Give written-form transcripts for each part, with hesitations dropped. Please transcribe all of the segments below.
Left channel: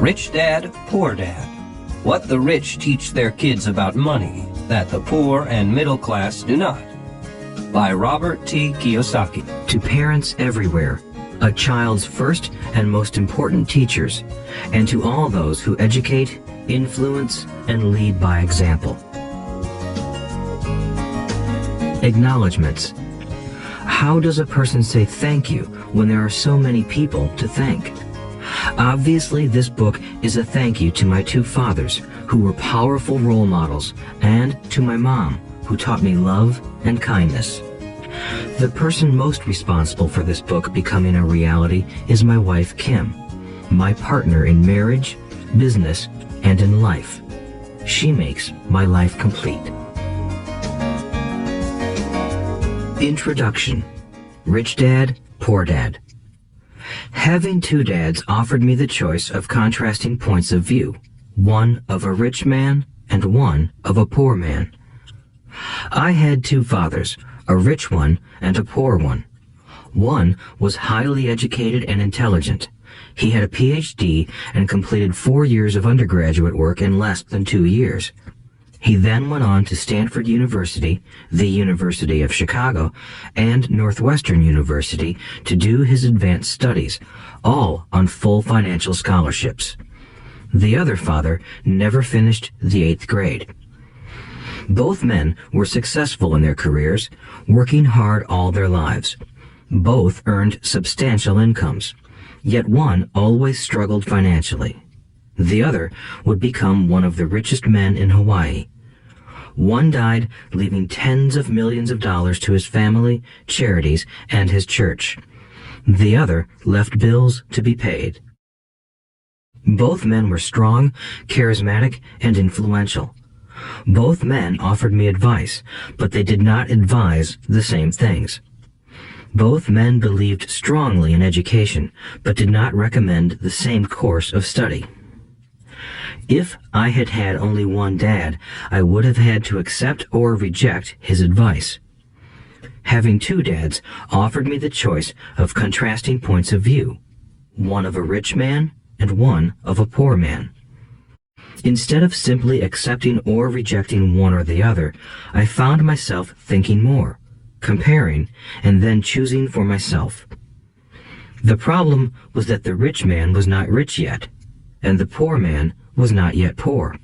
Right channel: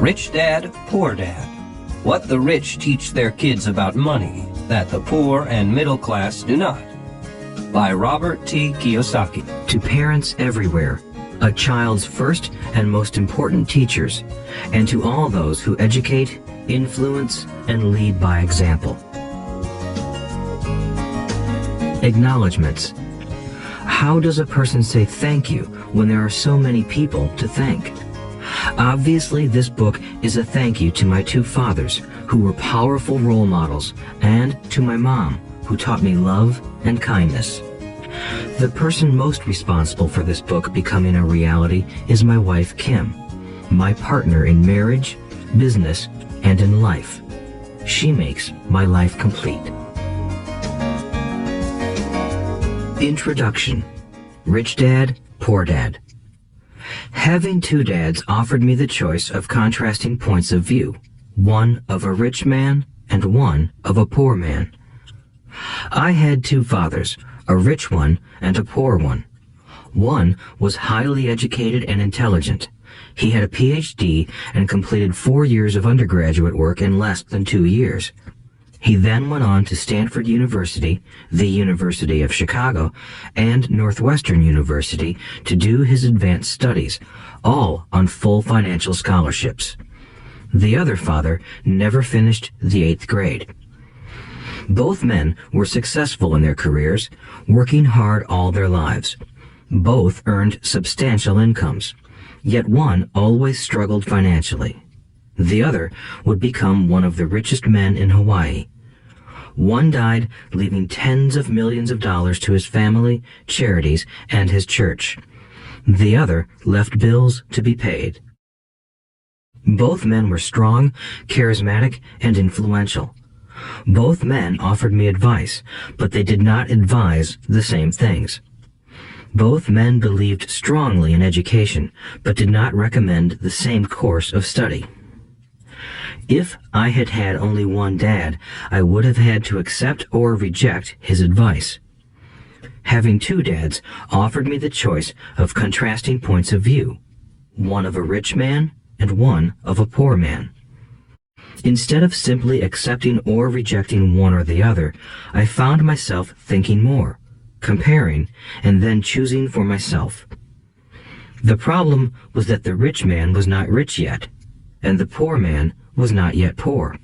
Rich Dad, Poor Dad. What the rich teach their kids about money that the poor and middle class do not. By Robert T. Kiyosaki. To parents everywhere, a child's first and most important teachers, and to all those who educate, influence, and lead by example. Acknowledgements. How does a person say thank you when there are so many people to thank? Obviously, this book is a thank you to my two fathers, who were powerful role models, and to my mom, who taught me love and kindness. The person most responsible for this book becoming a reality is my wife, Kim, my partner in marriage, business, and in life. She makes my life complete. Introduction. Rich Dad, Poor Dad. Having two dads offered me the choice of contrasting points of view, one of a rich man and one of a poor man. I had two fathers, a rich one and a poor one. One was highly educated and intelligent. He had a PhD and completed 4 years of undergraduate work in less than 2 years. He then went on to Stanford University, the University of Chicago, and Northwestern University to do his advanced studies, all on full financial scholarships. The other father never finished the 8th grade. Both men were successful in their careers, working hard all their lives. Both earned substantial incomes, yet one always struggled financially. The other would become one of the richest men in Hawaii. One died, leaving tens of millions of dollars to his family, charities, and his church. The other left bills to be paid. Both men were strong, charismatic, and influential. Both men offered me advice, but they did not advise the same things. Both men believed strongly in education, but did not recommend the same course of study. If I had had only one dad, I would have had to accept or reject his advice. Having two dads offered me the choice of contrasting points of view, one of a rich man and one of a poor man. Instead of simply accepting or rejecting one or the other, I found myself thinking more, comparing, and then choosing for myself. The problem was that the rich man was not rich yet, and the poor man was not yet poor.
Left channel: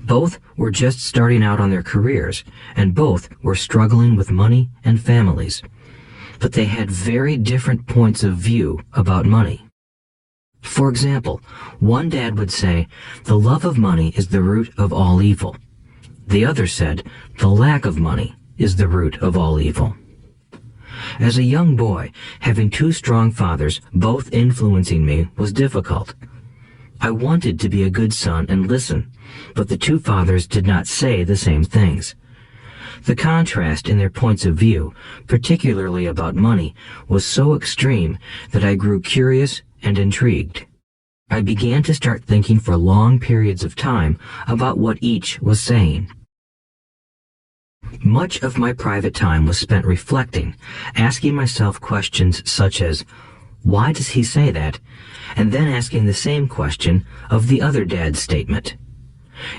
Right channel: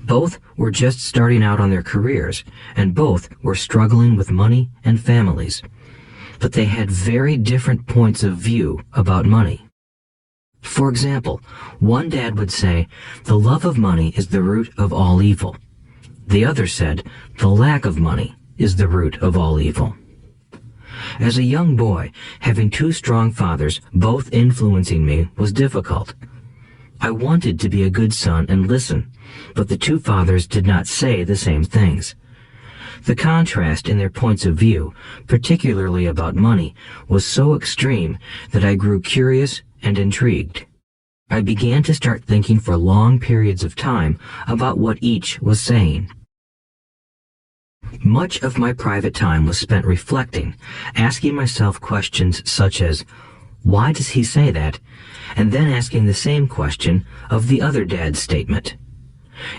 Both were just starting out on their careers, and both were struggling with money and families. But they had very different points of view about money. For example, one dad would say, "The love of money is the root of all evil." The other said, "The lack of money is the root of all evil." As a young boy, having two strong fathers, both influencing me, was difficult. I wanted to be a good son and listen, but the two fathers did not say the same things. The contrast in their points of view, particularly about money, was so extreme that I grew curious and intrigued. I began to start thinking for long periods of time about what each was saying. Much of my private time was spent reflecting, asking myself questions such as, "Why does he say that?" and then asking the same question of the other dad's statement.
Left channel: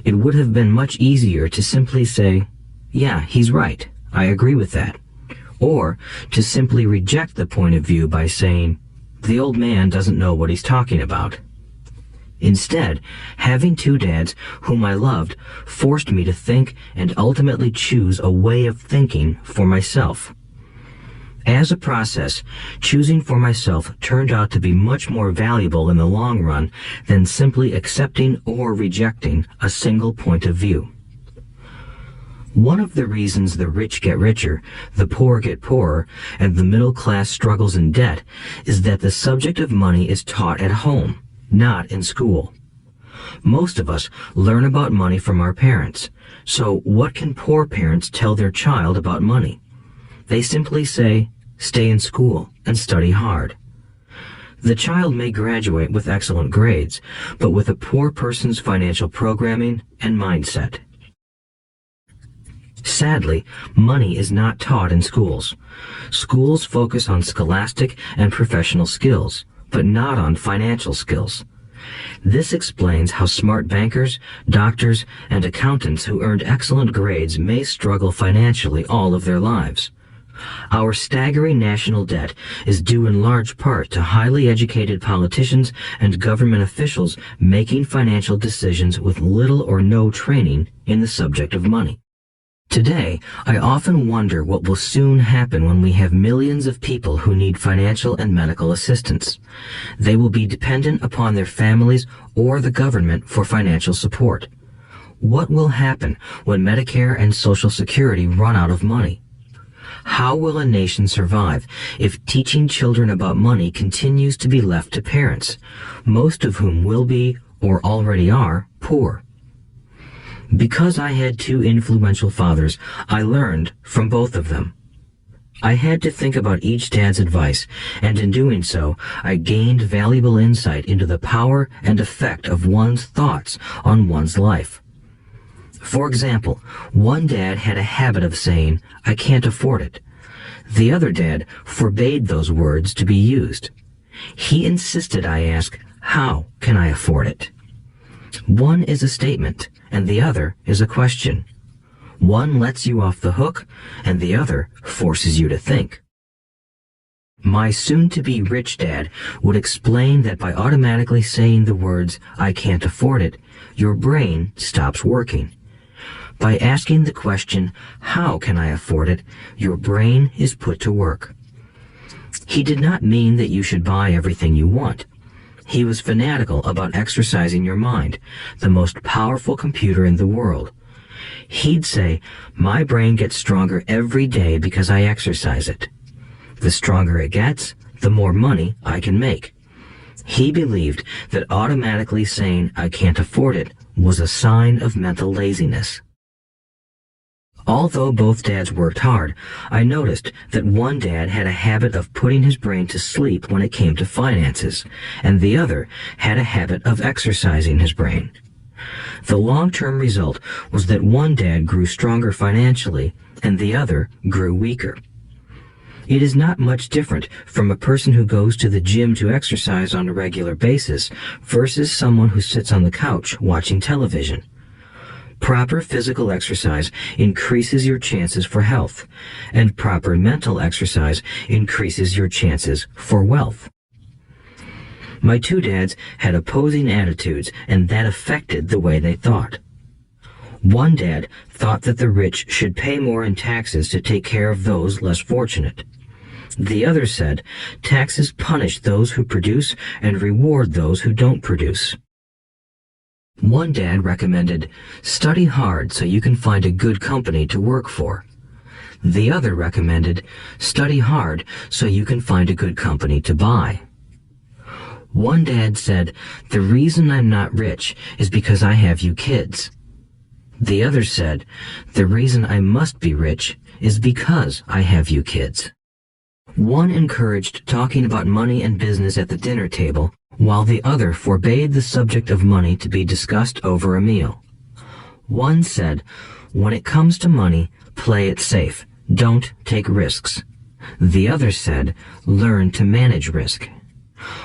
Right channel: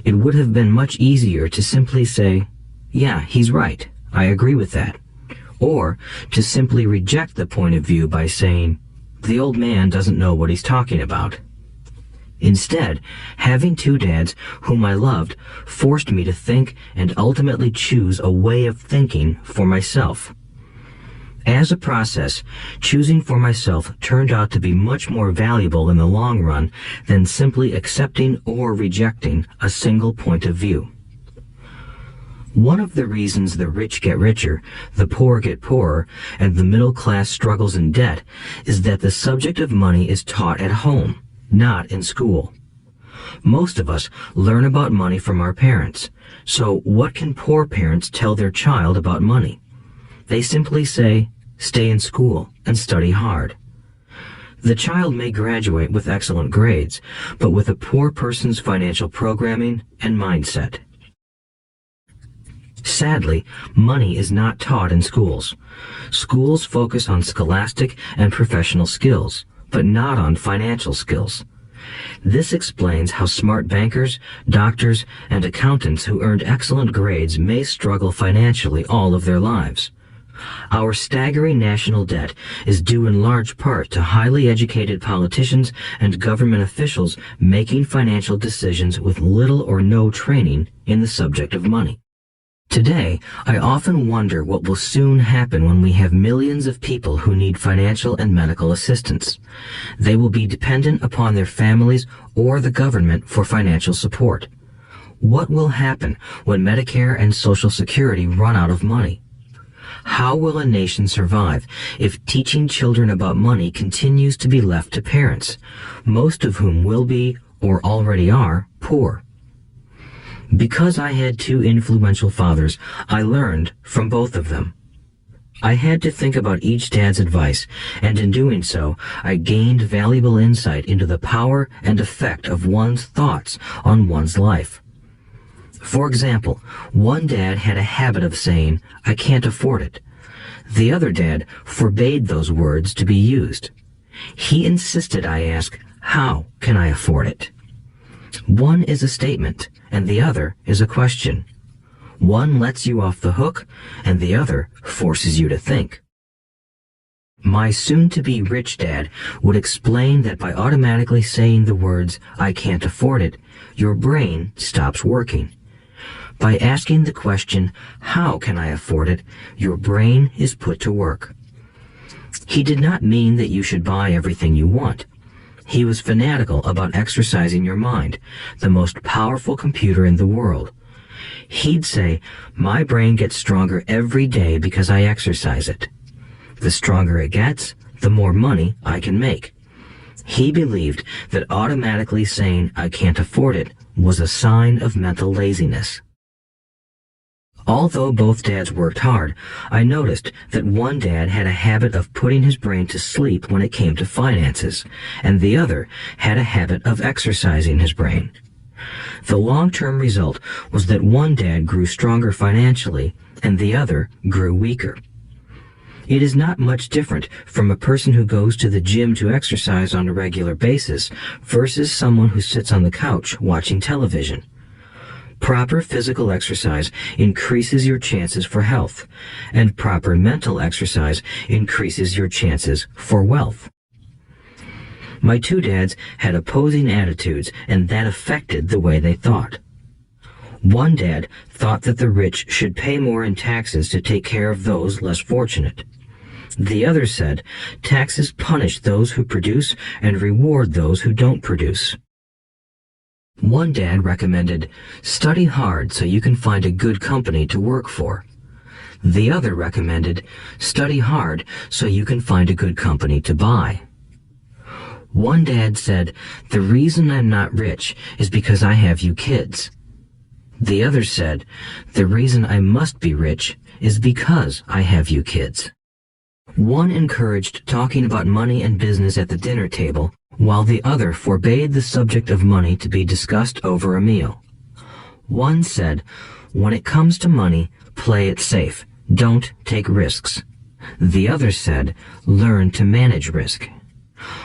It would have been much easier to simply say, "Yeah, he's right, I agree with that," or to simply reject the point of view by saying, "The old man doesn't know what he's talking about." Instead, having two dads whom I loved forced me to think and ultimately choose a way of thinking for myself. As a process, choosing for myself turned out to be much more valuable in the long run than simply accepting or rejecting a single point of view. One of the reasons the rich get richer, the poor get poorer, and the middle class struggles in debt is that the subject of money is taught at home, not in school. Most of us learn about money from our parents, so what can poor parents tell their child about money? They simply say, "Stay in school and study hard." The child may graduate with excellent grades, but with a poor person's financial programming and mindset. Sadly, money is not taught in schools. Schools focus on scholastic and professional skills, but not on financial skills. This explains how smart bankers, doctors, and accountants who earned excellent grades may struggle financially all of their lives. Our staggering national debt is due in large part to highly educated politicians and government officials making financial decisions with little or no training in the subject of money. Today, I often wonder what will soon happen when we have millions of people who need financial and medical assistance. They will be dependent upon their families or the government for financial support. What will happen when Medicare and Social Security run out of money? How will a nation survive if teaching children about money continues to be left to parents, most of whom will be, or already are, poor? Because I had two influential fathers, I learned from both of them. I had to think about each dad's advice, and in doing so, I gained valuable insight into the power and effect of one's thoughts on one's life. For example, one dad had a habit of saying, "I can't afford it." The other dad forbade those words to be used. He insisted I ask, "How can I afford it?" One is a statement, and the other is a question. One lets you off the hook, and the other forces you to think. My soon-to-be rich dad would explain that by automatically saying the words, "I can't afford it," your brain stops working. By asking the question, "How can I afford it?" your brain is put to work. He did not mean that you should buy everything you want. He was fanatical about exercising your mind, the most powerful computer in the world. He'd say, "My brain gets stronger every day because I exercise it. The stronger it gets, the more money I can make." He believed that automatically saying, "I can't afford it," was a sign of mental laziness. Although both dads worked hard, I noticed that one dad had a habit of putting his brain to sleep when it came to finances, and the other had a habit of exercising his brain. The long-term result was that one dad grew stronger financially, and the other grew weaker. It is not much different from a person who goes to the gym to exercise on a regular basis versus someone who sits on the couch watching television. Proper physical exercise increases your chances for health, and proper mental exercise increases your chances for wealth. My two dads had opposing attitudes, and that affected the way they thought. One dad thought that the rich should pay more in taxes to take care of those less fortunate. The other said, taxes punish those who produce and reward those who don't produce. One dad recommended, study hard so you can find a good company to work for. The other recommended, study hard so you can find a good company to buy. One dad said, the reason I'm not rich is because I have you kids. The other said, the reason I must be rich is because I have you kids. One encouraged talking about money and business at the dinner table, while the other forbade the subject of money to be discussed over a meal. One said, when it comes to money, play it safe. Don't take risks. The other said, learn to manage risk.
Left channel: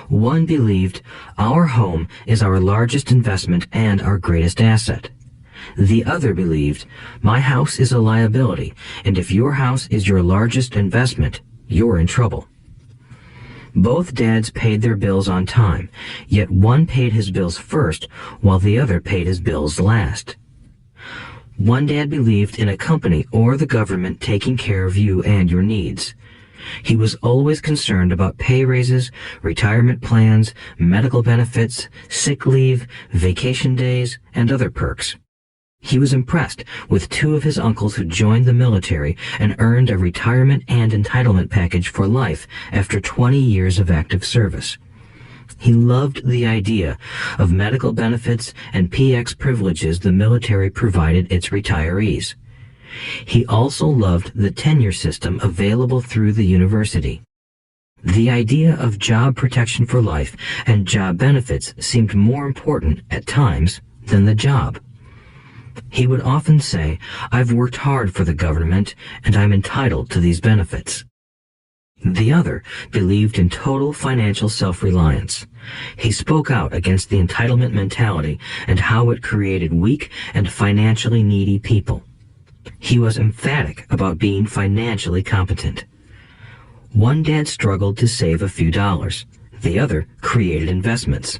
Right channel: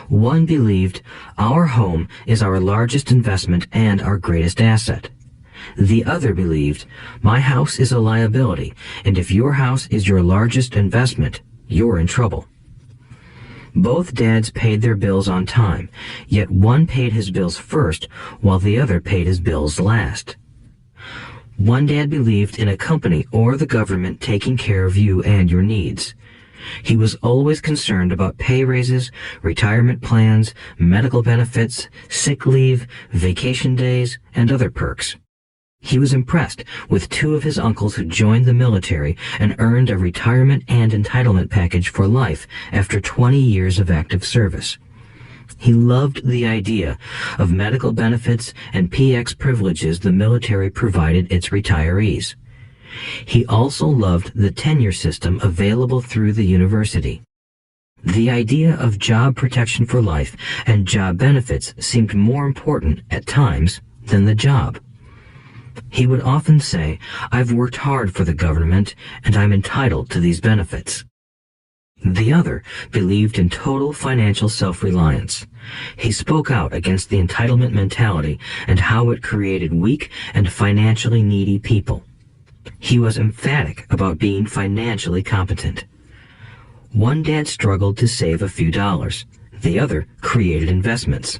One believed, our home is our largest investment and our greatest asset. The other believed, my house is a liability, and if your house is your largest investment, you're in trouble. Both dads paid their bills on time, yet one paid his bills first, while the other paid his bills last. One dad believed in a company or the government taking care of you and your needs. He was always concerned about pay raises, retirement plans, medical benefits, sick leave, vacation days, and other perks. He was impressed with two of his uncles who joined the military and earned a retirement and entitlement package for life after 20 years of active service. He loved the idea of medical benefits and PX privileges the military provided its retirees. He also loved the tenure system available through the university. The idea of job protection for life and job benefits seemed more important at times than the job. He would often say, I've worked hard for the government and I'm entitled to these benefits. The other believed in total financial self-reliance. He spoke out against the entitlement mentality and how it created weak and financially needy people. He was emphatic about being financially competent. One dad struggled to save a few dollars. The other created investments.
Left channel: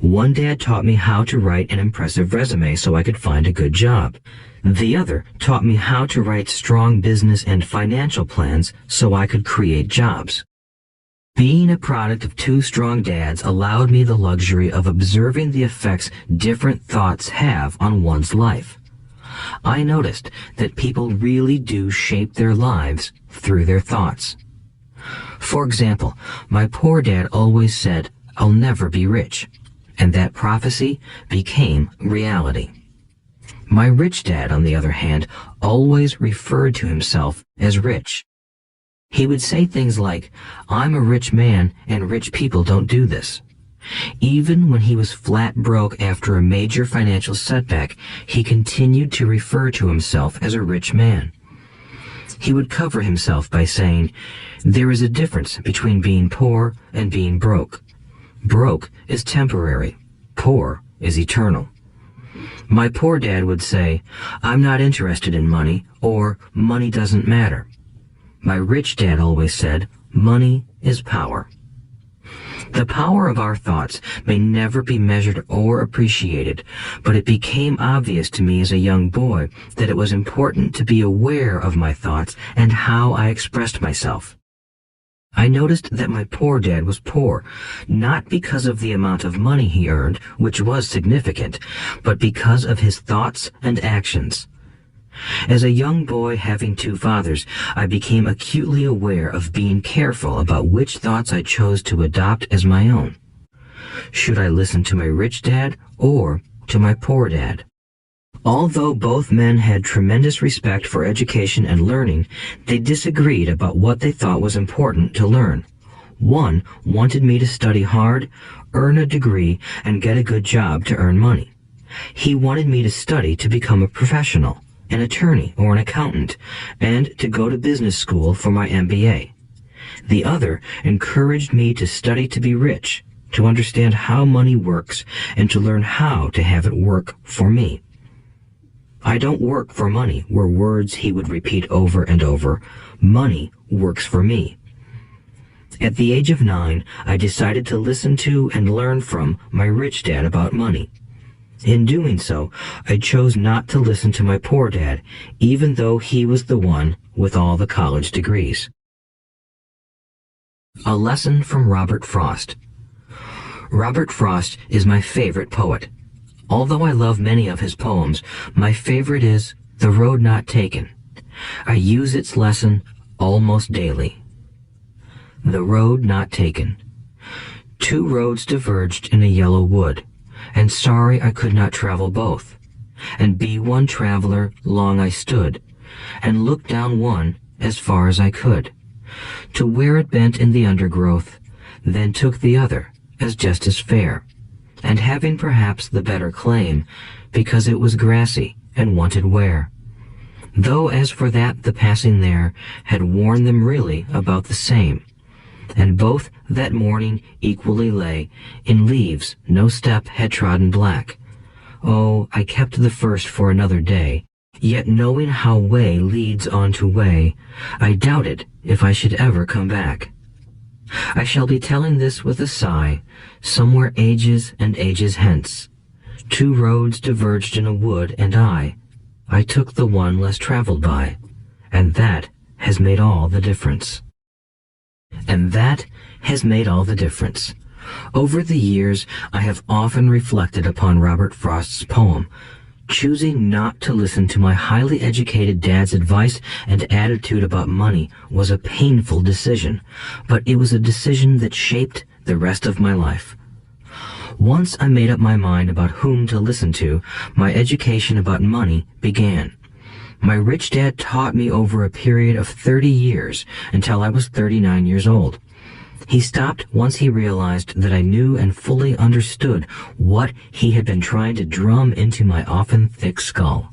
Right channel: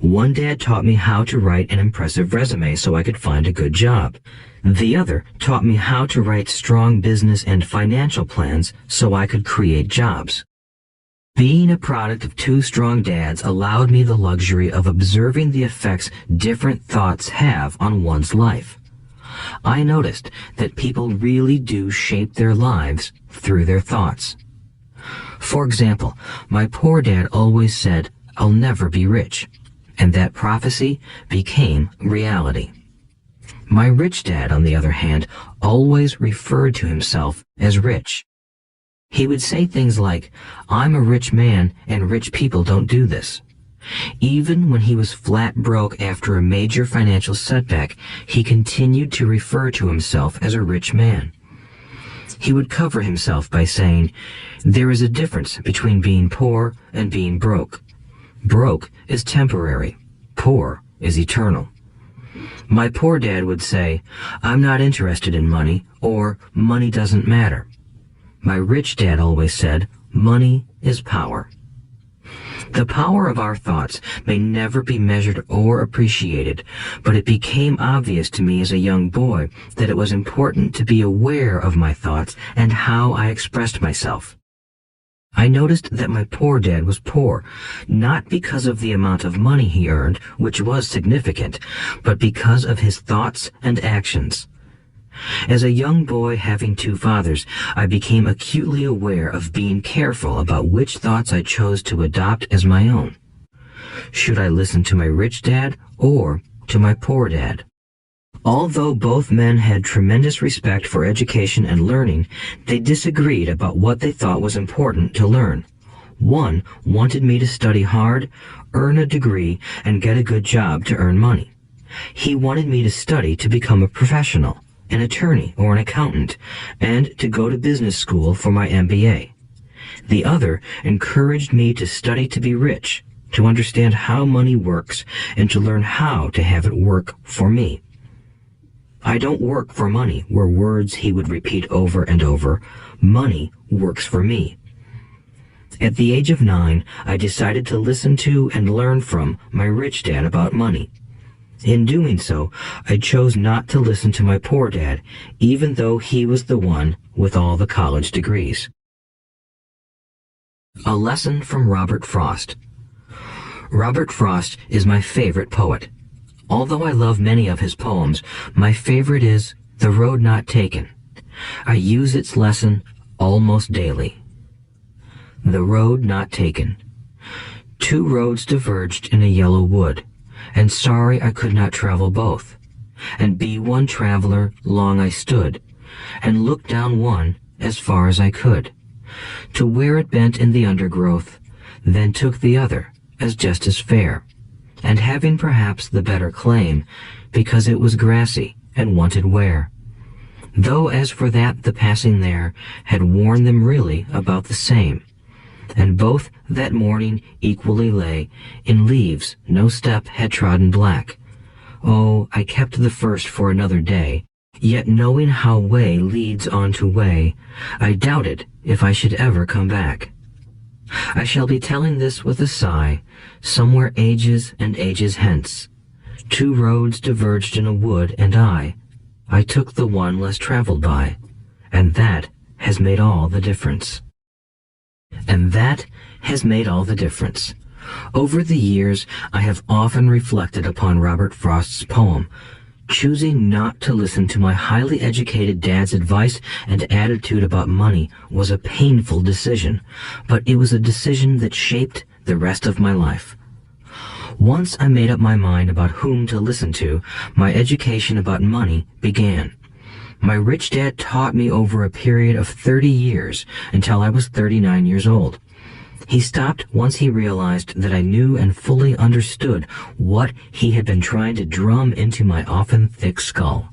One dad taught me how to write an impressive resume so I could find a good job. The other taught me how to write strong business and financial plans so I could create jobs. Being a product of two strong dads allowed me the luxury of observing the effects different thoughts have on one's life. I noticed that people really do shape their lives through their thoughts. For example, my poor dad always said, "I'll never be rich," and that prophecy became reality. My rich dad, on the other hand, always referred to himself as rich. He would say things like, "I'm a rich man and rich people don't do this." Even when he was flat broke after a major financial setback, he continued to refer to himself as a rich man. He would cover himself by saying, "There is a difference between being poor and being broke. Broke is temporary. Poor is eternal." My poor dad would say, "I'm not interested in money," or "Money doesn't matter." My rich dad always said, "Money is power." The power of our thoughts may never be measured or appreciated, but it became obvious to me as a young boy that it was important to be aware of my thoughts and how I expressed myself. I noticed that my poor dad was poor, not because of the amount of money he earned, which was significant, but because of his thoughts and actions. As a young boy having two fathers, I became acutely aware of being careful about which thoughts I chose to adopt as my own. Should I listen to my rich dad or to my poor dad? Although both men had tremendous respect for education and learning, they disagreed about what they thought was important to learn. One wanted me to study hard, earn a degree, and get a good job to earn money. He wanted me to study to become a professional, an attorney or an accountant, and to go to business school for my MBA. The other encouraged me to study to be rich, to understand how money works, and to learn how to have it work for me. "I don't work for money" were words he would repeat over and over. "Money works for me." At the age of 9, I decided to listen to and learn from my rich dad about money. In doing so, I chose not to listen to my poor dad, even though he was the one with all the college degrees. A lesson from Robert Frost. Robert Frost is my favorite poet. Although I love many of his poems, my favorite is "The Road Not Taken." I use its lesson almost daily. The road not taken. Two roads diverged in a yellow wood, and sorry I could not travel both. And be one traveler long I stood, and looked down one as far as I could, to where it bent in the undergrowth, then took the other as just as fair, and having perhaps the better claim, because it was grassy and wanted wear. Though as for that the passing there had worn them really about the same, and both that morning equally lay in leaves no step had trodden black. Oh, I kept the first for another day, yet knowing how way leads on to way, I doubted if I should ever come back. I shall be telling this with a sigh, somewhere ages and ages hence. Two roads diverged in a wood, and I took the one less traveled by, and that has made all the difference. And that has made all the difference. Over the years, I have often reflected upon Robert Frost's poem. Choosing not to listen to my highly educated dad's advice and attitude about money was a painful decision, but it was a decision that shaped the rest of my life. Once I made up my mind about whom to listen to, my education about money began. My rich dad taught me over a period of 30 years until I was 39 years old. He stopped once he realized that I knew and fully understood what he had been trying to drum into my often thick skull.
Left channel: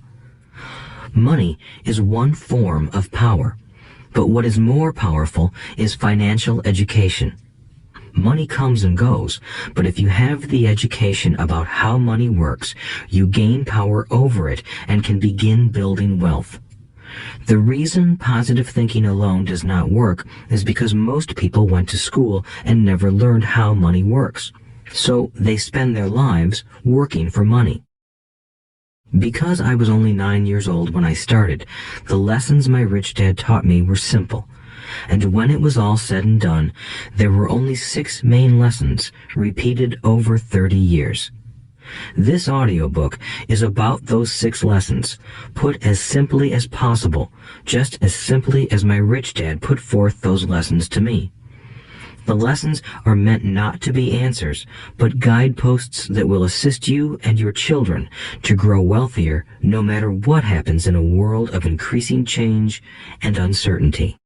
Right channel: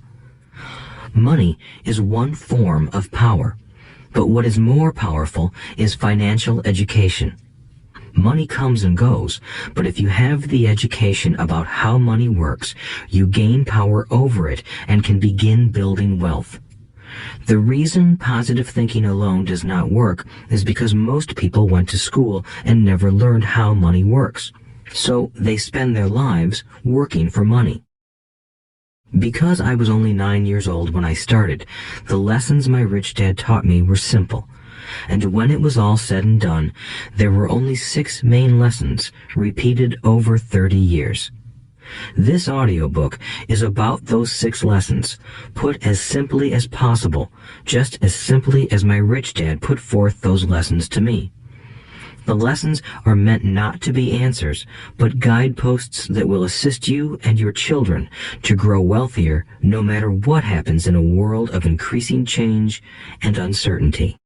Money is one form of power, But what is more powerful is financial education. Money comes and goes, but if you have the education about how money works, you gain power over it and can begin building wealth. The reason positive thinking alone does not work is because most people went to school and never learned how money works. So they spend their lives working for money. Because I was only 9 years old when I started, the lessons my rich dad taught me were simple. And when it was all said and done, there were only 6 main lessons, repeated over 30 years. This audiobook is about those 6 lessons, put as simply as possible, just as simply as my rich dad put forth those lessons to me. The lessons are meant not to be answers, but guideposts that will assist you and your children to grow wealthier no matter what happens in a world of increasing change and uncertainty.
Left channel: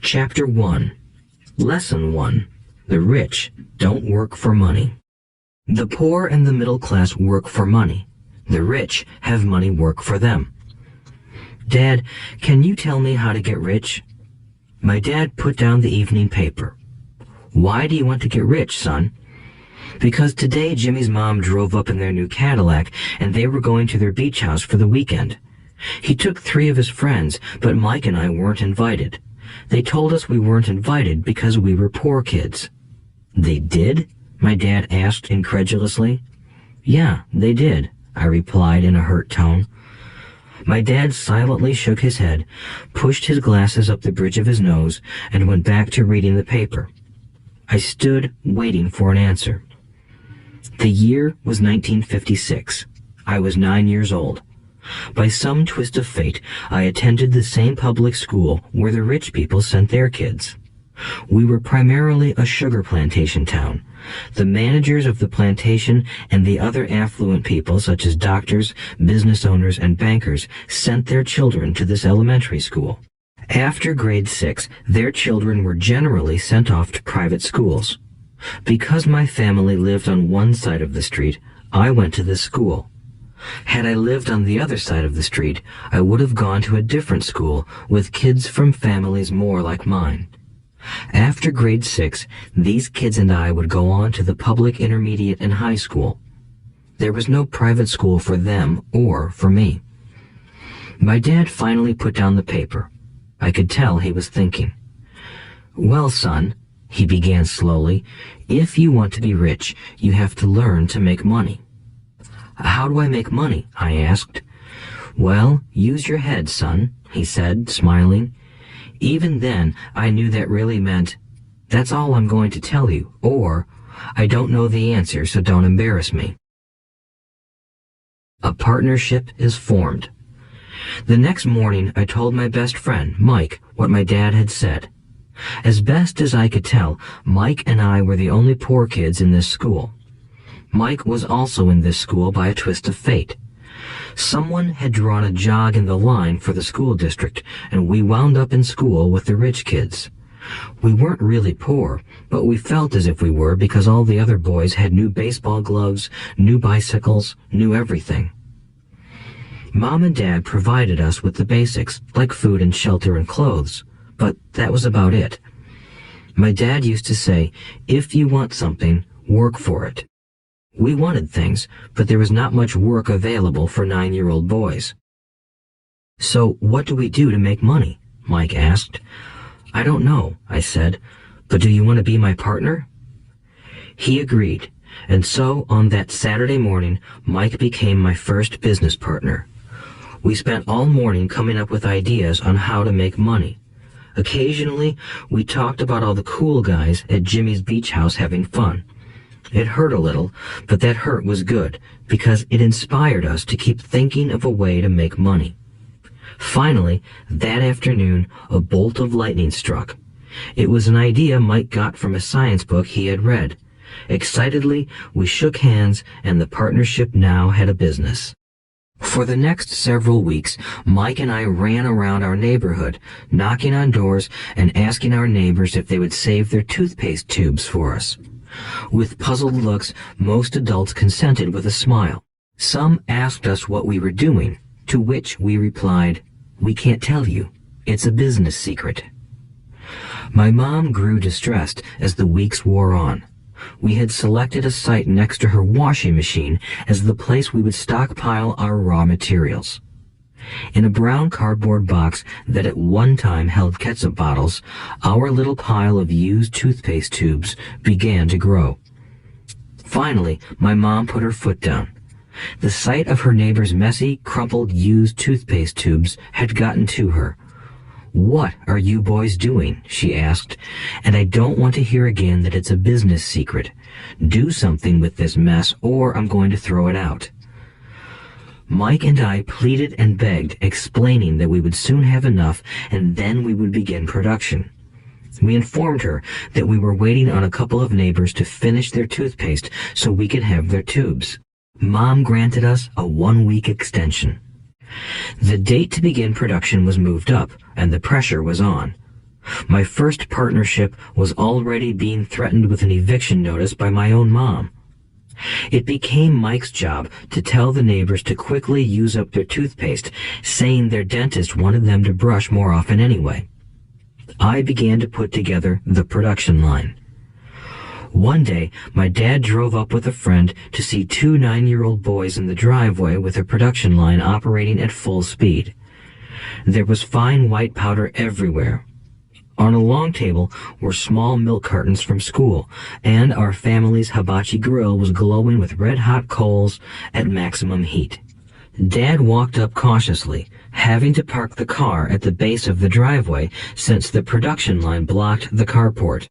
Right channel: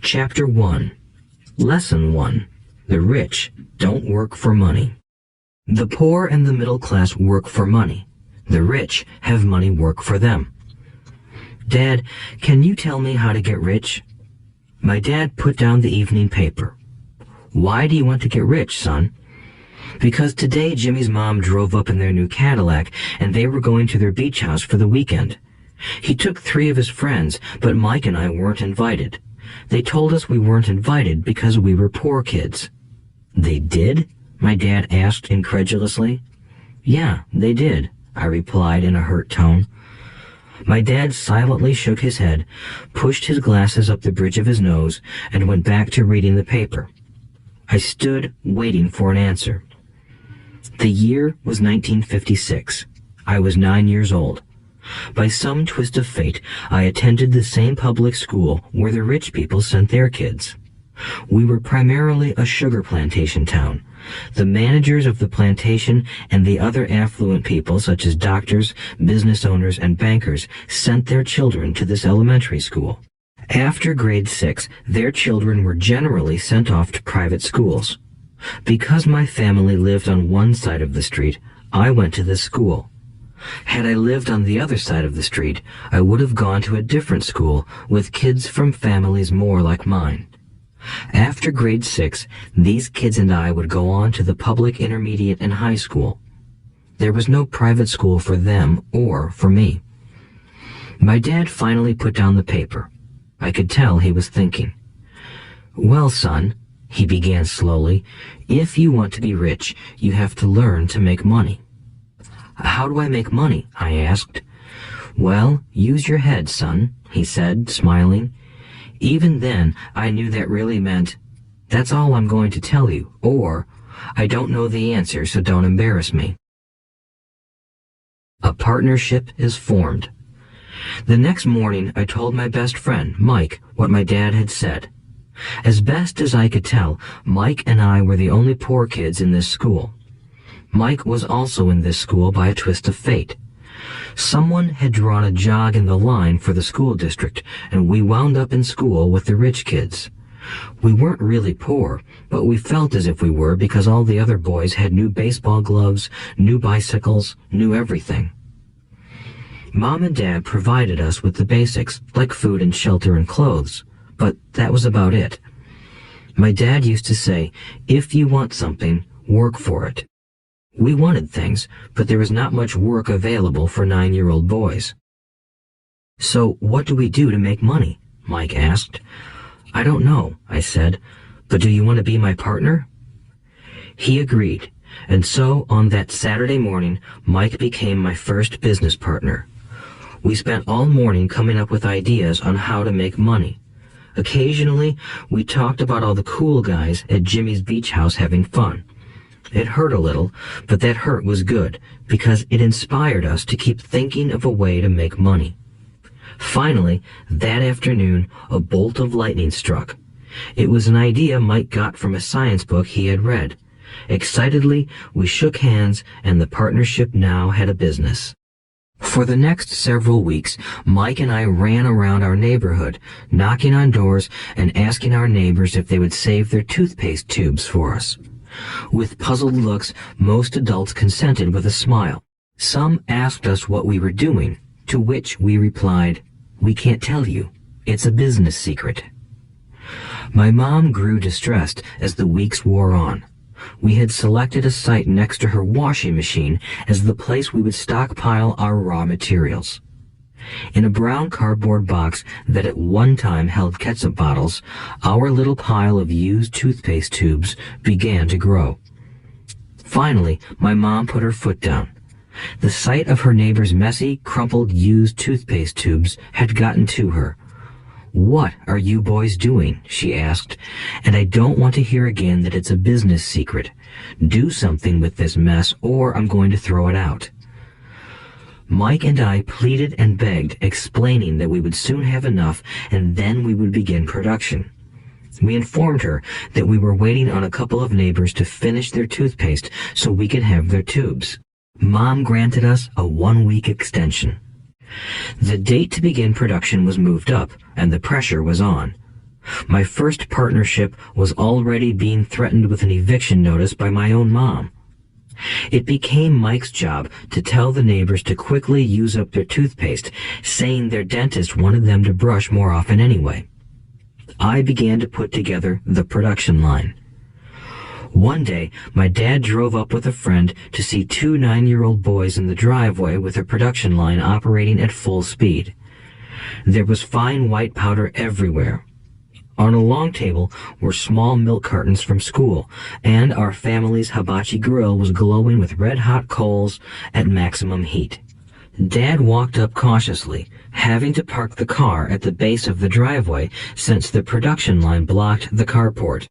Chapter 1. Lesson 1. The rich don't work for money. The poor and the middle class work for money. The rich have money work for them. Dad, can you tell me how to get rich? My dad put down the evening paper. Why do you want to get rich, son? Because today Jimmy's mom drove up in their new Cadillac and they were going to their beach house for the weekend. He took 3 of his friends, but Mike and I weren't invited. They told us we weren't invited because we were poor kids. They did? My dad asked incredulously. Yeah, they did, I replied in a hurt tone. My dad silently shook his head, pushed his glasses up the bridge of his nose, and went back to reading the paper. I stood waiting for an answer. The year was 1956. I was 9 years old. By some twist of fate, I attended the same public school where the rich people sent their kids. We were primarily a sugar plantation town. The managers of the plantation and the other affluent people, such as doctors, business owners, and bankers, sent their children to this elementary school. After grade 6, their children were generally sent off to private schools. Because my family lived on one side of the street, I went to this school. Had I lived on the other side of the street, I would have gone to a different school with kids from families more like mine. After grade 6, these kids and I would go on to the public intermediate and high school. There was no private school for them or for me. My dad finally put down the paper. I could tell he was thinking. Well, son, he began slowly, if you want to be rich, you have to learn to make money. How do I make money? I asked. Well, use your head, son, he said, smiling. Even then, I knew that really meant, that's all I'm going to tell you, or, I don't know the answer, so don't embarrass me. A partnership is formed. The next morning, I told my best friend, Mike, what my dad had said. As best as I could tell, Mike and I were the only poor kids in this school. Mike was also in this school by a twist of fate. Someone had drawn a jog in the line for the school district, and we wound up in school with the rich kids. We weren't really poor, but we felt as if we were because all the other boys had new baseball gloves, new bicycles, new everything. Mom and Dad provided us with the basics, like food and shelter and clothes, but that was about it. My dad used to say, if you want something, work for it. We wanted things, but there was not much work available for 9-year-old boys. So what do we do to make money? Mike asked. I don't know, I said, but do you want to be my partner? He agreed, and so on that Saturday morning, Mike became my first business partner. We spent all morning coming up with ideas on how to make money. Occasionally, we talked about all the cool guys at Jimmy's beach house having fun. It hurt a little, but that hurt was good, because it inspired us to keep thinking of a way to make money. Finally, that afternoon, a bolt of lightning struck. It was an idea Mike got from a science book he had read. Excitedly, we shook hands, and the partnership now had a business. For the next several weeks, Mike and I ran around our neighborhood, knocking on doors and asking our neighbors if they would save their toothpaste tubes for us. With puzzled looks, most adults consented with a smile. Some asked us what we were doing, to which we replied, We can't tell you. It's a business secret." My mom grew distressed as the weeks wore on. We had selected a site next to her washing machine as the place we would stockpile our raw materials. In a brown cardboard box that at one time held ketchup bottles, our little pile of used toothpaste tubes began to grow. Finally, my mom put her foot down. The sight of her neighbor's messy, crumpled used toothpaste tubes had gotten to her. "What are you boys doing?" she asked, "and I don't want to hear again that it's a business secret. Do something with this mess or I'm going to throw it out." Mike and I pleaded and begged, explaining that we would soon have enough and then we would begin production. We informed her that we were waiting on a couple of neighbors to finish their toothpaste so we could have their tubes. Mom granted us a 1-week extension. The date to begin production was moved up, and the pressure was on. My first partnership was already being threatened with an eviction notice by my own mom. It became Mike's job to tell the neighbors to quickly use up their toothpaste, saying their dentist wanted them to brush more often anyway. I began to put together the production line. One day, my dad drove up with a friend to see 2 9-year-old boys in the driveway with a production line operating at full speed. There was fine white powder everywhere. On a long table were small milk cartons from school, and our family's hibachi grill was glowing with red-hot coals at maximum heat. Dad walked up cautiously, having to park the car at the base of the driveway since the production line blocked the carport.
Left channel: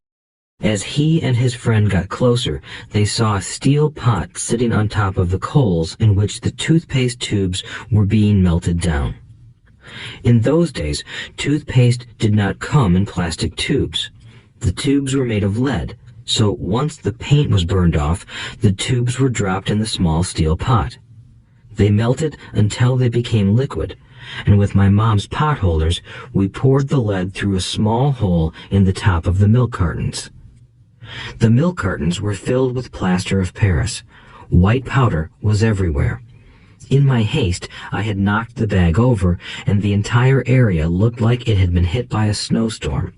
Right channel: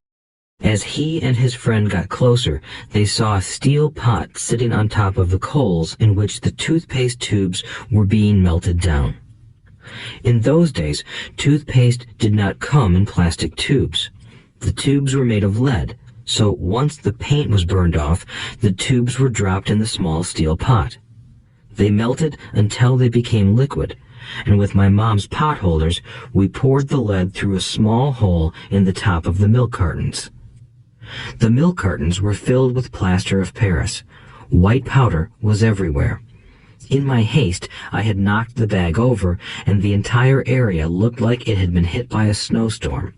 As he and his friend got closer, they saw a steel pot sitting on top of the coals in which the toothpaste tubes were being melted down. In those days, toothpaste did not come in plastic tubes. The tubes were made of lead, so once the paint was burned off, the tubes were dropped in the small steel pot. They melted until they became liquid, and with my mom's pot holders, we poured the lead through a small hole in the top of the milk cartons. The milk cartons were filled with plaster of Paris. White powder was everywhere. In my haste, I had knocked the bag over, and the entire area looked like it had been hit by a snowstorm.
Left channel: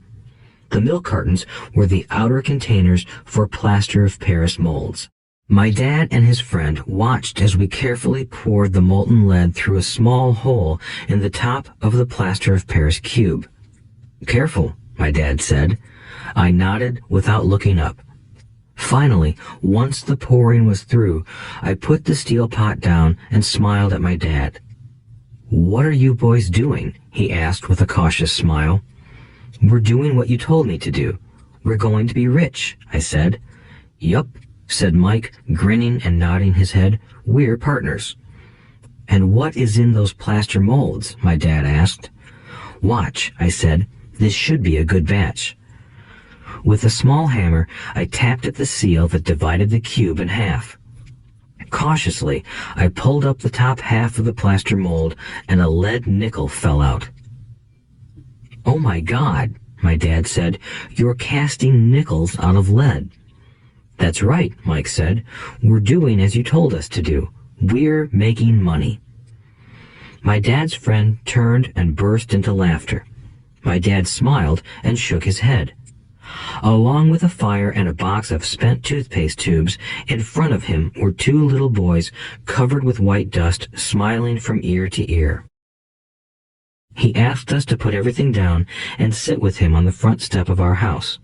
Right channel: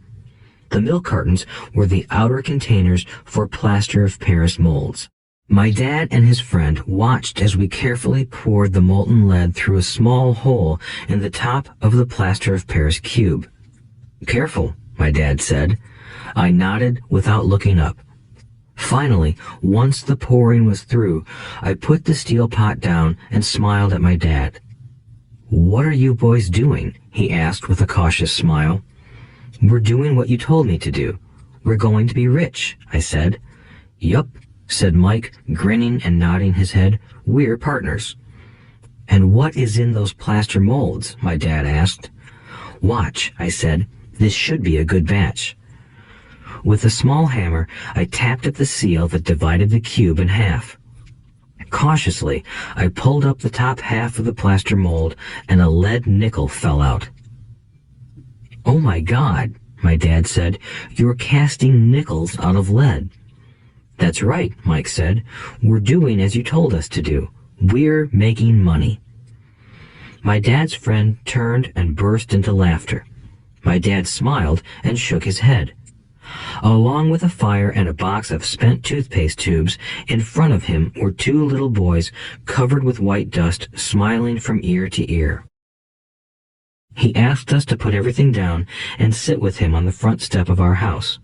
The milk cartons were the outer containers for plaster of Paris molds. My dad and his friend watched as we carefully poured the molten lead through a small hole in the top of the plaster of Paris cube. "Careful," my dad said. I nodded without looking up. Finally, once the pouring was through, I put the steel pot down and smiled at my dad. "What are you boys doing?" he asked with a cautious smile. "We're doing what you told me to do. We're going to be rich," I said. "Yup," said Mike, grinning and nodding his head. "We're partners." "And what is in those plaster molds?" my dad asked. "Watch," I said. "This should be a good batch." With a small hammer, I tapped at the seal that divided the cube in half. Cautiously, I pulled up the top half of the plaster mold, and a lead nickel fell out. "Oh my God," my dad said, "you're casting nickels out of lead." "That's right," Mike said. "We're doing as you told us to do. We're making money." My dad's friend turned and burst into laughter. My dad smiled and shook his head. Along with a fire and a box of spent toothpaste tubes, in front of him were 2 little boys covered with white dust, smiling from ear to ear. He asked us to put everything down and sit with him on the front step of our house.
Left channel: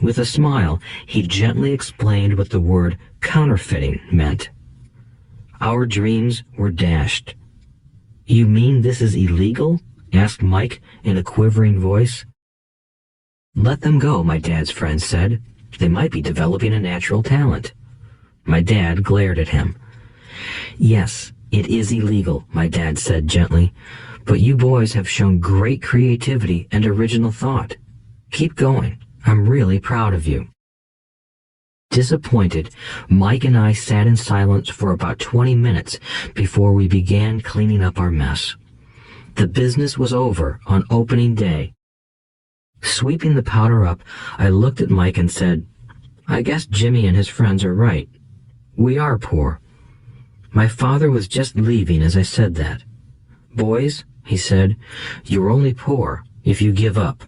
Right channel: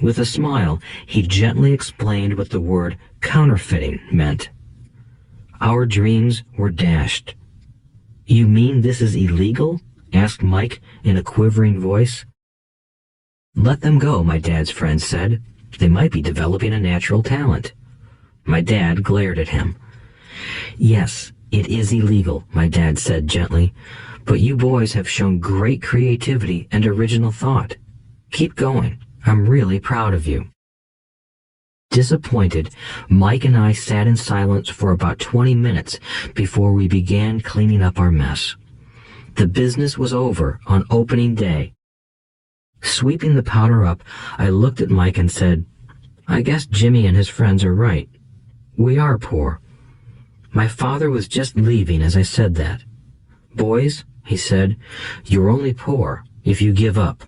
With a smile, he gently explained what the word counterfeiting meant. Our dreams were dashed. "You mean this is illegal?" asked Mike in a quivering voice. "Let them go," my dad's friend said. "They might be developing a natural talent." My dad glared at him. "Yes, it is illegal," my dad said gently, "but you boys have shown great creativity and original thought. Keep going. I'm really proud of you." Disappointed, Mike and I sat in silence for about 20 minutes before we began cleaning up our mess. The business was over on opening day. Sweeping the powder up, I looked at Mike and said, "I guess Jimmy and his friends are right. We are poor." My father was just leaving as I said that. "Boys, he said. "You're only poor if you give up.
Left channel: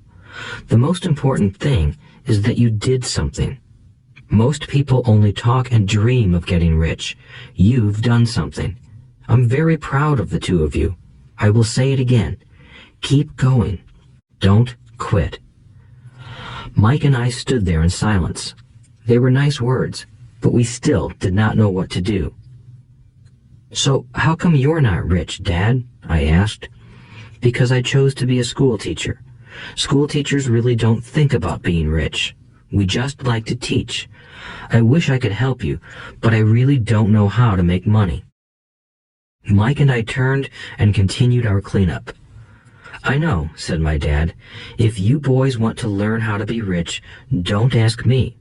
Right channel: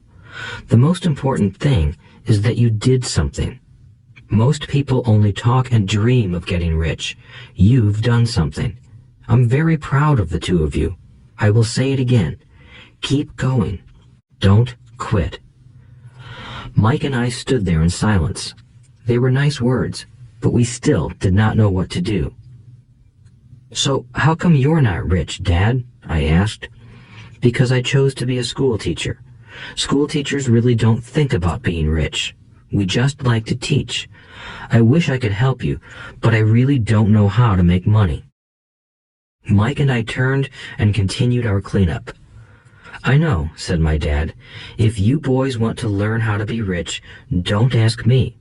The most important thing is that you did something. Most people only talk and dream of getting rich. You've done something. I'm very proud of the two of you. I will say it again. Keep going. Don't quit." Mike and I stood there in silence. They were nice words, but we still did not know what to do. "So how come you're not rich, Dad?" I asked. "Because I chose to be a school teacher. School teachers really don't think about being rich. We just like to teach. I wish I could help you, but I really don't know how to make money." Mike and I turned and continued our cleanup. "I know," said my dad. "If you boys want to learn how to be rich, don't ask me.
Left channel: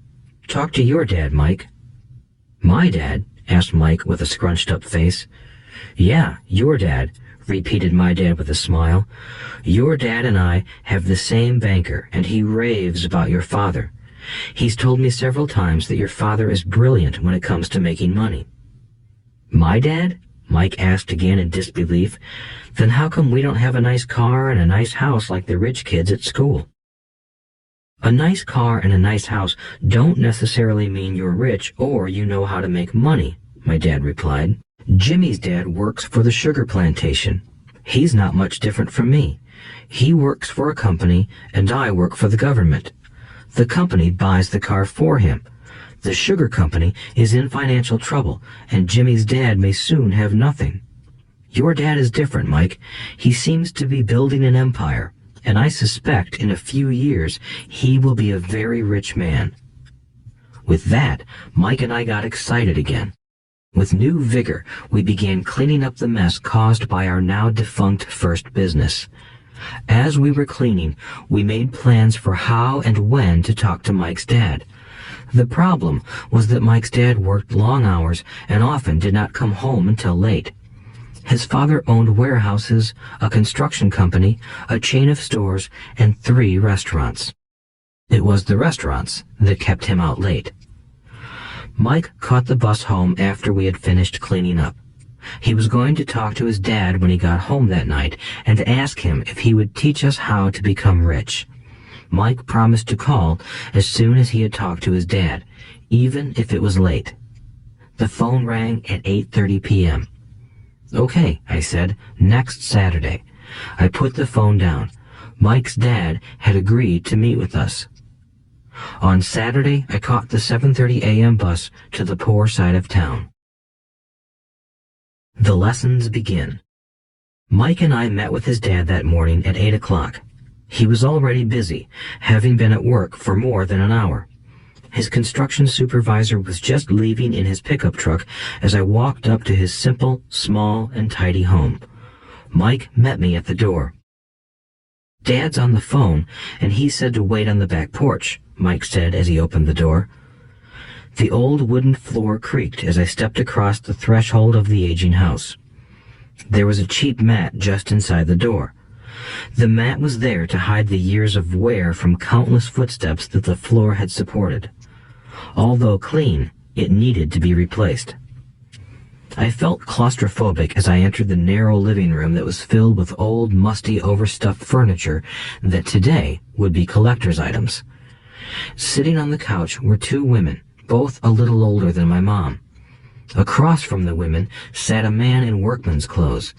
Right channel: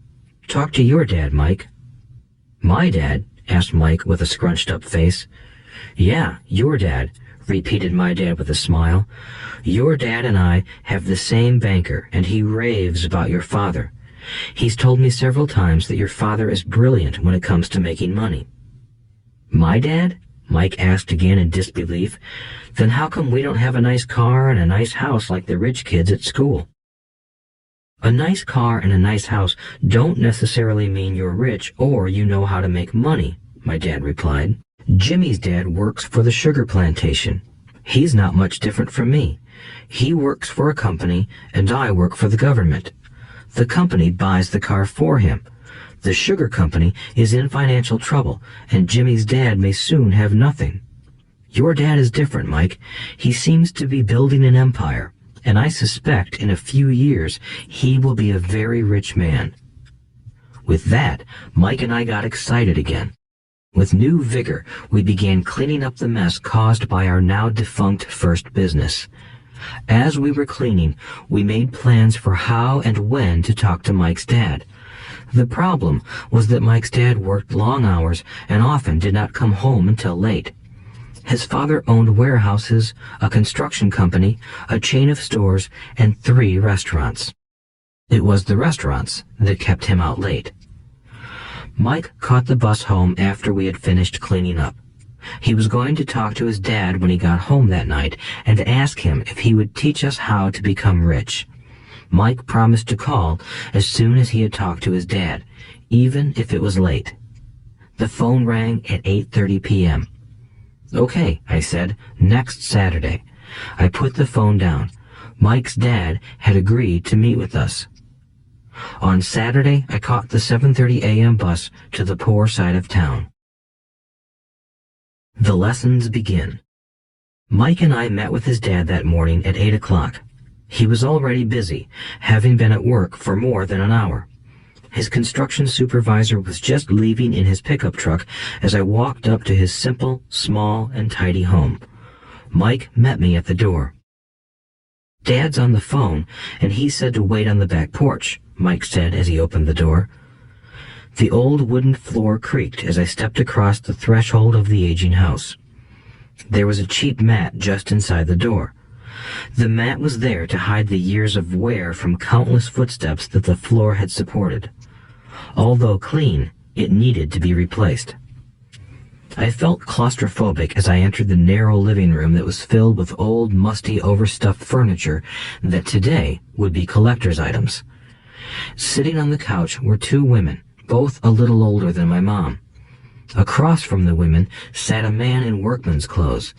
Talk to your dad, Mike." "My dad?" asked Mike with a scrunched-up face. "Yeah, your dad," repeated my dad with a smile. "Your dad and I have the same banker, and he raves about your father. He's told me several times that your father is brilliant when it comes to making money." "My dad?" Mike asked again in disbelief. "Then how come we don't have a nice car and a nice house like the rich kids at school?" "A nice car and a nice house don't necessarily mean you're rich or you know how to make money," my dad replied. "Jimmy's dad works for the sugar plantation. He's not much different from me. He works for a company and I work for the government. The company buys the car for him. The sugar company is in financial trouble, and Jimmy's dad may soon have nothing. Your dad is different, Mike. He seems to be building an empire, and I suspect in a few years he will be a very rich man." With that, Mike and I got excited again. With new vigor, we began cleaning up the mess caused by our now defunct first business. As we were cleaning, we made plans for how and when to talk to Mike's dad. The problem was that Mike's dad worked long hours and often did not come home until late. His father owned warehouses, a construction company, a chain of stores, and 3 restaurants. It was the restaurants that kept him out late. Mike caught the bus home after we had finished cleaning up. He was going to talk to his dad when he got home that night and ask him if he would teach us how to become rich. Mike promised to call as soon as he had talked to his dad, even if it was late. The phone rang at 8:30 p.m. "Okay," I said, "next Saturday." I put the phone down. Mike's dad had agreed to meet with us. On Saturday, I caught the 7:30 a.m. bus to the poor side of town. The lessons begin. Mike and I met with his dad that morning at 8 o'clock. He was already busy, having been at work for more than an hour. His construction supervisor was just leaving in his pickup truck as I walked up to his simple, small, and tidy home. Mike met me at the door. "Dad's on the phone, and he said to wait on the back porch," Mike said as he opened the door. The old wooden floor creaked as I stepped across the threshold of the aging house. There was a cheap mat just inside the door. The mat was there to hide the years of wear from countless footsteps that the floor had supported. Although clean, it needed to be replaced. I felt claustrophobic as I entered the narrow living room that was filled with old, musty, overstuffed furniture that today would be collector's items. Sitting on the couch were 2 women, both a little older than my mom. Across from the women sat a man in workman's clothes.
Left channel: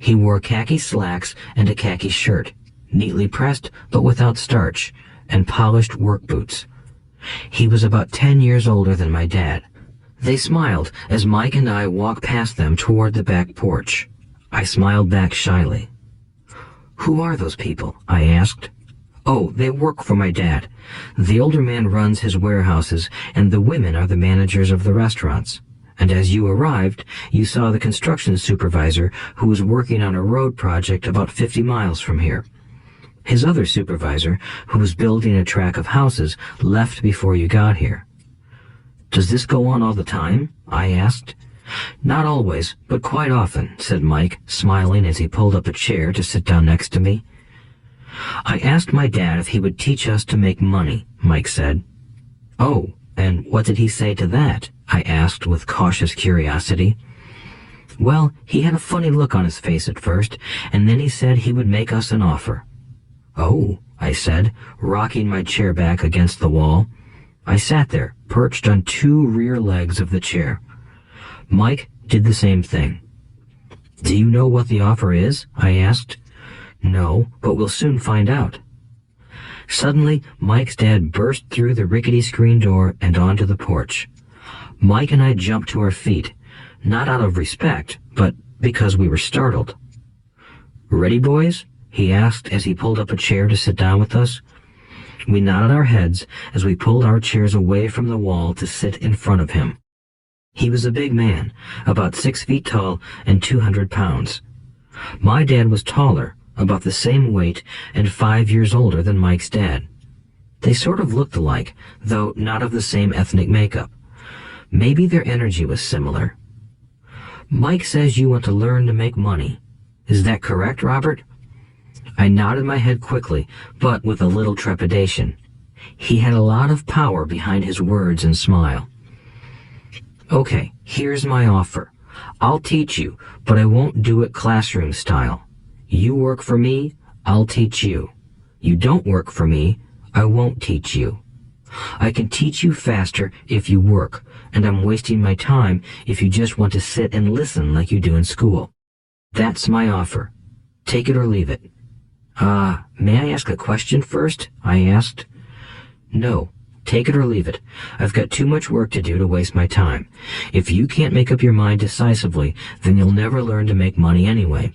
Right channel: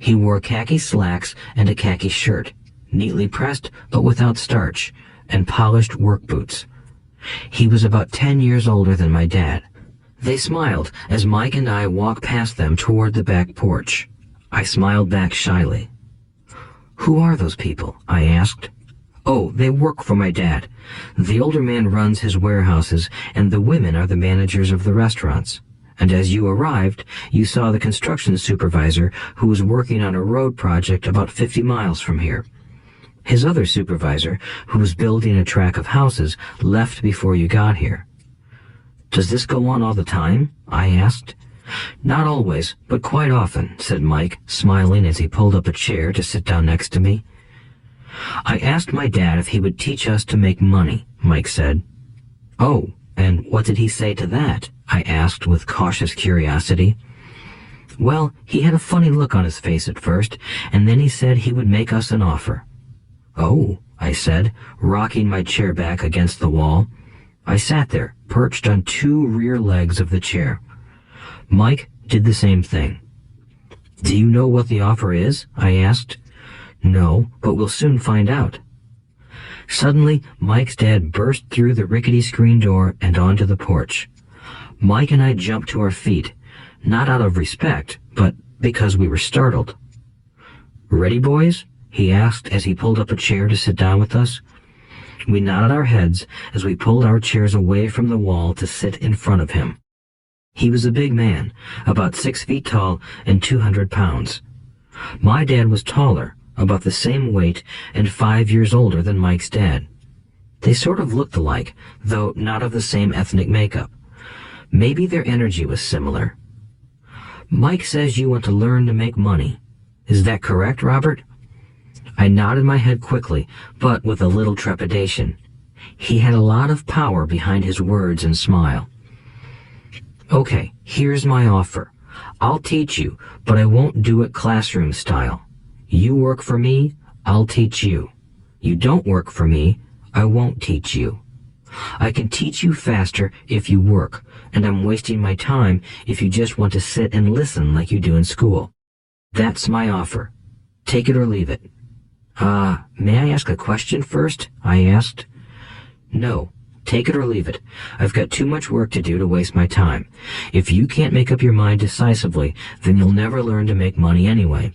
He wore khaki slacks and a khaki shirt, neatly pressed but without starch, and polished work boots. He was about 10 years older than my dad. They smiled as Mike and I walked past them toward the back porch. I smiled back shyly. "Who are those people?" I asked. "Oh, they work for my dad. The older man runs his warehouses, and the women are the managers of the restaurants. And as you arrived, you saw the construction supervisor who was working on a road project about 50 miles from here. His other supervisor, who was building a track of houses, left before you got here." "Does this go on all the time?" I asked. "Not always, but quite often," said Mike, smiling as he pulled up a chair to sit down next to me. "I asked my dad if he would teach us to make money," Mike said. "Oh, and what did he say to that?" I asked with cautious curiosity. Well, he had a funny look on his face at first, and then he said he would make us an offer. "Oh," I said, rocking my chair back against the wall. I sat there, perched on two rear legs of the chair. Mike did the same thing. "Do you know what the offer is?" I asked. "No, but we'll soon find out." Suddenly, Mike's dad burst through the rickety screen door and onto the porch. Mike and I jumped to our feet, not out of respect, but because we were startled. "Ready, boys?" he asked as he pulled up a chair to sit down with us. We nodded our heads as we pulled our chairs away from the wall to sit in front of him. He was a big man, about 6 feet tall and 200 pounds. My dad was taller, about the same weight, and 5 years older than Mike's dad. They sort of looked alike, though not of the same ethnic makeup. Maybe their energy was similar. "Mike says you want to learn to make money. Is that correct, Robert?" I nodded my head quickly, but with a little trepidation. He had a lot of power behind his words and smile. "Okay, here's my offer. I'll teach you, but I won't do it classroom style. You work for me, I'll teach you. You don't work for me, I won't teach you. I can teach you faster if you work, and I'm wasting my time if you just want to sit and listen like you do in school. That's my offer. Take it or leave it." May I ask a question first?" I asked. "No, take it or leave it. I've got too much work to do to waste my time. If you can't make up your mind decisively, then you'll never learn to make money anyway.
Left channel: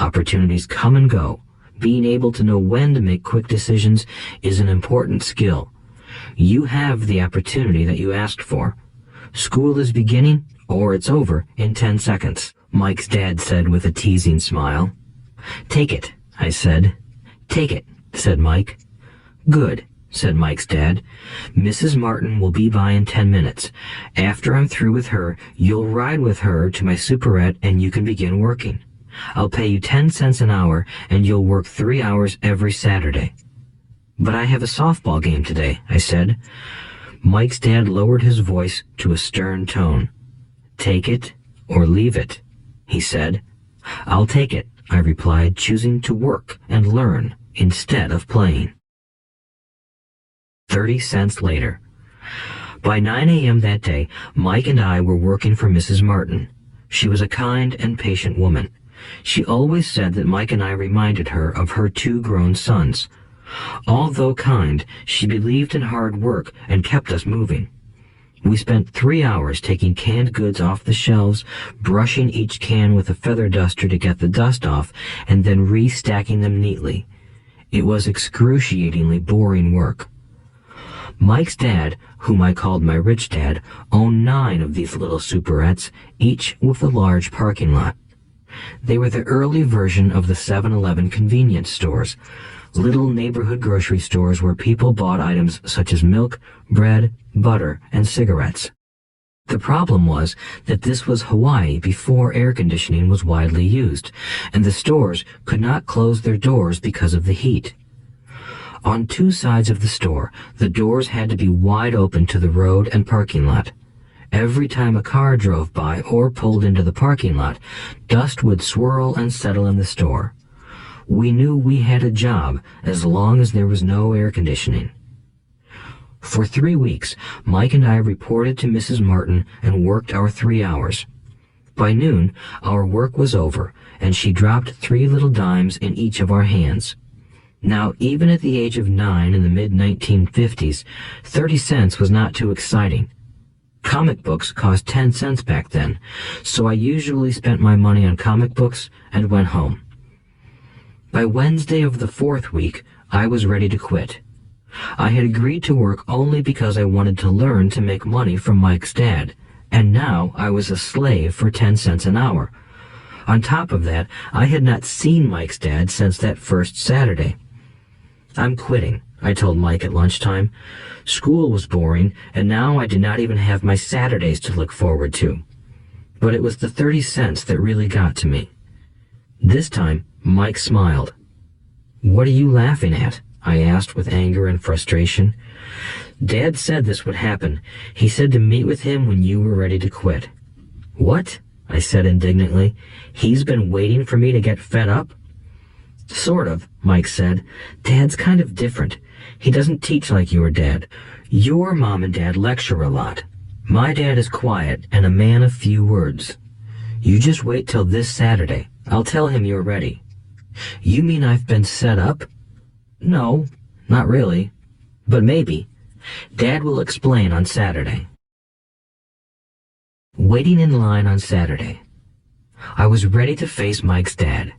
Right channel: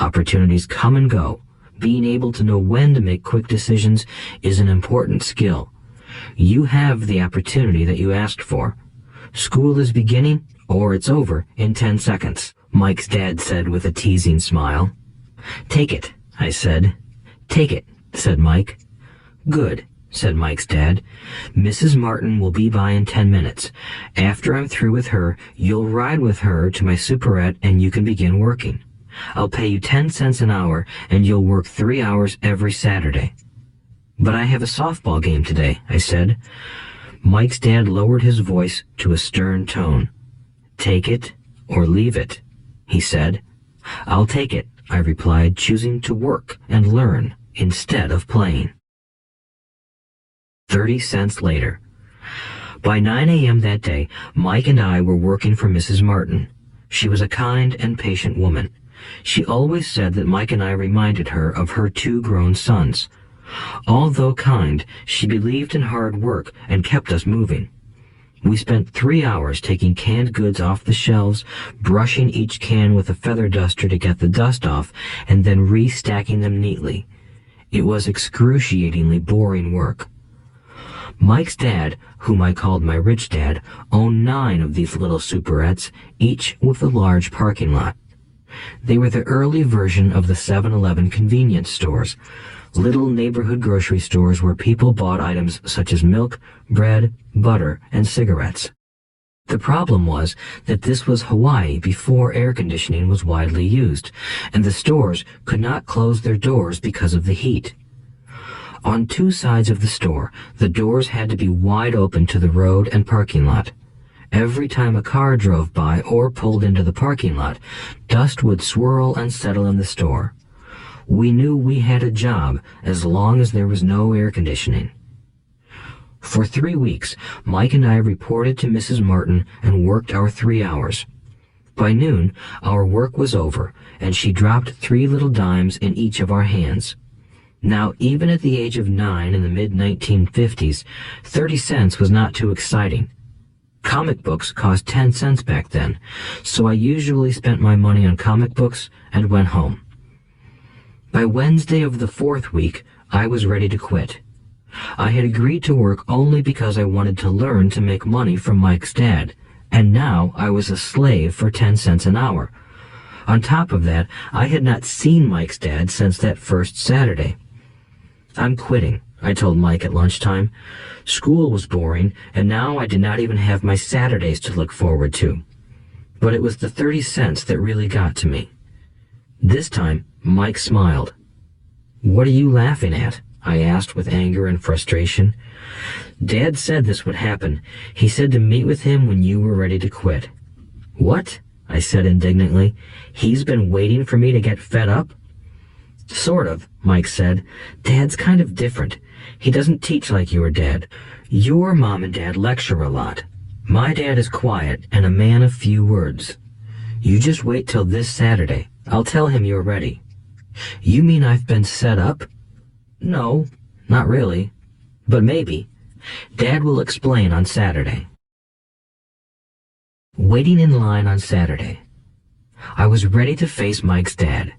Opportunities come and go. Being able to know when to make quick decisions is an important skill. You have the opportunity that you asked for. School is beginning, or it's over in 10 seconds, Mike's dad said with a teasing smile. "Take it," I said. "Take it," said Mike. "Good," said Mike's dad. "Mrs. Martin will be by in 10 minutes. After I'm through with her, you'll ride with her to my superette and you can begin working. I'll pay you 10 cents an hour and you'll work 3 hours every Saturday." "But I have a softball game today," I said. Mike's dad lowered his voice to a stern tone. "Take it or leave it," he said. "I'll take it," I replied, choosing to work and learn instead of playing. 30 cents later. By 9 a.m. that day, Mike and I were working for Mrs. Martin. She was a kind and patient woman. She always said that Mike and I reminded her of her 2 grown sons. Although kind, she believed in hard work and kept us moving. We spent 3 hours taking canned goods off the shelves, brushing each can with a feather duster to get the dust off, and then restacking them neatly. It was excruciatingly boring work. Mike's dad, whom I called my rich dad, owned 9 of these little superettes, each with a large parking lot. They were the early version of the 7-Eleven convenience stores, little neighborhood grocery stores where people bought items such as milk, bread, butter, and cigarettes. The problem was that this was Hawaii before air conditioning was widely used, and the stores could not close their doors because of the heat. On 2 sides of the store, the doors had to be wide open to the road and parking lot. Every time a car drove by or pulled into the parking lot, dust would swirl and settle in the store. We knew we had a job as long as there was no air conditioning. For 3 weeks, Mike and I reported to Mrs. Martin and worked our 3 hours. By noon, our work was over, and she dropped 3 little dimes in each of our hands. Now, even at the age of 9 in the mid-1950s, 30 cents was not too exciting. Comic books cost 10 cents back then, so I usually spent my money on comic books and went home. By Wednesday of the 4th week, I was ready to quit. I had agreed to work only because I wanted to learn to make money from Mike's dad, and now I was a slave for 10 cents an hour. On top of that, I had not seen Mike's dad since that first Saturday. "I'm quitting," I told Mike at lunchtime. School was boring, and now I did not even have my Saturdays to look forward to. But it was the 30 cents that really got to me. This time, Mike smiled. "What are you laughing at?" I asked with anger and frustration. "Dad said this would happen. He said to meet with him when you were ready to quit." "What?" I said indignantly. He's been waiting for me to get fed up? Sort of, Mike said. Dad's kind of different. He doesn't teach like your dad. Your mom and dad lecture a lot. My dad is quiet and a man of few words. You just wait till this Saturday. I'll tell him you're ready. You mean I've been set up? No, not really. But maybe. Dad will explain on Saturday. Waiting in line on Saturday. I was ready to face Mike's dad.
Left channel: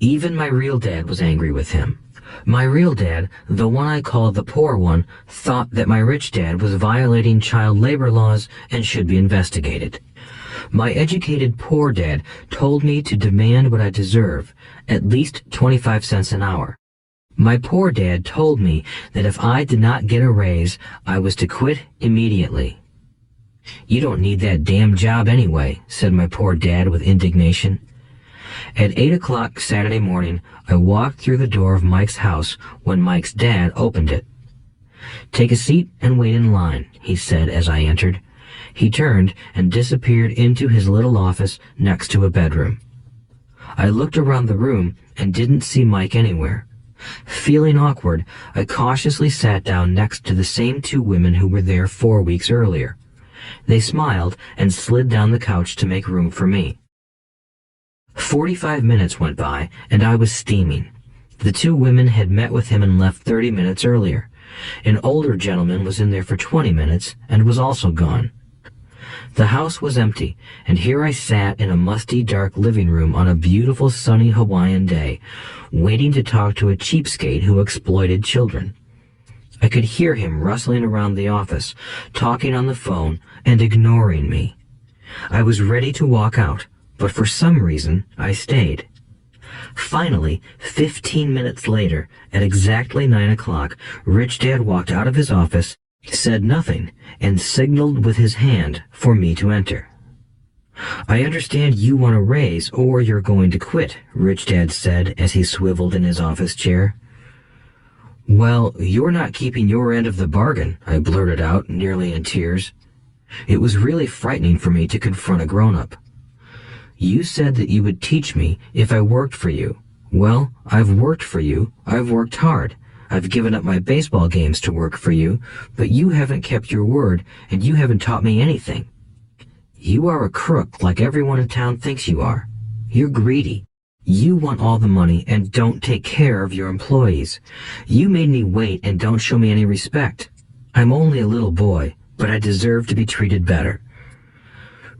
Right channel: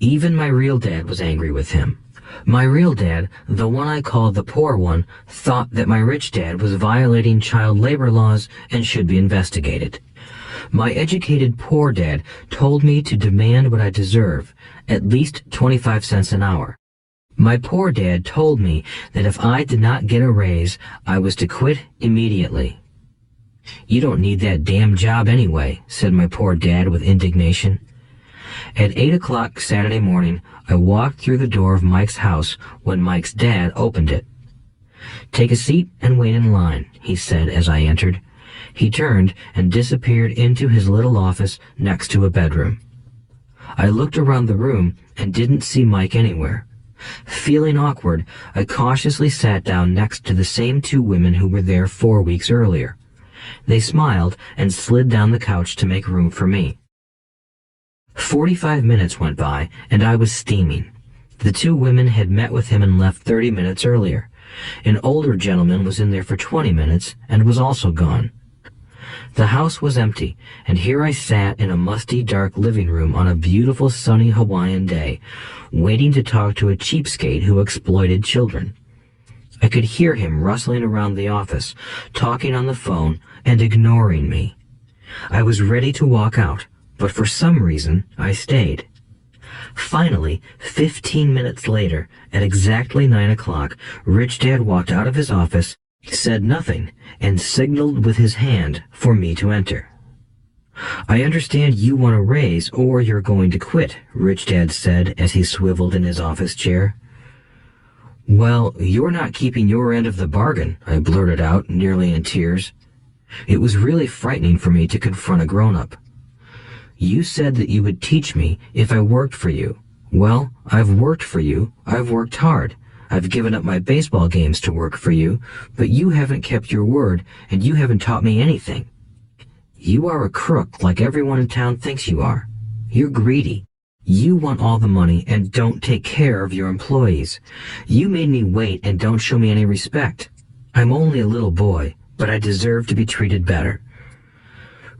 Even my real dad was angry with him. My real dad, the one I called the poor one, thought that my rich dad was violating child labor laws and should be investigated. My educated poor dad told me to demand what I deserve, at least 25 cents an hour. My poor dad told me that if I did not get a raise, I was to quit immediately. You don't need that damn job anyway, said my poor dad with indignation. At 8 o'clock Saturday morning, I walked through the door of Mike's house when Mike's dad opened it. Take a seat and wait in line, he said as I entered. He turned and disappeared into his little office next to a bedroom. I looked around the room and didn't see Mike anywhere. Feeling awkward, I cautiously sat down next to the same two women who were there 4 weeks earlier. They smiled and slid down the couch to make room for me. 45 minutes went by, and I was steaming. The two women had met with him and left 30 minutes earlier. An older gentleman was in there for 20 minutes and was also gone. The house was empty, and here I sat in a musty, dark living room on a beautiful, sunny Hawaiian day, waiting to talk to a cheapskate who exploited children. I could hear him rustling around the office, talking on the phone, and ignoring me. I was ready to walk out, but for some reason, I stayed. Finally, 15 minutes later, at exactly 9 o'clock, Rich Dad walked out of his office, said nothing, and signaled with his hand for me to enter. I understand you want a raise or you're going to quit, Rich Dad said as he swiveled in his office chair. Well, you're not keeping your end of the bargain, I blurted out, nearly in tears. It was really frightening for me to confront a grown-up. You said that you would teach me if I worked for you. Well, I've worked for you. I've worked hard. I've given up my baseball games to work for you, but you haven't kept your word, and you haven't taught me anything. You are a crook like everyone in town thinks you are. You're greedy. You want all the money and don't take care of your employees. You made me wait and don't show me any respect. I'm only a little boy, but I deserve to be treated better.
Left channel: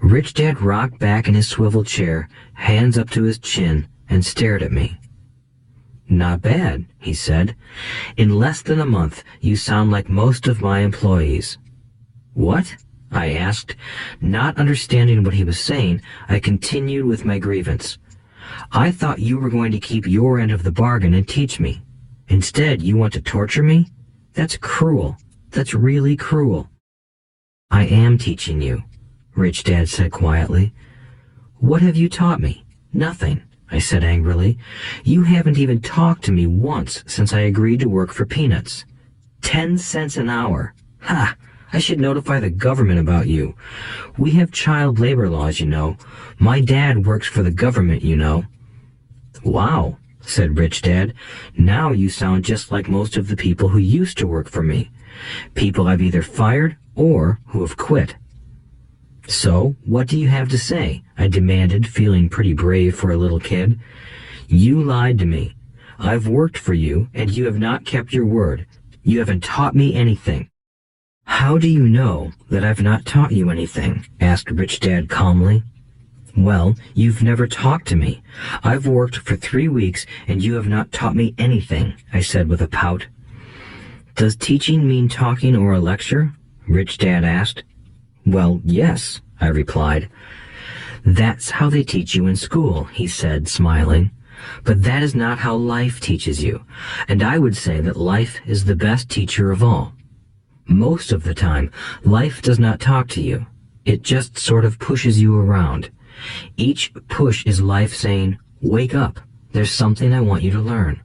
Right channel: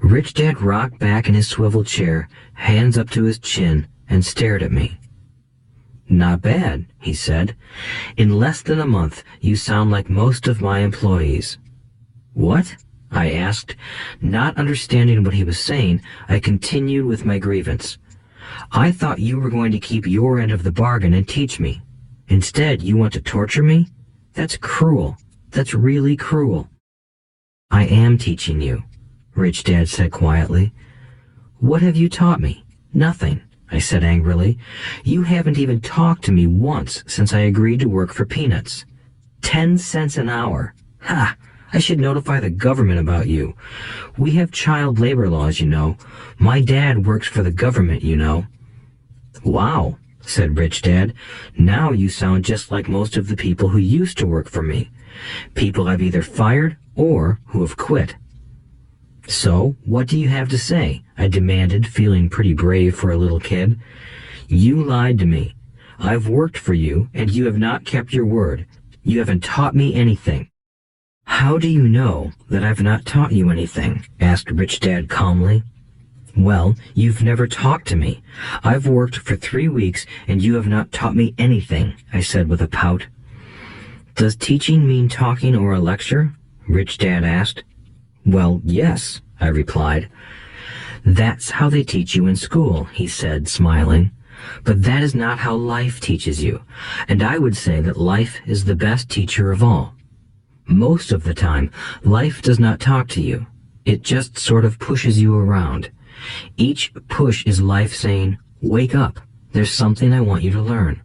Rich Dad rocked back in his swivel chair, hands up to his chin, and stared at me. Not bad, he said. In less than a month, you sound like most of my employees. What? I asked. Not understanding what he was saying, I continued with my grievance. I thought you were going to keep your end of the bargain and teach me. Instead, you want to torture me? That's cruel. That's really cruel. I am teaching you, Rich Dad said quietly. What have you taught me? Nothing, I said angrily. You haven't even talked to me once since I agreed to work for peanuts. 10 cents an hour. Ha! I should notify the government about you. We have child labor laws, you know. My dad works for the government, you know. Wow, said Rich Dad. Now you sound just like most of the people who used to work for me. People I've either fired or who have quit. So, what do you have to say? I demanded, feeling pretty brave for a little kid. You lied to me. I've worked for you, and you have not kept your word. You haven't taught me anything. How do you know that I've not taught you anything? Asked Rich Dad calmly. Well, you've never talked to me. I've worked for 3 weeks, and you have not taught me anything, I said with a pout. Does teaching mean talking or a lecture? Rich Dad asked. Well, yes, I replied. That's how they teach you in school, he said, smiling. But that is not how life teaches you, and I would say that life is the best teacher of all. Most of the time, life does not talk to you. It just sort of pushes you around. Each push is life saying, wake up, there's something I want you to learn.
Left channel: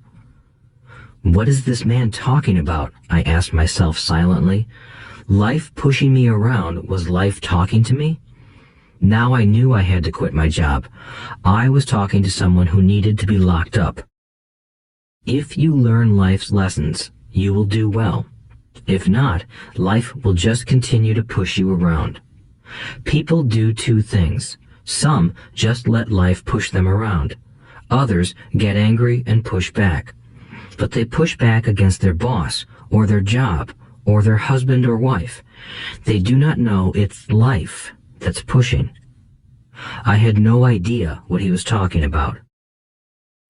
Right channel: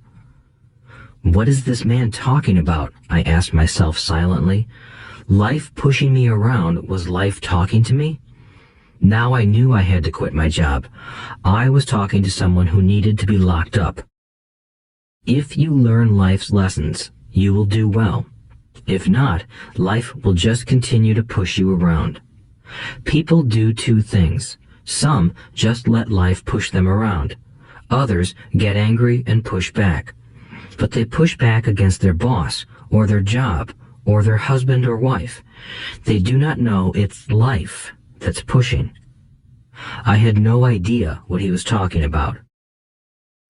What is this man talking about? I asked myself silently. Life pushing me around was life talking to me? Now I knew I had to quit my job. I was talking to someone who needed to be locked up. If you learn life's lessons, you will do well. If not, life will just continue to push you around. People do two things. Some just let life push them around. Others get angry and push back. But they push back against their boss, or their job, or their husband or wife. They do not know it's life that's pushing. I had no idea what he was talking about.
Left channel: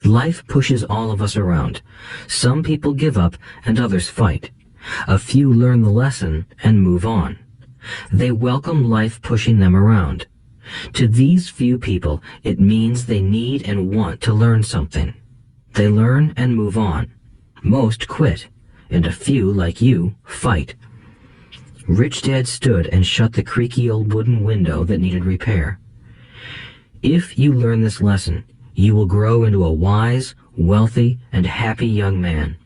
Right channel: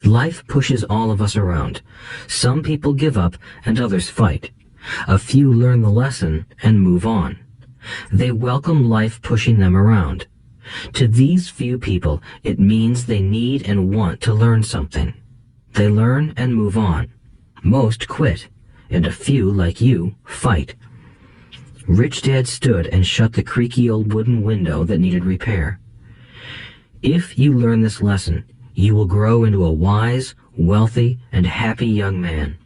Life pushes all of us around. Some people give up and others fight. A few learn the lesson and move on. They welcome life pushing them around. To these few people, it means they need and want to learn something. They learn and move on. Most quit, and a few, like you, fight. Rich Dad stood and shut the creaky old wooden window that needed repair. If you learn this lesson, you will grow into a wise, wealthy, and happy young man.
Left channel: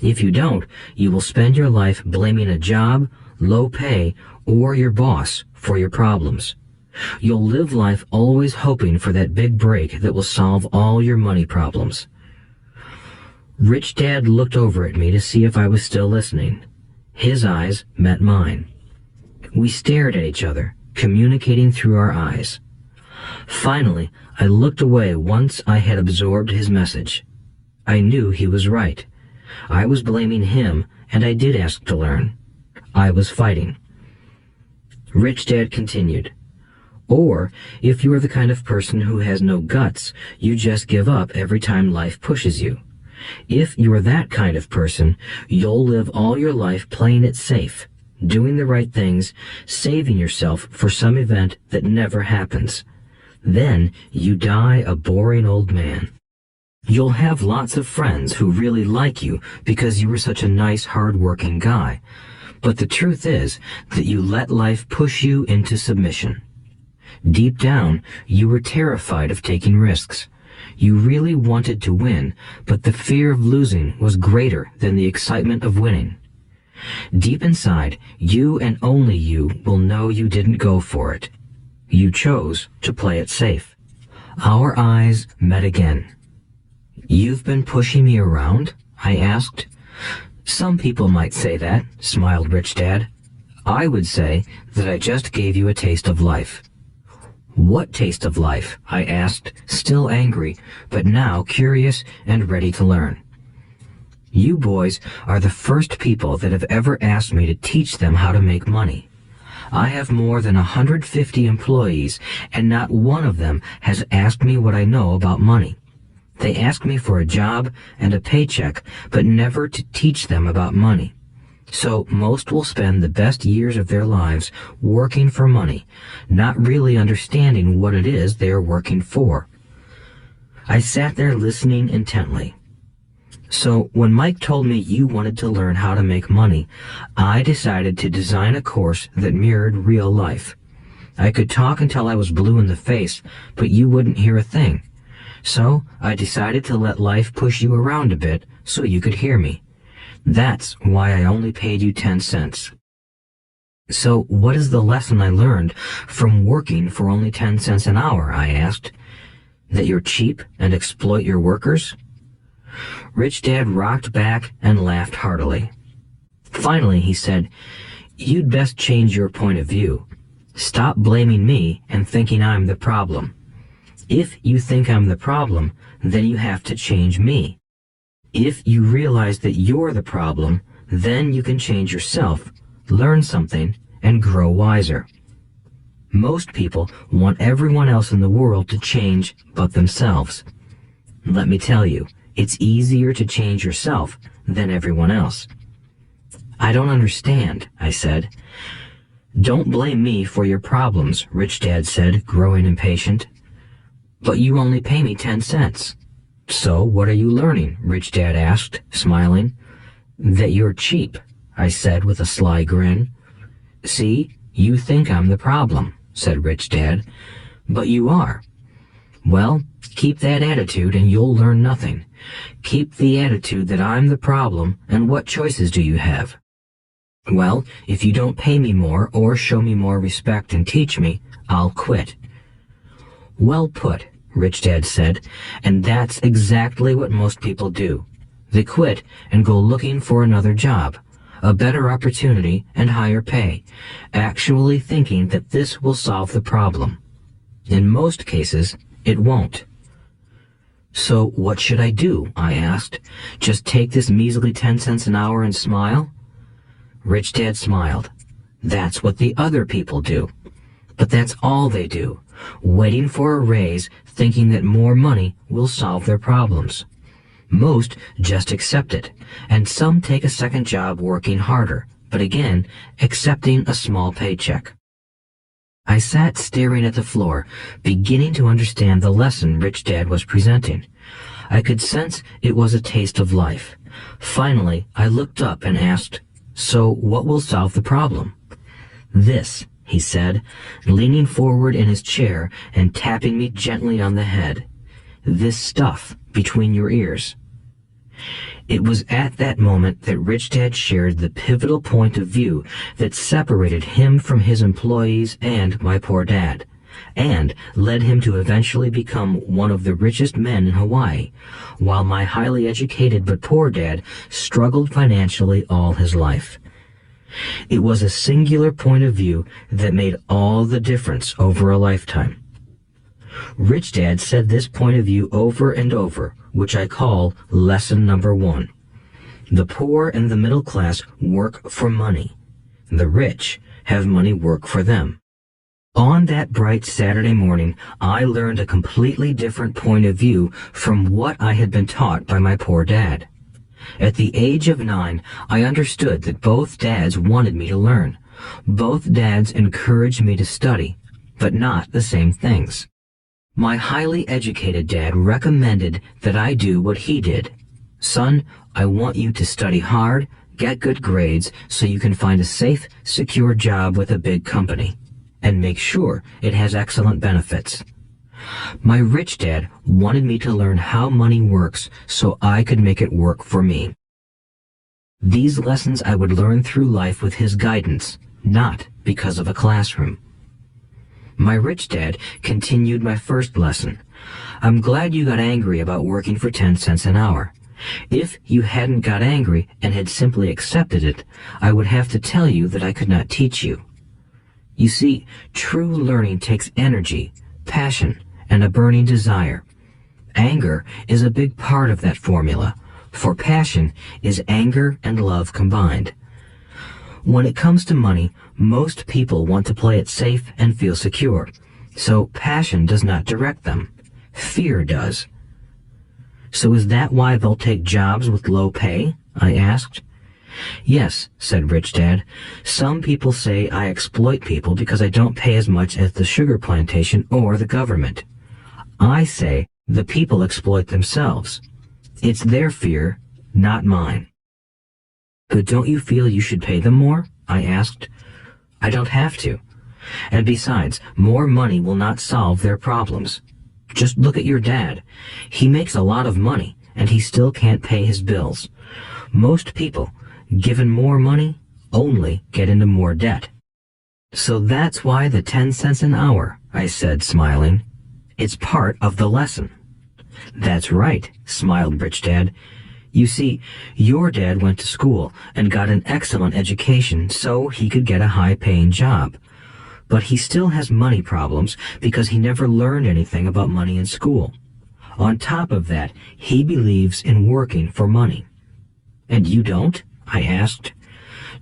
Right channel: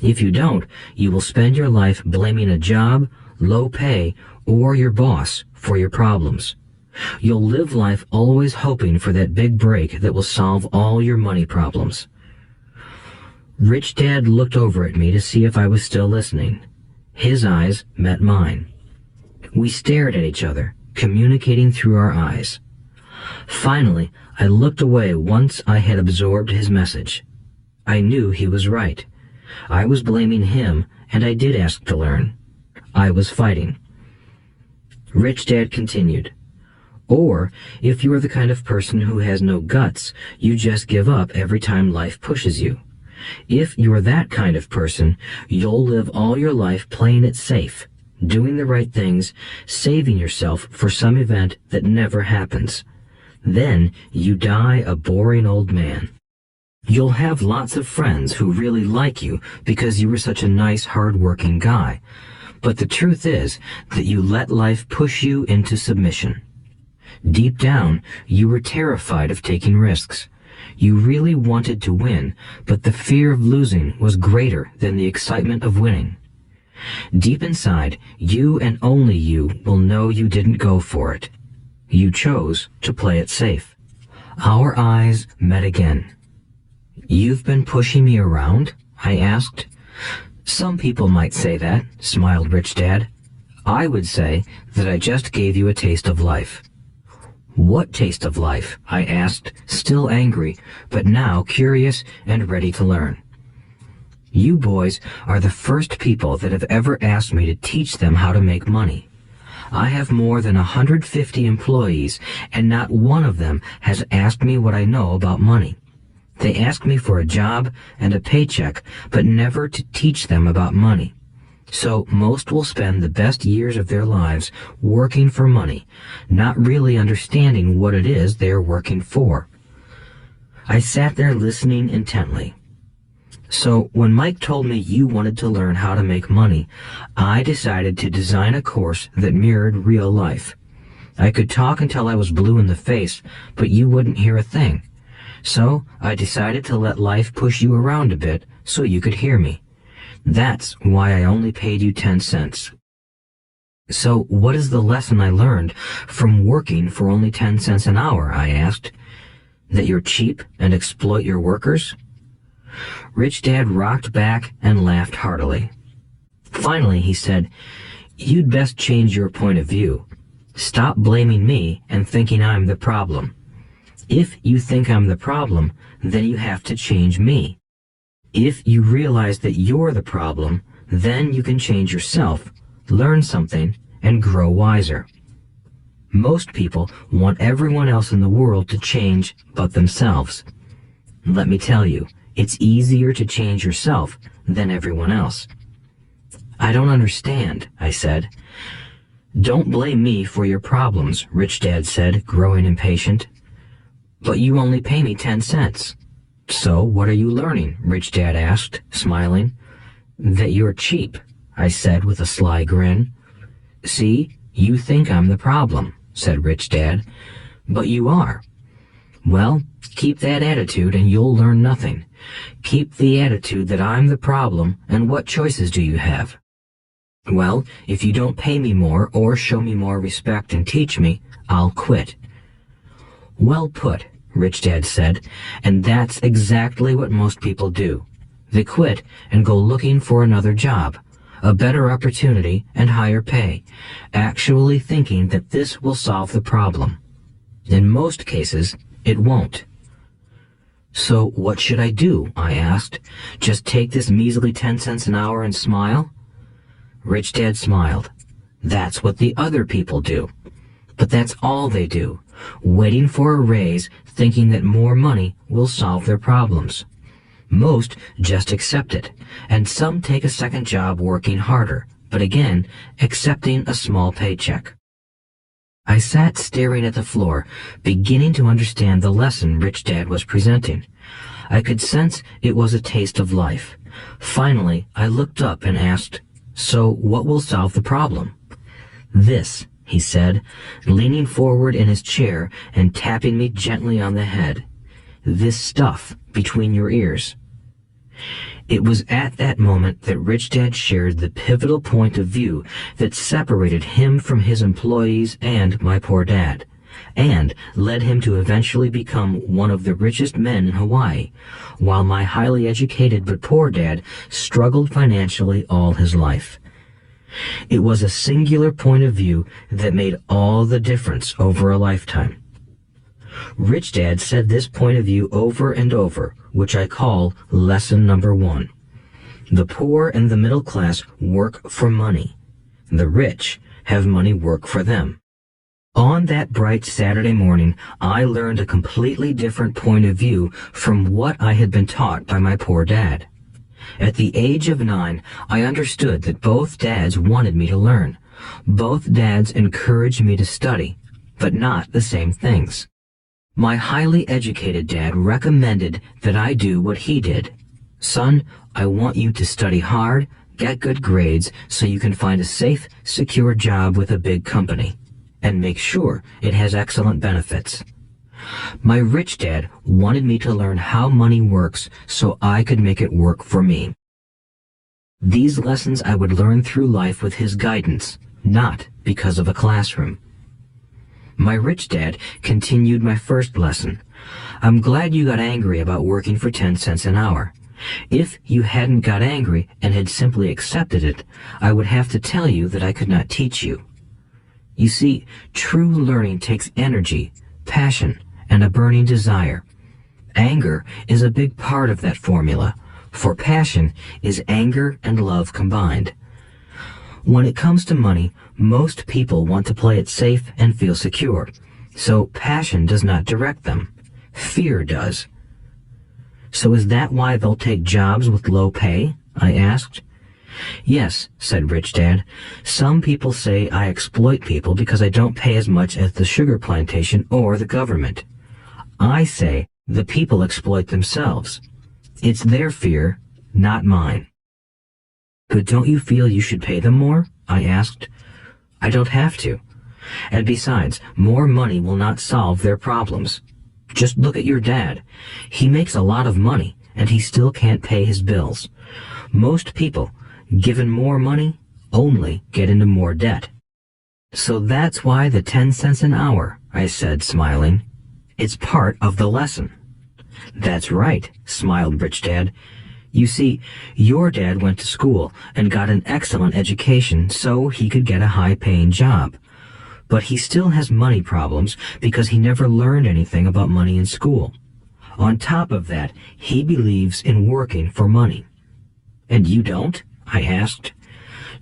If you don't, you will spend your life blaming a job, low pay, or your boss for your problems. You'll live life always hoping for that big break that will solve all your money problems. Rich Dad looked over at me to see if I was still listening. His eyes met mine. We stared at each other, communicating through our eyes. Finally, I looked away once I had absorbed his message. I knew he was right. I was blaming him, and I did ask to learn. I was fighting. Rich Dad continued. Or, if you are the kind of person who has no guts, you just give up every time life pushes you. If you are that kind of person, you'll live all your life playing it safe, doing the right things, saving yourself for some event that never happens. Then you die a boring old man. You'll have lots of friends who really like you because you were such a nice, hard-working guy. But the truth is that you let life push you into submission. Deep down, you were terrified of taking risks. You really wanted to win, but the fear of losing was greater than the excitement of winning. Deep inside, you and only you will know you didn't go for it. You chose to play it safe. Our eyes met again. "You've been pushing me around?" I asked. "Some people might say that," smiled Rich Dad. "I would say that I just gave you a taste of life." "What taste of life?" I asked, still angry, but now curious and ready to learn. "You boys are the first people that have ever asked me to teach them how to make money. I have more than 150 employees, and not one of them has asked me what I know about money. They ask me for a job and a paycheck, but never to teach them about money. So most will spend the best years of their lives working for money, not really understanding what it is they are working for." I sat there listening intently. "So when Mike told me you wanted to learn how to make money, I decided to design a course that mirrored real life. I could talk until I was blue in the face, but you wouldn't hear a thing. So I decided to let life push you around a bit so you could hear me. That's why I only paid you 10 cents. "So what is the lesson I learned from working for only 10 cents an hour?" I asked. "That you're cheap and exploit your workers?" Rich Dad rocked back and laughed heartily. Finally, he said, "You'd best change your point of view. Stop blaming me and thinking I'm the problem. If you think I'm the problem, then you have to change me. If you realize that you're the problem, then you can change yourself, learn something, and grow wiser. Most people want everyone else in the world to change but themselves. Let me tell you, it's easier to change yourself than everyone else." "I don't understand," I said. "Don't blame me for your problems," Rich Dad said, growing impatient. "But you only pay me 10 cents. "So what are you learning?" Rich Dad asked, smiling. "That you're cheap," I said with a sly grin. "See, you think I'm the problem," said Rich Dad. "But you are. Well, keep that attitude and you'll learn nothing. Keep the attitude that I'm the problem, and what choices do you have?" Well, if you don't pay me more or show me more respect and teach me, I'll quit. Well put, Rich Dad said, and that's exactly what most people do. They quit and go looking for another job, a better opportunity and higher pay, actually thinking that this will solve the problem. In most cases, it won't. So what should I do? I asked. Just take this measly 10 cents an hour and smile? Rich Dad smiled. That's what the other people do. But that's all they do, waiting for a raise, thinking that more money will solve their problems. Most just accept it, and some take a second job working harder, but again, accepting a small paycheck. I sat staring at the floor, beginning to understand the lesson Rich Dad was presenting. I could sense it was a taste of life. Finally, I looked up and asked, "So what will solve the problem?" "This," he said, leaning forward in his chair and tapping me gently on the head. "This stuff between your ears." It was at that moment that Rich Dad shared the pivotal point of view that separated him from his employees and my poor dad, and led him to eventually become one of the richest men in Hawaii, while my highly educated but poor dad struggled financially all his life. It was a singular point of view that made all the difference over a lifetime. Rich Dad said this point of view over and over, which I call lesson number 1. The poor and the middle class work for money. The rich have money work for them. On that bright Saturday morning, I learned a completely different point of view from what I had been taught by my poor dad. At the age of 9, I understood that both dads wanted me to learn. Both dads encouraged me to study, but not the same things. My highly educated dad recommended that I do what he did. "Son, I want you to study hard, get good grades so you can find a safe, secure job with a big company, and make sure it has excellent benefits." My rich dad wanted me to learn how money works so I could make it work for me. These lessons I would learn through life with his guidance, not because of a classroom. My rich dad continued my first lesson. "I'm glad you got angry about working for 10 cents an hour. If you hadn't got angry and had simply accepted it, I would have to tell you that I could not teach you. You see, true learning takes energy, passion, and a burning desire. Anger is a big part of that formula, for passion is anger and love combined. When it comes to money, most people want to play it safe and feel secure, so passion does not direct them. Fear does." "So is that why they'll take jobs with low pay?" I asked. "Yes," said Rich Dad. "Some people say I exploit people because I don't pay as much as the sugar plantation or the government. I say the people exploit themselves. It's their fear, not mine." "But don't you feel you should pay them more?" I asked. "I don't have to. And besides, more money will not solve their problems. Just look at your dad. He makes a lot of money, and he still can't pay his bills. Most people, given more money, only get into more debt." "So that's why the 10 cents an hour," I said, smiling. "It's part of the lesson." "That's right," smiled Rich Dad. "You see, your dad went to school and got an excellent education so he could get a high-paying job. But he still has money problems because he never learned anything about money in school. On top of that, he believes in working for money." "And you don't?" I asked.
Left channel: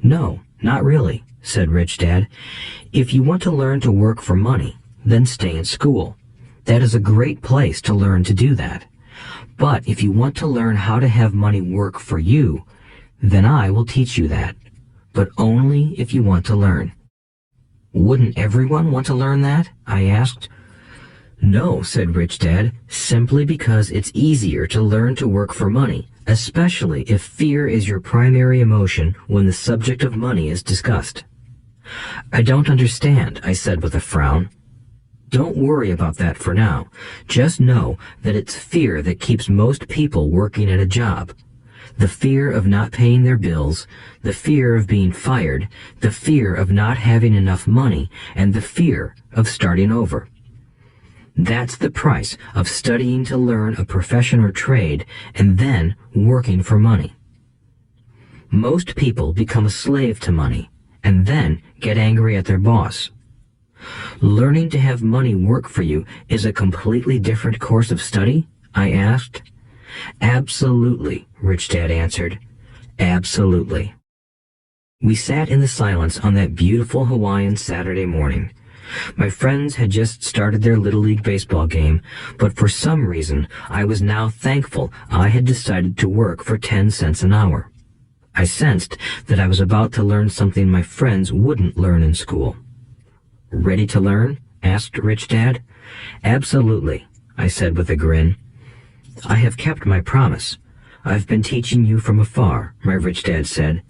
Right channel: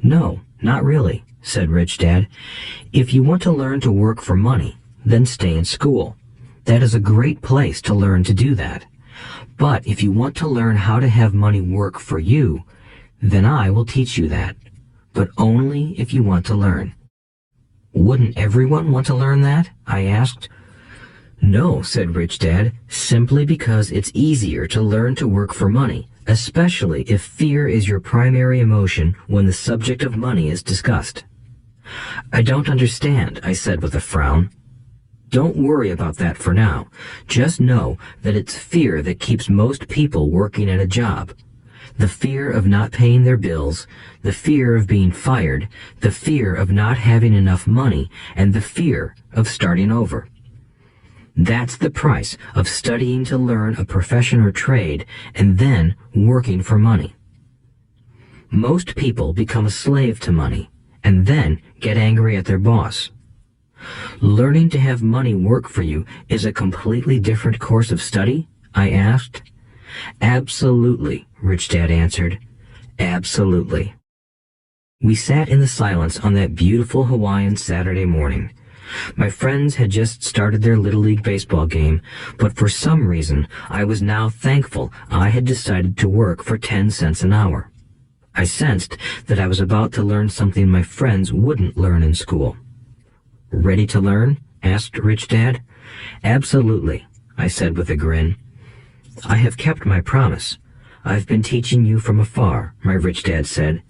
"No, not really," said Rich Dad. "If you want to learn to work for money, then stay in school. That is a great place to learn to do that. But if you want to learn how to have money work for you, then I will teach you that. But only if you want to learn." "Wouldn't everyone want to learn that?" I asked. "No," said Rich Dad, "simply because it's easier to learn to work for money, especially if fear is your primary emotion when the subject of money is discussed." "I don't understand," I said with a frown. "Don't worry about that for now. Just know that it's fear that keeps most people working at a job. The fear of not paying their bills, the fear of being fired, the fear of not having enough money, and the fear of starting over. That's the price of studying to learn a profession or trade and then working for money. Most people become a slave to money and then get angry at their boss. Learning to have money work for you is a completely different course of study? I asked. Absolutely, Rich Dad answered. Absolutely. We sat in the silence on that beautiful Hawaiian Saturday morning. My friends had just started their Little League baseball game, but for some reason I was now thankful I had decided to work for 10 cents an hour. I sensed that I was about to learn something my friends wouldn't learn in school. Ready to learn? Asked Rich Dad. Absolutely, I said with a grin. I have kept my promise. I've been teaching you from afar, my Rich Dad said.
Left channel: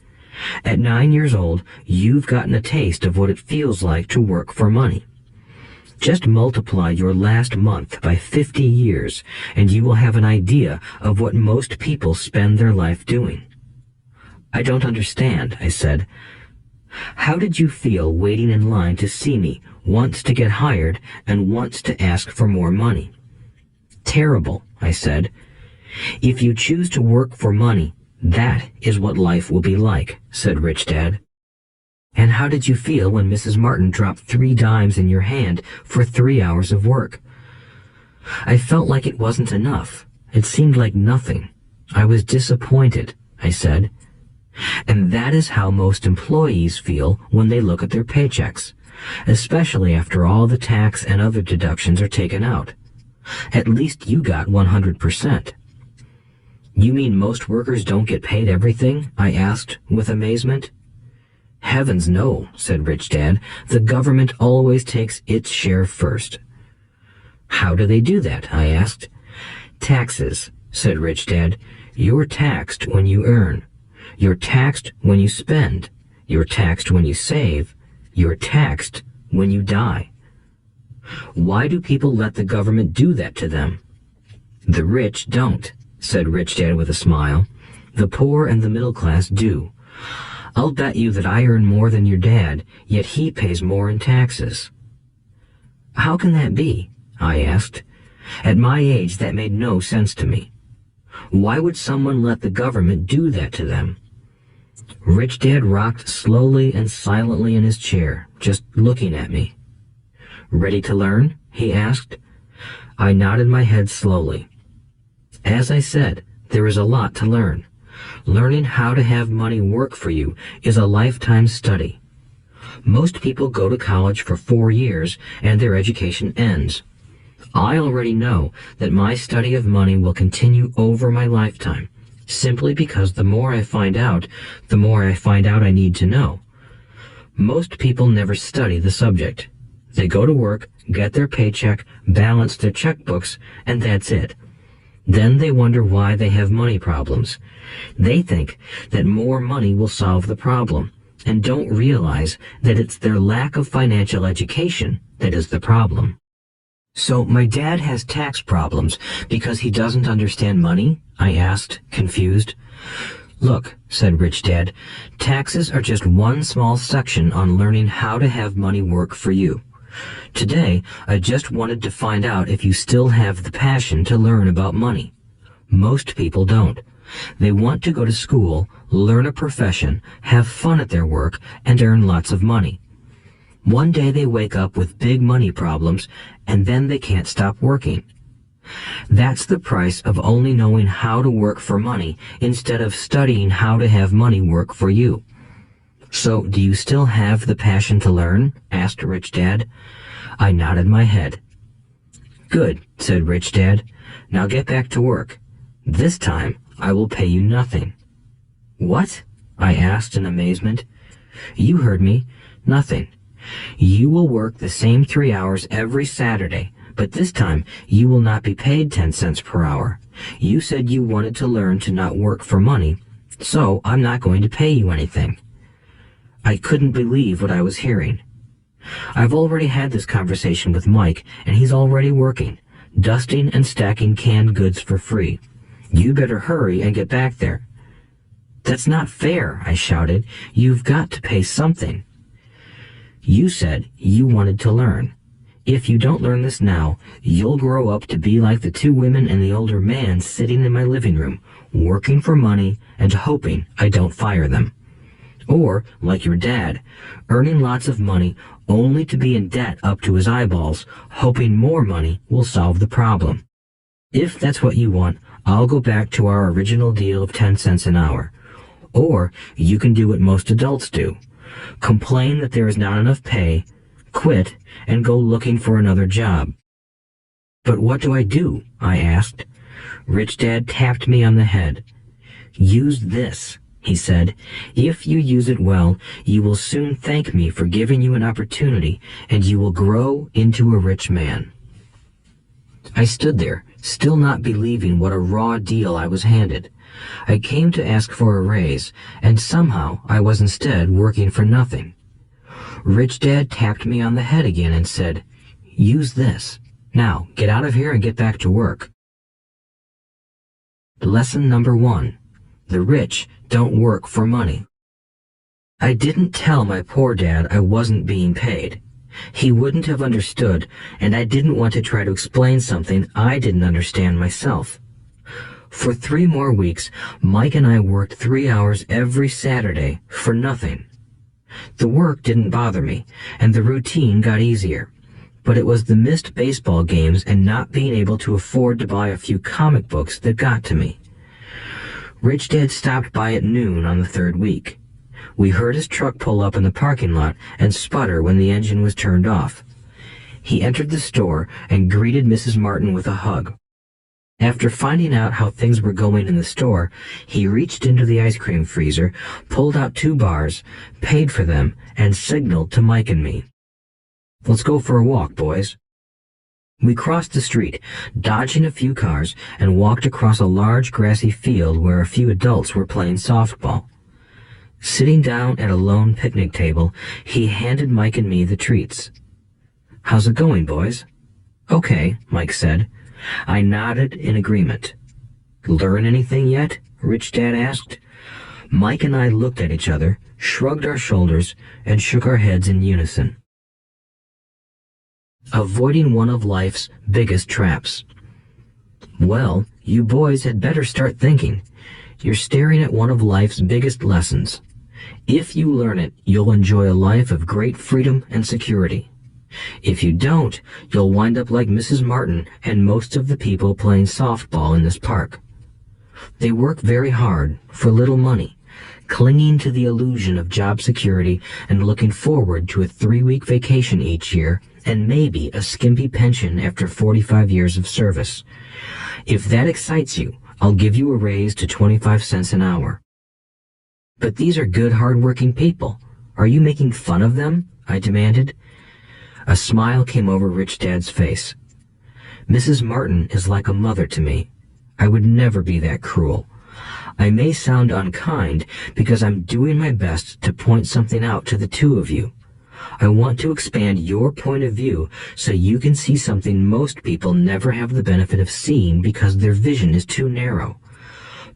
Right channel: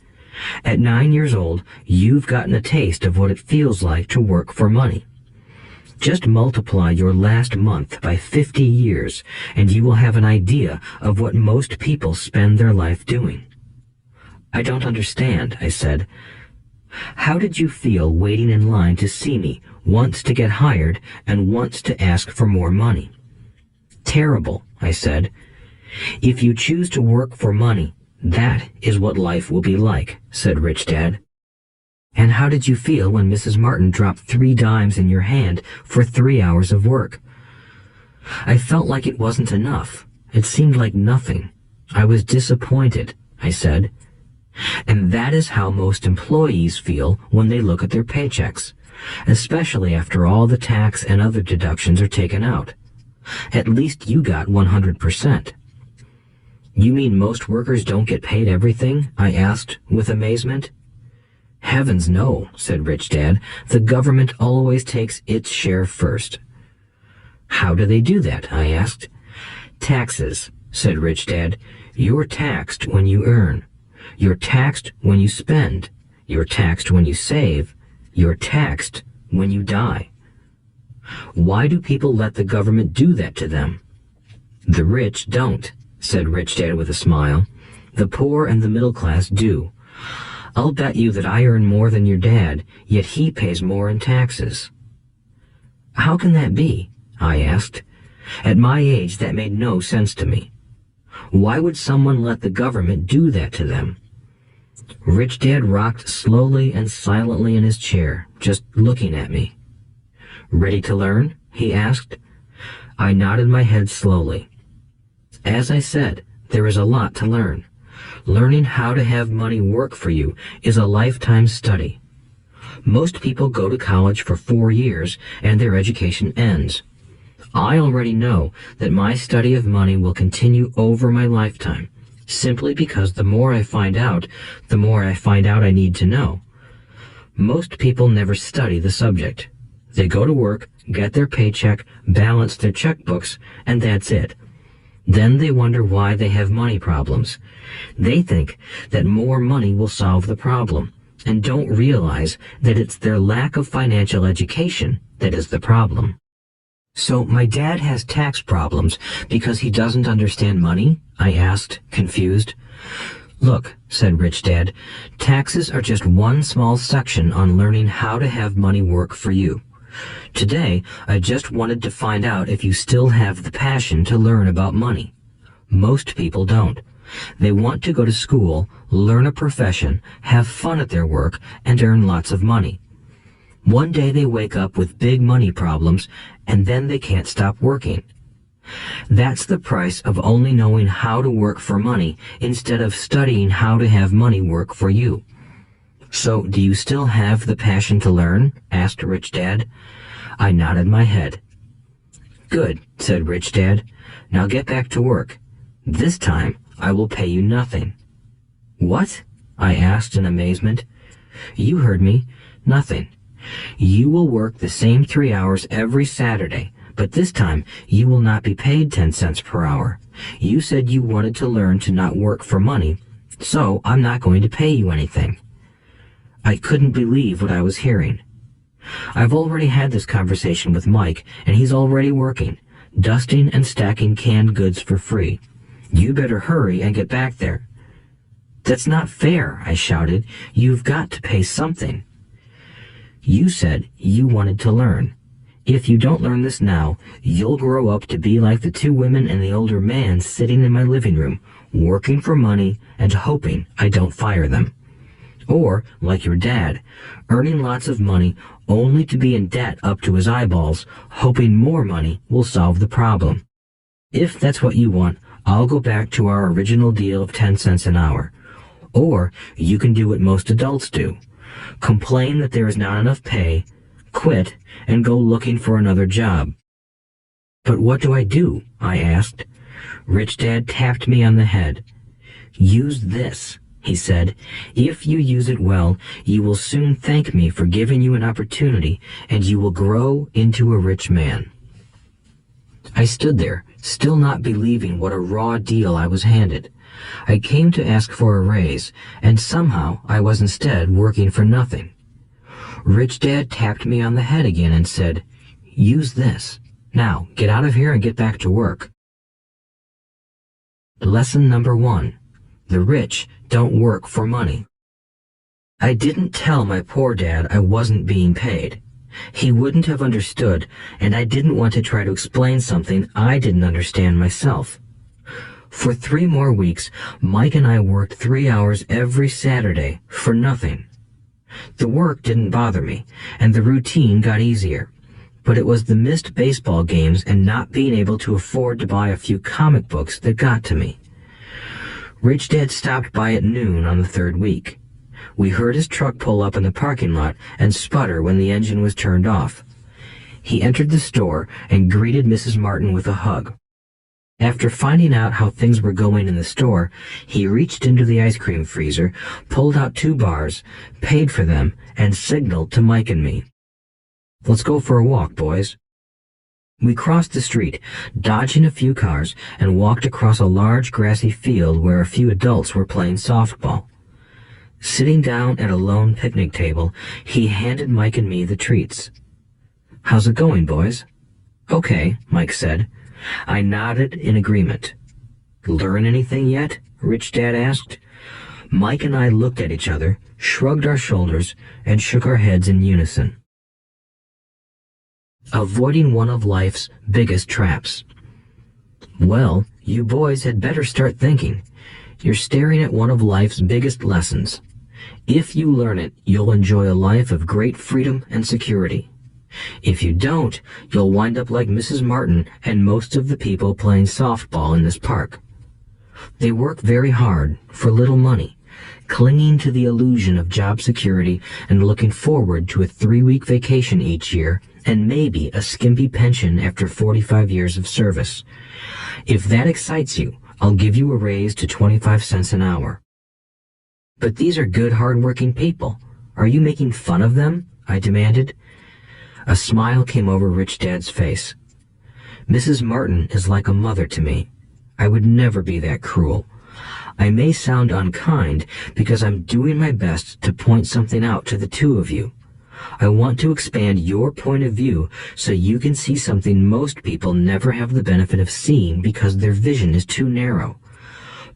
At 9 years old, you've gotten a taste of what it feels like to work for money. Just multiply your last month by 50 years, and you will have an idea of what most people spend their life doing. I don't understand, I said. How did you feel waiting in line to see me, once to get hired and once to ask for more money? Terrible, I said. If you choose to work for money, that is what life will be like, said Rich Dad. And how did you feel when Mrs. Martin dropped 3 dimes in your hand for 3 hours of work? I felt like it wasn't enough. It seemed like nothing. I was disappointed, I said. And that is how most employees feel when they look at their paychecks, especially after all the tax and other deductions are taken out. At least you got 100%. You mean most workers don't get paid everything? I asked with amazement. Heavens no, said Rich Dad. The government always takes its share first. How do they do that? I asked. Taxes, said Rich Dad. You're taxed when you earn. You're taxed when you spend. You're taxed when you save. You're taxed when you die. Why do people let the government do that to them? The rich don't, said Rich Dad with a smile. The poor and the middle class do. I'll bet you that I earn more than your dad, yet he pays more in taxes. How can that be? I asked. At my age, that made no sense to me. Why would someone let the government do that to them? Rich Dad rocked slowly and silently in his chair, just looking at me. Ready to learn? He asked. I nodded my head slowly. As I said, there is a lot to learn. Learning how to have money work for you is a lifetime study. Most people go to college for 4 years and their education ends. I already know that my study of money will continue over my lifetime, simply because the more I find out I need to know. Most people never study the subject. They go to work, get their paycheck, balance their checkbooks, and that's it. Then they wonder why they have money problems. They think that more money will solve the problem, and don't realize that it's their lack of financial education that is the problem. So my dad has tax problems because he doesn't understand money? I asked, confused. Look, said Rich Dad, taxes are just one small section on learning how to have money work for you. Today, I just wanted to find out if you still have the passion to learn about money. Most people don't. They want to go to school, learn a profession, have fun at their work, and earn lots of money. One day they wake up with big money problems, and then they can't stop working. That's the price of only knowing how to work for money instead of studying how to have money work for you. So, do you still have the passion to learn? Asked Rich Dad. I nodded my head. Good, said Rich Dad. Now get back to work. This time, I will pay you nothing. What? I asked in amazement. You heard me. Nothing. You will work the same 3 hours every Saturday, but this time you will not be paid 10 cents per hour. You said you wanted to learn to not work for money, so I'm not going to pay you anything. I couldn't believe what I was hearing. I've already had this conversation with Mike, and he's already working, dusting and stacking canned goods for free. You better hurry and get back there. "That's not fair," I shouted. "You've got to pay something." "You said you wanted to learn. If you don't learn this now, you'll grow up to be like the two women and the older man sitting in my living room, working for money and hoping I don't fire them. Or, like your dad, earning lots of money only to be in debt up to his eyeballs, hoping more money will solve the problem. If that's what you want, I'll go back to our original deal of 10 cents an hour. Or you can do what most adults do. Complain that there is not enough pay, quit, and go looking for another job." "But what do I do?" I asked. Rich Dad tapped me on the head. "Use this," he said. "If you use it well, you will soon thank me for giving you an opportunity, and you will grow into a rich man." I stood there, still not believing what a raw deal I was handed. I came to ask for a raise, and somehow I was instead working for nothing. Rich Dad tapped me on the head again and said, "Use this. Now, get out of here and get back to work." Lesson number 1. The rich don't work for money. I didn't tell my poor dad I wasn't being paid. He wouldn't have understood, and I didn't want to try to explain something I didn't understand myself. For 3 more weeks, Mike and I worked 3 hours every Saturday for nothing. The work didn't bother me, and the routine got easier. But it was the missed baseball games and not being able to afford to buy a few comic books that got to me. Rich Dad stopped by at noon on the 3rd week. We heard his truck pull up in the parking lot and sputter when the engine was turned off. He entered the store and greeted Mrs. Martin with a hug. After finding out how things were going in the store, he reached into the ice cream freezer, pulled out 2 bars, paid for them, and signaled to Mike and me. "Let's go for a walk, boys." We crossed the street, dodging a few cars, and walked across a large grassy field where a few adults were playing softball. Sitting down at a lone picnic table, he handed Mike and me the treats. "How's it going, boys?" "Okay," Mike said. I nodded in agreement. "Learn anything yet?" Rich Dad asked. Mike and I looked at each other, shrugged our shoulders, and shook our heads in unison. Avoiding one of life's biggest traps. Well, you boys had better start thinking. You're staring at one of life's biggest lessons. If you learn it, you'll enjoy a life of great freedom and security. If you don't, you'll wind up like Mrs. Martin and most of the people playing softball in this park. They work very hard for little money, clinging to the illusion of job security and looking forward to a 3-week vacation each year and maybe a skimpy pension after 45 years of service. If that excites you, I'll give you a raise to 25 cents an hour. "But these are good, hard-working people. Are you making fun of them?" I demanded. A smile came over Rich Dad's face. "Mrs. Martin is like a mother to me. I would never be that cruel. I may sound unkind because I'm doing my best to point something out to the 2 of you. I want to expand your point of view so you can see something most people never have the benefit of seeing because their vision is too narrow.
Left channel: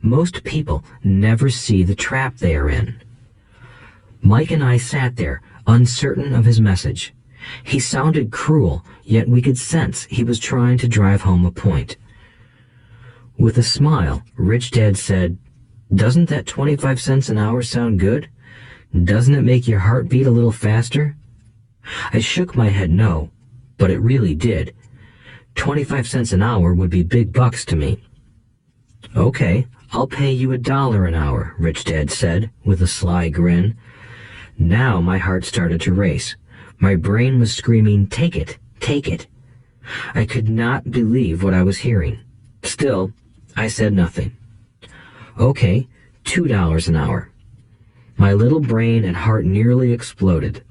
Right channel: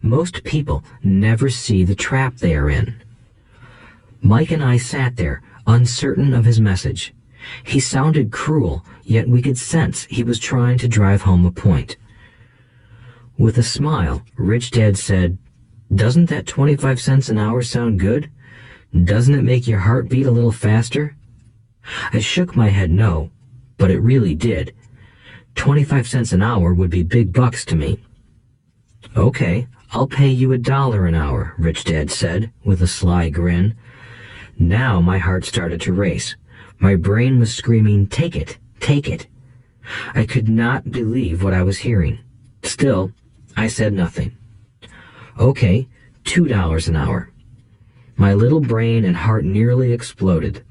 Most people never see the trap they are in." Mike and I sat there, uncertain of his message. He sounded cruel, yet we could sense he was trying to drive home a point. With a smile, Rich Dad said, "Doesn't that 25 cents an hour sound good? Doesn't it make your heart beat a little faster?" I shook my head no, but it really did. 25 cents an hour would be big bucks to me. "Okay, I'll pay you $1 an hour," Rich Dad said, with a sly grin. Now my heart started to race. My brain was screaming, "Take it, take it." I could not believe what I was hearing. Still, I said nothing. "Okay, $2 an hour." My little brain and heart nearly exploded.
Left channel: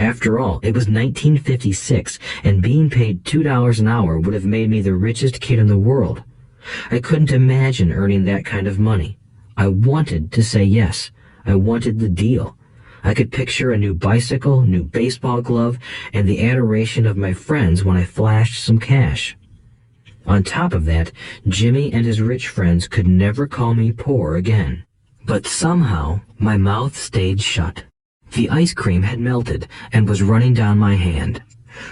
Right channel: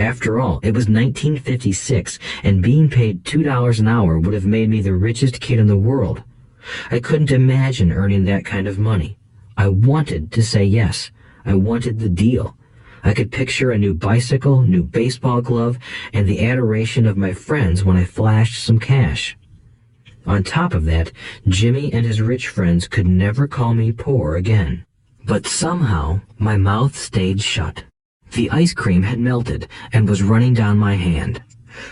After all, it was 1956, and being paid $2 an hour would have made me the richest kid in the world. I couldn't imagine earning that kind of money. I wanted to say yes. I wanted the deal. I could picture a new bicycle, new baseball glove, and the adoration of my friends when I flashed some cash. On top of that, Jimmy and his rich friends could never call me poor again. But somehow my mouth stayed shut. The ice cream had melted and was running down my hand.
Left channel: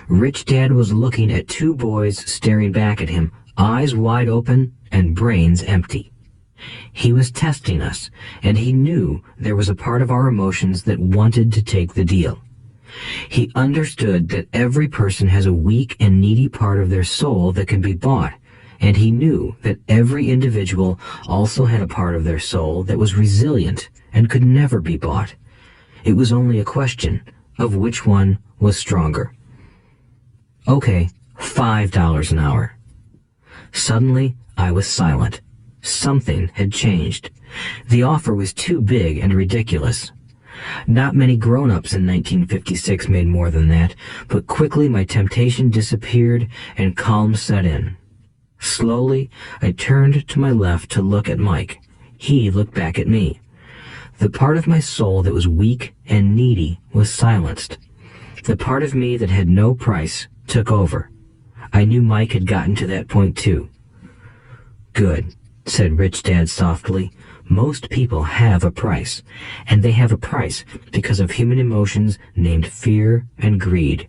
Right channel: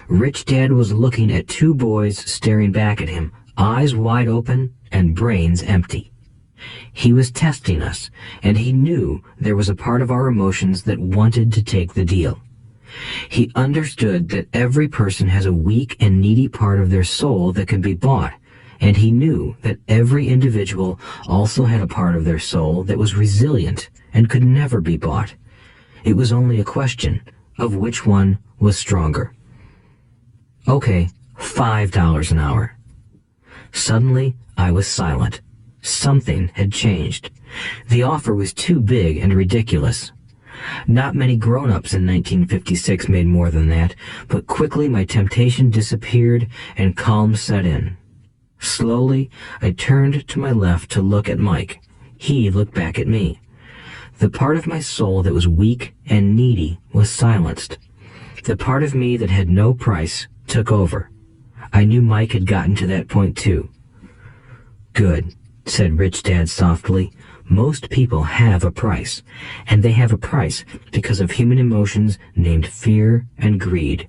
Rich Dad was looking at two boys staring back at him, eyes wide open and brains empty. He was testing us, and he knew there was a part of our emotions that wanted to take the deal. He understood that every person has a weak and needy part of their soul that can be bought, and he knew that every individual also had a part of their soul that was resilient and could never be bought. It was only a question of which one was stronger. Okay, $5 an hour. Suddenly, I was silent. Something had changed. The offer was too big and ridiculous. Not many grown-ups in 1956 made more than that, but quickly my temptation disappeared and calm set in. Slowly, I turned to my left to look at Mike. He looked back at me. The part of my soul that was weak and needy was silenced. The part of me that had no price took over. I knew Mike had gotten to that point too. "Good," said Rich Dad softly. "Most people have a price, and they have a price because of human emotions named fear and greed.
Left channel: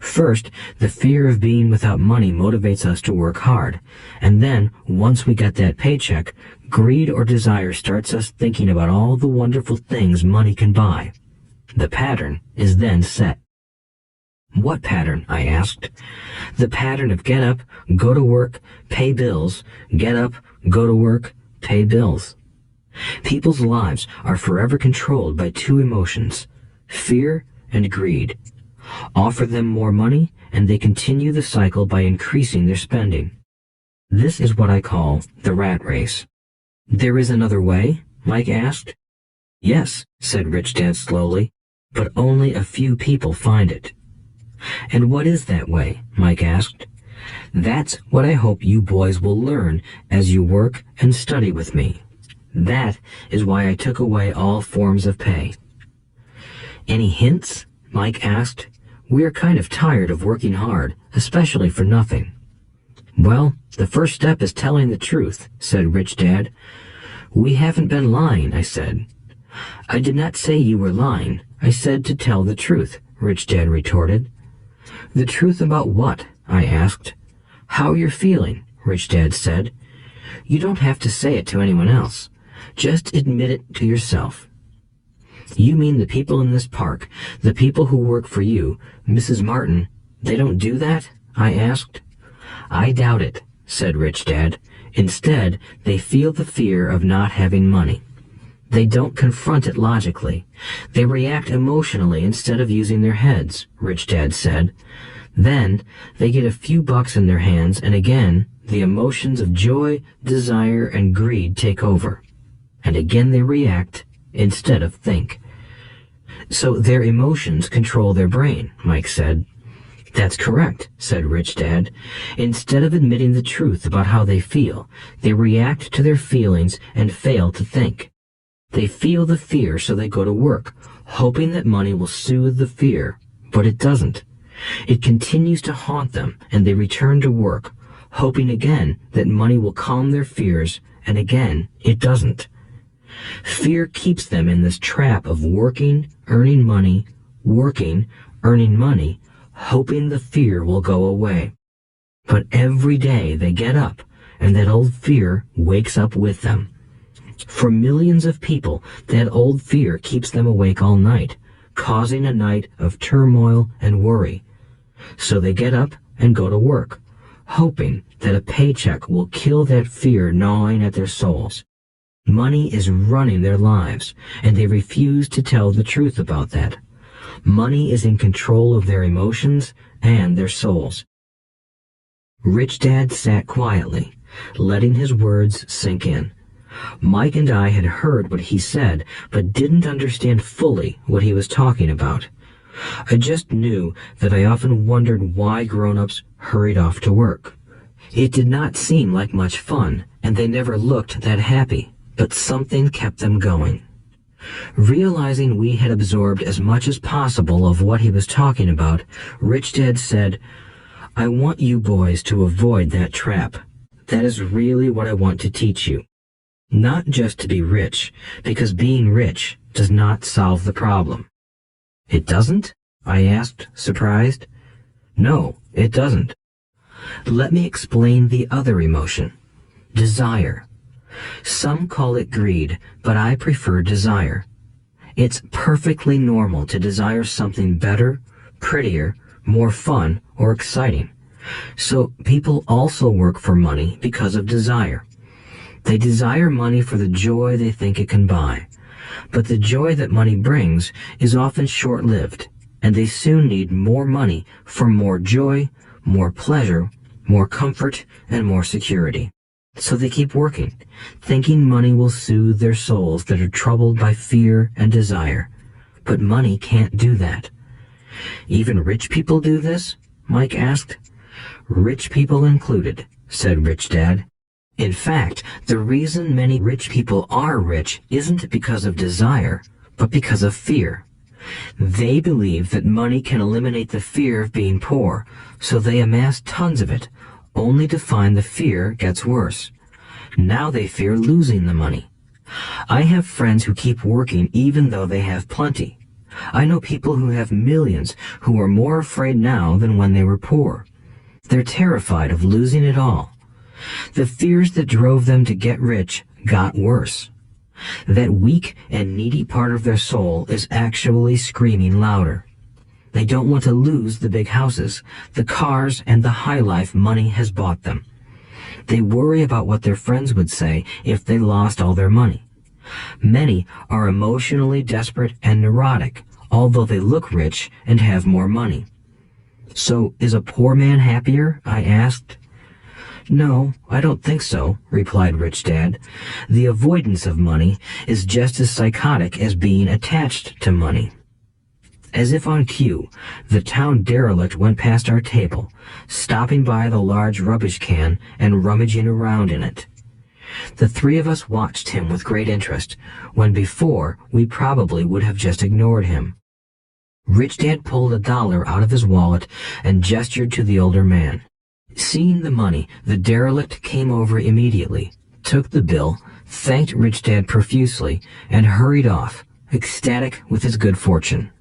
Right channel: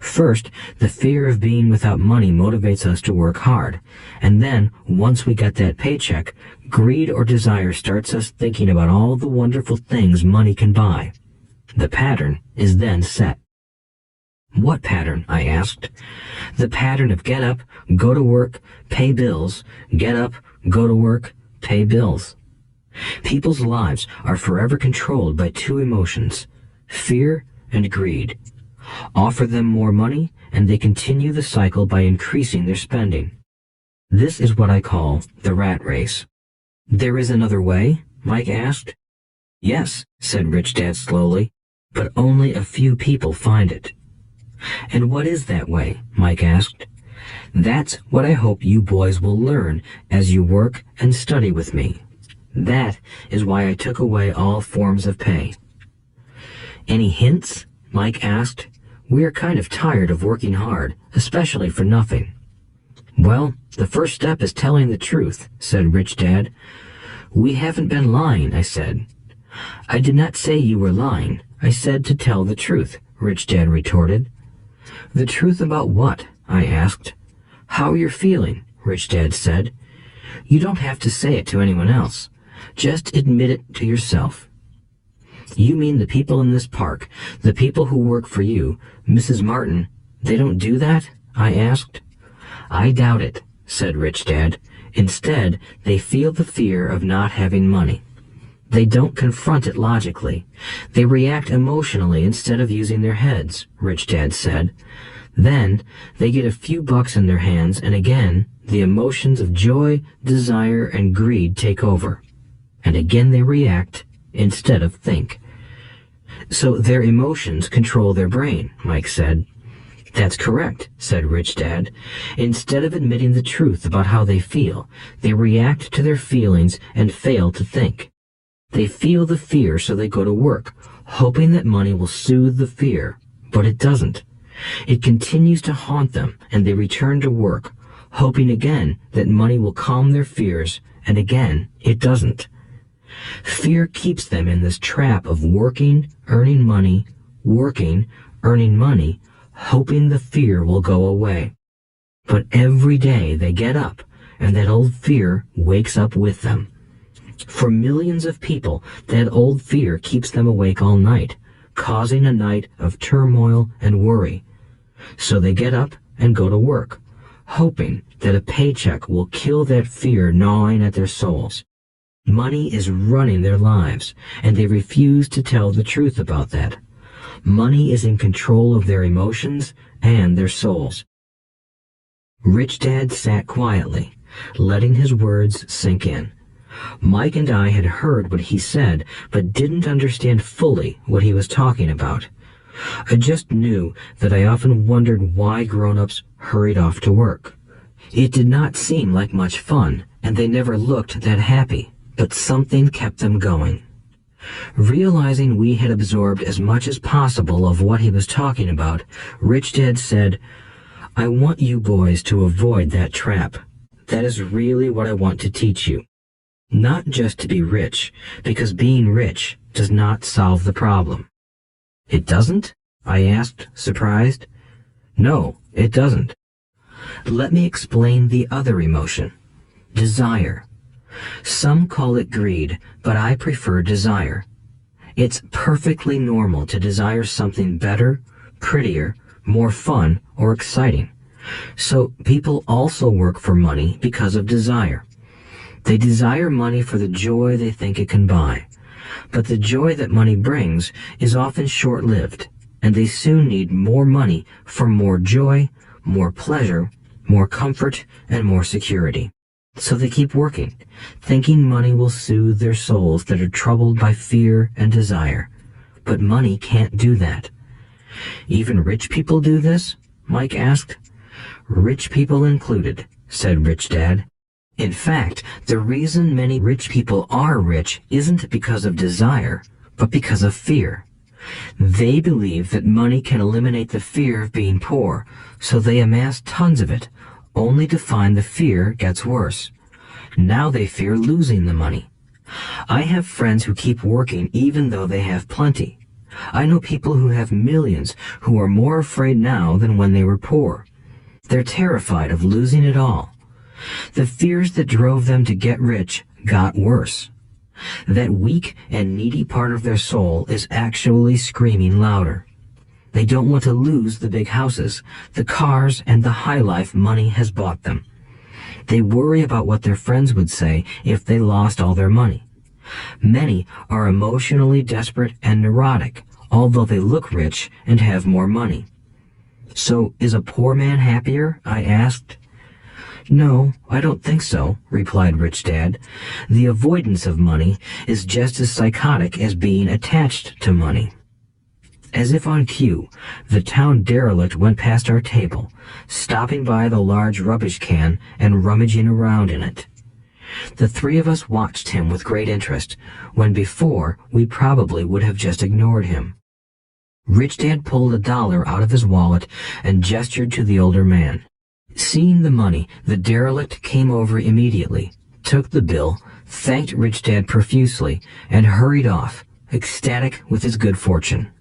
First, the fear of being without money motivates us to work hard, and then, once we get that paycheck, greed or desire starts us thinking about all the wonderful things money can buy. The pattern is then set." "What pattern?" I asked. "The pattern of get up, go to work, pay bills, get up, go to work, pay bills." People's lives are forever controlled by two emotions, fear and greed. Offer them more money, and they continue the cycle by increasing their spending. This is what I call the rat race. "There is another way?" Mike asked. "Yes," said Rich Dad slowly, "but only a few people find it." "And what is that way?" Mike asked. "That's what I hope you boys will learn as you work and study with me. That is why I took away all forms of pay." "Any hints?" Mike asked. "We are kind of tired of working hard, especially for nothing." "Well, the first step is telling the truth," said Rich Dad. "We haven't been lying," I said. "I did not say you were lying. I said to tell the truth," Rich Dad retorted. "The truth about what?" I asked. "How you're feeling," Rich Dad said. "You don't have to say it to anyone else. Just admit it to yourself." "You mean the people in this park, the people who work for you, Mrs. Martin, they don't do that?" I asked. "I doubt it," said Rich Dad. "Instead, they feel the fear of not having money. They don't confront it logically. They react emotionally instead of using their heads," Rich Dad said. "Then they get a few bucks in their hands, and again, the emotions of joy, desire, and greed take over. And again they react instead of think." "So their emotions control their brain," Mike said. "That's correct," said Rich Dad. "Instead of admitting the truth about how they feel, they react to their feelings and fail to think. They feel the fear, so they go to work, hoping that money will soothe the fear, but it doesn't. It continues to haunt them, and they return to work, hoping again that money will calm their fears, and again it doesn't. Fear keeps them in this trap of working, earning money, working, earning money, hoping the fear will go away. But every day they get up, and that old fear wakes up with them. For millions of people, that old fear keeps them awake all night, causing a night of turmoil and worry. So they get up and go to work, hoping that a paycheck will kill that fear gnawing at their souls. Money is running their lives, and they refuse to tell the truth about that. Money is in control of their emotions and their souls. Rich Dad sat quietly, letting his words sink in. Mike and I had heard what he said, but didn't understand fully what he was talking about. I just knew that I often wondered why grown-ups hurried off to work. It did not seem like much fun, and they never looked that happy, but something kept them going. Realizing we had absorbed as much as possible of what he was talking about, Rich Dad said, "I want you boys to avoid that trap. That is really what I want to teach you. Not just to be rich, because being rich does not solve the problem. It doesn't? I asked, surprised. No, it doesn't. Let me explain the other emotion. Desire. Some call it greed, but I prefer desire. It's perfectly normal to desire something better, prettier, more fun, or exciting. So people also work for money because of desire. They desire money for the joy they think it can buy. But the joy that money brings is often short-lived, and they soon need more money for more joy, more pleasure, more comfort, and more security. So they keep working, thinking money will soothe their souls that are troubled by fear and desire. But money can't do that. Even rich people do this? Mike asked. Rich people included, said Rich Dad. In fact, the reason many rich people are rich isn't because of desire, but because of fear. They believe that money can eliminate the fear of being poor, so they amass tons of it, only to find the fear gets worse. Now they fear losing the money. I have friends who keep working even though they have plenty. I know people who have millions who are more afraid now than when they were poor. They're terrified of losing it all. The fears that drove them to get rich got worse. That weak and needy part of their soul is actually screaming louder. They don't want to lose the big houses, the cars, and the high life money has bought them. They worry about what their friends would say if they lost all their money. Many are emotionally desperate and neurotic, although they look rich and have more money. So, is a poor man happier? I asked. No, I don't think so, replied Rich Dad. The avoidance of money is just as psychotic as being attached to money. As if on cue, the town derelict went past our table, stopping by the large rubbish can and rummaging around in it. The three of us watched him with great interest, when before we probably would have just ignored him. Rich Dad pulled $1 out of his wallet and gestured to the older man. Seeing the money, the derelict came over immediately, took the bill, thanked Rich Dad profusely, and hurried off, ecstatic with his good fortune.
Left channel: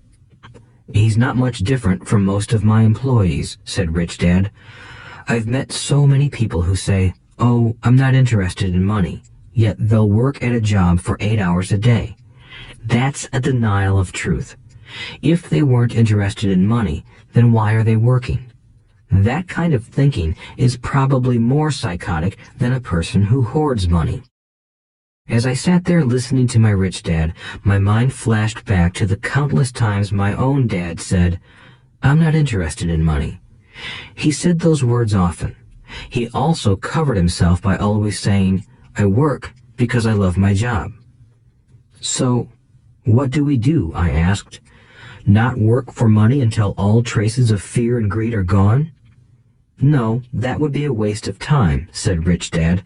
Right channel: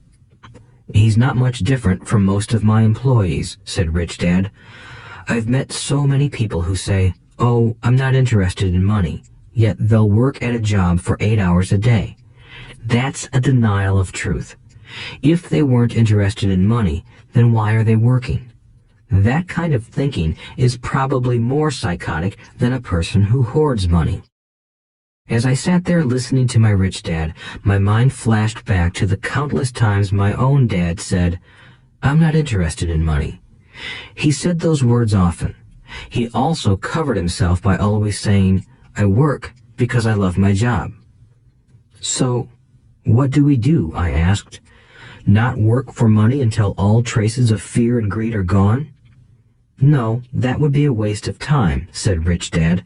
He's not much different from most of my employees, said Rich Dad. I've met so many people who say, oh, I'm not interested in money, yet they'll work at a job for 8 hours a day. That's a denial of truth. If they weren't interested in money, then why are they working? That kind of thinking is probably more psychotic than a person who hoards money. As I sat there listening to my Rich Dad, my mind flashed back to the countless times my own dad said, I'm not interested in money. He said those words often. He also covered himself by always saying, I work because I love my job. So, what do we do? I asked. Not work for money until all traces of fear and greed are gone? No, that would be a waste of time, said Rich Dad.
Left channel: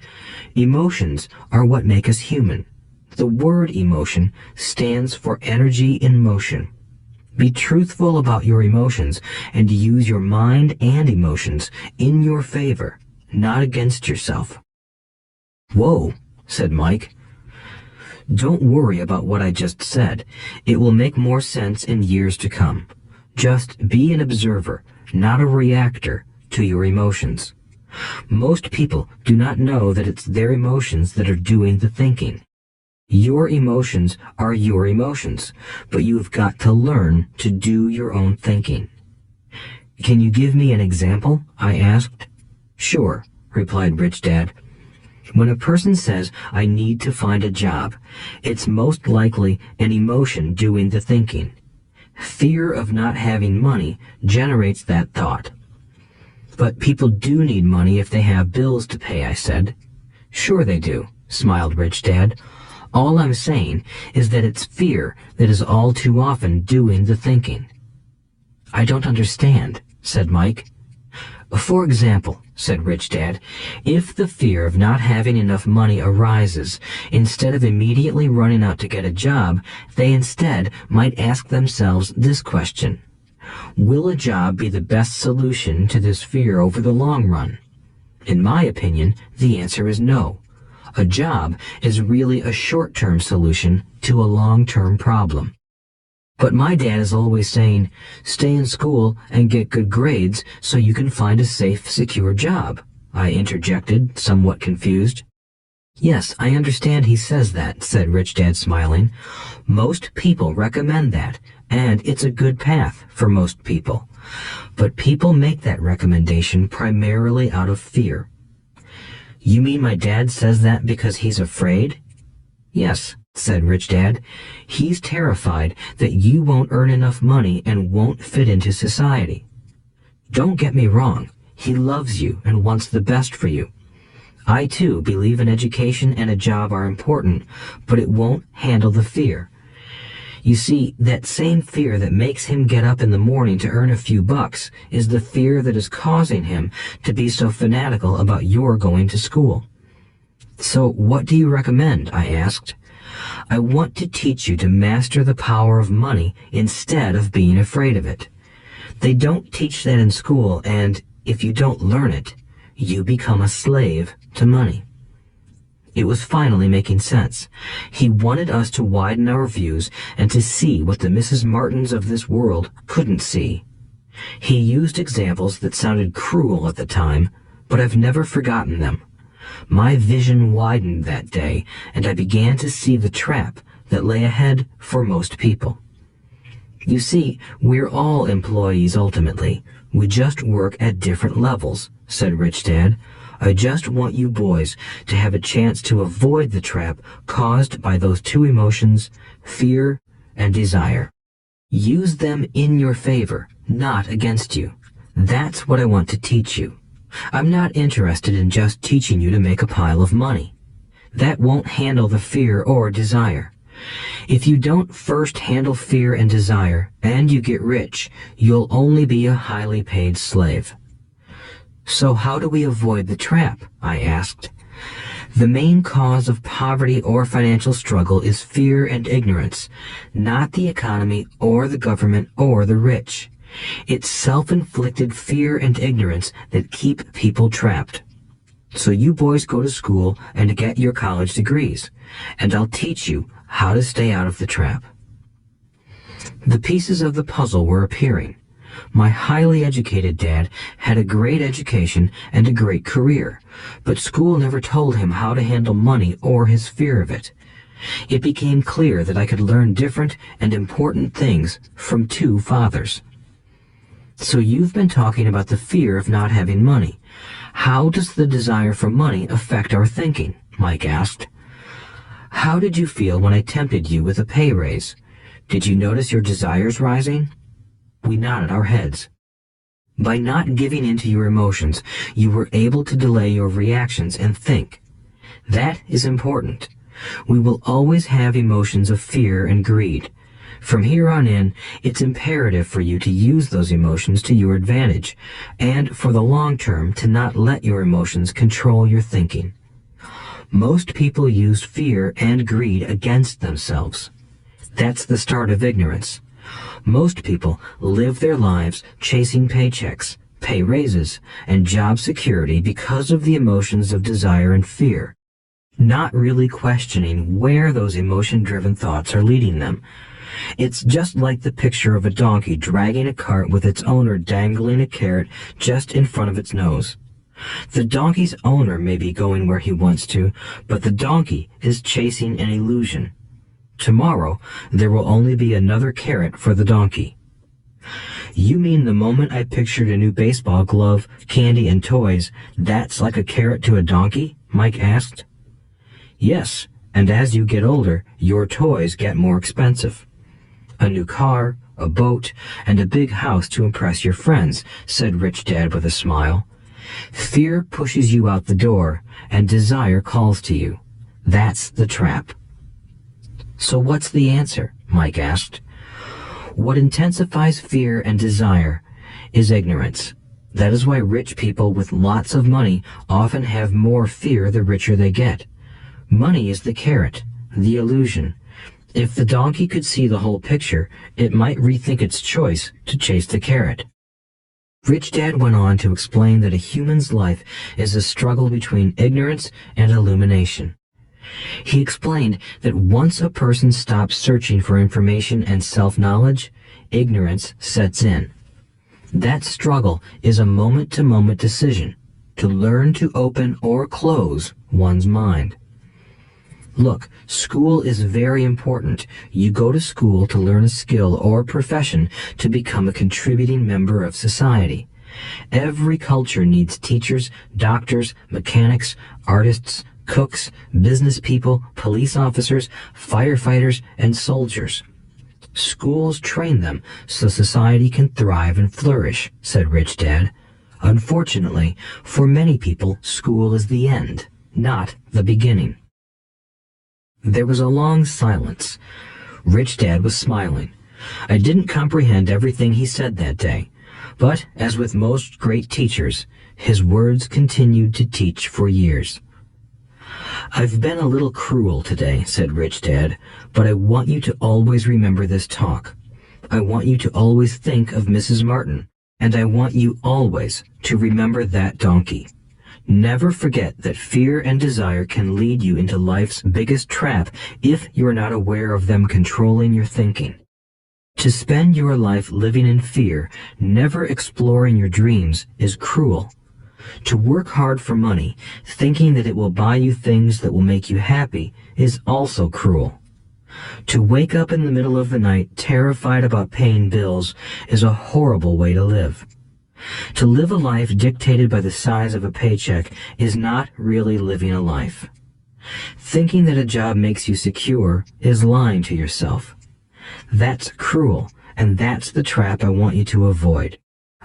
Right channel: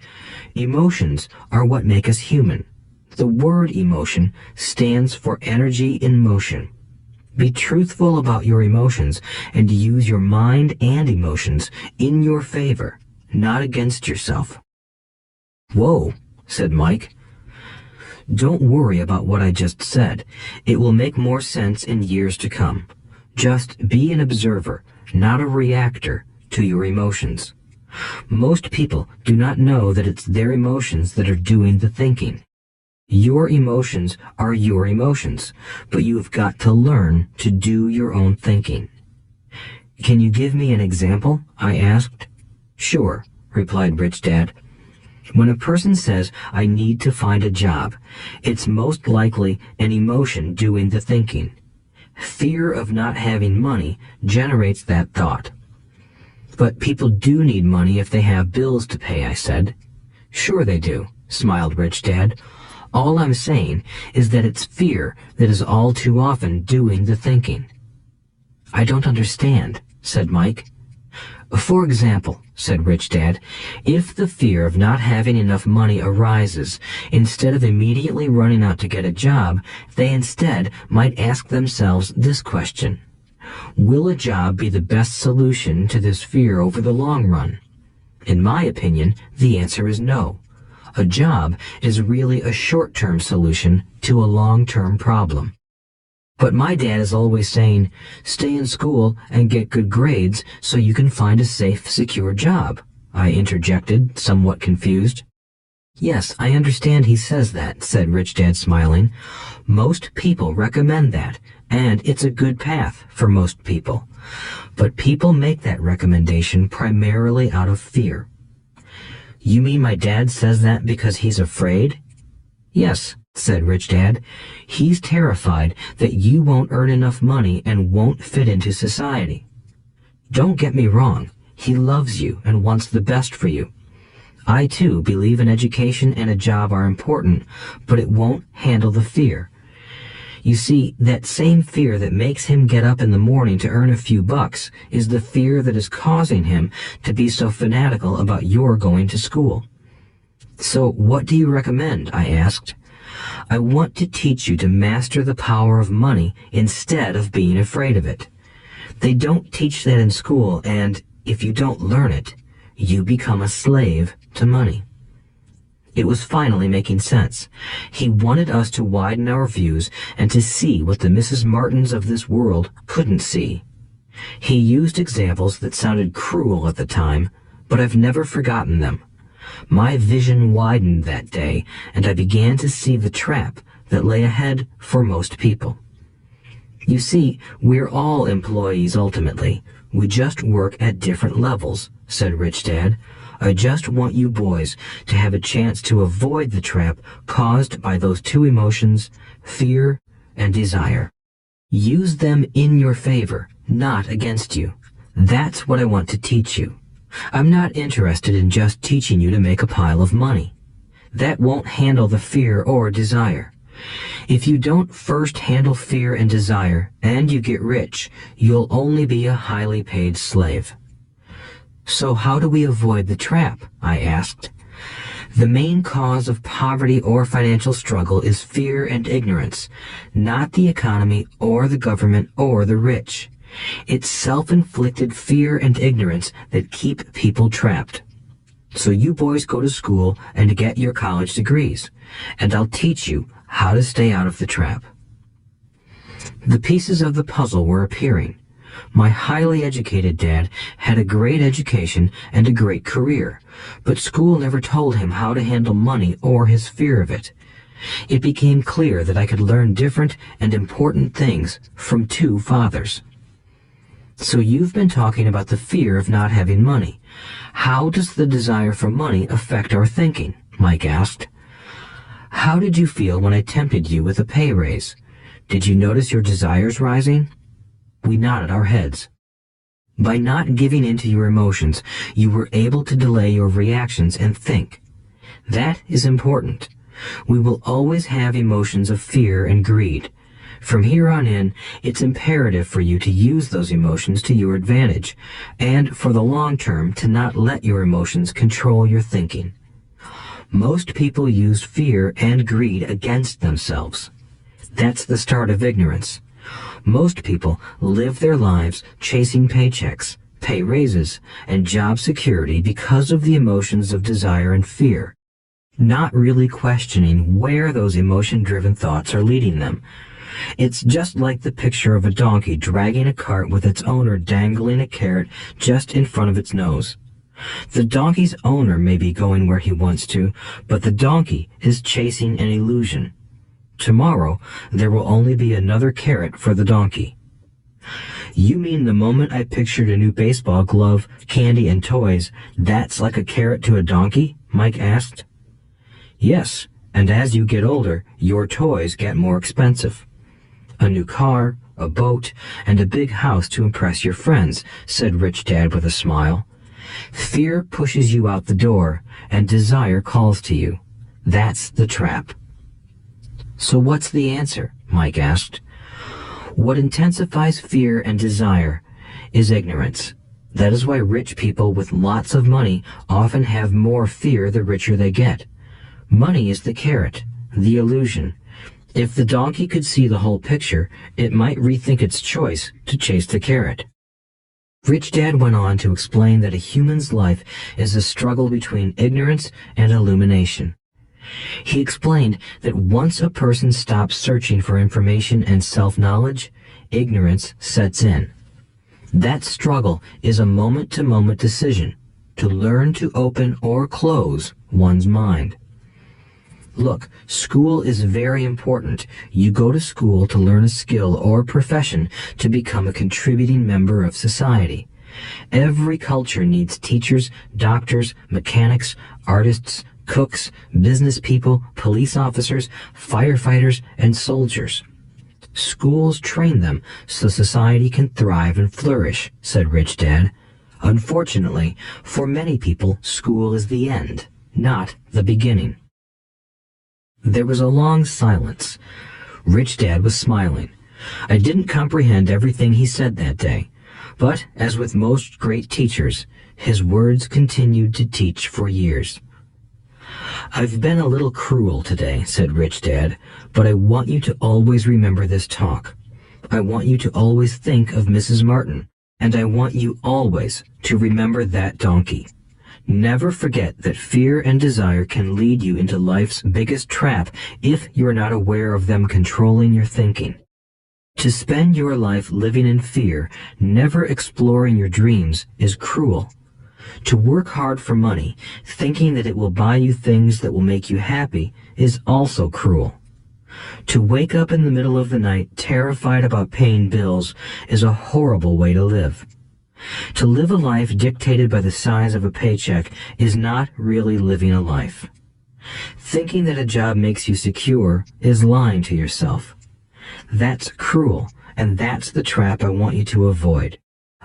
Emotions are what make us human. The word emotion stands for energy in motion. Be truthful about your emotions and use your mind and emotions in your favor, not against yourself. Whoa, said Mike. Don't worry about what I just said. It will make more sense in years to come. Just be an observer, not a reactor, to your emotions. Most people do not know that it's their emotions that are doing the thinking. Your emotions are your emotions, but you have got to learn to do your own thinking. Can you give me an example? I asked. Sure, replied Rich Dad. When a person says, I need to find a job, it's most likely an emotion doing the thinking. Fear of not having money generates that thought. But people do need money if they have bills to pay, I said. Sure they do, smiled Rich Dad. All I'm saying is that it's fear that is all too often doing the thinking. I don't understand, said Mike. For example, said Rich Dad, if the fear of not having enough money arises, instead of immediately running out to get a job, they instead might ask themselves this question. Will a job be the best solution to this fear over the long run? In my opinion, the answer is no. A job is really a short-term solution to a long-term problem. But my dad is always saying, stay in school and get good grades so you can find a safe, secure job, I interjected, somewhat confused. Yes, I understand he says that, said Rich Dad, smiling. Most people recommend that, and it's a good path for most people. But people make that recommendation primarily out of fear. You mean my dad says that because he's afraid? Yes, said Rich Dad. He's terrified that you won't earn enough money and won't fit into society. Don't get me wrong. He loves you and wants the best for you. I, too, believe an education and a job are important, but it won't handle the fear. You see, that same fear that makes him get up in the morning to earn a few bucks is the fear that is causing him to be so fanatical about your going to school. So what do you recommend? I asked. I want to teach you to master the power of money instead of being afraid of it. They don't teach that in school, and if you don't learn it, you become a slave to money. It was finally making sense. He wanted us to widen our views and to see what the Mrs. Martins of this world couldn't see. He used examples that sounded cruel at the time, but I've never forgotten them. My vision widened that day, and I began to see the trap that lay ahead for most people. You see, we're all employees ultimately. We just work at different levels, said Rich Dad. I just want you boys to have a chance to avoid the trap caused by those two emotions, fear and desire. Use them in your favor, not against you. That's what I want to teach you. I'm not interested in just teaching you to make a pile of money. That won't handle the fear or desire. If you don't first handle fear and desire, and you get rich, you'll only be a highly paid slave. So how do we avoid the trap? I asked. The main cause of poverty or financial struggle is fear and ignorance, not the economy or the government or the rich. It's self-inflicted fear and ignorance that keep people trapped. So you boys go to school and get your college degrees, and I'll teach you how to stay out of the trap. The pieces of the puzzle were appearing. My highly educated dad had a great education and a great career, but school never told him how to handle money or his fear of it. It became clear that I could learn different and important things from two fathers. So you've been talking about the fear of not having money. How does the desire for money affect our thinking? Mike asked. How did you feel when I tempted you with a pay raise? Did you notice your desires rising? We nodded our heads. By not giving in to your emotions, you were able to delay your reactions and think. That is important. We will always have emotions of fear and greed. From here on in, it's imperative for you to use those emotions to your advantage, and for the long term to not let your emotions control your thinking. Most people use fear and greed against themselves. That's the start of ignorance. Most people live their lives chasing paychecks, pay raises, and job security because of the emotions of desire and fear, not really questioning where those emotion-driven thoughts are leading them. It's just like the picture of a donkey dragging a cart with its owner dangling a carrot just in front of its nose. The donkey's owner may be going where he wants to, but the donkey is chasing an illusion. Tomorrow, there will only be another carrot for the donkey. You mean the moment I pictured a new baseball glove, candy, and toys, that's like a carrot to a donkey? Mike asked. Yes, and as you get older, your toys get more expensive. A new car, a boat, and a big house to impress your friends, said Rich Dad with a smile. Fear pushes you out the door, and desire calls to you. That's the trap. So what's the answer? Mike asked. What intensifies fear and desire is ignorance. That is why rich people with lots of money often have more fear the richer they get. Money is the carrot, the illusion. If the donkey could see the whole picture, it might rethink its choice to chase the carrot. Rich Dad went on to explain that a human's life is a struggle between ignorance and illumination. He explained that once a person stops searching for information and self-knowledge, ignorance sets in. That struggle is a moment-to-moment decision to learn to open or close one's mind. Look, school is very important. You go to school to learn a skill or profession to become a contributing member of society. Every culture needs teachers, doctors, mechanics, artists, cooks, business people, police officers, firefighters, and soldiers. Schools train them so society can thrive and flourish, said Rich Dad. Unfortunately, for many people, school is the end, not the beginning. There was a long silence. Rich Dad was smiling. I didn't comprehend everything he said that day, but as with most great teachers, his words continued to teach for years. I've been a little cruel today, said Rich Dad, but I want you to always remember this talk. I want you to always think of Mrs. Martin, and I want you always to remember that donkey. Never forget that fear and desire can lead you into life's biggest trap if you are not aware of them controlling your thinking. To spend your life living in fear, never exploring your dreams, is cruel. To work hard for money, thinking that it will buy you things that will make you happy, is also cruel. To wake up in the middle of the night terrified about paying bills is a horrible way to live. To live a life dictated by the size of a paycheck is not really living a life. Thinking that a job makes you secure is lying to yourself. That's cruel, and that's the trap I want you to avoid.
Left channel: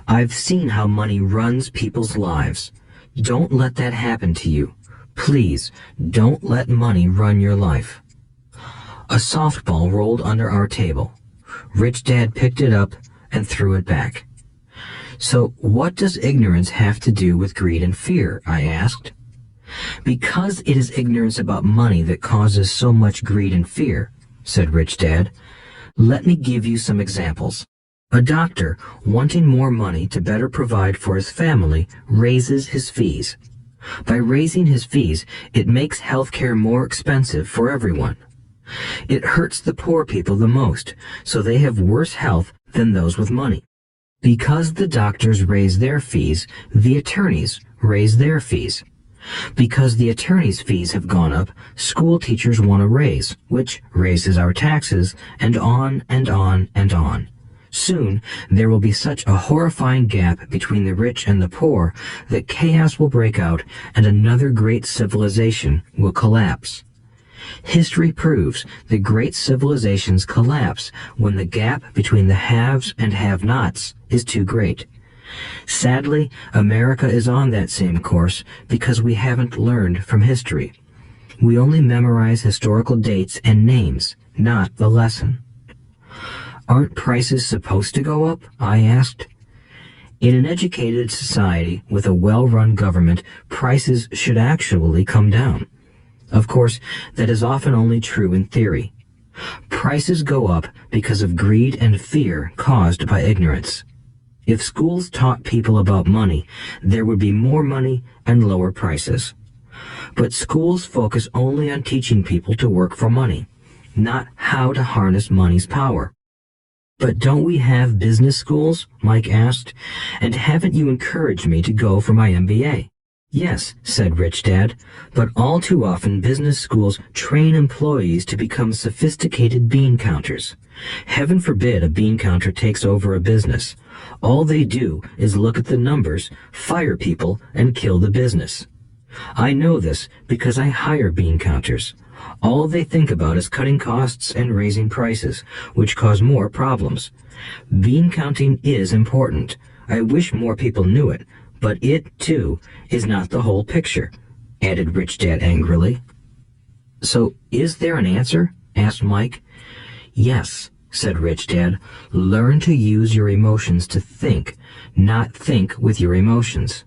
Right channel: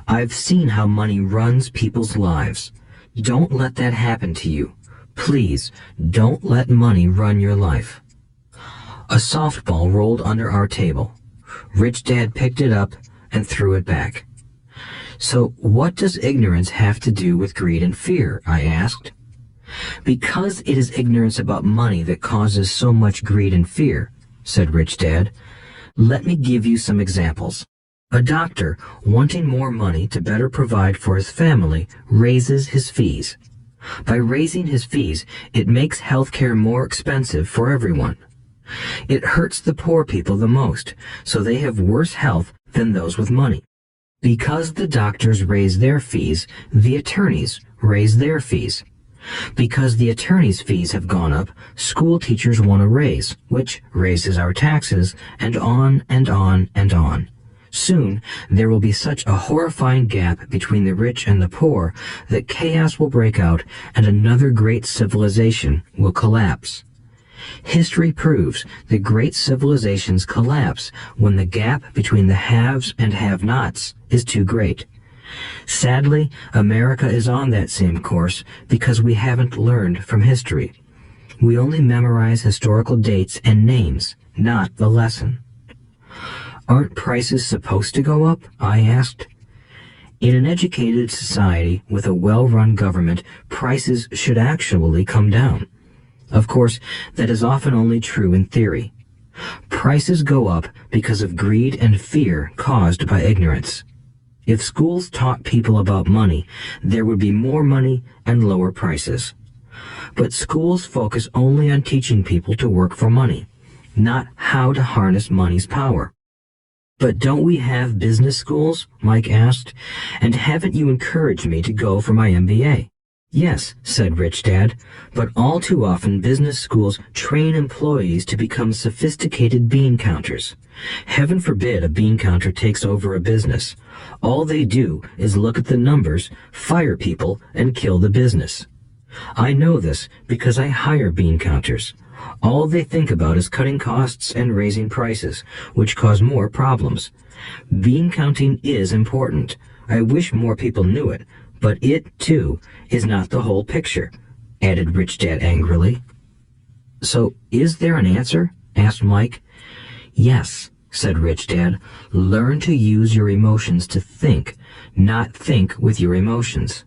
I've seen how money runs people's lives. Don't let that happen to you. Please, don't let money run your life. A softball rolled under our table. Rich Dad picked it up and threw it back. So what does ignorance have to do with greed and fear? I asked. Because it is ignorance about money that causes so much greed and fear, said Rich Dad. Let me give you some examples. A doctor, wanting more money to better provide for his family, raises his fees. By raising his fees, it makes healthcare more expensive for everyone. It hurts the poor people the most, so they have worse health than those with money. Because the doctors raise their fees, the attorneys raise their fees. Because the attorneys' fees have gone up, school teachers want a raise, which raises our taxes, and on and on and on. Soon, there will be such a horrifying gap between the rich and the poor that chaos will break out and another great civilization will collapse. History proves that great civilizations collapse when the gap between the haves and have-nots is too great. Sadly, America is on that same course because we haven't learned from history. We only memorize historical dates and names, not the lesson. Aren't prices supposed to go up? I asked. In an educated society with a well-run government, prices should actually come down. Of course, that is often only true in theory. Prices go up because of greed and fear caused by ignorance. If schools taught people about money, there would be more money and lower prices. But schools focus only on teaching people to work for money, not how to harness money's power. But don't we have business schools? Mike asked. And haven't you encouraged me to go for my MBA? Yes, said Rich Dad, but all too often business schools train employees to become sophisticated bean counters. Heaven forbid a bean counter takes over a business. All they do is look at the numbers, fire people, and kill the business. I know this because I hire bean counters. All they think about is cutting costs and raising prices, which cause more problems. Bean counting is important. I wish more people knew it, but it, too, is not the whole picture, added Rich Dad angrily. So, is there an answer? Asked Mike. Yes, said Rich Dad. Learn to use your emotions to think, not think with your emotions.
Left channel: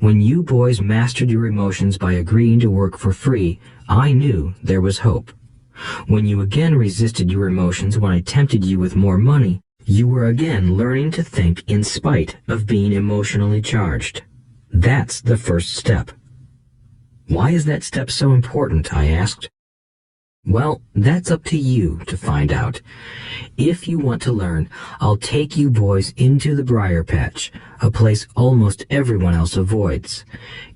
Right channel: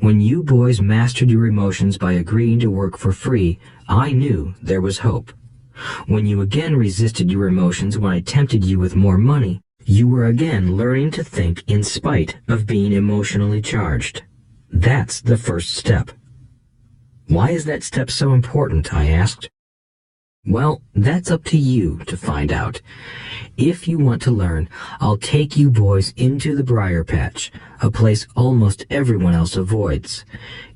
When you boys mastered your emotions by agreeing to work for free, I knew there was hope. When you again resisted your emotions when I tempted you with more money, you were again learning to think in spite of being emotionally charged. That's the first step. Why is that step so important? I asked. Well, that's up to you to find out. If you want to learn, I'll take you boys into the briar patch, a place almost everyone else avoids.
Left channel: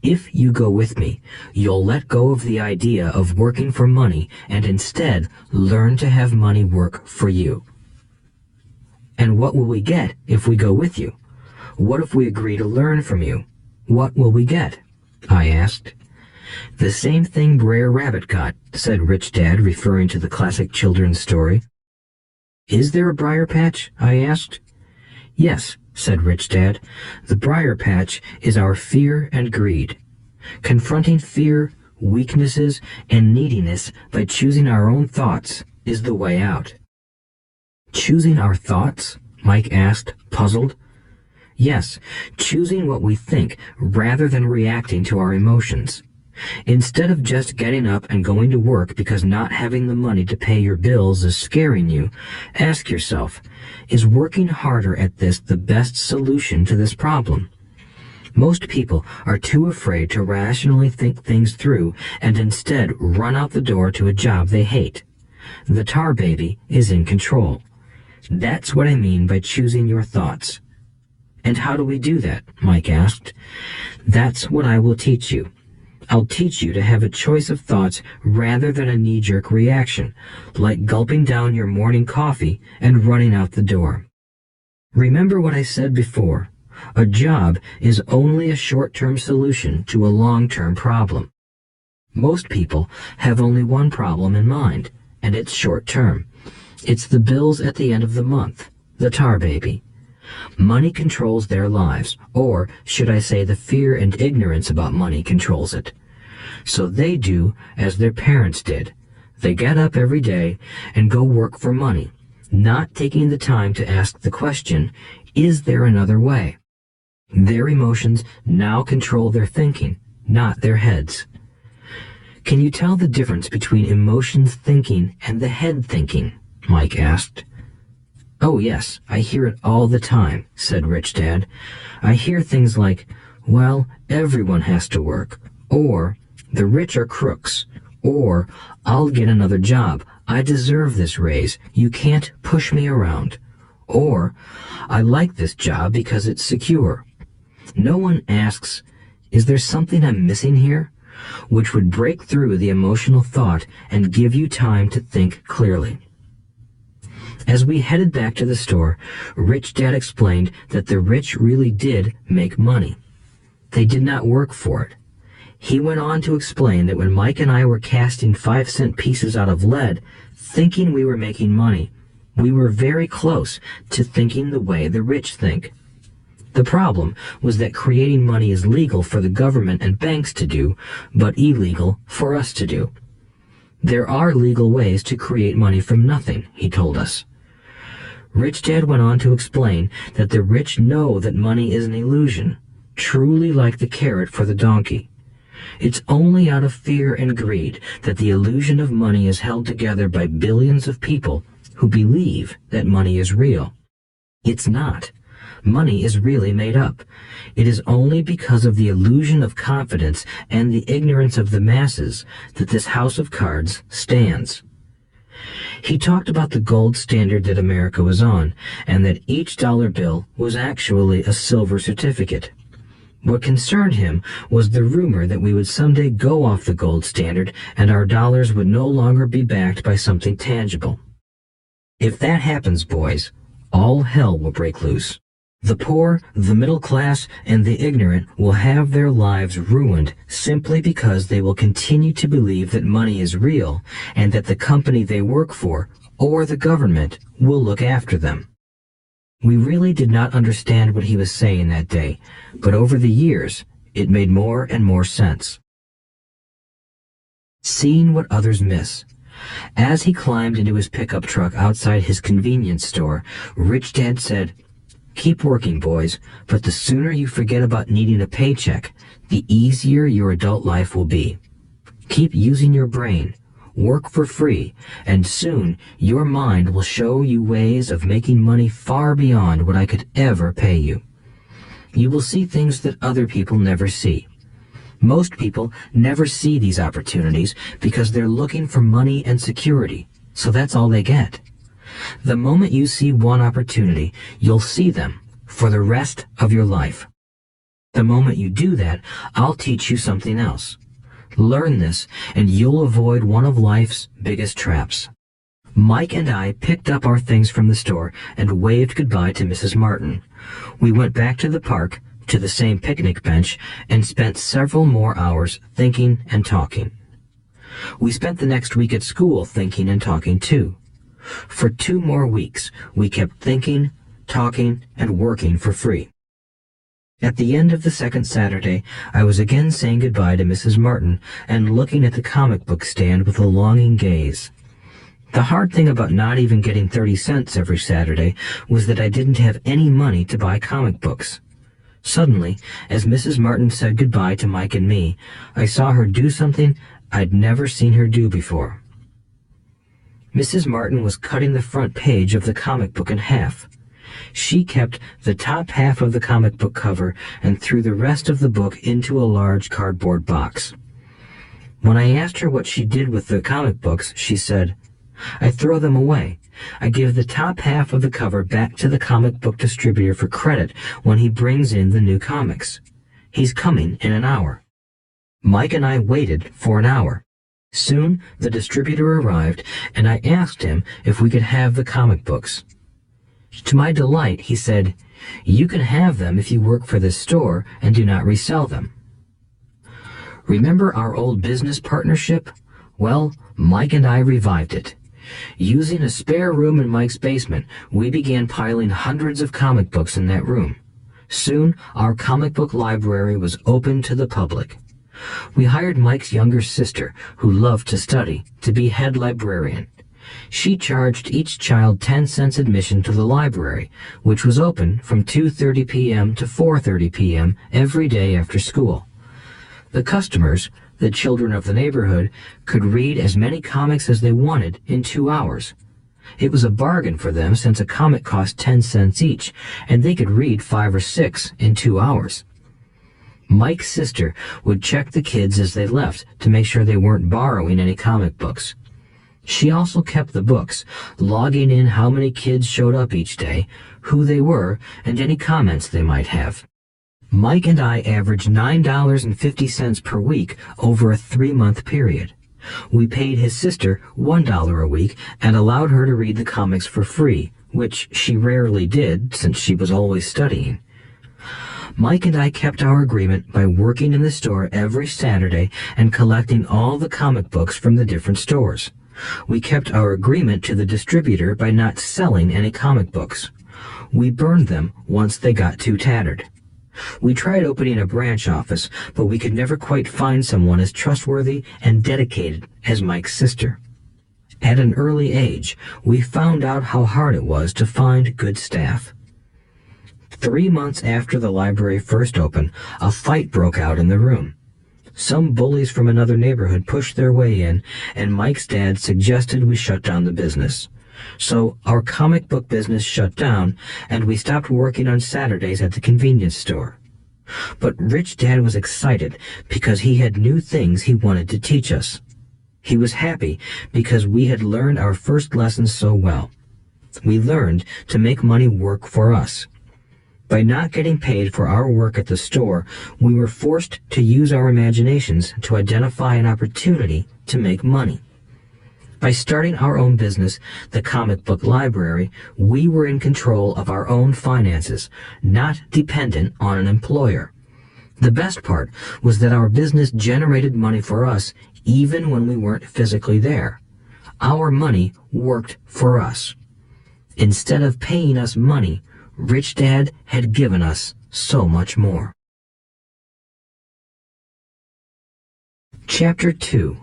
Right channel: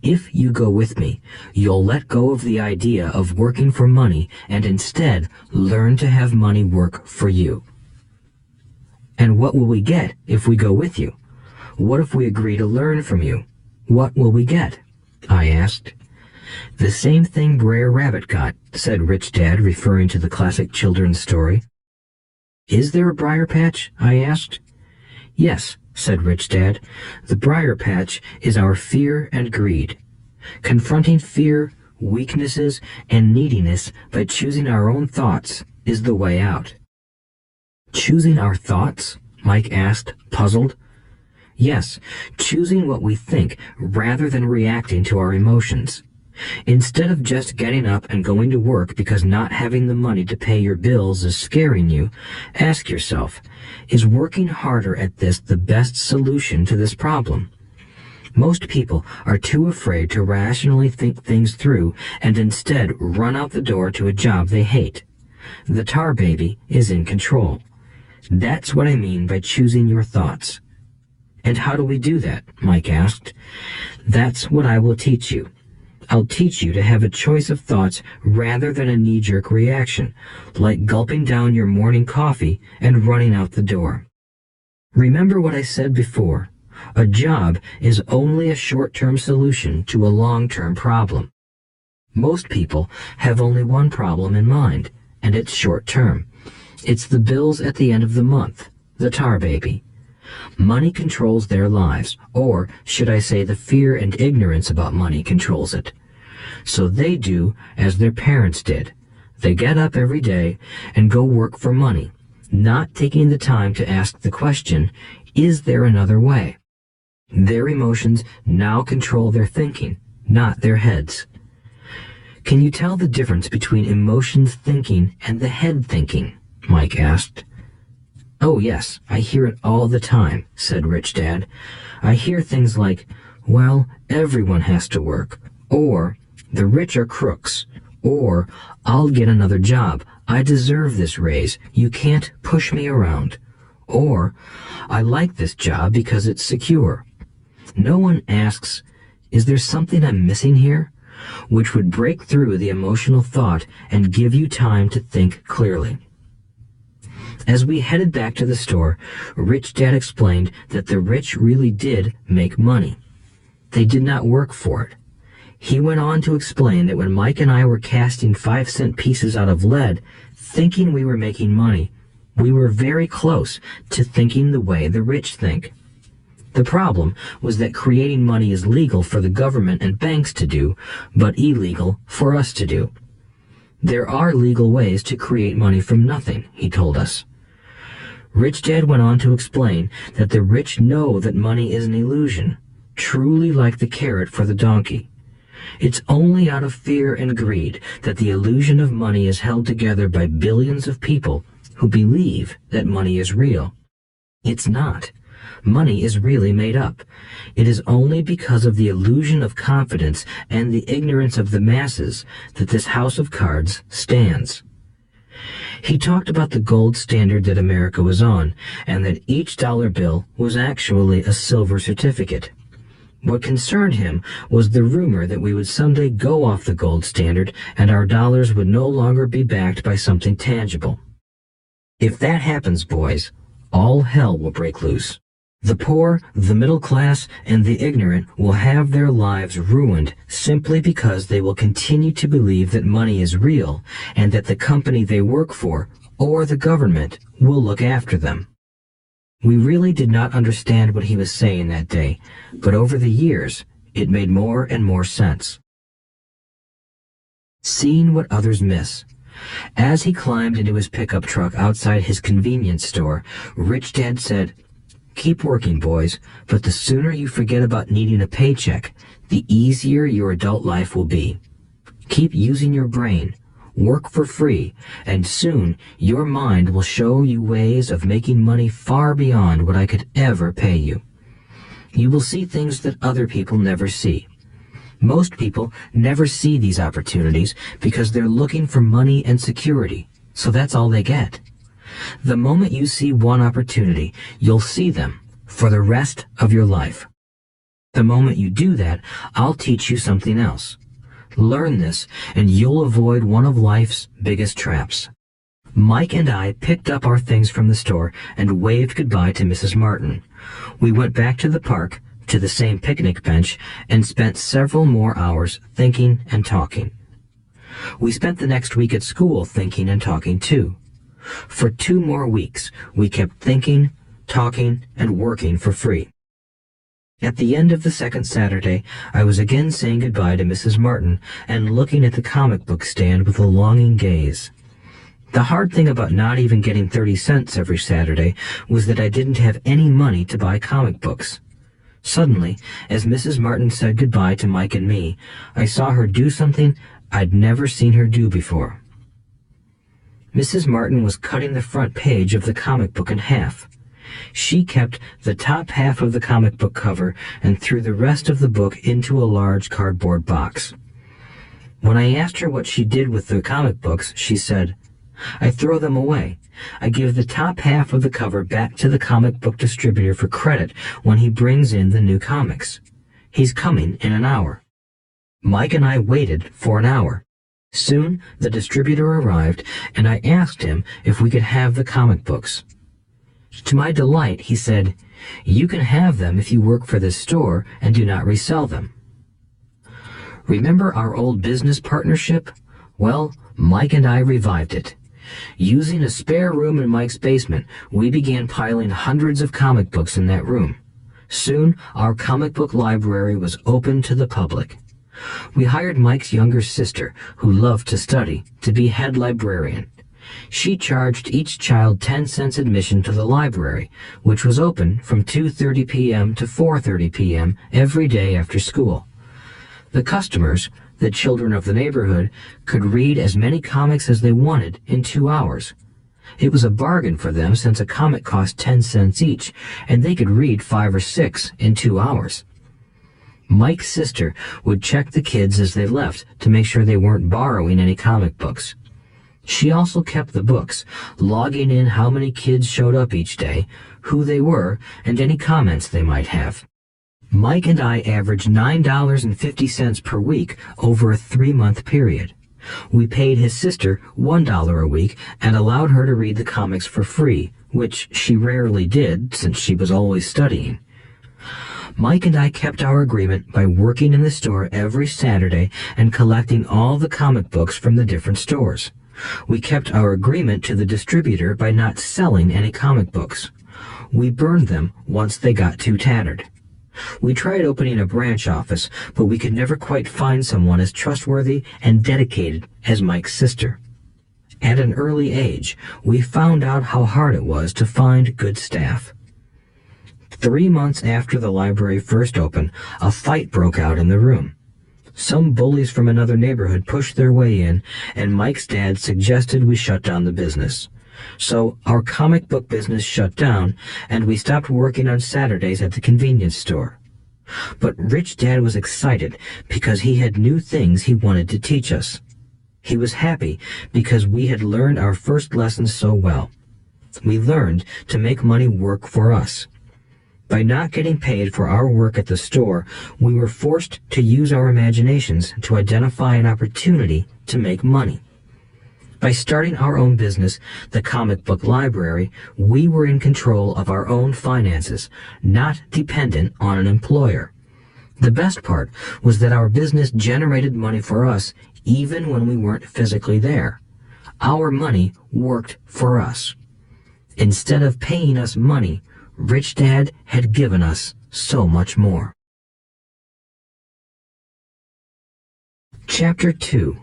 If you go with me, you'll let go of the idea of working for money and instead learn to have money work for you. And what will we get if we go with you? What if we agree to learn from you? What will we get? I asked. The same thing Brer Rabbit got, said Rich Dad, referring to the classic children's story. Is there a briar patch? I asked. Yes, said Rich Dad. The briar patch is our fear and greed. Confronting fear, weaknesses, and neediness by choosing our own thoughts is the way out. Choosing our thoughts? Mike asked, puzzled. Yes, choosing what we think rather than reacting to our emotions. Instead of just getting up and going to work because not having the money to pay your bills is scaring you, ask yourself, is working harder at this the best solution to this problem? Most people are too afraid to rationally think things through and instead run out the door to a job they hate. The tar baby is in control. That's what I mean by choosing your thoughts. And how do we do that? Mike asked. That's what I will teach you. I'll teach you to have a choice of thoughts rather than a knee-jerk reaction, like gulping down your morning coffee and running out the door. Remember what I said before. A job is only a short-term solution to a long-term problem. Most people have only one problem in mind, and it's short-term. It's the bills at the end of the month, the tar baby. Money controls their lives, or should I say the fear and ignorance about money controls it. So they do as their parents did. They get up every day and go work for money, not taking the time to ask the question, is there another way? Their emotions now control their thinking, not their heads. Can you tell the difference between emotions thinking and the head thinking? Mike asked. Oh yes, I hear it all the time, said Rich Dad. I hear things like, well, everyone has to work, or the rich are crooks, or I'll get another job, I deserve this raise, you can't push me around, or I like this job because it's secure. No one asks, is there something I'm missing here? Which would break through the emotional thought and give you time to think clearly. As we headed back to the store, Rich Dad explained that the rich really did make money. They did not work for it. He went on to explain that when Mike and I were casting 5-cent pieces out of lead, thinking we were making money, we were very close to thinking the way the rich think. The problem was that creating money is legal for the government and banks to do, but illegal for us to do. There are legal ways to create money from nothing, he told us. Rich Dad went on to explain that the rich know that money is an illusion, truly like the carrot for the donkey. It's only out of fear and greed that the illusion of money is held together by billions of people who believe that money is real. It's not. Money is really made up. It is only because of the illusion of confidence and the ignorance of the masses that this house of cards stands. He talked about the gold standard that America was on, and that each dollar bill was actually a silver certificate. What concerned him was the rumor that we would someday go off the gold standard and our dollars would no longer be backed by something tangible. If that happens, boys, all hell will break loose. The poor, the middle class, and the ignorant will have their lives ruined simply because they will continue to believe that money is real and that the company they work for, or the government, will look after them. We really did not understand what he was saying that day, but over the years, it made more and more sense. Seeing what others miss. As he climbed into his pickup truck outside his convenience store, Rich Dad said, "Keep working, boys, but the sooner you forget about needing a paycheck, the easier your adult life will be. Keep using your brain, work for free, and soon your mind will show you ways of making money far beyond what I could ever pay you. You will see things that other people never see. Most people never see these opportunities because they're looking for money and security, so that's all they get. The moment you see one opportunity, you'll see them for the rest of your life. The moment you do that, I'll teach you something else. Learn this, and you'll avoid one of life's biggest traps. Mike and I picked up our things from the store and waved goodbye to Mrs. Martin. We went back to the park, to the same picnic bench, and spent several more hours thinking and talking. We spent the next week at school thinking and talking too. For 2 more weeks, we kept thinking, talking, and working for free. At the end of the second Saturday, I was again saying goodbye to Mrs. Martin and looking at the comic book stand with a longing gaze. The hard thing about not even getting 30 cents every Saturday was that I didn't have any money to buy comic books. Suddenly, as Mrs. Martin said goodbye to Mike and me, I saw her do something I'd never seen her do before. Mrs. Martin was cutting the front page of the comic book in half. She kept the top half of the comic book cover and threw the rest of the book into a large cardboard box. When I asked her what she did with the comic books, she said, "I throw them away. I give the top half of the cover back to the comic book distributor for credit when he brings in the new comics. He's coming in an hour." Mike and I waited for an hour. Soon the distributor arrived, and I asked him if we could have the comic books. To my delight, he said, "You can have them if you work for this store and do not resell them." Remember our old business partnership? Well, Mike and I revived it. Using a spare room in Mike's basement, we began piling hundreds of comic books in that room. Soon, our comic book library was open to the public. We hired Mike's younger sister, who loved to study, to be head librarian. She charged each child 10 cents admission to the library, which was open from 2:30 p.m. to 4:30 p.m. every day after school. The customers, the children of the neighborhood, could read as many comics as they wanted in 2 hours. It was a bargain for them since a comic cost 10 cents each, and they could read 5 or 6 in 2 hours. Mike's sister would check the kids as they left to make sure they weren't borrowing any comic books. She also kept the books, logging in how many kids showed up each day, who they were, and any comments they might have. Mike and I averaged $9.50 per week over a 3-month period. We paid his sister $1 a week and allowed her to read the comics for free, which she rarely did since she was always studying. Mike and I kept our agreement by working in the store every Saturday and collecting all the comic books from the different stores. We kept our agreement to the distributor by not selling any comic books. We burned them once they got too tattered. We tried opening a branch office, but we could never quite find someone as trustworthy and dedicated as Mike's sister. At an early age, we found out how hard it was to find good staff. 3 months after the library first opened, a fight broke out in the room. Some bullies from another neighborhood pushed their way in, and Mike's dad suggested we shut down the business. So our comic book business shut down, and we stopped working on Saturdays at the convenience store. But Rich Dad was excited because he had new things he wanted to teach us. He was happy because we had learned our first lessons so well. We learned to make money work for us. By not getting paid for our work at the store, we were forced to use our imaginations to identify an opportunity to make money. By starting our own business, the comic book library, we were in control of our own finances, not dependent on an employer. The best part was that our business generated money for us even when we weren't physically there. Our money worked for us. Instead of paying us money, Rich Dad had given us so much more. Chapter 2.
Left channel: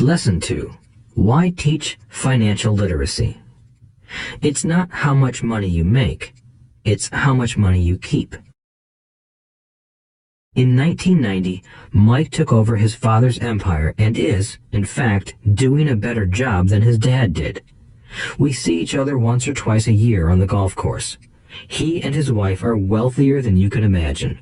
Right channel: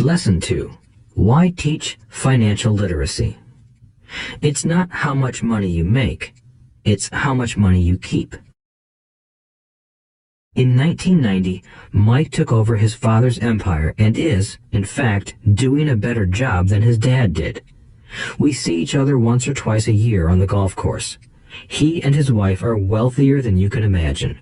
Lesson 2. Why teach financial literacy? It's not how much money you make, it's how much money you keep. In 1990, Mike took over his father's empire and is, in fact, doing a better job than his dad did. We see each other once or twice a year on the golf course. He and his wife are wealthier than you can imagine.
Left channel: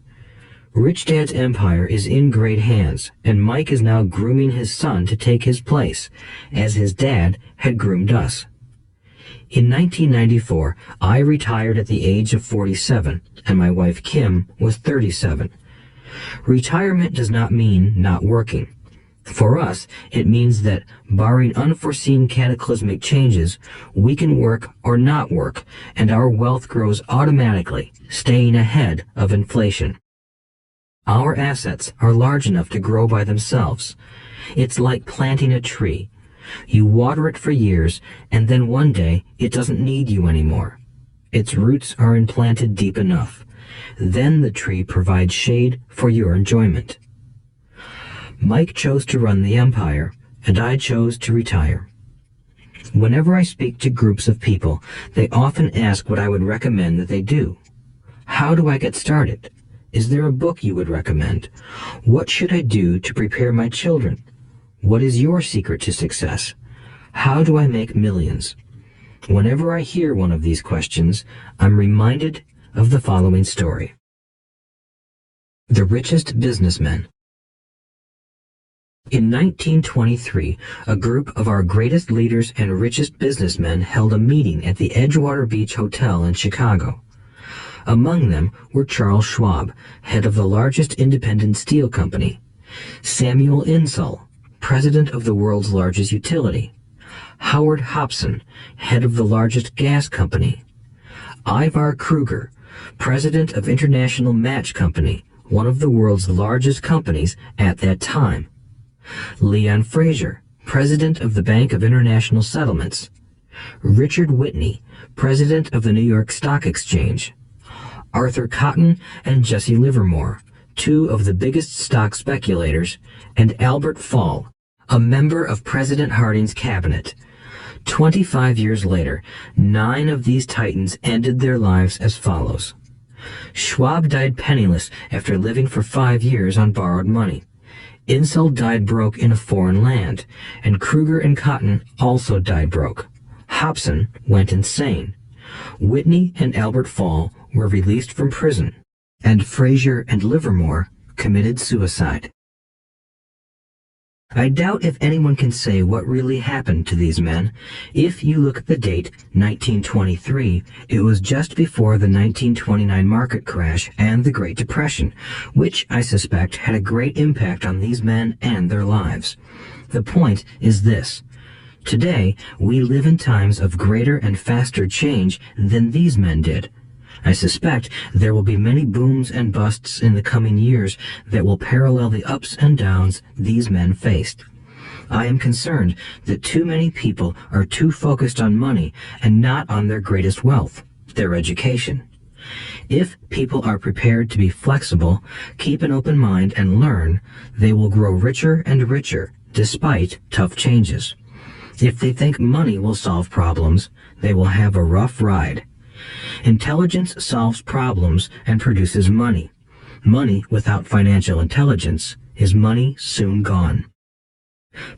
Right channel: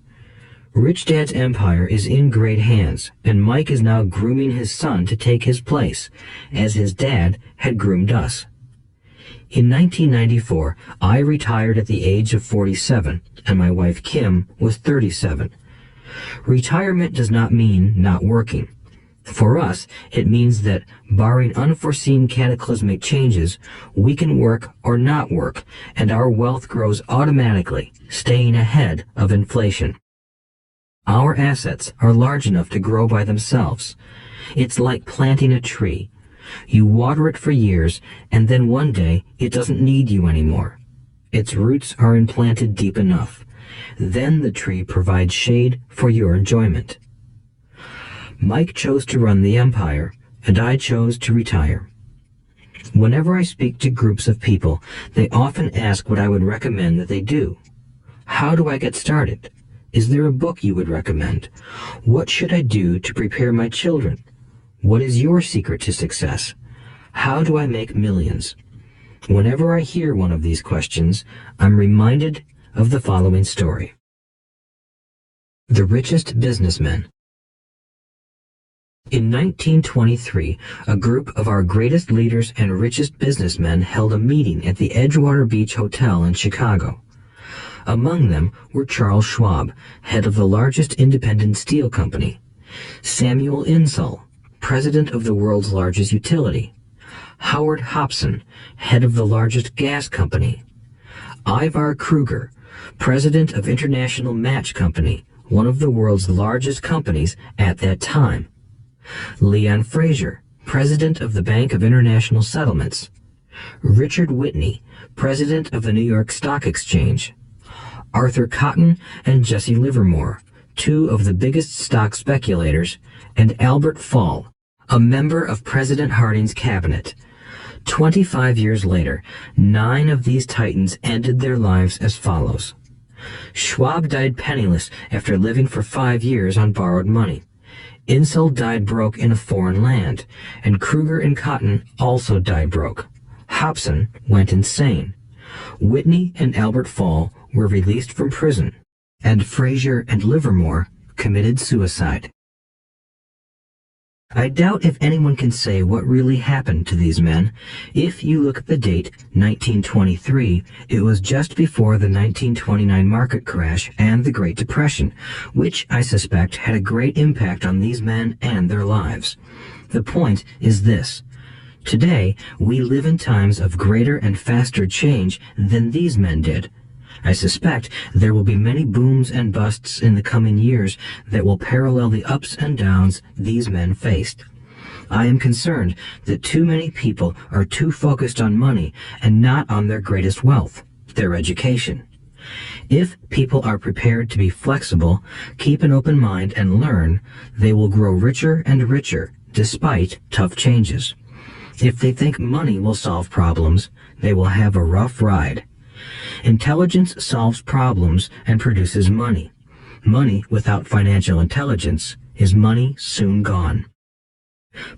Rich Dad's empire is in great hands, and Mike is now grooming his son to take his place, as his dad had groomed us. In 1994, I retired at the age of 47, and my wife Kim was 37. Retirement does not mean not working. For us, it means that, barring unforeseen cataclysmic changes, we can work or not work, and our wealth grows automatically, staying ahead of inflation. Our assets are large enough to grow by themselves. It's like planting a tree. You water it for years, and then one day it doesn't need you anymore. Its roots are implanted deep enough. Then the tree provides shade for your enjoyment. Mike chose to run the empire, and I chose to retire. Whenever I speak to groups of people, they often ask what I would recommend that they do. How do I get started? Is there a book you would recommend? What should I do to prepare my children? What is your secret to success? How do I make millions? Whenever I hear one of these questions, I'm reminded of the following story. The Richest Businessmen. In 1923, a group of our greatest leaders and richest businessmen held a meeting at the Edgewater Beach Hotel in Chicago. Among them were Charles Schwab, head of the largest independent steel company; Samuel Insull, president of the world's largest utility; Howard Hobson, head of the largest gas company; Ivar Kruger, president of International Match Company, one of the world's largest companies at that time; Leon Fraser, president of the Bank of International Settlements; Richard Whitney, president of the New York Stock Exchange; Arthur Cotton and Jesse Livermore, two of the biggest stock speculators; and Albert Fall, a member of President Harding's cabinet. 25 years later, 9 of these titans ended their lives as follows. Schwab died penniless after living for 5 years on borrowed money. Insull died broke in a foreign land, and Kruger and Cotton also died broke. Hobson went insane. Whitney and Albert Fall were released from prison, and Fraser and Livermore committed suicide. I doubt if anyone can say what really happened to these men. If you look at the date, 1923, it was just before the 1929 market crash and the Great Depression, which I suspect had a great impact on these men and their lives. The point is this. Today, we live in times of greater and faster change than these men did. I suspect there will be many booms and busts in the coming years that will parallel the ups and downs these men faced. I am concerned that too many people are too focused on money and not on their greatest wealth, their education. If people are prepared to be flexible, keep an open mind, and learn, they will grow richer and richer despite tough changes. If they think money will solve problems, they will have a rough ride. Intelligence solves problems and produces money. Money without financial intelligence is money soon gone.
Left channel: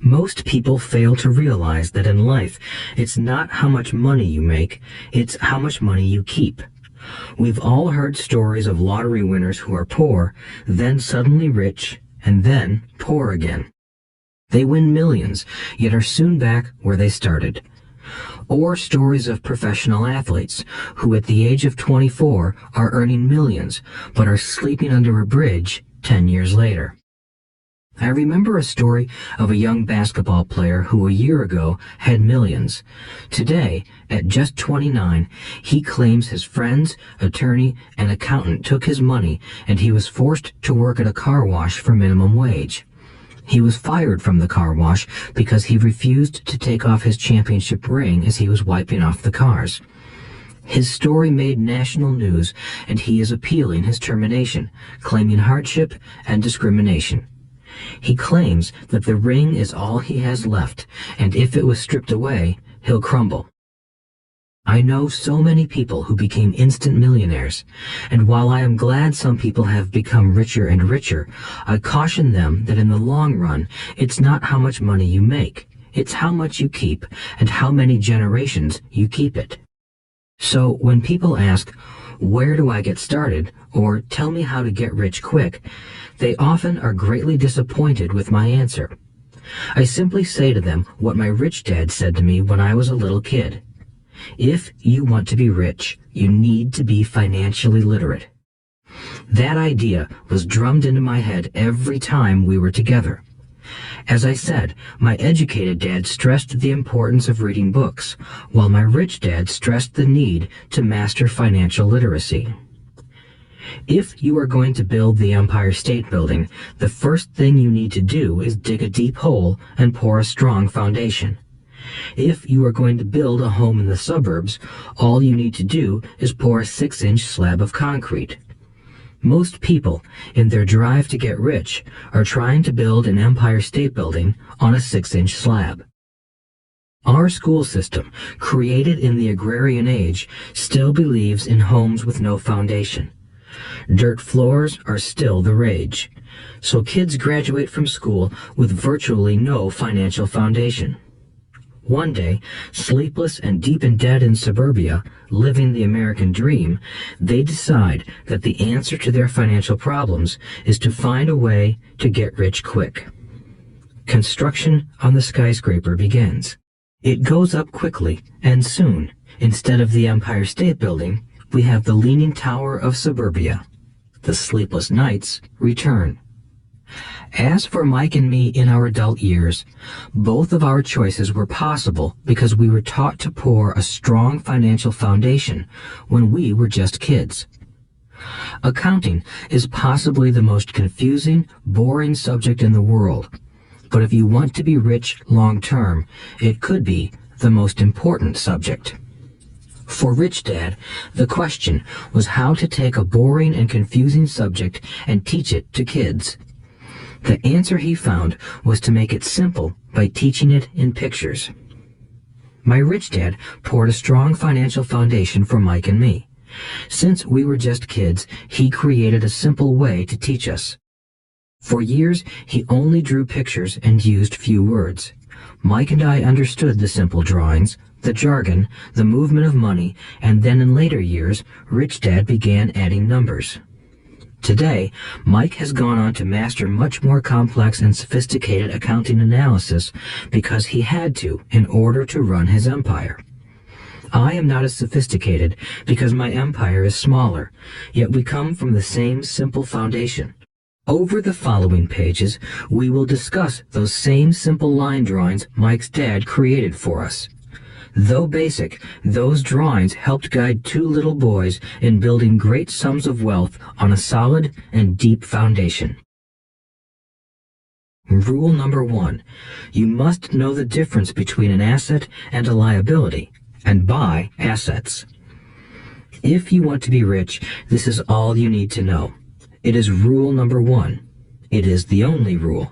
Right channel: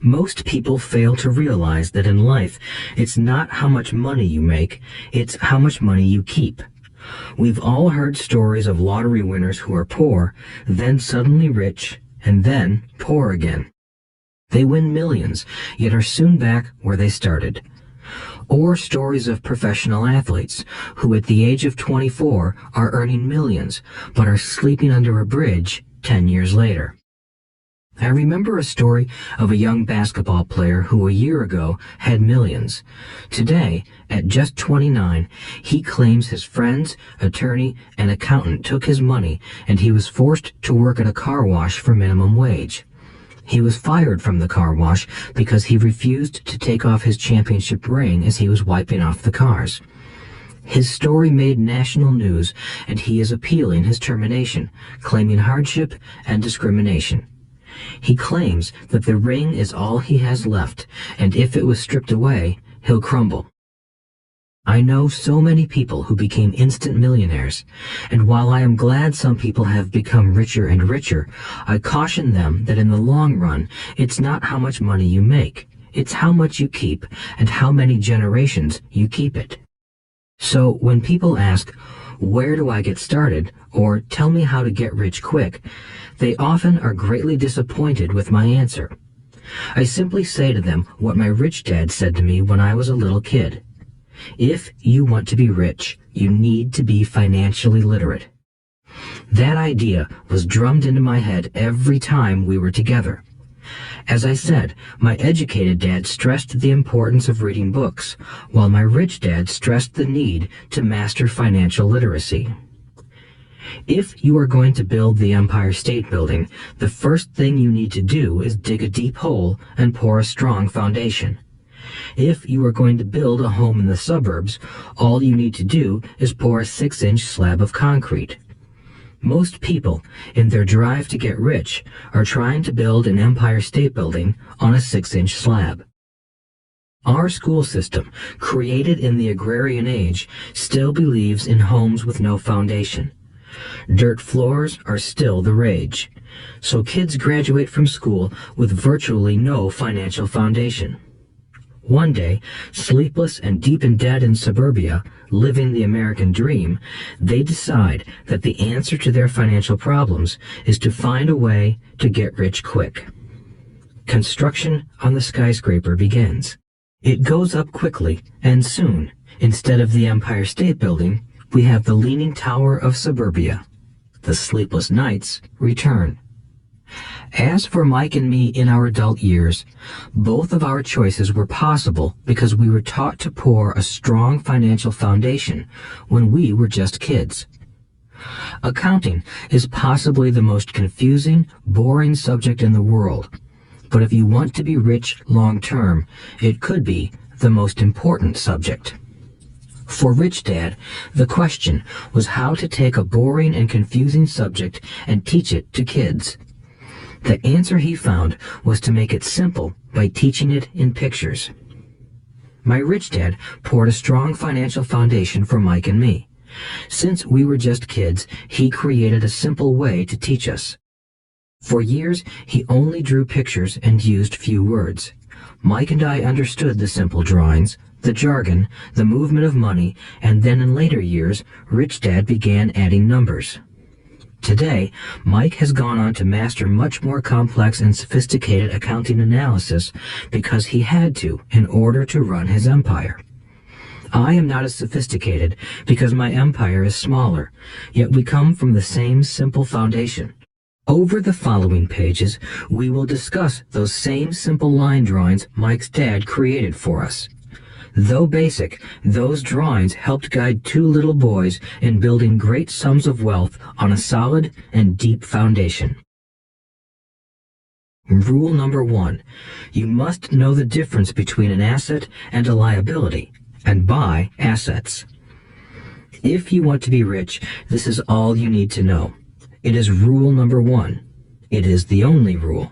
Most people fail to realize that in life, it's not how much money you make, it's how much money you keep. We've all heard stories of lottery winners who are poor, then suddenly rich, and then poor again. They win millions, yet are soon back where they started. Or stories of professional athletes who at the age of 24 are earning millions, but are sleeping under a bridge 10 years later. I remember a story of a young basketball player who a year ago had millions. Today, at just 29, he claims his friends, attorney, and accountant took his money, and he was forced to work at a car wash for minimum wage. He was fired from the car wash because he refused to take off his championship ring as he was wiping off the cars. His story made national news, and he is appealing his termination, claiming hardship and discrimination. He claims that the ring is all he has left, and if it was stripped away, he'll crumble. I know so many people who became instant millionaires, and while I am glad some people have become richer and richer, I caution them that in the long run, it's not how much money you make, it's how much you keep and how many generations you keep it. So when people ask, where do I get started, or tell me how to get rich quick, they often are greatly disappointed with my answer. I simply say to them what my rich dad said to me when I was a little kid. If you want to be rich, you need to be financially literate. That idea was drummed into my head every time we were together. As I said, my educated dad stressed the importance of reading books, while my rich dad stressed the need to master financial literacy. If you are going to build the Empire State Building, the first thing you need to do is dig a deep hole and pour a strong foundation. If you are going to build a home in the suburbs, all you need to do is pour a 6-inch slab of concrete. Most people, in their drive to get rich, are trying to build an Empire State Building on a 6-inch slab. Our school system, created in the agrarian age, still believes in homes with no foundation. Dirt floors are still the rage, so kids graduate from school with virtually no financial foundation. One day, sleepless and deep in debt in suburbia, living the American dream, they decide that the answer to their financial problems is to find a way to get rich quick. Construction on the skyscraper begins. It goes up quickly, and soon, instead of the Empire State Building, we have the Leaning Tower of suburbia. The sleepless nights return. As for Mike and me in our adult years, both of our choices were possible because we were taught to pour a strong financial foundation when we were just kids. Accounting is possibly the most confusing, boring subject in the world, but if you want to be rich long term, it could be the most important subject. For Rich Dad, the question was how to take a boring and confusing subject and teach it to kids. The answer he found was to make it simple by teaching it in pictures. My rich dad poured a strong financial foundation for Mike and me. Since we were just kids, he created a simple way to teach us. For years, he only drew pictures and used few words. Mike and I understood the simple drawings, the jargon, the movement of money, and then in later years, Rich Dad began adding numbers. Today, Mike has gone on to master much more complex and sophisticated accounting analysis because he had to in order to run his empire. I am not as sophisticated because my empire is smaller, yet we come from the same simple foundation. Over the following pages, we will discuss those same simple line drawings Mike's dad created for us. Though basic, those drawings helped guide two little boys in building great sums of wealth on a solid and deep foundation. Rule number 1. You must know the difference between an asset and a liability, and buy assets. If you want to be rich, this is all you need to know. It is rule number 1. It is the only rule.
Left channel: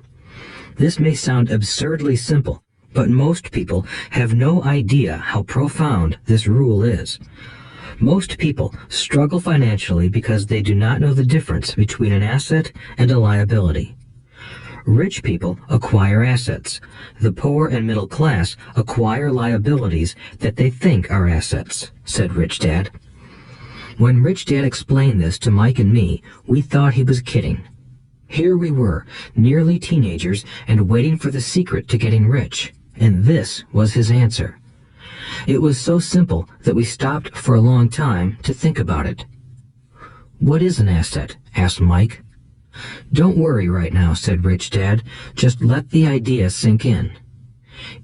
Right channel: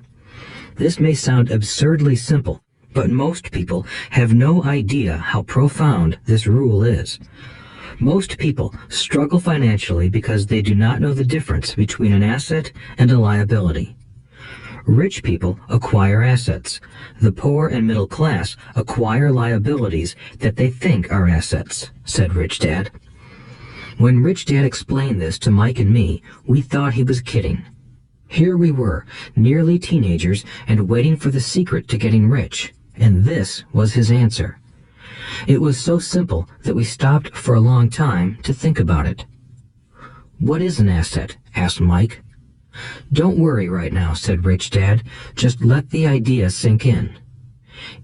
This may sound absurdly simple, but most people have no idea how profound this rule is. Most people struggle financially because they do not know the difference between an asset and a liability. Rich people acquire assets. The poor and middle class acquire liabilities that they think are assets, said Rich Dad. When Rich Dad explained this to Mike and me, we thought he was kidding. Here we were, nearly teenagers, and waiting for the secret to getting rich. And this was his answer. It was so simple that we stopped for a long time to think about it. What is an asset? Asked Mike. Don't worry right now, said Rich Dad. Just let the idea sink in.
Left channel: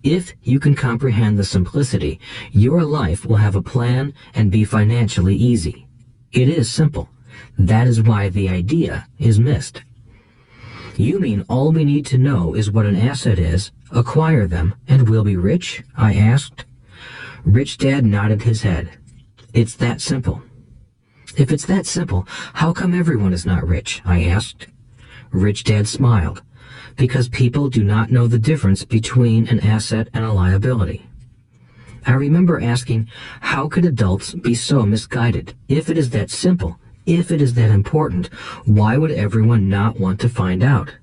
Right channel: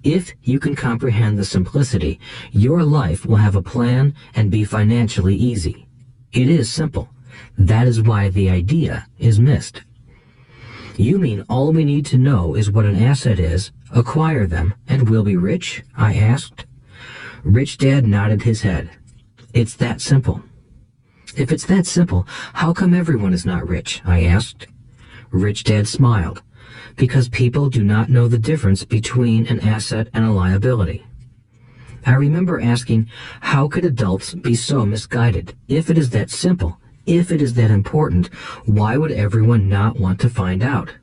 If you can comprehend the simplicity, your life will have a plan and be financially easy. It is simple. That is why the idea is missed. You mean all we need to know is what an asset is, acquire them, and we'll be rich? I asked. Rich Dad nodded his head. It's that simple. If it's that simple, how come everyone is not rich? I asked. Rich Dad smiled. Because people do not know the difference between an asset and a liability. I remember asking, how could adults be so misguided? If it is that simple, if it is that important, why would everyone not want to find out?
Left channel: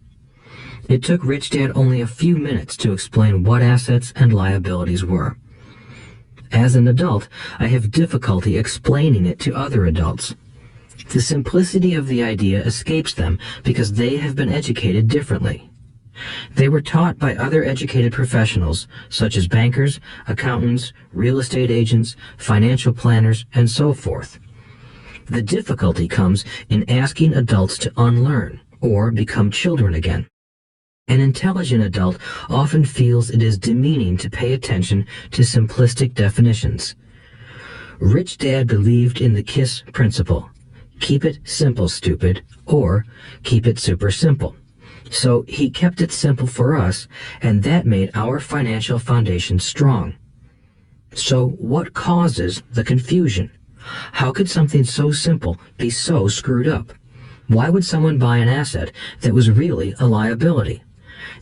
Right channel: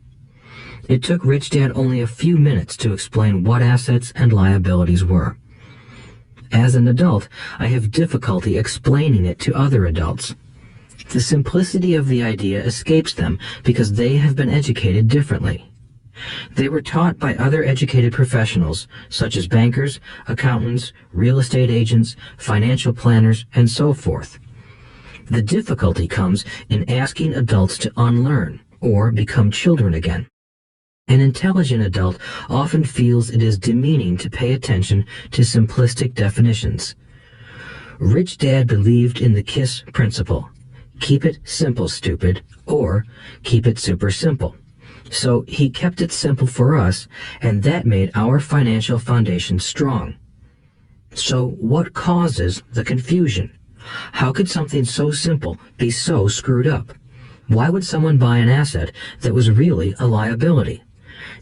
It took Rich Dad only a few minutes to explain what assets and liabilities were. As an adult, I have difficulty explaining it to other adults. The simplicity of the idea escapes them because they have been educated differently. They were taught by other educated professionals, such as bankers, accountants, real estate agents, financial planners, and so forth. The difficulty comes in asking adults to unlearn or become children again. An intelligent adult often feels it is demeaning to pay attention to simplistic definitions. Rich Dad believed in the KISS principle. Keep it simple, stupid, or keep it super simple. So he kept it simple for us, and that made our financial foundation strong. So what causes the confusion? How could something so simple be so screwed up? Why would someone buy an asset that was really a liability?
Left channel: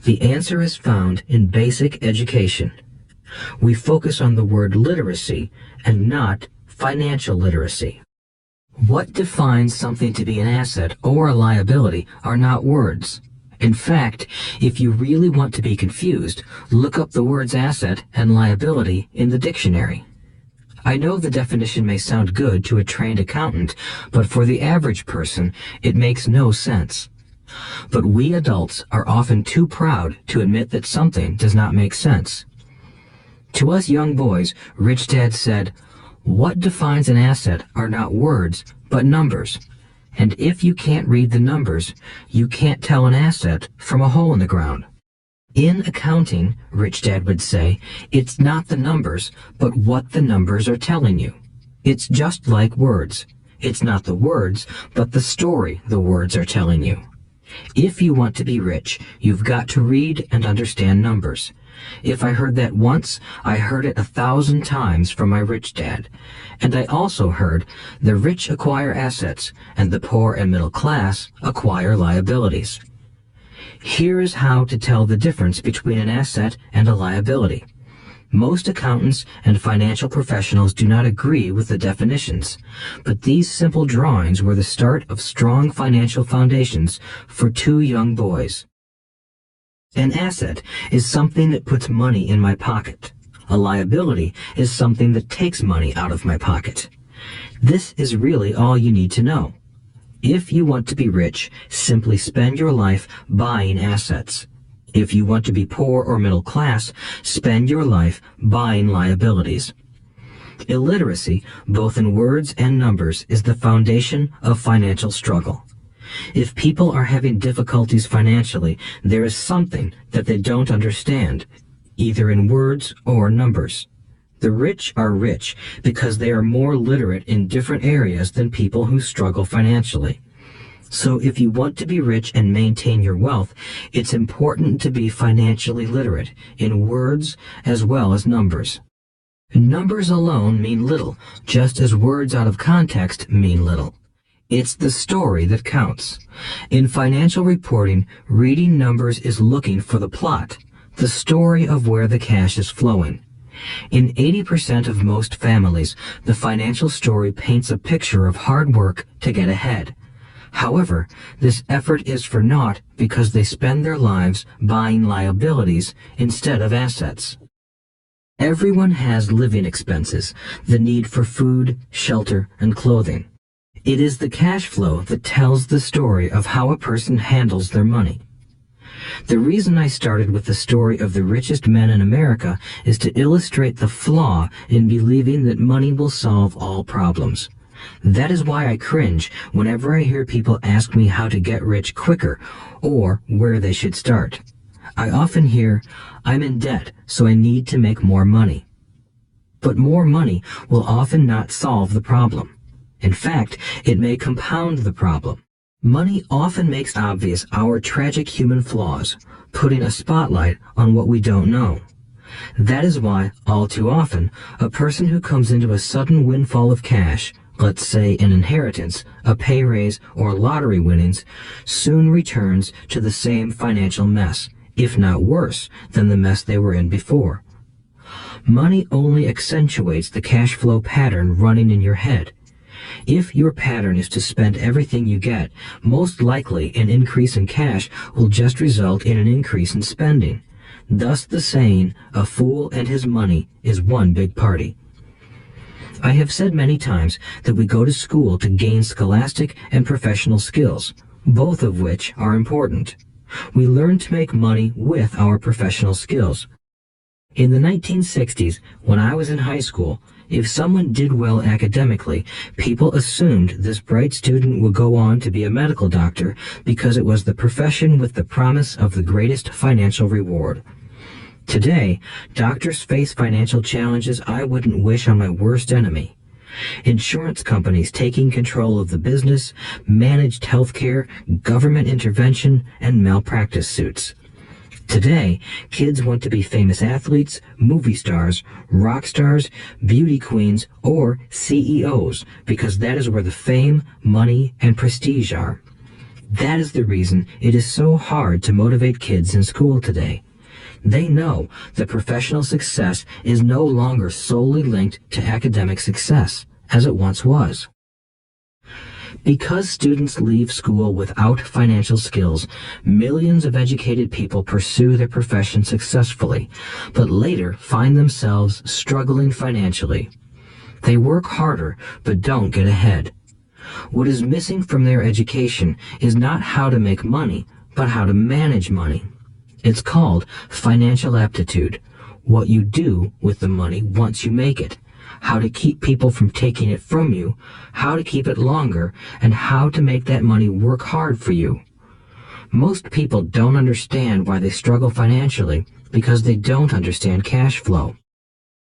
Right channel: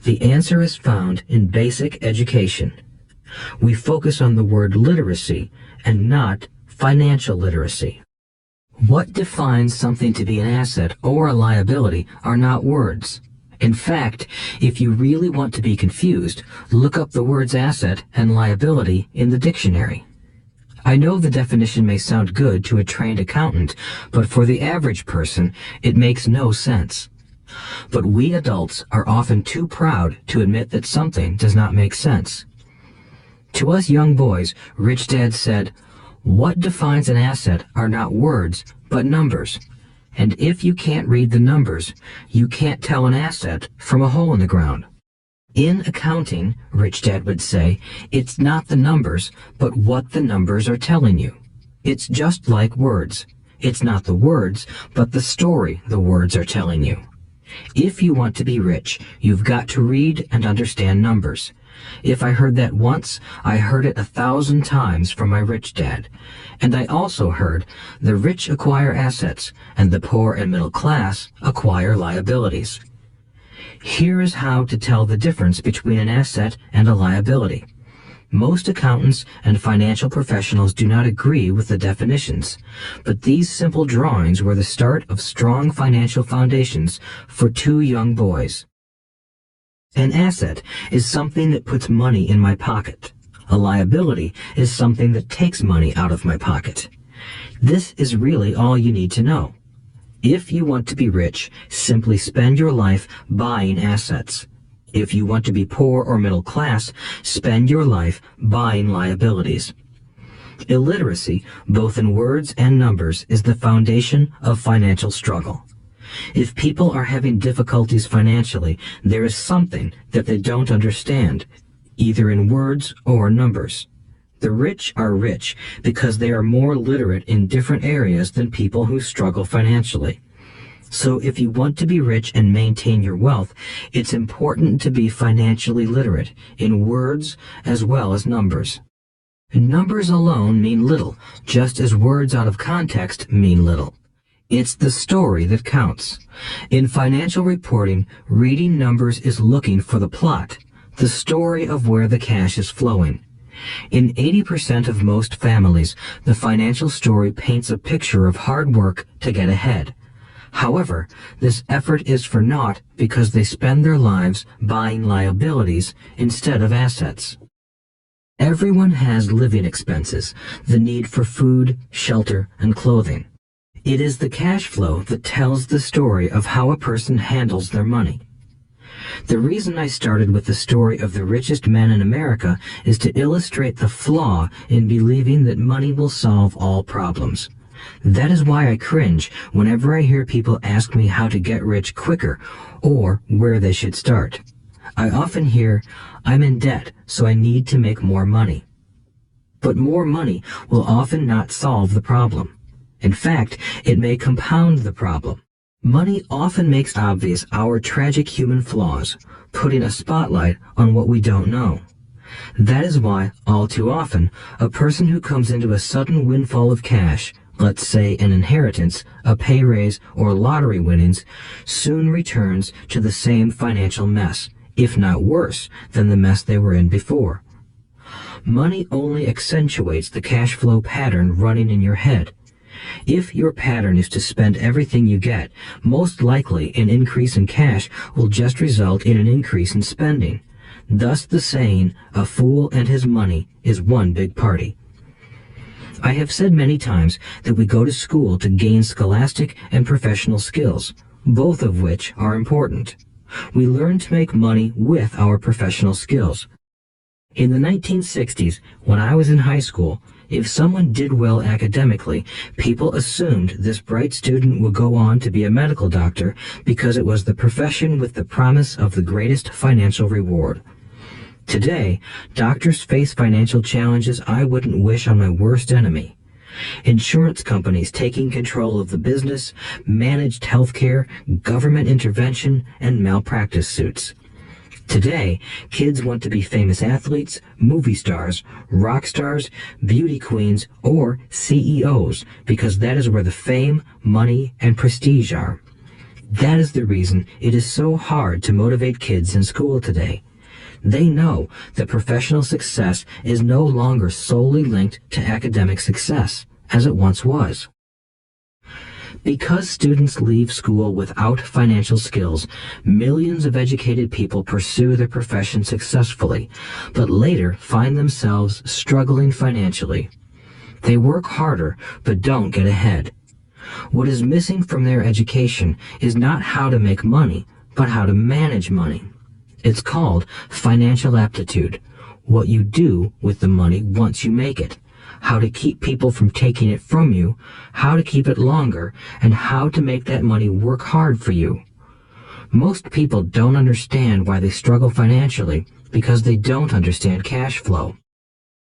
The answer is found in basic education. We focus on the word literacy and not financial literacy. What defines something to be an asset or a liability are not words. In fact, if you really want to be confused, look up the words asset and liability in the dictionary. I know the definition may sound good to a trained accountant, but for the average person, it makes no sense. But we adults are often too proud to admit that something does not make sense. To us young boys, Rich Dad said, "What defines an asset are not words, but numbers. And if you can't read the numbers, you can't tell an asset from a hole in the ground." In accounting, Rich Dad would say, it's not the numbers, but what the numbers are telling you. It's just like words. It's not the words, but the story the words are telling you. If you want to be rich, you've got to read and understand numbers. If I heard that once, I heard it 1,000 times from my rich dad. And I also heard the rich acquire assets and the poor and middle class acquire liabilities. Here's how to tell the difference between an asset and a liability. Most accountants and financial professionals do not agree with the definitions, but these simple drawings were the start of strong financial foundations for two young boys. An asset is something that puts money in my pocket. A liability is something that takes money out of my pocket. This is really all you need to know. If you want to be rich, simply spend your life buying assets. If you want to be poor or middle class, spend your life buying liabilities. Illiteracy, both in words and numbers, is the foundation of financial struggle. If people are having difficulties financially, there is something that they don't understand, either in words or numbers. The rich are rich because they are more literate in different areas than people who struggle financially. So if you want to be rich and maintain your wealth, it's important to be financially literate in words as well as numbers. Numbers alone mean little, just as words out of context mean little. It's the story that counts. In financial reporting, reading numbers is looking for the plot, the story of where the cash is flowing. In 80% of most families, the financial story paints a picture of hard work to get ahead. However, this effort is for naught because they spend their lives buying liabilities instead of assets. Everyone has living expenses, the need for food, shelter, and clothing. It is the cash flow that tells the story of how a person handles their money. The reason I started with the story of the richest men in America is to illustrate the flaw in believing that money will solve all problems. That is why I cringe whenever I hear people ask me how to get rich quicker or where they should start. I often hear, "I'm in debt, so I need to make more money." But more money will often not solve the problem. In fact, it may compound the problem. Money often makes obvious our tragic human flaws, putting a spotlight on what we don't know. That is why, all too often, a person who comes into a sudden windfall of cash, let's say an inheritance, a pay raise, or lottery winnings, soon returns to the same financial mess, if not worse than the mess they were in before. Money only accentuates the cash flow pattern running in your head. If your pattern is to spend everything you get, most likely an increase in cash will just result in an increase in spending. Thus the saying, "A fool and his money is one big party." I have said many times that we go to school to gain scholastic and professional skills, both of which are important. We learn to make money with our professional skills. In the 1960s, when I was in high school, if someone did well academically, people assumed this bright student would go on to be a medical doctor because it was the profession with the promise of the greatest financial reward. Today, doctors face financial challenges I wouldn't wish on my worst enemy. Insurance companies taking control of the business, managed healthcare, government intervention, and malpractice suits. Today, kids want to be famous athletes, movie stars, rock stars, beauty queens, or CEOs because that is where the fame, money, and prestige are. That is the reason it is so hard to motivate kids in school today. They know that professional success is no longer solely linked to academic success, as it once was. Because students leave school without financial skills, millions of educated people pursue their profession successfully, but later find themselves struggling financially. They work harder, but don't get ahead. What is missing from their education is not how to make money, but how to manage money. It's called financial aptitude, what you do with the money once you make it, how to keep people from taking it from you, how to keep it longer, and how to make that money work hard for you. Most people don't understand why they struggle financially because they don't understand cash flow.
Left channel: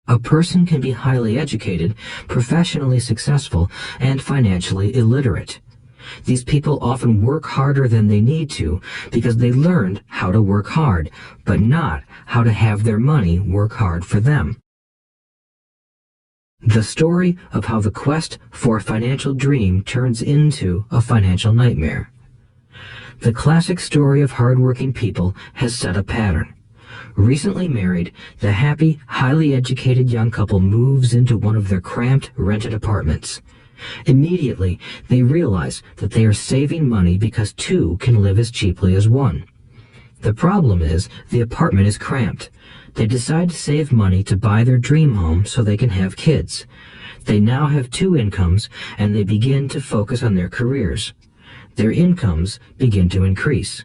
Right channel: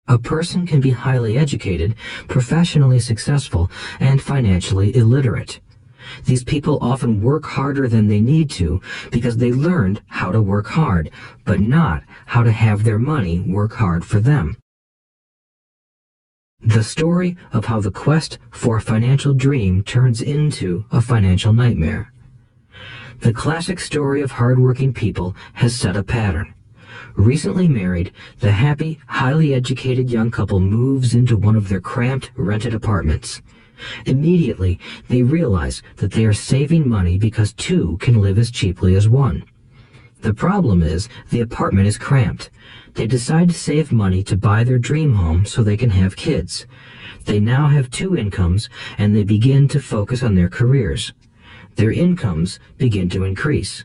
A person can be highly educated, professionally successful, and financially illiterate. These people often work harder than they need to because they learned how to work hard, but not how to have their money work hard for them. The story of how the quest for a financial dream turns into a financial nightmare. The classic story of hardworking people has set a pattern. Recently married, the happy, highly educated young couple moves into one of their cramped, rented apartments. Immediately, they realize that they are saving money because two can live as cheaply as one. The problem is, the apartment is cramped. They decide to save money to buy their dream home so they can have kids. They now have two incomes, and they begin to focus on their careers. Their incomes begin to increase.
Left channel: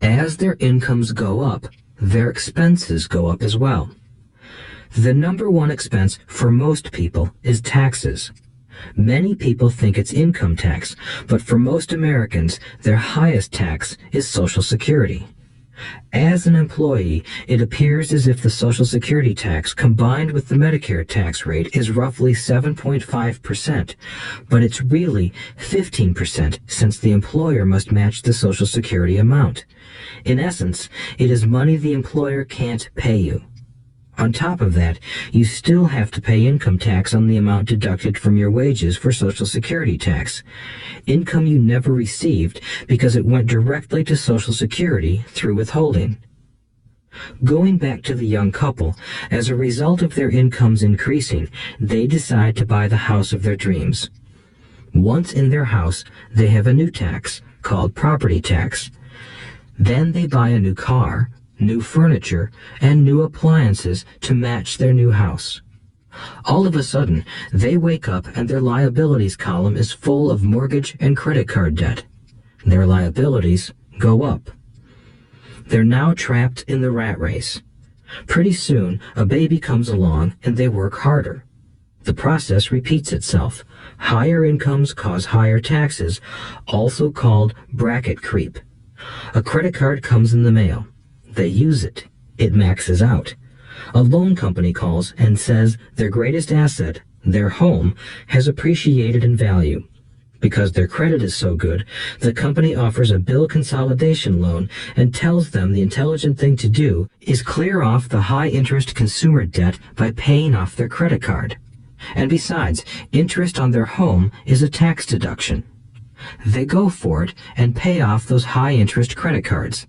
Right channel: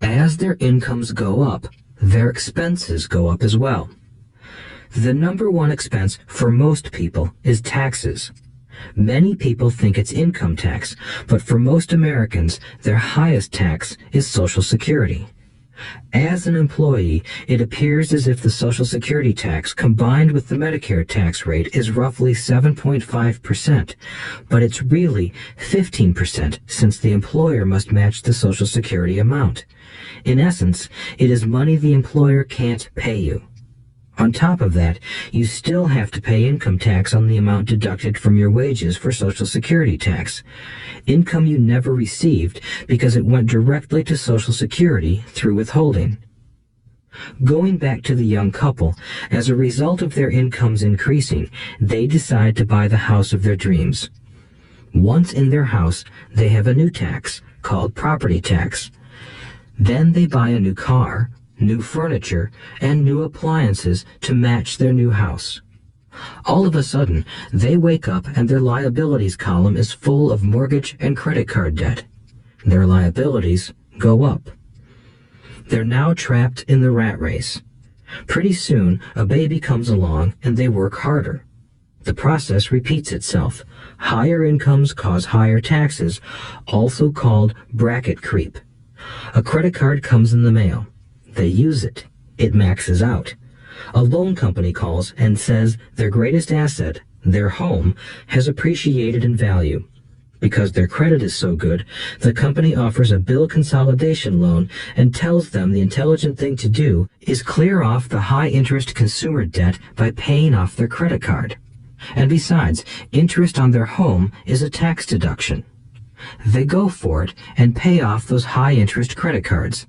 As their incomes go up, their expenses go up as well. The number one expense for most people is taxes. Many people think it's income tax, but for most Americans, their highest tax is Social Security. As an employee, it appears as if the Social Security tax combined with the Medicare tax rate is roughly 7.5%, but it's really 15% since the employer must match the Social Security amount. In essence, it is money the employer can't pay you. On top of that, you still have to pay income tax on the amount deducted from your wages for Social Security tax. Income you never received because it went directly to Social Security through withholding. Going back to the young couple, as a result of their incomes increasing, they decide to buy the house of their dreams. Once in their house, they have a new tax, called property tax. Then they buy a new car, new furniture, and new appliances to match their new house. All of a sudden, they wake up and their liabilities column is full of mortgage and credit card debt. Their liabilities go up. They're now trapped in the rat race. Pretty soon, a baby comes along and they work harder. The process repeats itself. Higher incomes cause higher taxes, also called bracket creep. A credit card comes in the mail. They use it. It maxes out. A loan company calls and says their greatest asset, their home, has appreciated in value. Because their credit is so good, the company offers a bill consolidation loan and tells them the intelligent thing to do is clear off the high-interest consumer debt by paying off their credit card. And besides, interest on their home is a tax deduction. They go for it and pay off those high-interest credit cards.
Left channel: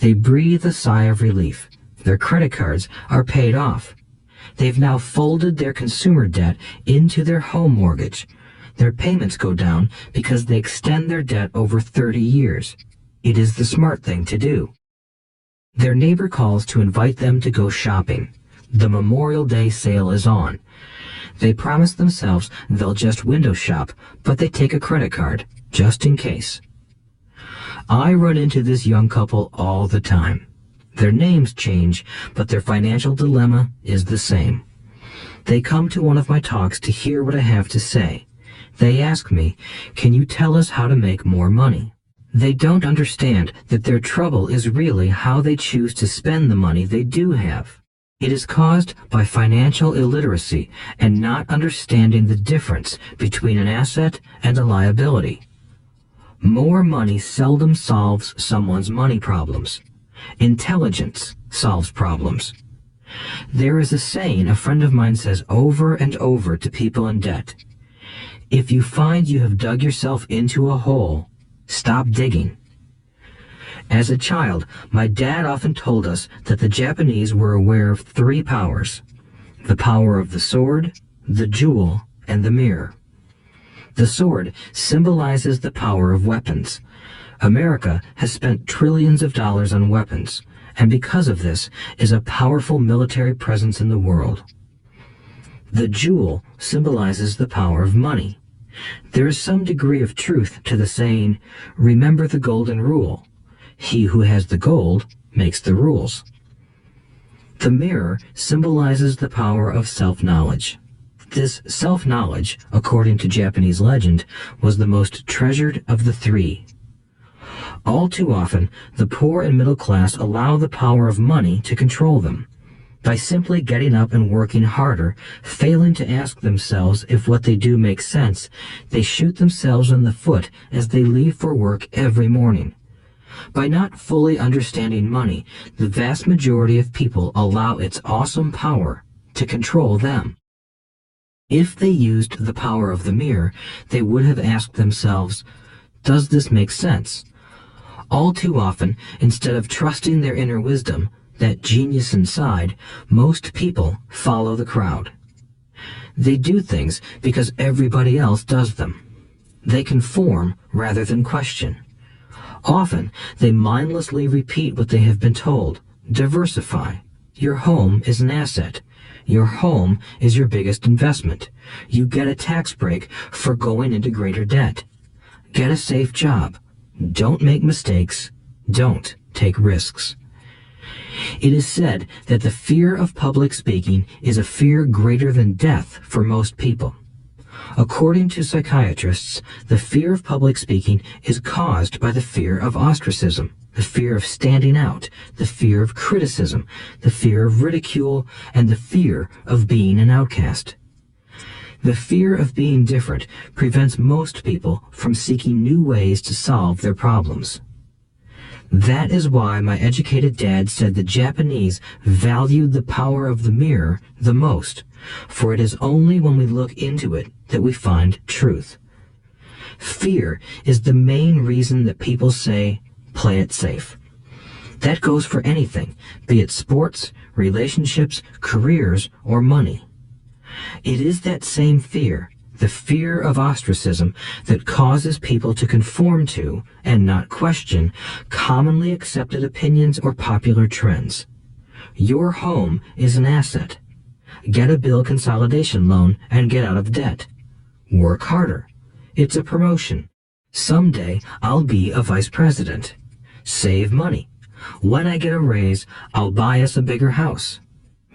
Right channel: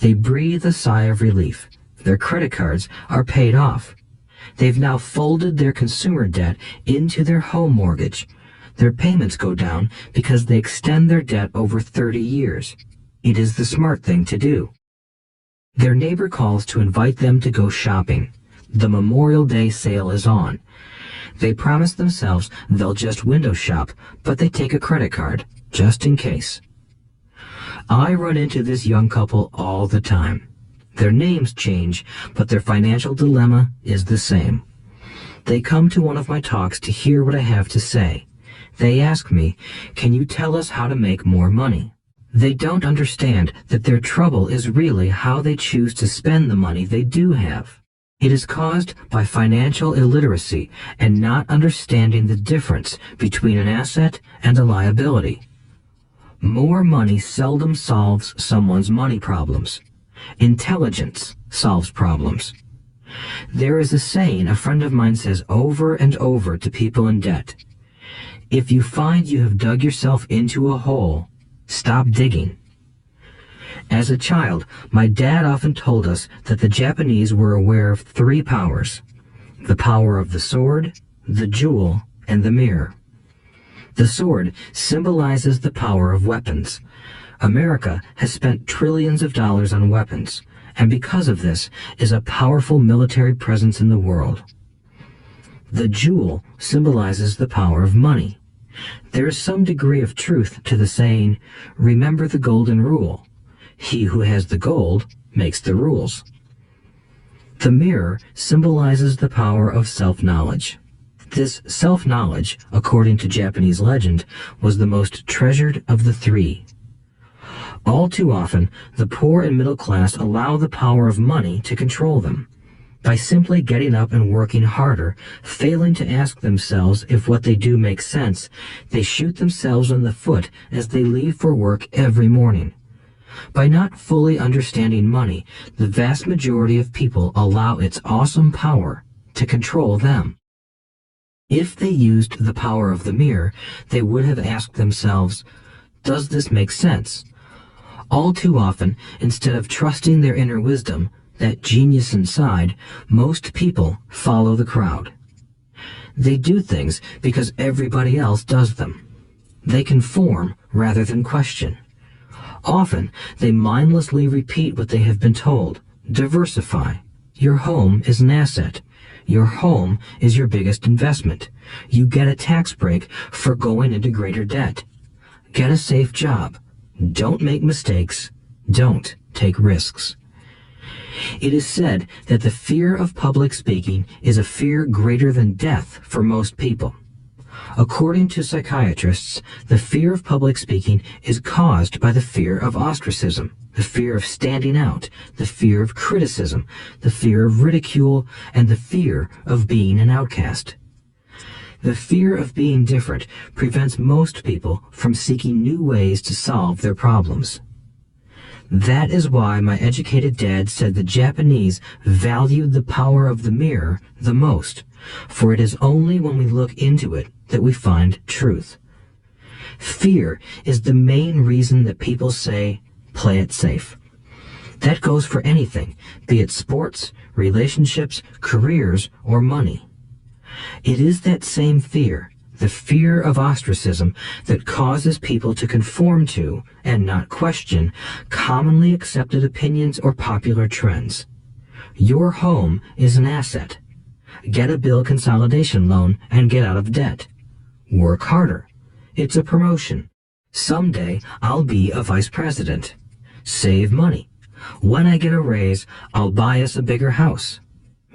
They breathe a sigh of relief. Their credit cards are paid off. They've now folded their consumer debt into their home mortgage. Their payments go down because they extend their debt over 30 years. It is the smart thing to do. Their neighbor calls to invite them to go shopping. The Memorial Day sale is on. They promise themselves they'll just window shop, but they take a credit card, just in case. I run into this young couple all the time. Their names change, but their financial dilemma is the same. They come to one of my talks to hear what I have to say. They ask me, "Can you tell us how to make more money?" They don't understand that their trouble is really how they choose to spend the money they do have. It is caused by financial illiteracy and not understanding the difference between an asset and a liability. More money seldom solves someone's money problems. Intelligence solves problems. There is a saying a friend of mine says over and over to people in debt. If you find you have dug yourself into a hole, stop digging. As a child, my dad often told us that the Japanese were aware of 3 powers: the power of the sword, the jewel, and the mirror. The sword symbolizes the power of weapons. America has spent trillions of dollars on weapons, and because of this is a powerful military presence in the world. The jewel symbolizes the power of money. There is some degree of truth to the saying, "Remember the golden rule. He who has the gold makes the rules." The mirror symbolizes the power of self-knowledge. This self-knowledge, according to Japanese legend, was the most treasured of the 3. All too often, the poor and middle class allow the power of money to control them. By simply getting up and working harder, failing to ask themselves if what they do makes sense, they shoot themselves in the foot as they leave for work every morning. By not fully understanding money, the vast majority of people allow its awesome power to control them. If they used the power of the mirror, they would have asked themselves, "Does this make sense?" All too often, instead of trusting their inner wisdom, that genius inside, most people follow the crowd. They do things because everybody else does them. They conform rather than question. Often, they mindlessly repeat what they have been told. Diversify. Your home is an asset. Your home is your biggest investment. You get a tax break for going into greater debt. Get a safe job. Don't make mistakes. Don't take risks. It is said that the fear of public speaking is a fear greater than death for most people. According to psychiatrists, the fear of public speaking is caused by the fear of ostracism, the fear of standing out, the fear of criticism, the fear of ridicule, and the fear of being an outcast. The fear of being different prevents most people from seeking new ways to solve their problems. That is why my educated dad said the Japanese valued the power of the mirror the most, for it is only when we look into it that we find truth. Fear is the main reason that people say, "Play it safe." That goes for anything, be it sports, relationships, careers, or money. It is that same fear, the fear of ostracism, that causes people to conform to, and not question, commonly accepted opinions or popular trends. Your home is an asset. Get a bill consolidation loan and get out of debt. Work harder. It's a promotion. Someday I'll be a vice president. Save money. When I get a raise, I'll buy us a bigger house.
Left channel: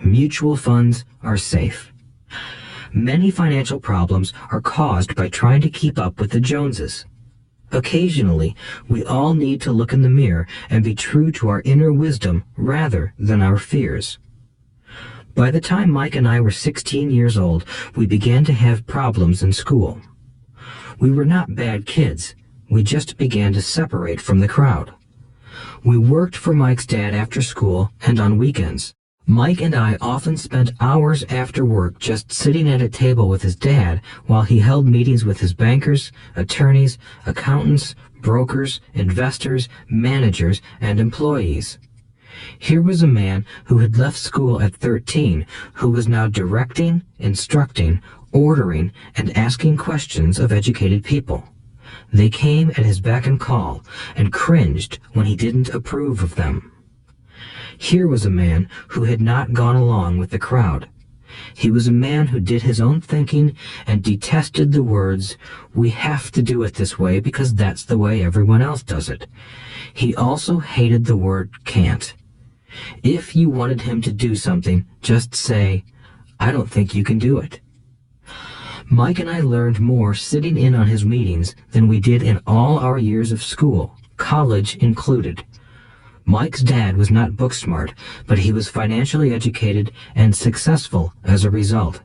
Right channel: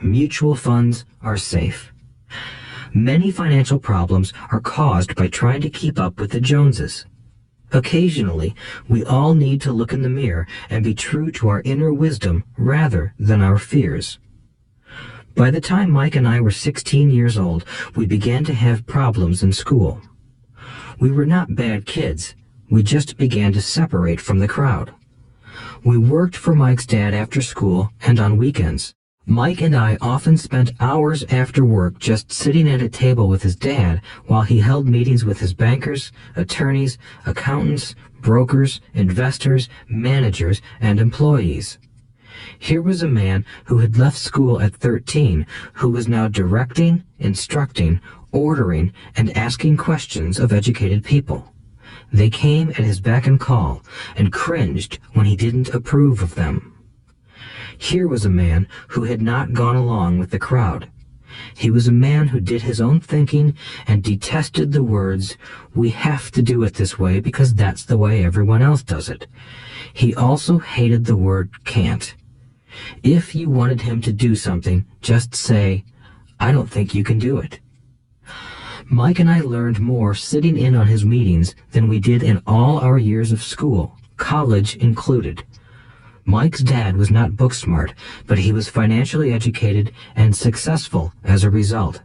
Mutual funds are safe. Many financial problems are caused by trying to keep up with the Joneses. Occasionally, we all need to look in the mirror and be true to our inner wisdom rather than our fears. By the time Mike and I were 16 years old, we began to have problems in school. We were not bad kids. We just began to separate from the crowd. We worked for Mike's dad after school and on weekends. Mike and I often spent hours after work just sitting at a table with his dad while he held meetings with his bankers, attorneys, accountants, brokers, investors, managers, and employees. Here was a man who had left school at 13, who was now directing, instructing, ordering, and asking questions of educated people. They came at his beck and call and cringed when he didn't approve of them. Here was a man who had not gone along with the crowd. He was a man who did his own thinking and detested the words, "We have to do it this way because that's the way everyone else does it." He also hated the word "can't." If you wanted him to do something, just say, "I don't think you can do it." Mike and I learned more sitting in on his meetings than we did in all our years of school, college included. Mike's dad was not book smart, but he was financially educated and successful as a result.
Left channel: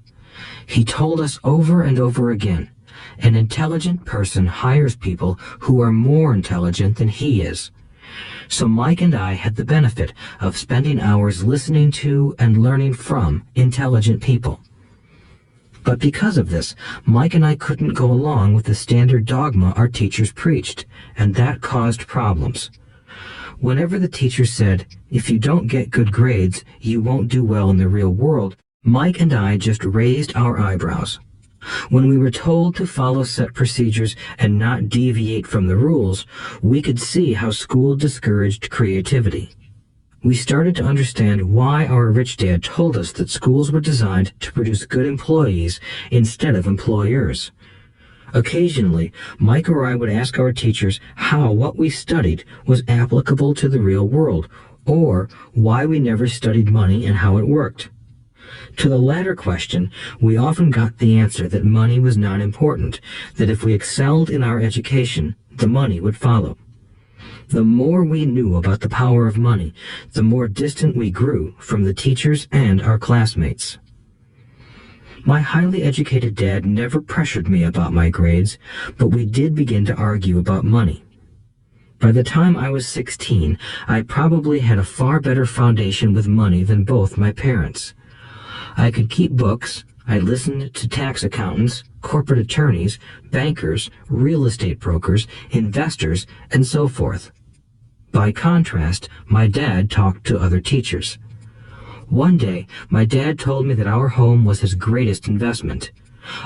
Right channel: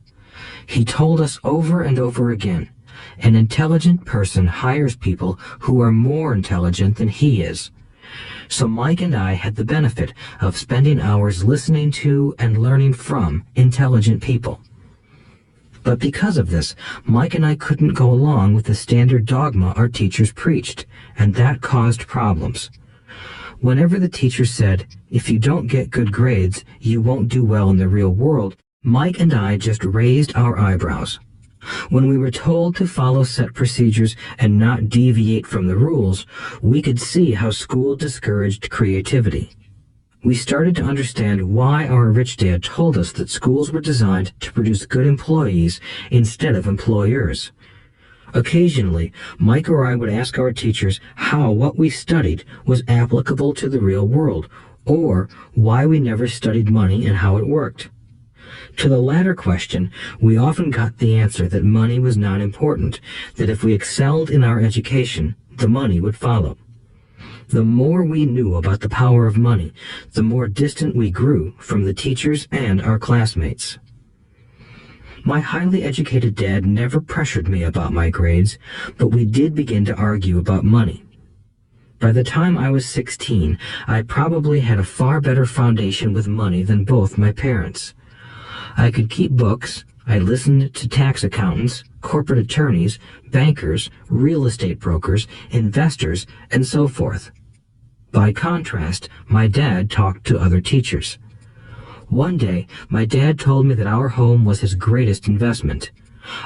He told us over and over again, an intelligent person hires people who are more intelligent than he is. So Mike and I had the benefit of spending hours listening to and learning from intelligent people. But because of this, Mike and I couldn't go along with the standard dogma our teachers preached, and that caused problems. Whenever the teacher said, "If you don't get good grades, you won't do well in the real world," Mike and I just raised our eyebrows. When we were told to follow set procedures and not deviate from the rules, we could see how school discouraged creativity. We started to understand why our rich dad told us that schools were designed to produce good employees instead of employers. Occasionally, Mike or I would ask our teachers how what we studied was applicable to the real world, or why we never studied money and how it worked. To the latter question, we often got the answer that money was not important, that if we excelled in our education, the money would follow. The more we knew about the power of money, the more distant we grew from the teachers and our classmates. My highly educated dad never pressured me about my grades, but we did begin to argue about money. By the time I was 16, I probably had a far better foundation with money than both my parents. I could keep books, I listened to tax accountants, corporate attorneys, bankers, real estate brokers, investors, and so forth. By contrast, my dad talked to other teachers. One day, my dad told me that our home was his greatest investment.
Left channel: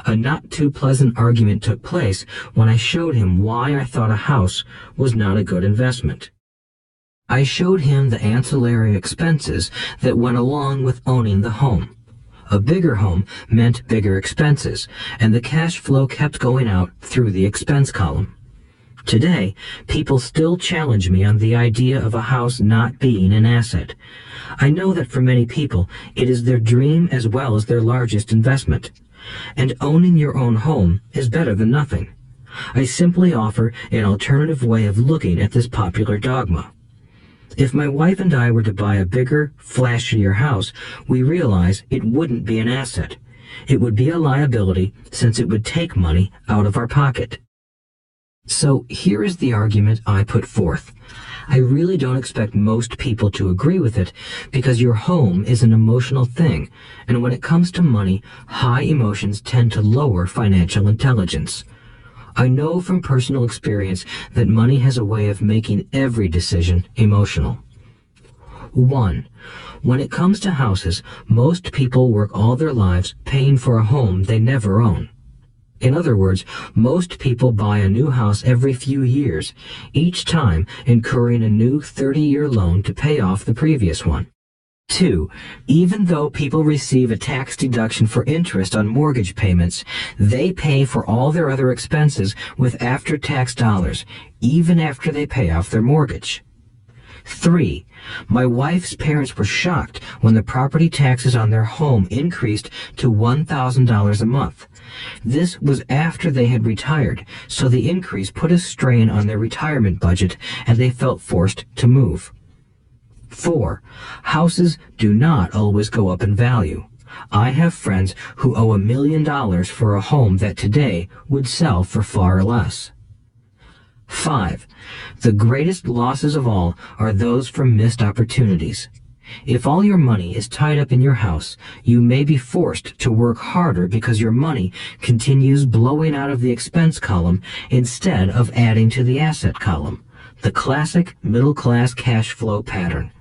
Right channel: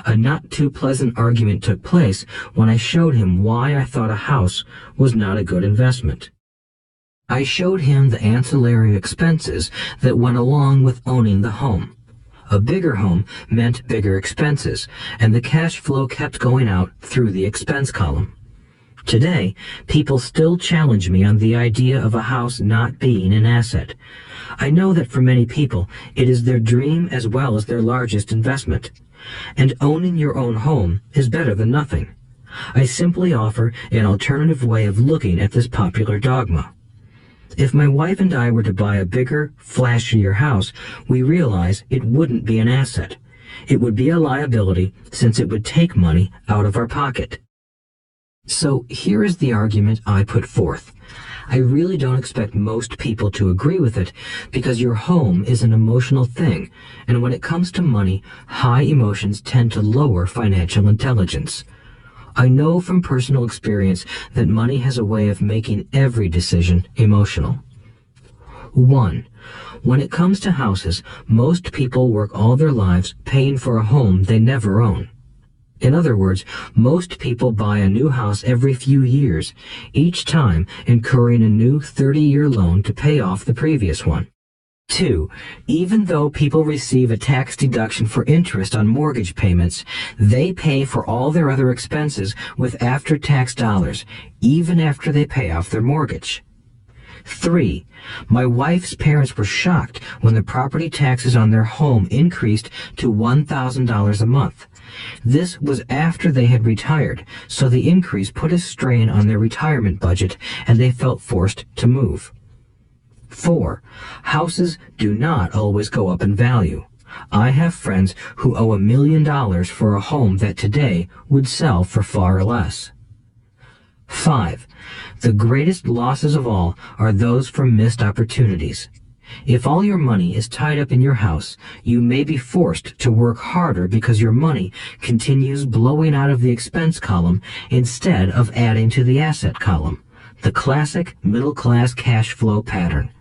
A not too pleasant argument took place when I showed him why I thought a house was not a good investment. I showed him the ancillary expenses that went along with owning the home. A bigger home meant bigger expenses, and the cash flow kept going out through the expense column. Today, people still challenge me on the idea of a house not being an asset. I know that for many people, it is their dream as well as their largest investment. And owning your own home is better than nothing. I simply offer an alternative way of looking at this popular dogma. If my wife and I were to buy a bigger, flashier house, we realize it wouldn't be an asset. It would be a liability since it would take money out of our pocket. So here is the argument I put forth. I really don't expect most people to agree with it because your home is an emotional thing, and when it comes to money, high emotions tend to lower financial intelligence. I know from personal experience that money has a way of making every decision emotional. 1. When it comes to houses, most people work all their lives paying for a home they never own. In other words, most people buy a new house every few years, each time incurring a new 30-year loan to pay off the previous one. 2. Even though people receive a tax deduction for interest on mortgage payments, they pay for all their other expenses with after-tax dollars, even after they pay off their mortgage. 3. My wife's parents were shocked when the property taxes on their home increased to $1,000 a month. This was after they had retired, so the increase put a strain on their retirement budget and they felt forced to move. 4. Houses do not always go up in value. I have friends who owe $1 million for a home that today would sell for far less. 5. The greatest losses of all are those from missed opportunities. If all your money is tied up in your house, you may be forced to work harder because your money continues blowing out of the expense column instead of adding to the asset column, the classic middle-class cash flow pattern.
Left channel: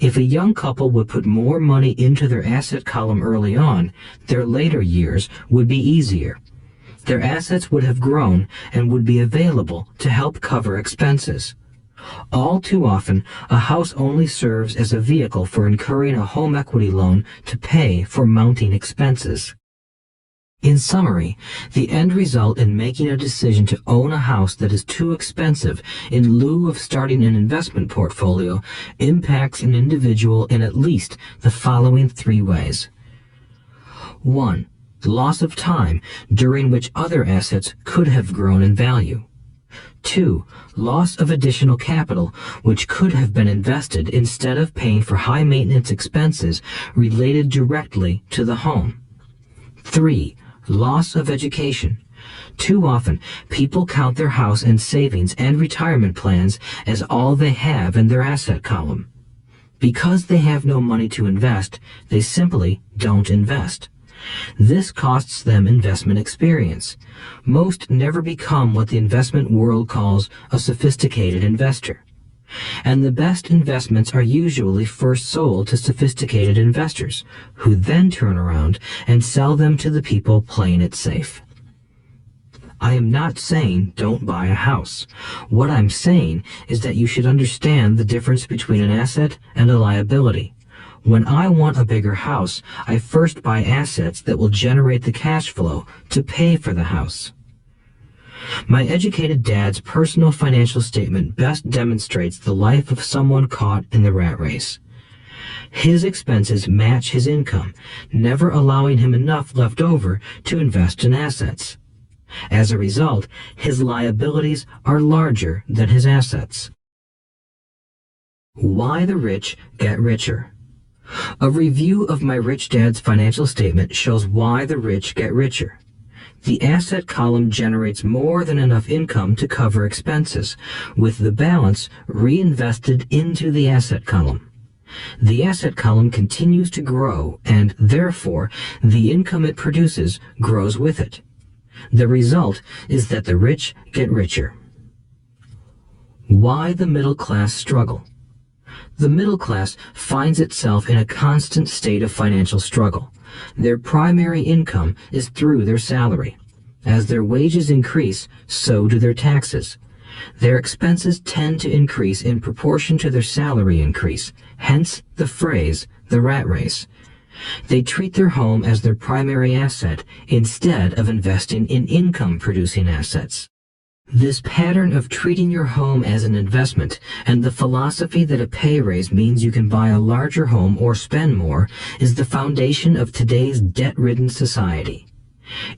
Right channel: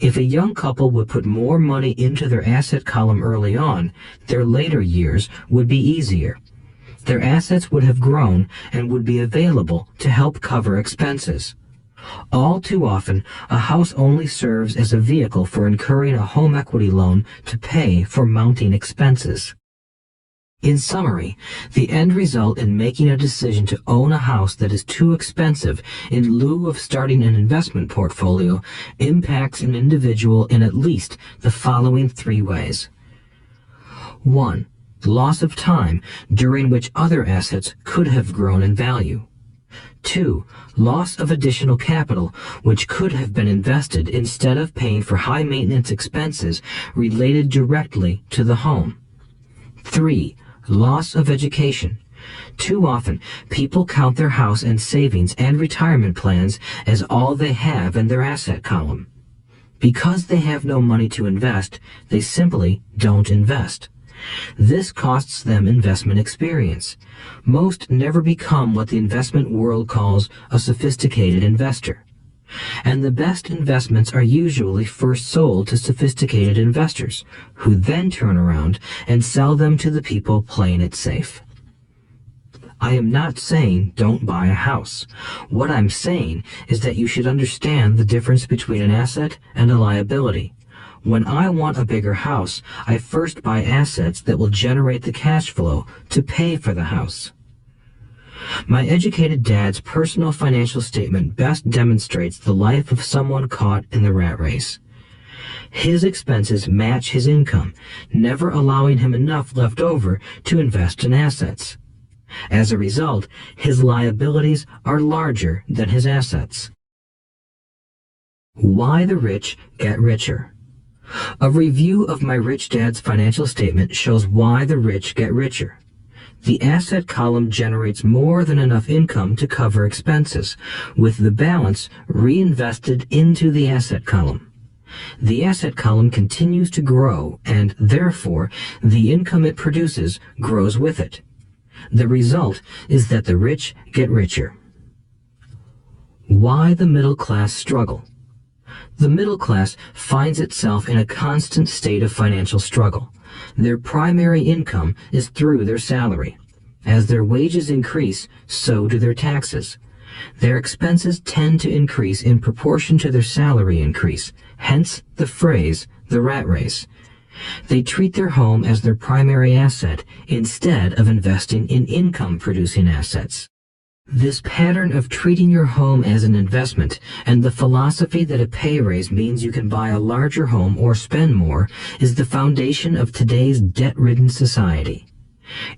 If a young couple would put more money into their asset column early on, their later years would be easier. Their assets would have grown and would be available to help cover expenses. All too often, a house only serves as a vehicle for incurring a home equity loan to pay for mounting expenses. In summary, the end result in making a decision to own a house that is too expensive in lieu of starting an investment portfolio impacts an individual in at least the following 3 ways. 1. Loss of time during which other assets could have grown in value. 2. Loss of additional capital which could have been invested instead of paying for high maintenance expenses related directly to the home. 3. Loss of education. Too often, people count their house and savings and retirement plans as all they have in their asset column. Because they have no money to invest, they simply don't invest. This costs them investment experience. Most never become what the investment world calls a sophisticated investor. And the best investments are usually first sold to sophisticated investors, who then turn around and sell them to the people playing it safe. I am not saying don't buy a house. What I'm saying is that you should understand the difference between an asset and a liability. When I want a bigger house, I first buy assets that will generate the cash flow to pay for the house. My educated dad's personal financial statement best demonstrates the life of someone caught in the rat race. His expenses match his income, never allowing him enough left over to invest in assets. As a result, his liabilities are larger than his assets. Why the rich get richer. A review of my rich dad's financial statement shows why the rich get richer. The asset column generates more than enough income to cover expenses, with the balance reinvested into the asset column. The asset column continues to grow, and therefore, the income it produces grows with it. The result is that the rich get richer. Why the middle class struggle? The middle class finds itself in a constant state of financial struggle. Their primary income is through their salary. As their wages increase, so do their taxes. Their expenses tend to increase in proportion to their salary increase, hence the phrase, the rat race. They treat their home as their primary asset instead of investing in income-producing assets. This pattern of treating your home as an investment and the philosophy that a pay raise means you can buy a larger home or spend more is the foundation of today's debt-ridden society.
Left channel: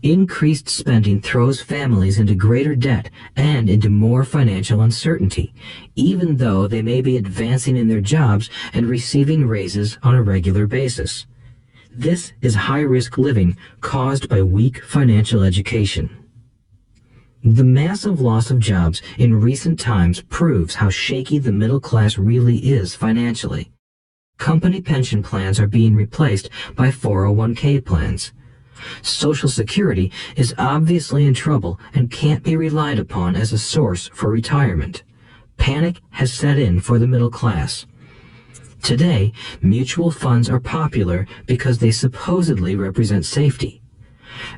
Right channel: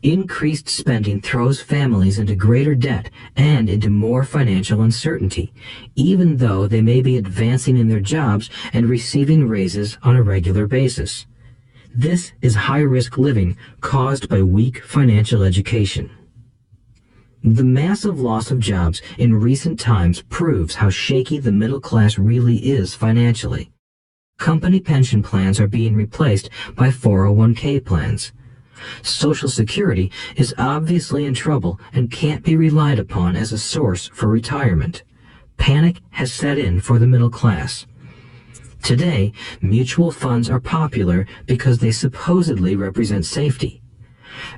Increased spending throws families into greater debt and into more financial uncertainty, even though they may be advancing in their jobs and receiving raises on a regular basis. This is high-risk living caused by weak financial education. The massive loss of jobs in recent times proves how shaky the middle class really is financially. Company pension plans are being replaced by 401k plans. Social Security is obviously in trouble and can't be relied upon as a source for retirement. Panic has set in for the middle class. Today, mutual funds are popular because they supposedly represent safety.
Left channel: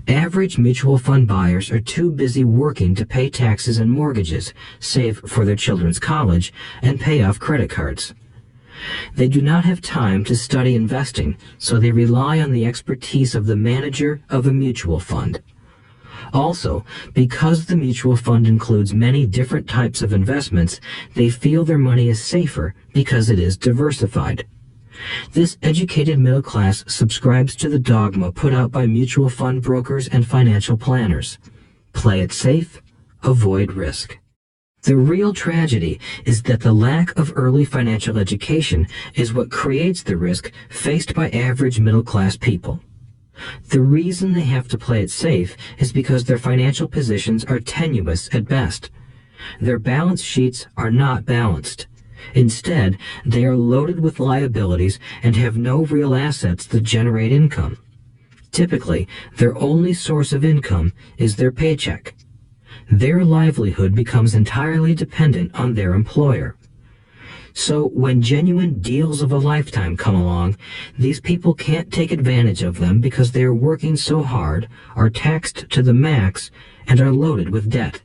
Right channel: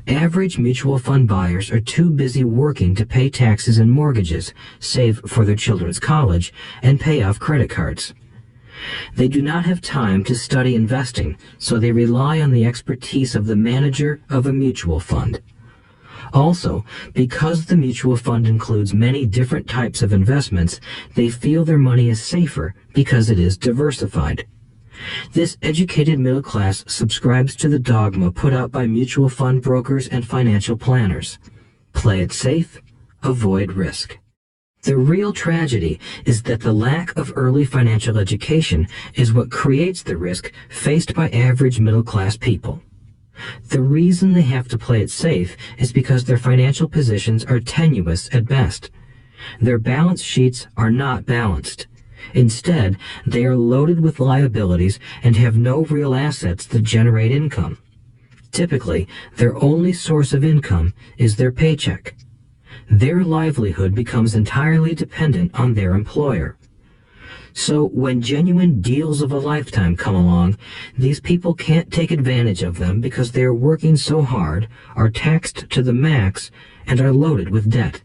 Average mutual fund buyers are too busy working to pay taxes and mortgages, save for their children's college, and pay off credit cards. They do not have time to study investing, so they rely on the expertise of the manager of a mutual fund. Also, because the mutual fund includes many different types of investments, they feel their money is safer because it is diversified. This educated middle class subscribes to the dogma put out by mutual fund brokers and financial planners. Play it safe, avoid risk. The real tragedy is that the lack of early financial education is what creates the risk faced by average middle class people. The reason they have to play it safe is because their financial positions are tenuous at best. Their balance sheets are not balanced. Instead, they are loaded with liabilities and have no real assets that generate income. Typically, their only source of income is their paycheck. Their livelihood becomes entirely dependent on their employer. So when genuine deals of a lifetime come along, these people can't take advantage of them because they are working so hard, are taxed to the max, and are loaded with debt.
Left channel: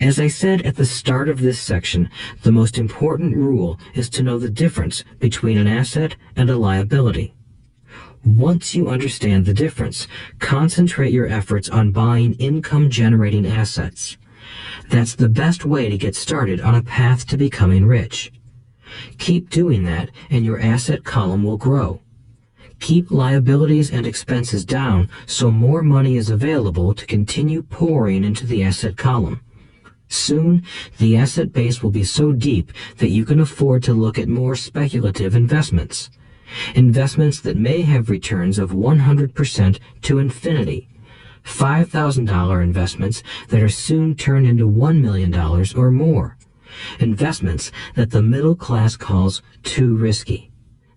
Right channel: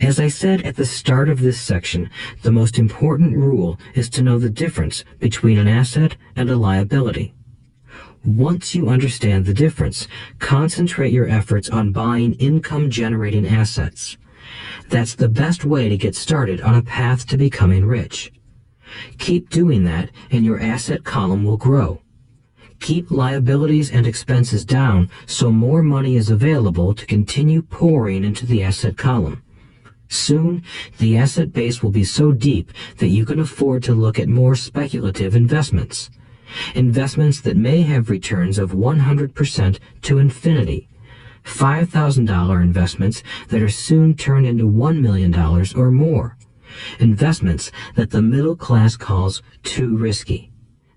As I said at the start of this section, the most important rule is to know the difference between an asset and a liability. Once you understand the difference, concentrate your efforts on buying income-generating assets. That's the best way to get started on a path to becoming rich. Keep doing that, and your asset column will grow. Keep liabilities and expenses down so more money is available to continue pouring into the asset column. Soon, the asset base will be so deep that you can afford to look at more speculative investments. Investments that may have returns of 100% to infinity. $5,000 investments that are soon turned into $1 million or more. Investments that the middle class calls too risky.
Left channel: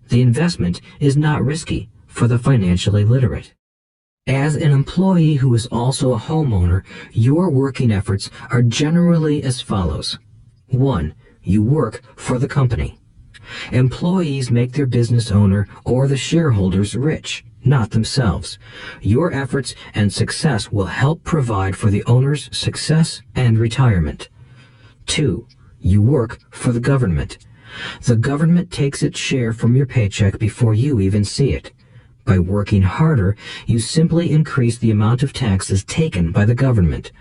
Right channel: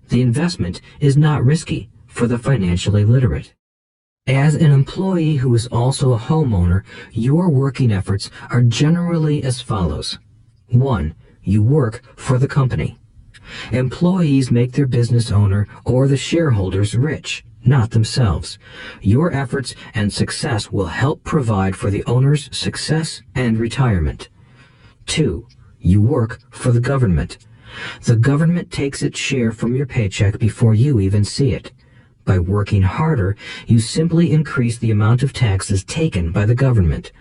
The investment is not risky for the financially literate. As an employee who is also a homeowner, your working efforts are generally as follows. 1. You work for the company. Employees make their business owner or the shareholders rich, not themselves. Your efforts and success will help provide for the owner's success and retirement. 2. You work for the government. The government takes its share from your paycheck before you even see it. By working harder, you simply increase the amount of taxes taken by the government.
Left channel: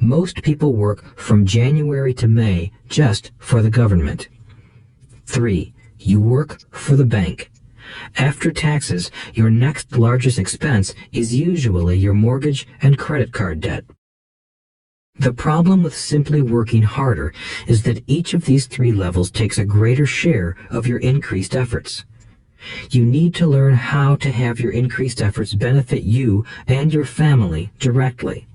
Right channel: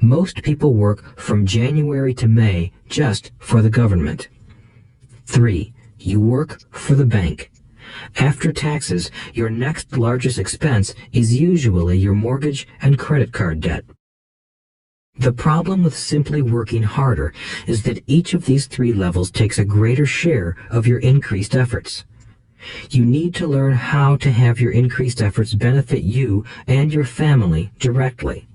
Most people work from January to May just for the government. 3. You work for the bank. After taxes, your next largest expense is usually your mortgage and credit card debt. The problem with simply working harder is that each of these 3 levels takes a greater share of your increased efforts. You need to learn how to have your increased efforts benefit you and your family directly.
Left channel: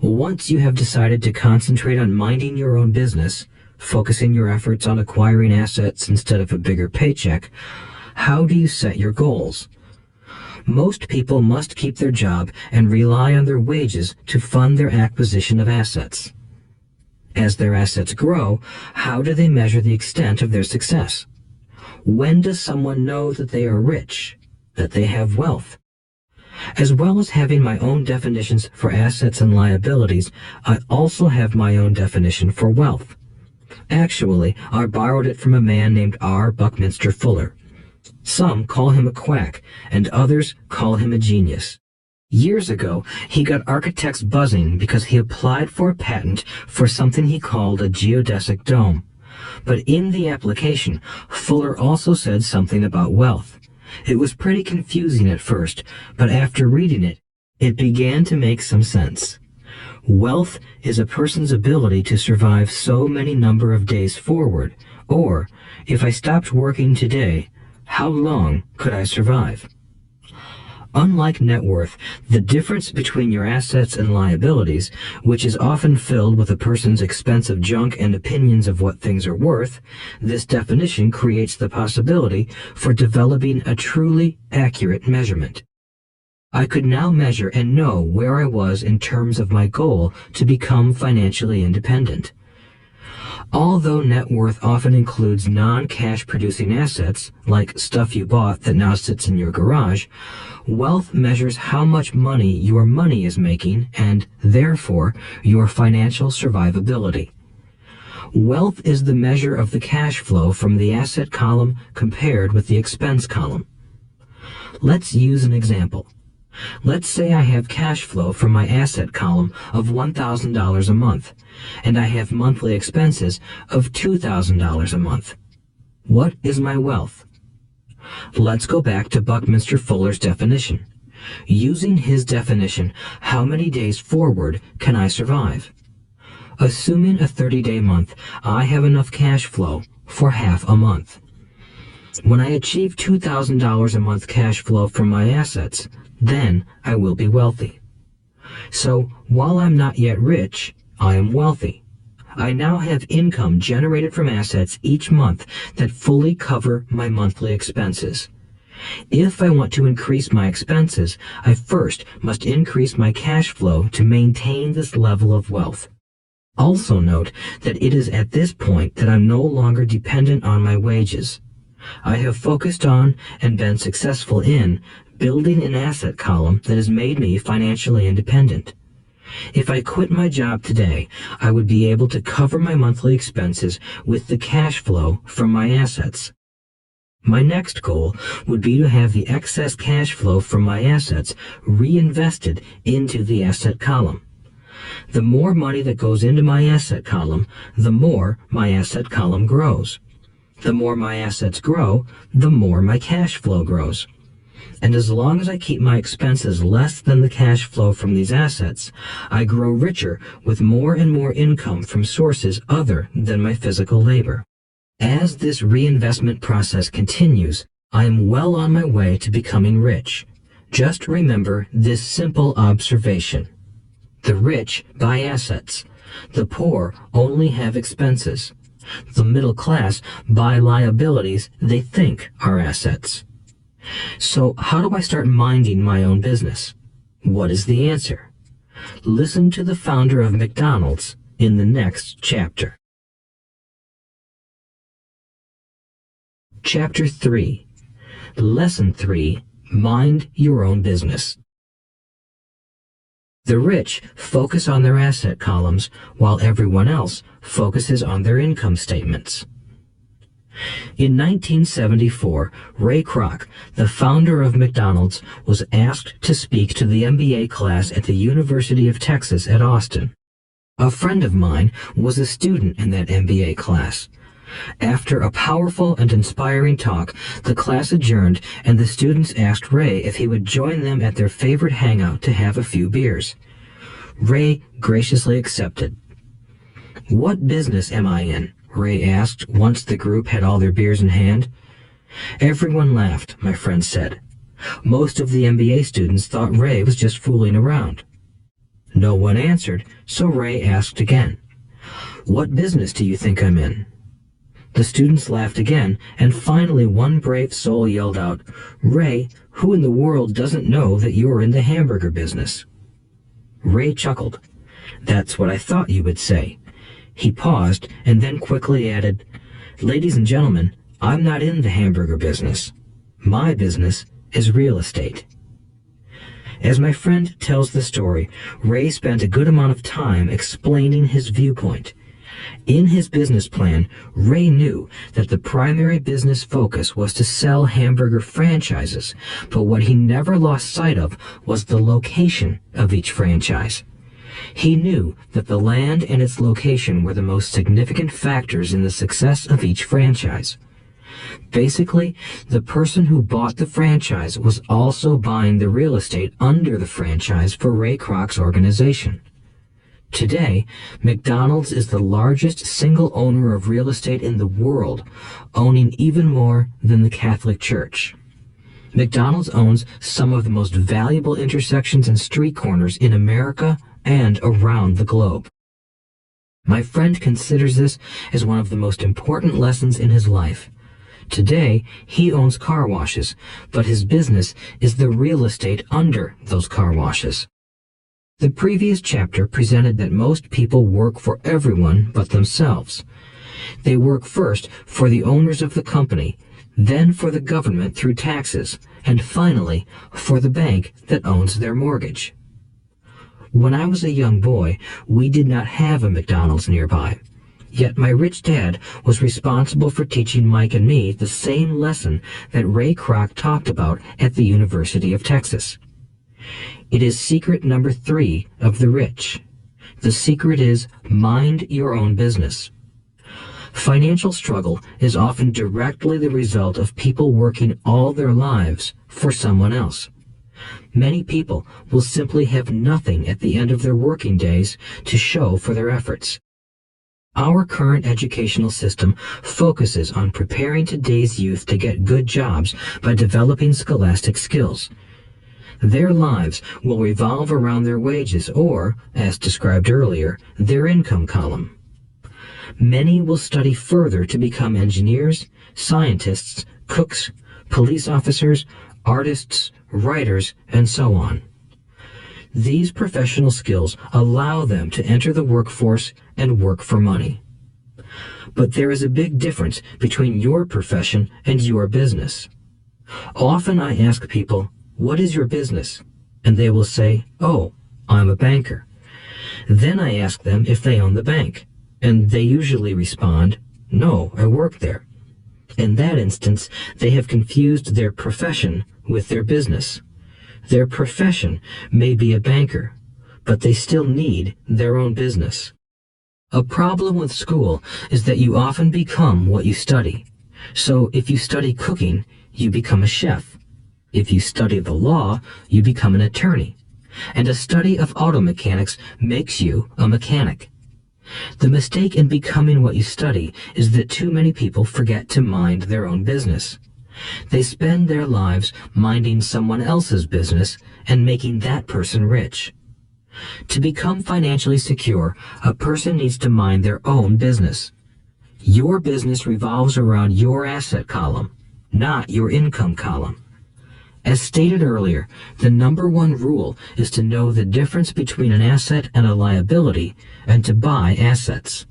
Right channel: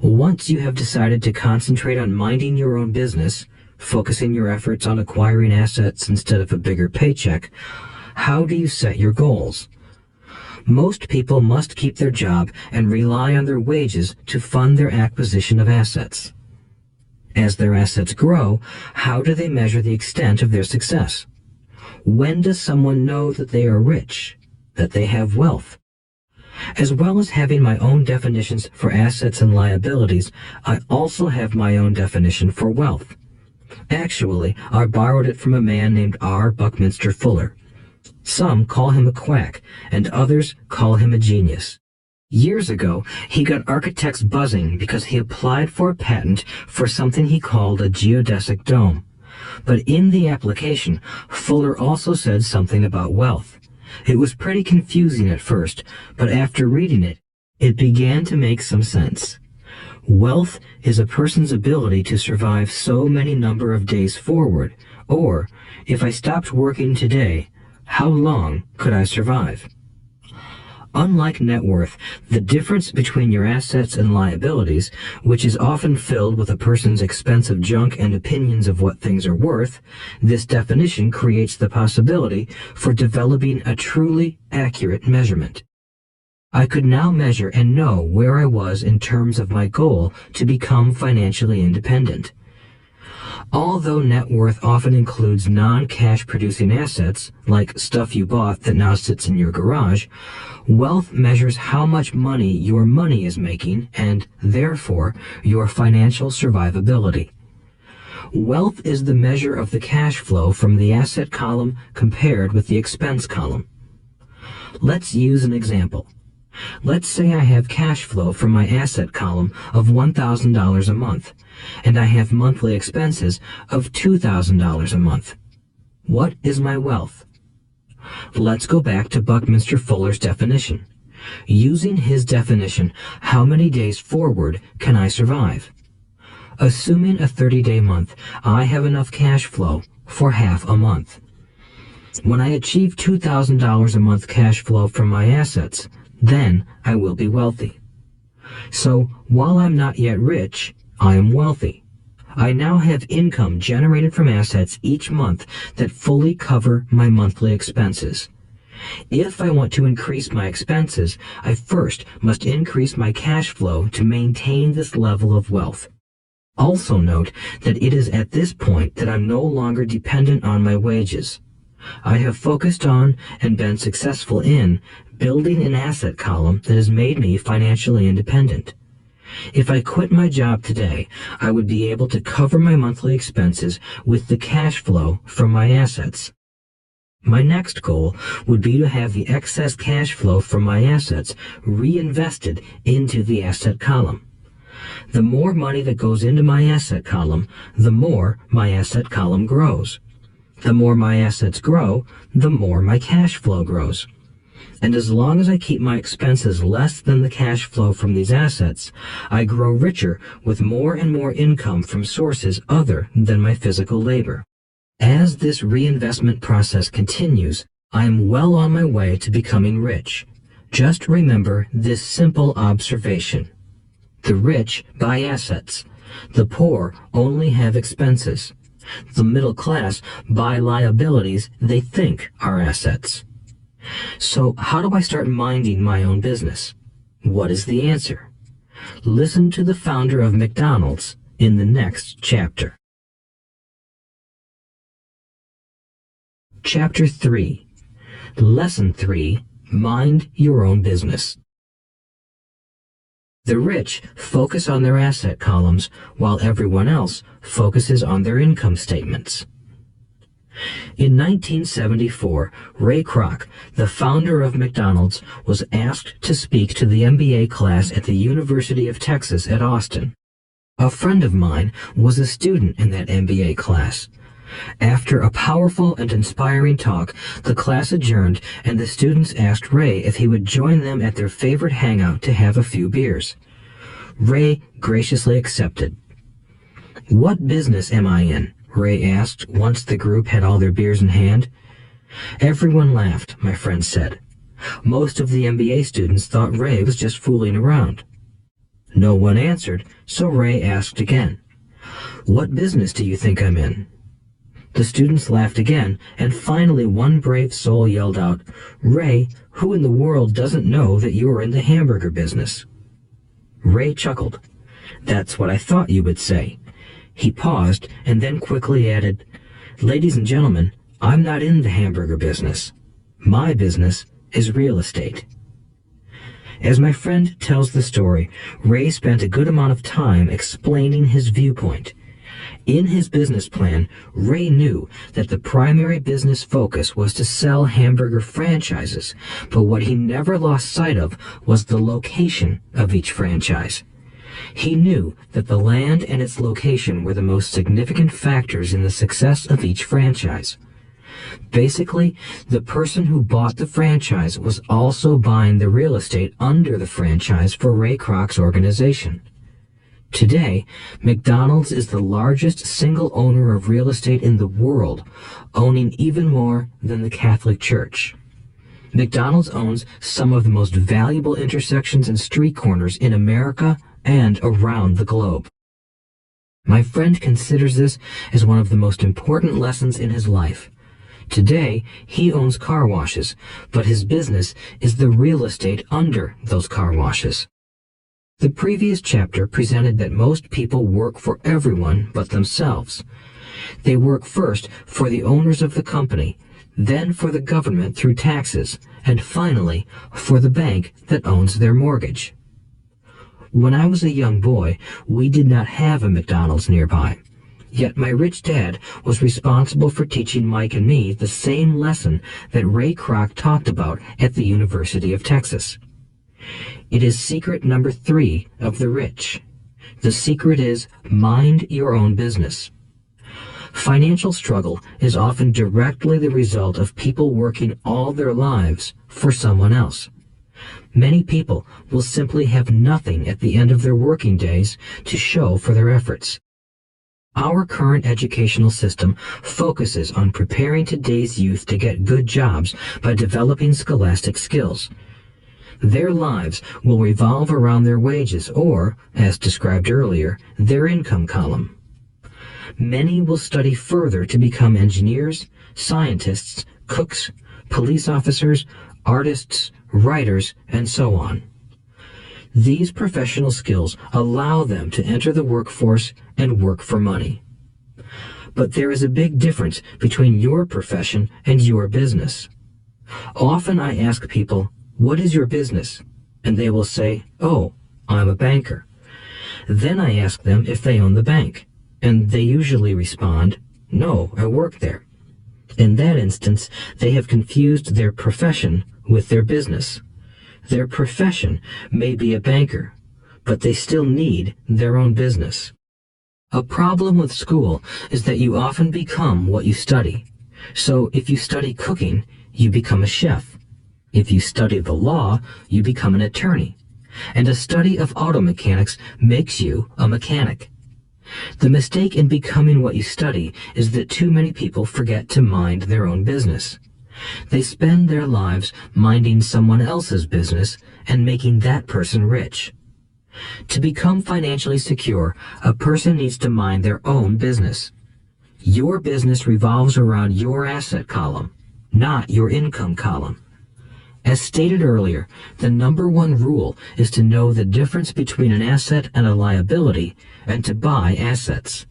Once you have decided to concentrate on minding your own business, focusing your efforts on acquiring assets instead of a bigger paycheck, how do you set your goals? Most people must keep their job and rely on their wages to fund their acquisition of assets. As their assets grow, how do they measure the extent of their success? When does someone know that they are rich, that they have wealth? As well as having my own definitions for assets and liabilities, I also have my own definition for wealth. Actually, I borrowed it from a man named R. Buckminster Fuller. Some call him a quack, and others call him a genius. Years ago, he got architects buzzing because he applied for a patent for something he called a geodesic dome. But in the application, Fuller also said something about wealth. It was pretty confusing at first, but after reading it, it began to make some sense. Wealth is a person's ability to survive so many number of days forward, or, if I stopped working today, how long could I survive? Unlike net worth, the difference between your assets and liabilities, which is often filled with a person's expensive junk and opinions of what things are worth, this definition creates the possibility for developing a truly accurate measurement. I could now measure and know where I was in terms of my goal to become financially independent. Although net worth often includes non-cash producing assets, like stuff you bought that now sits in your garage, wealth measures how much money your money is making and, therefore, your financial survivability. Wealth is the measure of the cash flow from the asset column compared with the expense column. Let's use an example. Let's say I have cash flow from my asset column of $1,000 a month, and I have monthly expenses of $2,000 a month. What is my wealth? Let's go back to Buckminster Fuller's definition. Using his definition, how many days forward can I survive? Assuming a 30-day month, I have enough cash flow for half a month. When I achieve $2,000 a month cash flow from my assets, then I will be wealthy. So, while I'm not yet rich, I am wealthy. I now have income generated from assets each month that fully cover my monthly expenses. If I want to increase my expenses, I first must increase my cash flow to maintain this level of wealth. Also note that it is at this point that I'm no longer dependent on my wages. I have focused on and been successful in building an asset column that has made me financially independent. If I quit my job today, I would be able to cover my monthly expenses with the cash flow from my assets. My next goal would be to have the excess cash flow from my assets reinvested into the asset column. The more money that goes into my asset column, the more my asset column grows. The more my assets grow, the more my cash flow grows. And as long as I keep my expenses less than the cash flow from these assets, I grow richer with more and more income from sources other than my physical labor. As this reinvestment process continues, I am well on my way to becoming rich. Just remember this simple observation. The rich buy assets. The poor only have expenses. The middle class buy liabilities they think are assets. So how do I start minding my own business? What is the answer? Listen to the founder of McDonald's in the next chapter. Chapter 3. Lesson 3. Mind your own business. The rich focus on their asset columns while everyone else focuses on their income statements. In 1974, Ray Kroc, the founder of McDonald's, was asked to speak to the MBA class at the University of Texas at Austin. A friend of mine was a student in that MBA class. After a powerful and inspiring talk, the class adjourned and the students asked Ray if he would join them at their favorite hangout to have a few beers. Ray graciously accepted. "What business am I in?" Ray asked once the group had all their beers in hand. Everyone laughed, my friend said. Most of the MBA students thought Ray was just fooling around. No one answered, so Ray asked again. "What business do you think I'm in?" The students laughed again, and finally one brave soul yelled out, "Ray, who in the world doesn't know that you're in the hamburger business?" Ray chuckled. "That's what I thought you would say." He paused and then quickly added, "Ladies and gentlemen, I'm not in the hamburger business. My business is real estate." As my friend tells the story, Ray spent a good amount of time explaining his viewpoint. In his business plan, Ray knew that the primary business focus was to sell hamburger franchises, but what he never lost sight of was the location of each franchise. He knew that the land and its location were the most significant factors in the success of each franchise. Basically, the person who bought the franchise was also buying the real estate under the franchise for Ray Kroc's organization. Today, McDonald's is the largest single owner of real estate in the world, owning even more than the Catholic Church. McDonald's owns some of the most valuable intersections and street corners in America and around the globe. My friend considers this as one of the most important lessons in his life. Today, he owns car washes, but his business is the real estate under those car washes. The previous chapter presented that most people work for everyone but themselves. They work first for the owners of the company, then for the government through taxes, and finally for the bank that owns their mortgage. When I was a young boy, we did not have a McDonald's nearby. Yet my rich dad was responsible for teaching Mike and me the same lesson that Ray Kroc talked about at the University of Texas. It is secret number 3 of the rich. The secret is mind your own business. Financial struggle is often directly the result of people working all their lives for someone else. Many people will simply have nothing at the end of their working days to show for their efforts. Our current educational system focuses on preparing today's youth to get good jobs by developing scholastic skills. Their lives will revolve around their wages or, as described earlier, their income column. Many will study further to become engineers, scientists, cooks, police officers, artists, writers, and so on. These professional skills allow them to enter the workforce and work for money. But there is a big difference between your profession and your business. Often I ask people, "What is your business?" And they will say, "Oh, I'm a banker." Then I ask them if they own the bank, and they usually respond, "No, I work there." In that instance, they have confused their profession with their business. Their profession may be a banker, but they still need their own business. A problem with school is that you often become what you study. So if you study cooking, you become a chef. If you study the law, you become an attorney. And a study of auto mechanics makes you a mechanic. The mistake in becoming what you study is that too many people forget to mind their own business. They spend their lives minding someone else's business and making that person rich. To become financially secure, a person needs to mind their own business. Your business revolves around your asset column, not your income column. As stated earlier, the number one rule is to know the difference between an asset and a liability and to buy assets.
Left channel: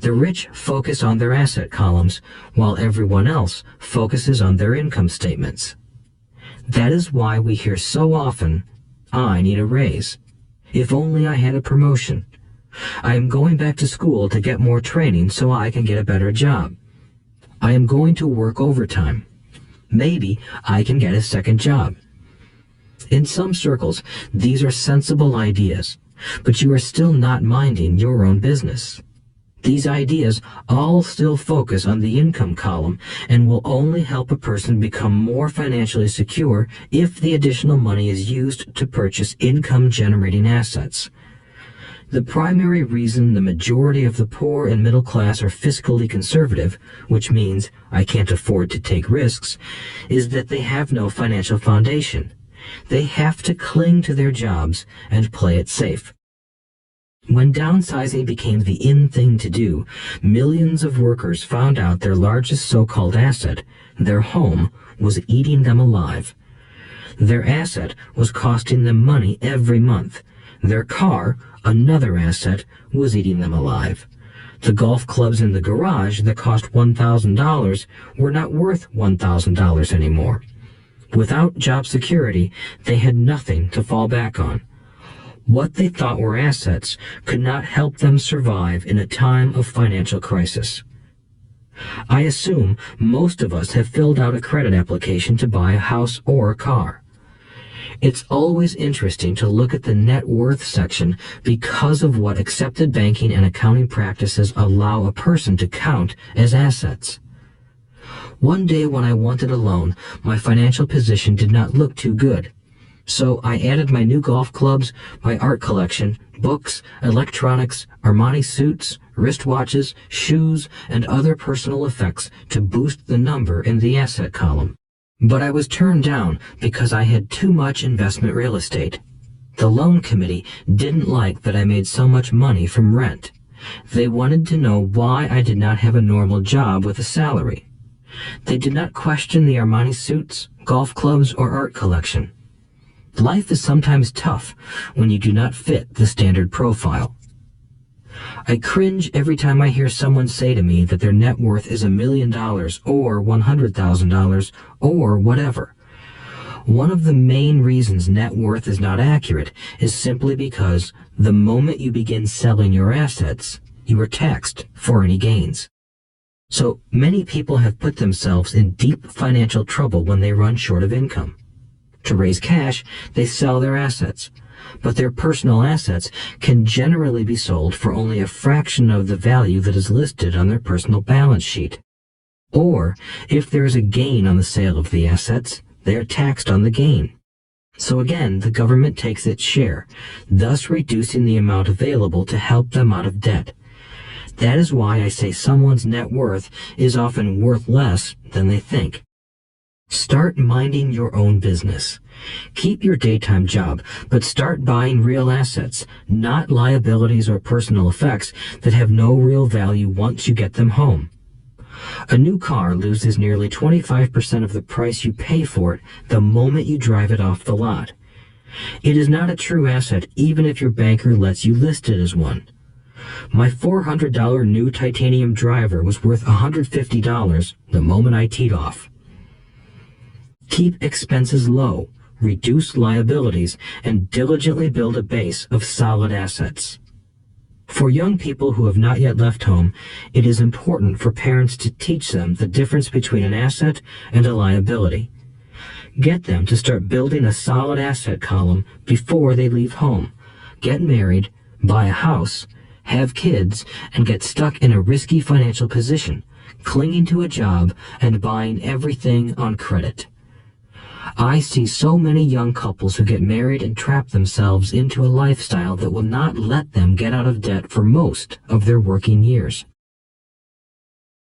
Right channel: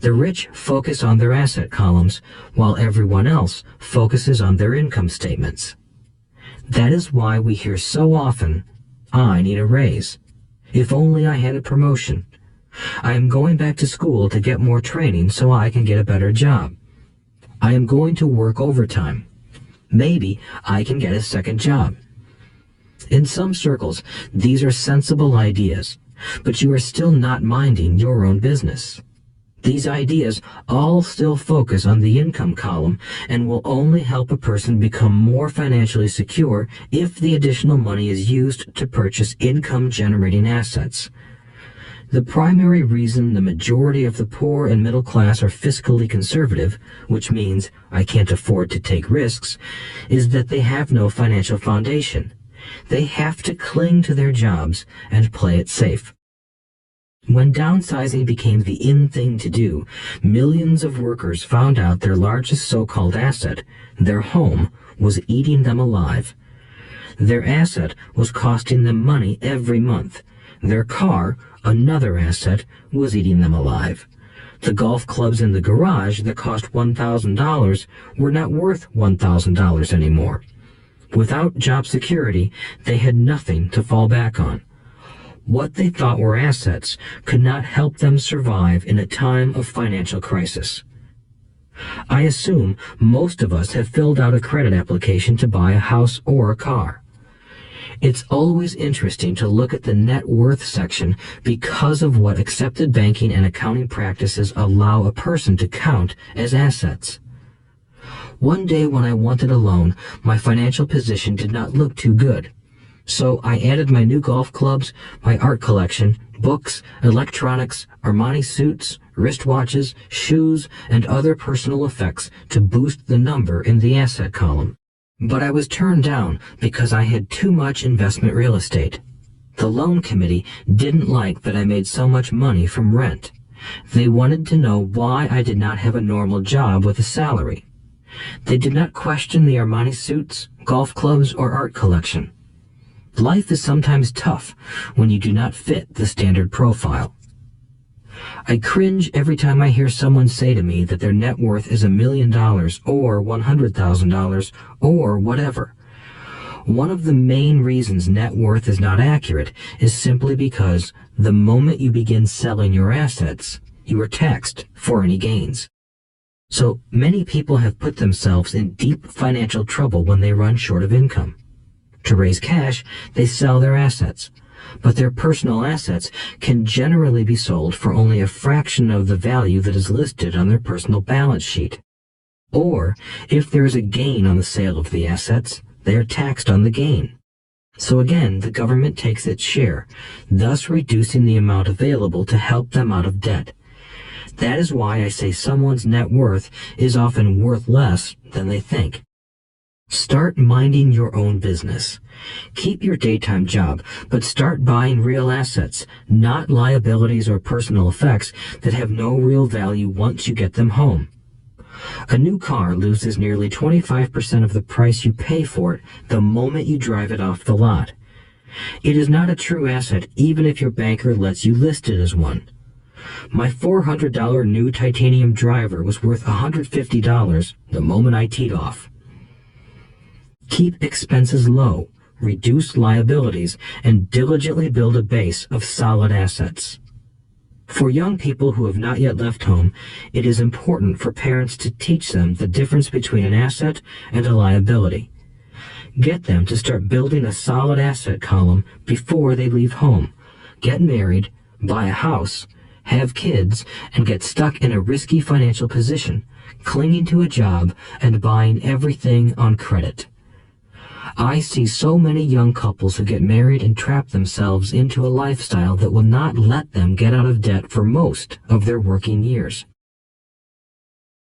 The rich focus on their asset columns, while everyone else focuses on their income statements. That is why we hear so often, "I need a raise. If only I had a promotion. I am going back to school to get more training so I can get a better job. I am going to work overtime. Maybe I can get a second job." In some circles, these are sensible ideas, but you are still not minding your own business. These ideas all still focus on the income column and will only help a person become more financially secure if the additional money is used to purchase income-generating assets. The primary reason the majority of the poor and middle class are fiscally conservative, which means I can't afford to take risks, is that they have no financial foundation. They have to cling to their jobs and play it safe. When downsizing became the in thing to do, millions of workers found out their largest so-called asset, their home, was eating them alive. Their asset was costing them money every month. Their car, another asset, was eating them alive. The golf clubs in the garage that cost $1,000 were not worth $1,000 anymore. Without job security, they had nothing to fall back on. What they thought were assets could not help them survive in a time of financial crisis. I assume most of us have filled out a credit application to buy a house or a car. It's always interesting to look at the net worth section because of what accepted banking and accounting practices allow a person to count as assets. One day when I wanted a loan, my financial position did not look too good. So I added my new golf clubs, my art collection, books, electronics, Armani suits, wristwatches, shoes, and other personal effects to boost the number in the asset column. But I was turned down because I had too much investment real estate. The loan committee didn't like that I made so much money from rent. They wanted to know why I did not have a normal job with a salary. They did not question the Armani suits, golf clubs, or art collection. Life is sometimes tough when you do not fit the standard profile. I cringe every time I hear someone say to me that their net worth is $1 million or $100,000 or whatever. One of the main reasons net worth is not accurate is simply because the moment you begin selling your assets, you are taxed for any gains. So many people have put themselves in deep financial trouble when they run short of income. To raise cash, they sell their assets, but their personal assets can generally be sold for only a fraction of the value that is listed on their personal balance sheet. Or, if there is a gain on the sale of the assets, they are taxed on the gain. So again, the government takes its share, thus reducing the amount available to help them out of debt. That is why I say someone's net worth is often worth less than they think. Start minding your own business. Keep your daytime job, but start buying real assets, not liabilities or personal effects that have no real value once you get them home. A new car loses nearly 25% of the price you pay for it the moment you drive it off the lot. It is not a true asset even if your banker lets you list it as one. My $400 new titanium driver was worth $150 the moment I teed off. Keep expenses low, reduce liabilities, and diligently build a base of solid assets. For young people who have not yet left home, it is important for parents to teach them the difference between an asset and a liability. Get them to start building a solid asset column before they leave home, get married, buy a house, have kids, and get stuck in a risky financial position, clinging to a job and buying everything on credit. I see so many young couples who get married and trap themselves into a lifestyle that will not let them get out of debt for most of their working years.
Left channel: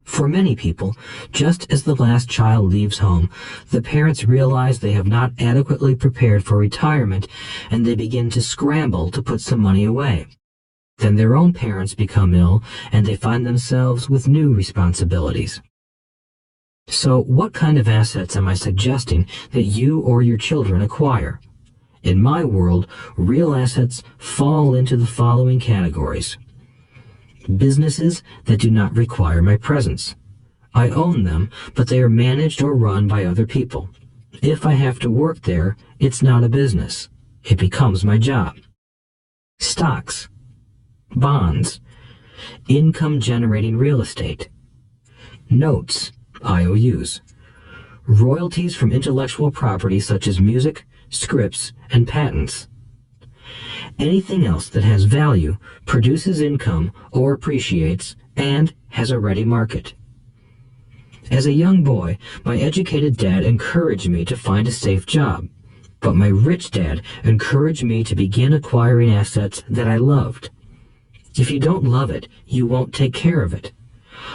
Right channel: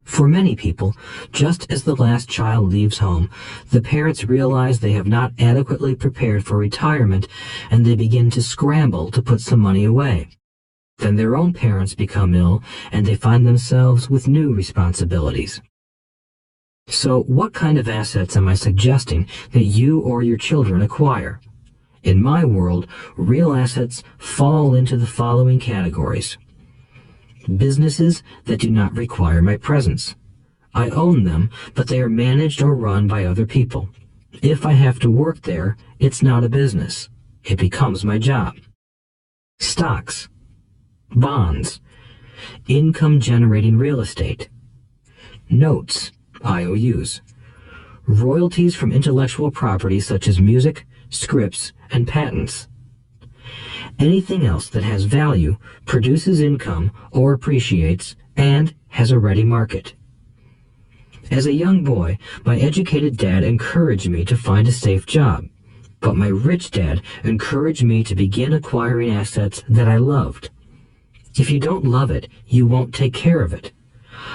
For many people, just as the last child leaves home, the parents realize they have not adequately prepared for retirement and they begin to scramble to put some money away. Then their own parents become ill and they find themselves with new responsibilities. So what kind of assets am I suggesting that you or your children acquire? In my world, real assets fall into the following categories. Businesses that do not require my presence. I own them, but they are managed or run by other people. If I have to work there, it's not a business. It becomes my job. Stocks, bonds, income-generating real estate, notes, IOUs, royalties from intellectual property such as music, scripts, and patents. Anything else that has value, produces income, or appreciates, and has a ready market. As a young boy, my educated dad encouraged me to find a safe job, but my rich dad encouraged me to begin acquiring assets that I loved. If you don't love it, you won't take care of it.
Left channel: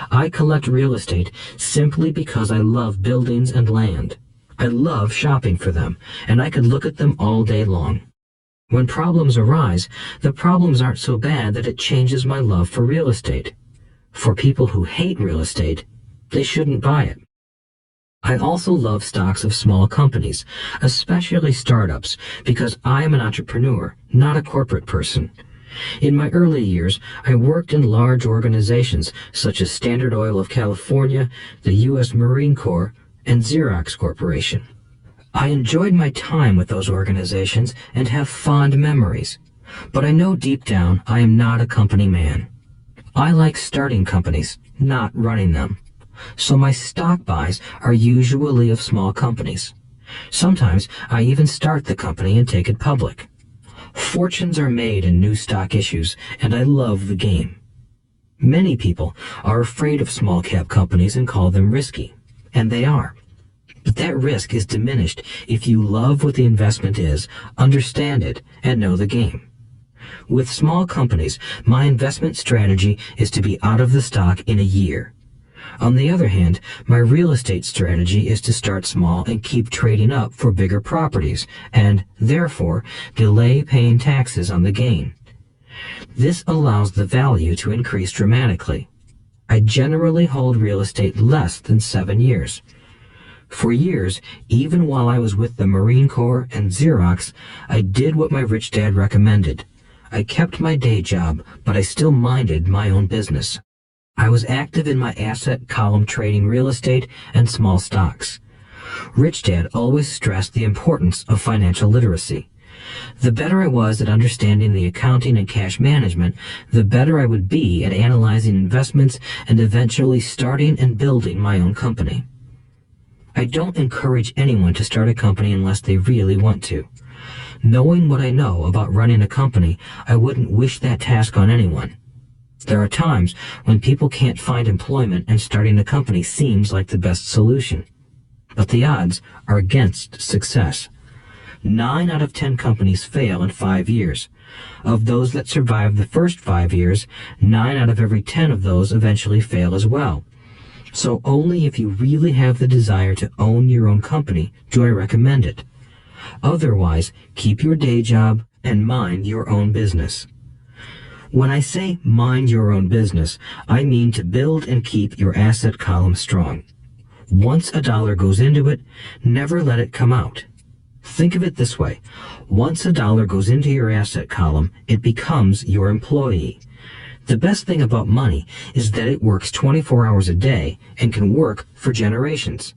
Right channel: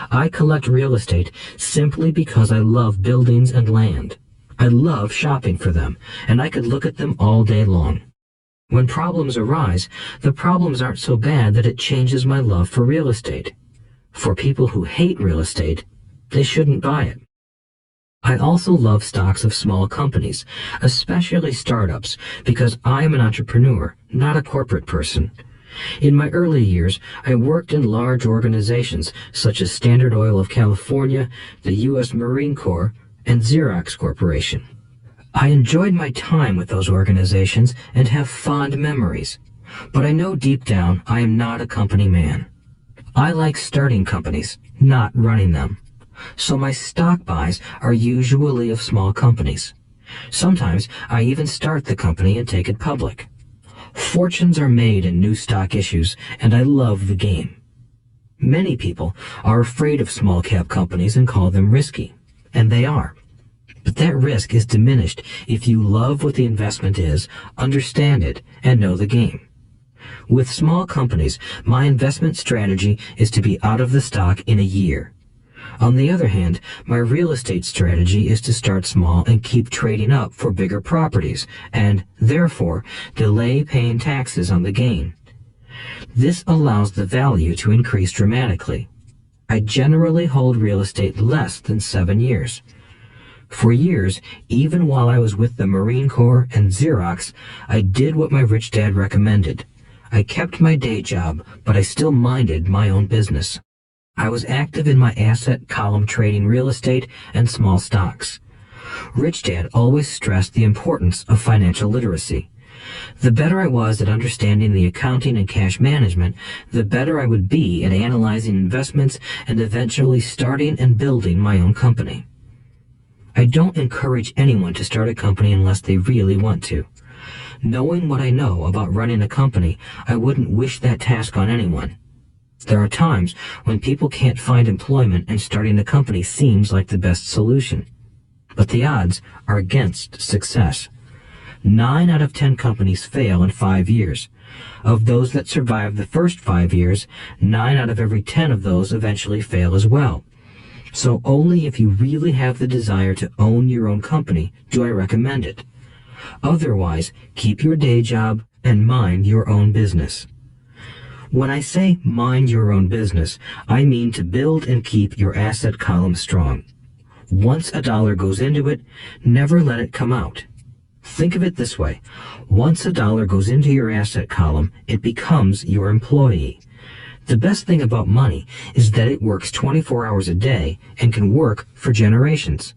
I collect real estate simply because I love buildings and land. I love shopping for them, and I could look at them all day long. When problems arise, the problems aren't so bad that it changes my love for real estate. For people who hate real estate, they shouldn't buy it. I also love stocks of small companies, especially startups, because I am an entrepreneur, not a corporate person. In my early years, I worked in large organizations such as Standard Oil of California, the U.S. Marine Corps, and Xerox Corporation. I enjoyed my time with those organizations and have fond memories, but I know deep down I am not a company man. I like starting companies, not running them. So my stock buys are usually of small companies. Sometimes I even start the company and take it public. Fortunes are made in new stock issues, and I love the game. Many people are afraid of small cap companies and call them risky, and they are. But that risk is diminished if you love what the investment is, understand it, and know the game. With small companies, my investment strategy is to be out of the stock in a year. On the other hand, my real estate strategy is to start small and keep trading up for bigger properties, and, therefore, delay paying taxes on the gain. This allows the value to increase dramatically. I generally hold real estate less than 7 years. For years, even while I was with the Marine Corps and Xerox, I did what my rich dad recommended. I kept my day job, but I still minded my own business. I was active in my asset column trading real estate and small stocks. Rich Dad always stressed the importance of financial literacy. The better I was at understanding the accounting and cash management, the better I would be at analyzing investments and eventually starting and building my own company. I don't encourage anyone to start a company unless they really want to. Knowing what I know about running a company, I wouldn't wish that task on anyone. There are times when people can't find employment and starting a company seems like the best solution. But the odds are against success. 9 out of 10 companies fail in 5 years. Of those that survive the first 5 years, 9 out of every 10 of those eventually fail as well. So only if you really have the desire to own your own company do I recommend it. Otherwise, keep your day job and mind your own business. When I say mind your own business, I mean to build and keep your asset column strong. Once a dollar goes into it, never let it come out. Think of it this way. Once a dollar goes into your asset column, it becomes your employee. The best thing about money is that it works 24 hours a day and can work for generations.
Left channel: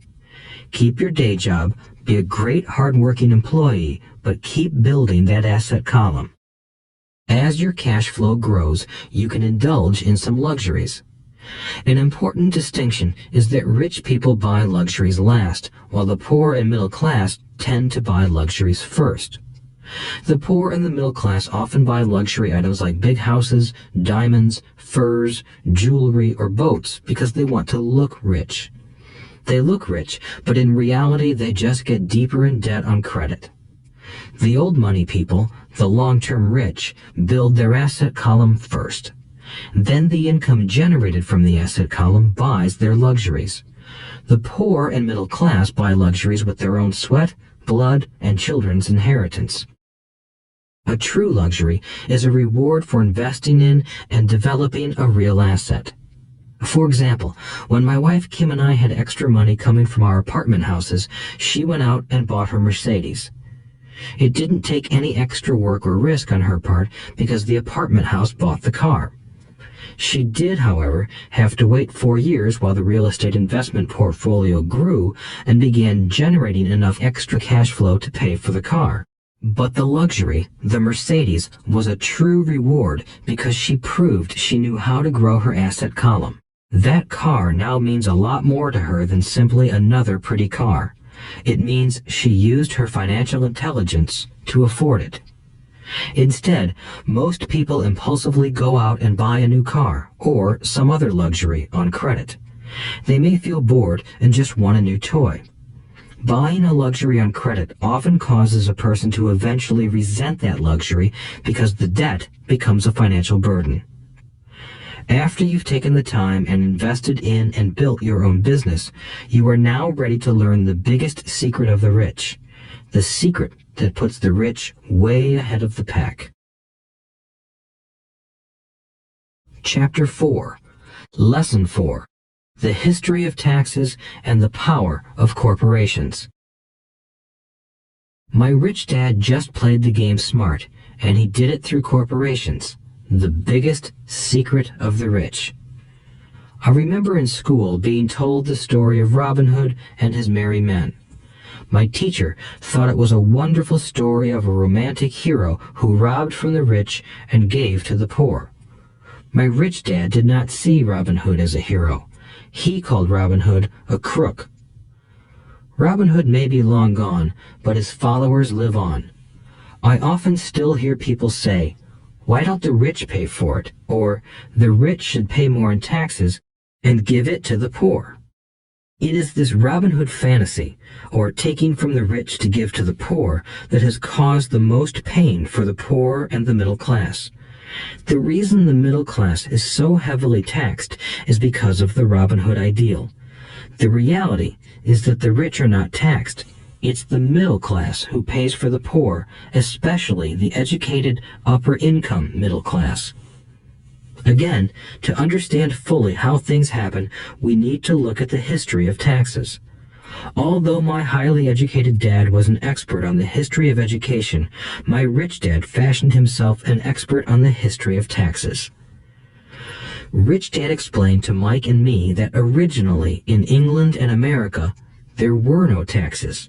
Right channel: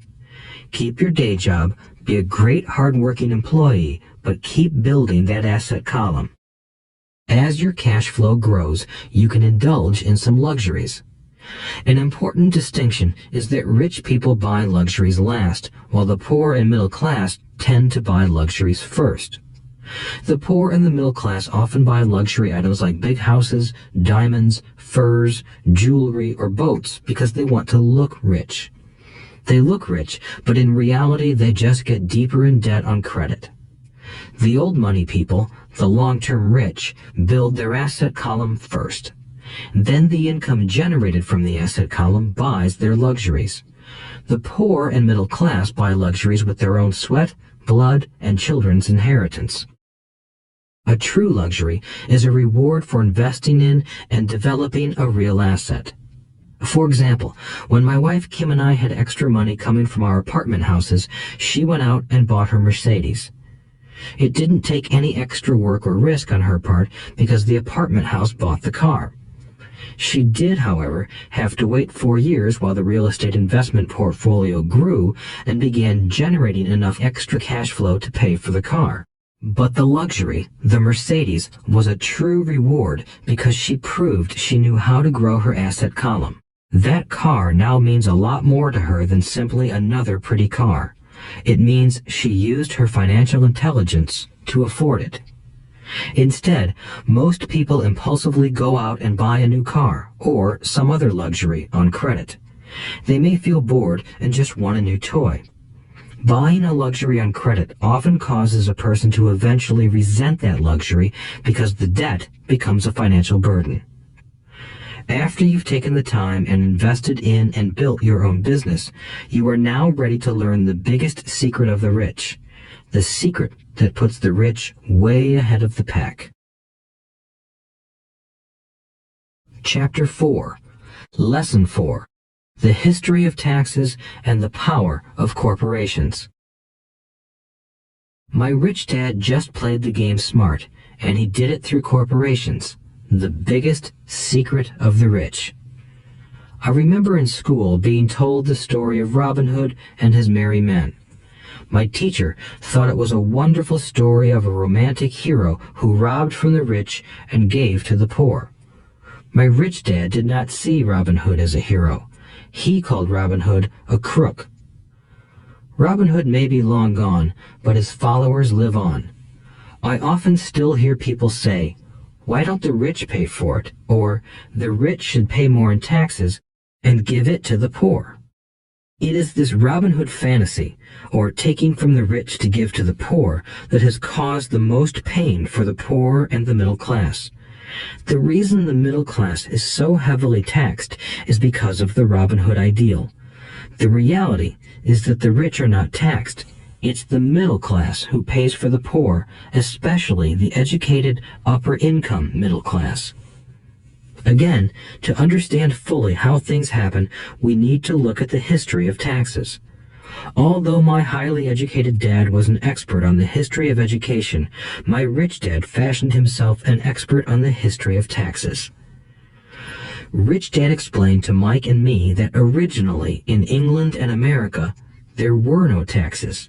Keep your day job, be a great hard-working employee, but keep building that asset column. As your cash flow grows, you can indulge in some luxuries. An important distinction is that rich people buy luxuries last, while the poor and middle class tend to buy luxuries first. The poor and the middle class often buy luxury items like big houses, diamonds, furs, jewelry, or boats because they want to look rich. They look rich, but in reality they just get deeper in debt on credit. The old money people, the long-term rich, build their asset column first. Then the income generated from the asset column buys their luxuries. The poor and middle class buy luxuries with their own sweat, blood, and children's inheritance. A true luxury is a reward for investing in and developing a real asset. For example, when my wife Kim and I had extra money coming from our apartment houses, she went out and bought her Mercedes. It didn't take any extra work or risk on her part because the apartment house bought the car. She did, however, have to wait 4 years while the real estate investment portfolio grew and began generating enough extra cash flow to pay for the car. But the luxury, the Mercedes, was a true reward because she proved she knew how to grow her asset column. That car now means a lot more to her than simply another pretty car. It means she used her financial intelligence to afford it. Instead, most people impulsively go out and buy a new car or some other luxury on credit. They may feel bored and just want a new toy. Buying a luxury on credit often causes a person to eventually resent that luxury because the debt becomes a financial burden. After you've taken the time and invested in and built your own business, you are now ready to learn the biggest secret of the rich, the secret that puts the rich way ahead of the pack. Chapter 4. Lesson 4. The History of Taxes and the Power of Corporations. My rich dad just played the game smart, and he did it through corporations, the biggest secret of the rich. I remember in school being told the story of Robin Hood and his merry men. My teacher thought it was a wonderful story of a romantic hero who robbed from the rich and gave to the poor. My rich dad did not see Robin Hood as a hero. He called Robin Hood a crook. Robin Hood may be long gone, but his followers live on. I often still hear people say, "Why don't the rich pay for it?" or "The rich should pay more in taxes and give it to the poor." It is this Robin Hood fantasy, or taking from the rich to give to the poor, that has caused the most pain for the poor and the middle class. The reason the middle class is so heavily taxed is because of the Robin Hood ideal. The reality is that the rich are not taxed. It's the middle class who pays for the poor, especially the educated, upper-income middle class. Again, to understand fully how things happen, we need to look at the history of taxes. Although my highly educated dad was an expert on the history of education, my rich dad fashioned himself an expert on the history of taxes. Rich Dad explained to Mike and me that originally in England and America, there were no taxes.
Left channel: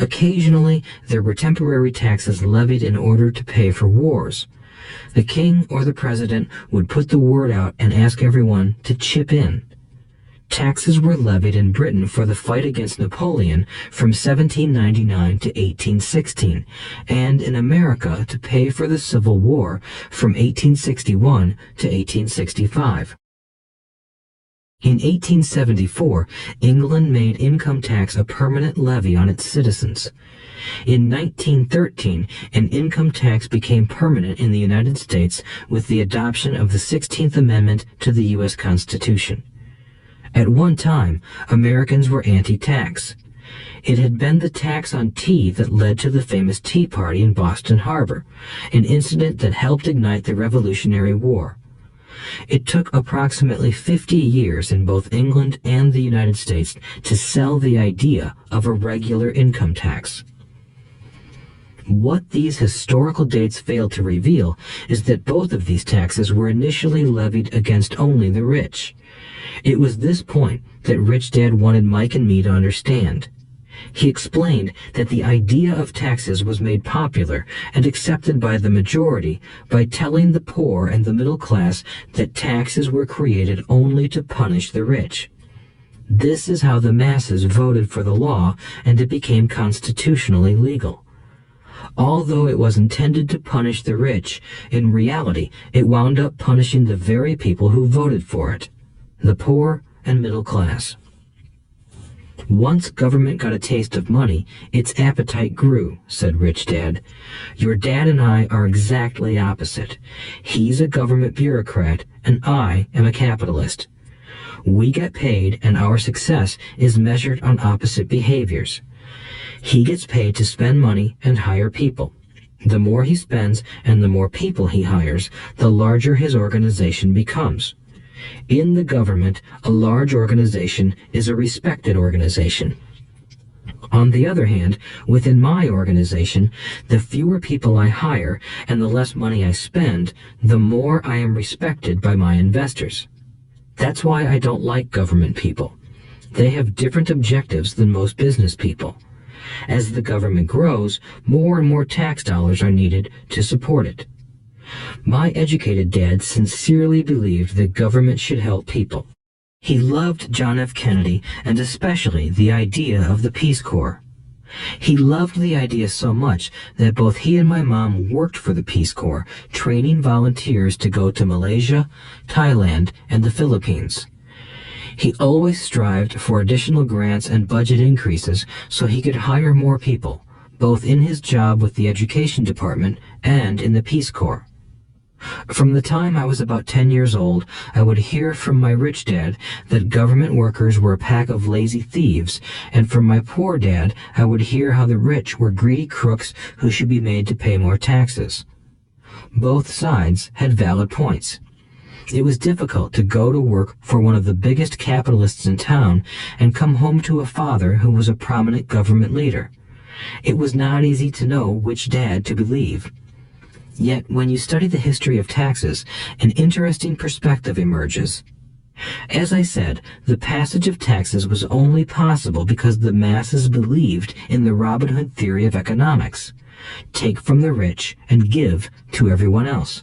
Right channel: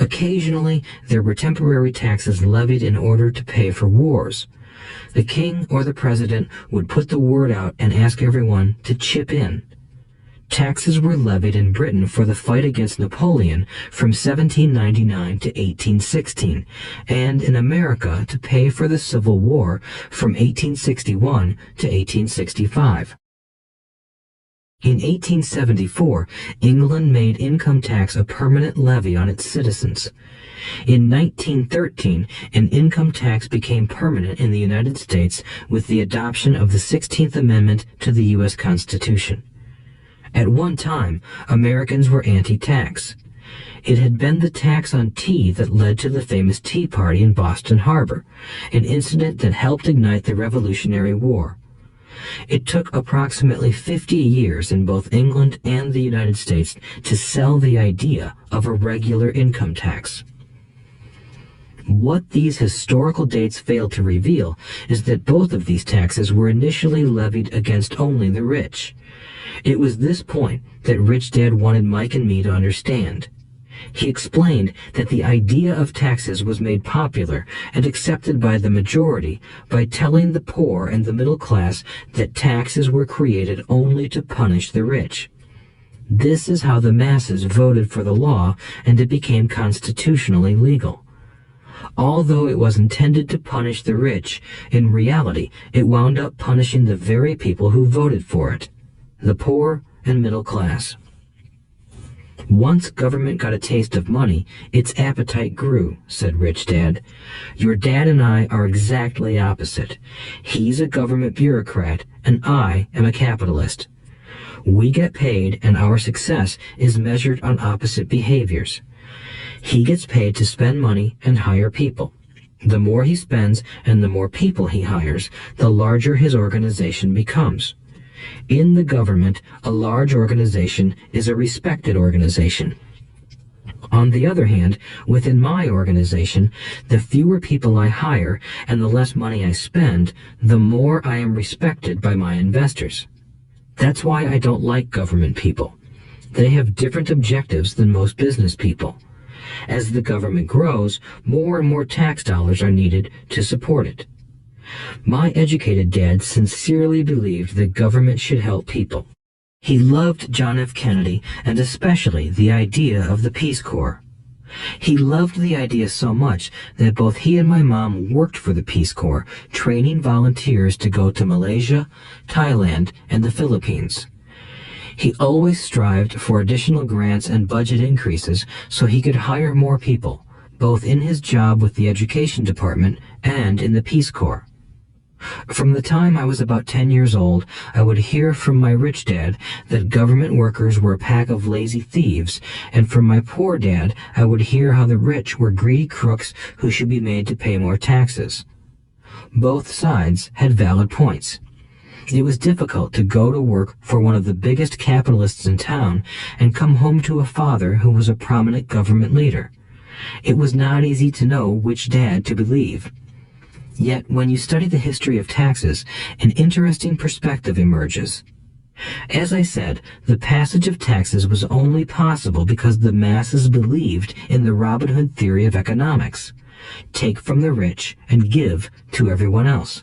Occasionally, there were temporary taxes levied in order to pay for wars. The king or the president would put the word out and ask everyone to chip in. Taxes were levied in Britain for the fight against Napoleon from 1799 to 1816, and in America to pay for the Civil War from 1861 to 1865. In 1874, England made income tax a permanent levy on its citizens. In 1913, an income tax became permanent in the United States with the adoption of the 16th Amendment to the U.S. Constitution. At one time, Americans were anti-tax. It had been the tax on tea that led to the famous Tea Party in Boston Harbor, an incident that helped ignite the Revolutionary War. It took approximately 50 years in both England and the United States to sell the idea of a regular income tax. What these historical dates fail to reveal is that both of these taxes were initially levied against only the rich. It was this point that Rich Dad wanted Mike and me to understand. He explained that the idea of taxes was made popular and accepted by the majority by telling the poor and the middle class that taxes were created only to punish the rich. This is how the masses voted for the law, and it became constitutionally legal. Although it was intended to punish the rich, in reality it wound up punishing the very people who voted for it, the poor and middle class. Once government got a taste of money, its appetite grew, said Rich Dad. Your dad and I are exactly opposite. He's a government bureaucrat, and I am a capitalist. We get paid, and our success is measured on opposite behaviors. He gets paid to spend money and hire people. The more he spends and the more people he hires, the larger his organization becomes. In the government, a large organization is a respected organization. On the other hand, within my organization, the fewer people I hire and the less money I spend, the more I am respected by my investors. That's why I don't like government people. They have different objectives than most business people. As the government grows, more and more tax dollars are needed to support it. My educated dad sincerely believed that government should help people. He loved John F. Kennedy and especially the idea of the Peace Corps. He loved the idea so much that both he and my mom worked for the Peace Corps, training volunteers to go to Malaysia, Thailand, and the Philippines. He always strived for additional grants and budget increases so he could hire more people, both in his job with the Education Department and in the Peace Corps. From the time I was about 10 years old, I would hear from my rich dad that government workers were a pack of lazy thieves, and from my poor dad, I would hear how the rich were greedy crooks who should be made to pay more taxes. Both sides had valid points. It was difficult to go to work for one of the biggest capitalists in town and come home to a father who was a prominent government leader. It was not easy to know which dad to believe. Yet, when you study the history of taxes, an interesting perspective emerges. As I said, the passage of taxes was only possible because the masses believed in the Robin Hood theory of economics. Take from the rich and give to everyone else.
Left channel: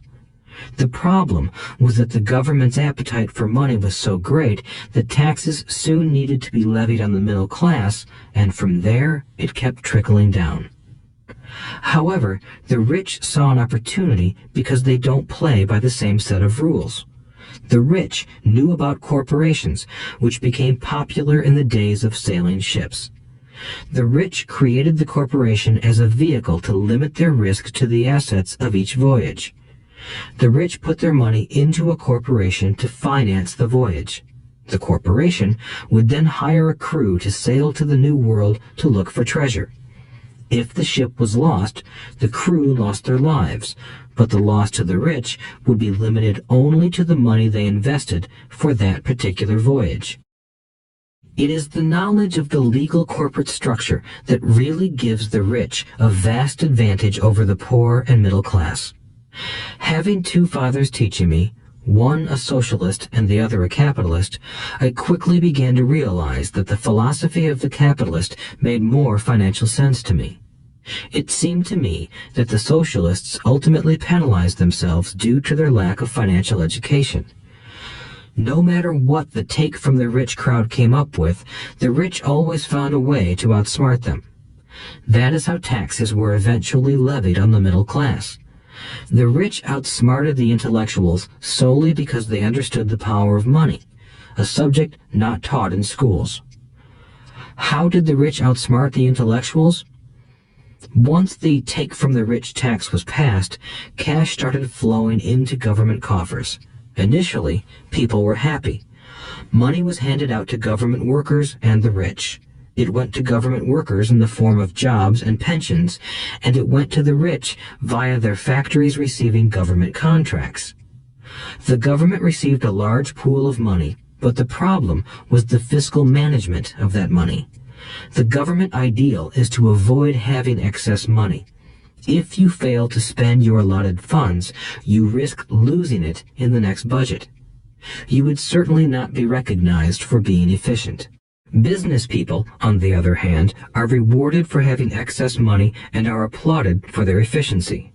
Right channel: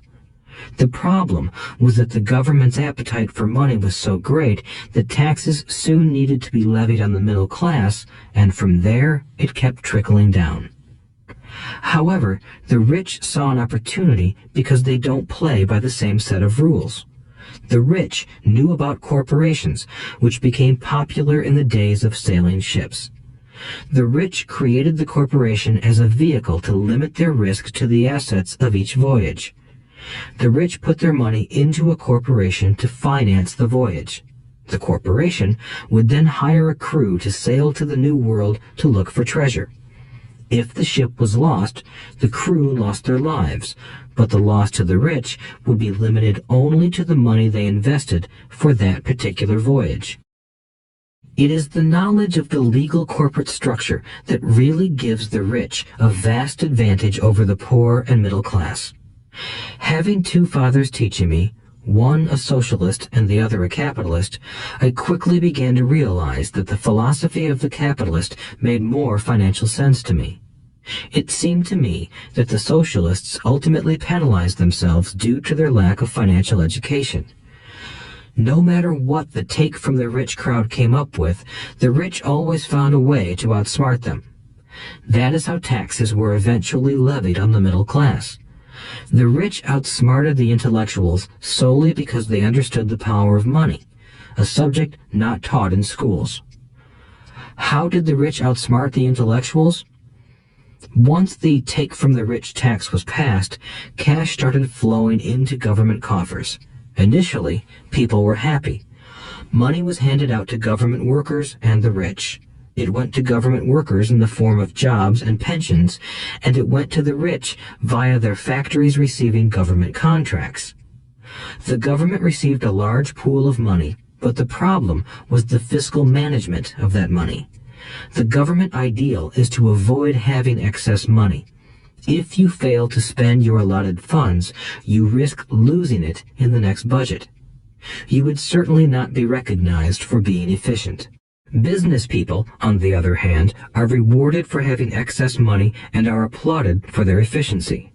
The problem was that the government's appetite for money was so great that taxes soon needed to be levied on the middle class, and from there it kept trickling down. However, the rich saw an opportunity because they don't play by the same set of rules. The rich knew about corporations, which became popular in the days of sailing ships. The rich created the corporation as a vehicle to limit their risk to the assets of each voyage. The rich put their money into a corporation to finance the voyage. The corporation would then hire a crew to sail to the New World to look for treasure. If the ship was lost, the crew lost their lives, but the loss to the rich would be limited only to the money they invested for that particular voyage. It is the knowledge of the legal corporate structure that really gives the rich a vast advantage over the poor and middle class. Having two fathers teaching me, one a socialist and the other a capitalist, I quickly began to realize that the philosophy of the capitalist made more financial sense to me. It seemed to me that the socialists ultimately penalized themselves due to their lack of financial education. No matter what the take from the rich crowd came up with, the rich always found a way to outsmart them. That is how taxes were eventually levied on the middle class. The rich outsmarted the intellectuals solely because they understood the power of money, a subject not taught in schools. How did the rich outsmart the intellectuals? Once the take from the rich tax was passed, cash started flowing into government coffers. Initially, people were happy. Money was handed out to government workers and the rich. It went to government workers in the form of jobs and pensions, and it went to the rich via their factories receiving government contracts. The government received a large pool of money, but the problem was the fiscal management of that money. The government ideal is to avoid having excess money. If you fail to spend your allotted funds, you risk losing it in the next budget. You would certainly not be recognized for being efficient. Business people, on the other hand, are rewarded for having excess money and are applauded for their efficiency.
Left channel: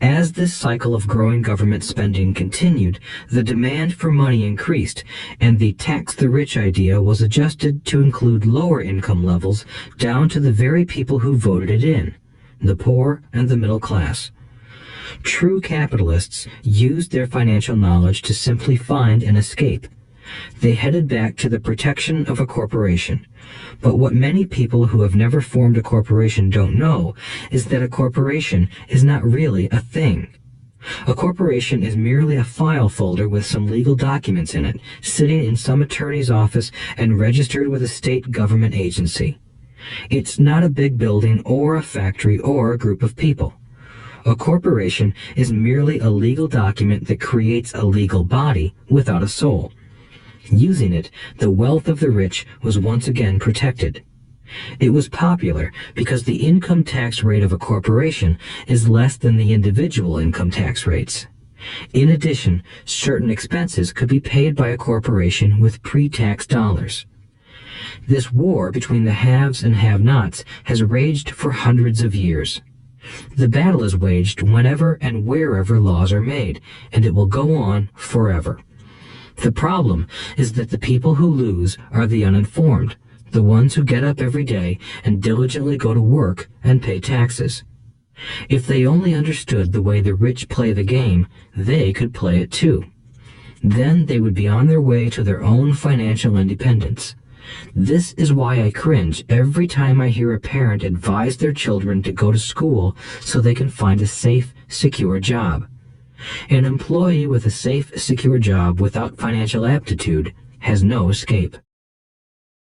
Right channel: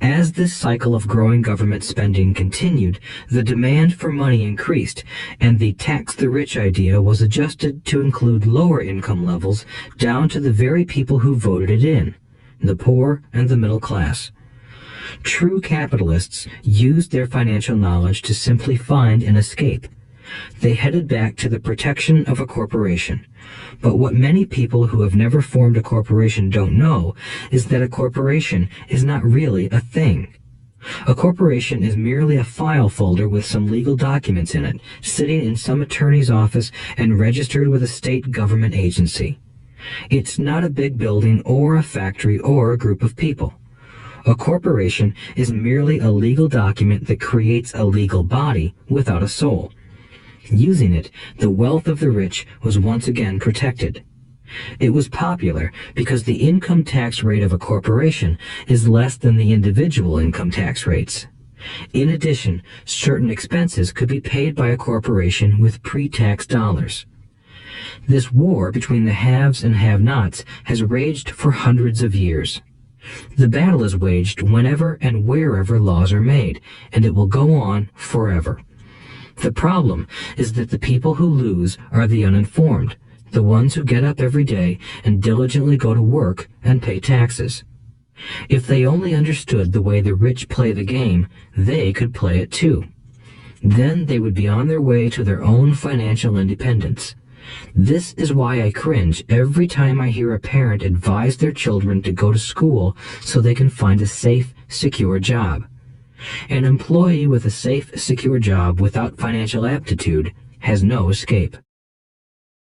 As this cycle of growing government spending continued, the demand for money increased, and the tax the rich idea was adjusted to include lower income levels down to the very people who voted it in, the poor and the middle class. True capitalists used their financial knowledge to simply find an escape. They headed back to the protection of a corporation. But what many people who have never formed a corporation don't know is that a corporation is not really a thing. A corporation is merely a file folder with some legal documents in it, sitting in some attorney's office and registered with a state government agency. It's not a big building or a factory or a group of people. A corporation is merely a legal document that creates a legal body without a soul. Using it, the wealth of the rich was once again protected. It was popular because the income tax rate of a corporation is less than the individual income tax rates. In addition, certain expenses could be paid by a corporation with pre-tax dollars. This war between the haves and have-nots has raged for hundreds of years. The battle is waged whenever and wherever laws are made, and it will go on forever. The problem is that the people who lose are the uninformed, the ones who get up every day and diligently go to work and pay taxes. If they only understood the way the rich play the game, they could play it too. Then they would be on their way to their own financial independence. This is why I cringe every time I hear a parent advise their children to go to school so they can find a safe, secure job. An employee with a safe, secure job without financial aptitude has no escape.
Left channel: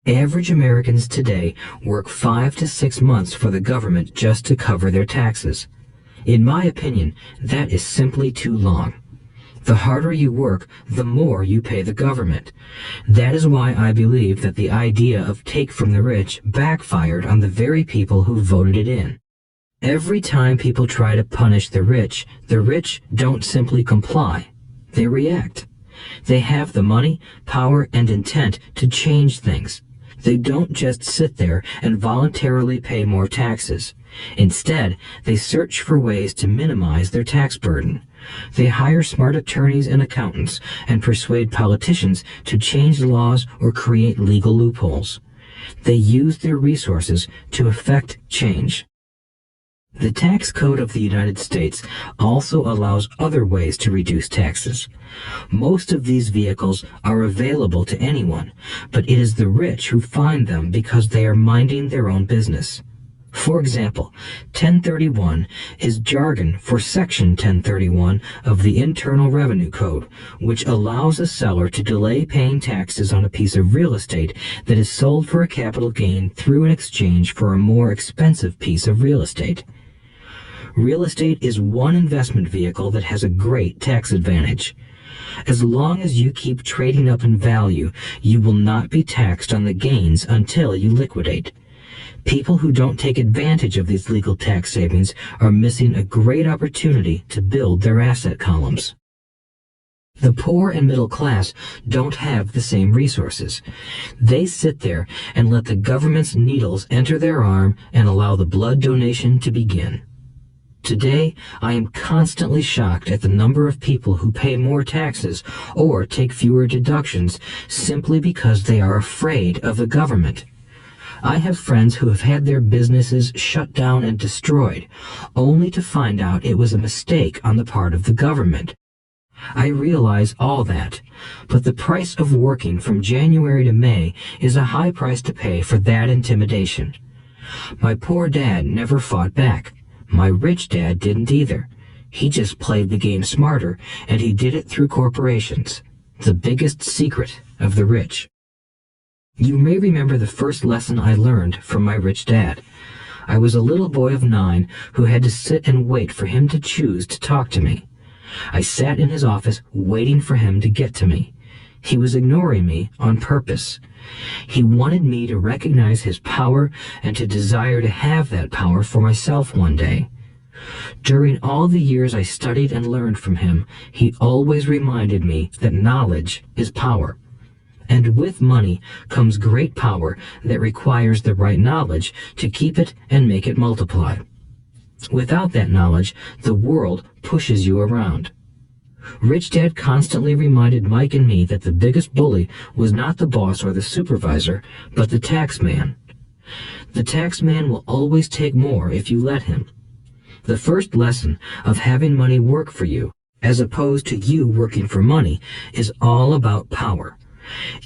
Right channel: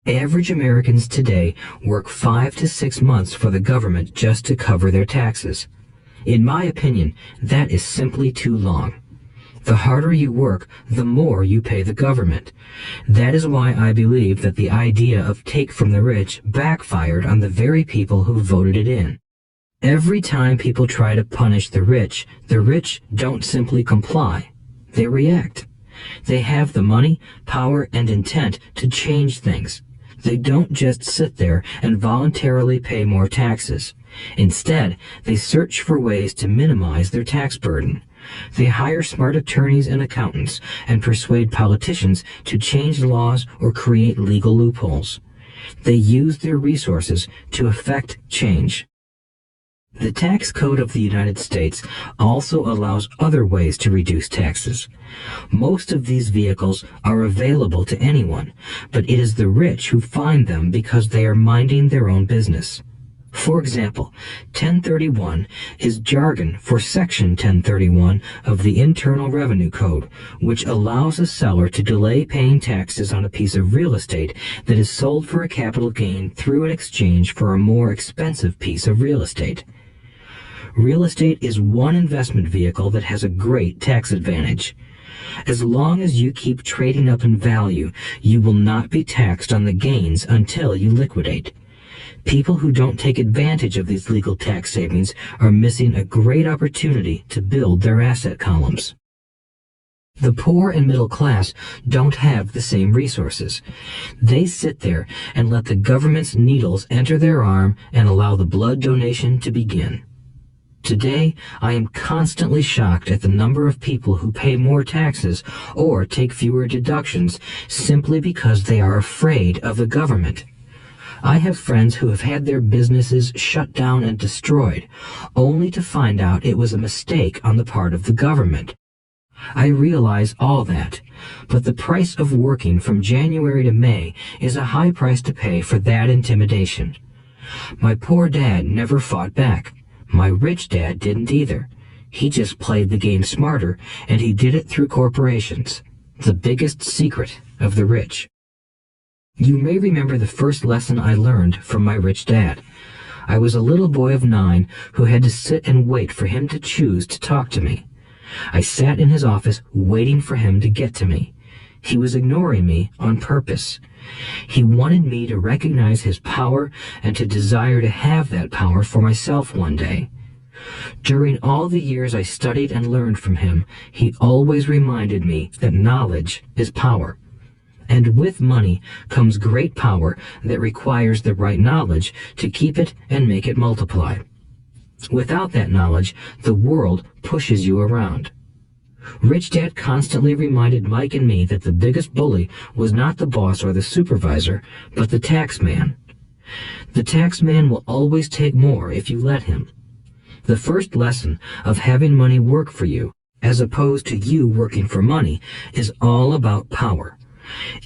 Average Americans today work 5 to 6 months for the government just to cover their taxes. In my opinion, that is simply too long. The harder you work, the more you pay the government. That is why I believe that the idea of take from the rich backfired on the very people who voted it in. Every time people try to punish the rich don't simply comply. They react. They have the money, power, and intent to change things. They don't just sit there and voluntarily pay more taxes. Instead, they search for ways to minimize their tax burden. They hire smart attorneys and accountants and persuade politicians to change laws or create legal loopholes. They use their resources to effect change. The tax code of the United States also allows other ways to reduce taxes. Most of these vehicles are available to anyone, but it is the rich who find them because they are minding their own business. For example, 1031 is jargon for Section 1031 of the Internal Revenue Code, which allows a seller to delay paying taxes on a piece of real estate that is sold for a capital gain through an exchange for a more expensive piece of real estate. Real estate is one investment vehicle that has a great tax advantage. As long as you keep trading up in value, you will not be taxed on the gains until you liquidate. People who don't take advantage of these legal tax savings are missing a great opportunity to build their asset columns. The poor and middle class don't have the same resources. They sit there and let the government's needles enter their arm and allow the blood donation to begin. Today, I am constantly shocked at the number of people who pay more taxes or take fewer deductions simply because they are afraid of the government. I have friends who have had their businesses shut down and destroyed, only to find out it was a mistake on the part of the government. I realize all that, but the price of working from January to May is a high price to pay for that intimidation. My poor dad never fought back. My rich dad didn't either. He just played the game smarter, and he did it through corporations, the biggest secret of the rich. You may remember the first lesson I learned from my rich dad. I was a little boy of 9 who had to sit and wait for him to choose to talk to me. I sat in his office waiting for him to get to me. He was ignoring me on purpose. He wanted me to recognize his power and to desire to have that power for myself one day. During all the years I studied and learned from him, he always reminded me that knowledge is power. And with money comes great power that requires the right knowledge to keep it and make it multiply. Without that knowledge, the world pushes you around. Rich Dad constantly reminded Mike and me that the biggest bully was not the boss or the supervisor, but the tax man. The tax man will always take more if you let him. The first lesson of having money work for you, as opposed to you working for money, is all about power.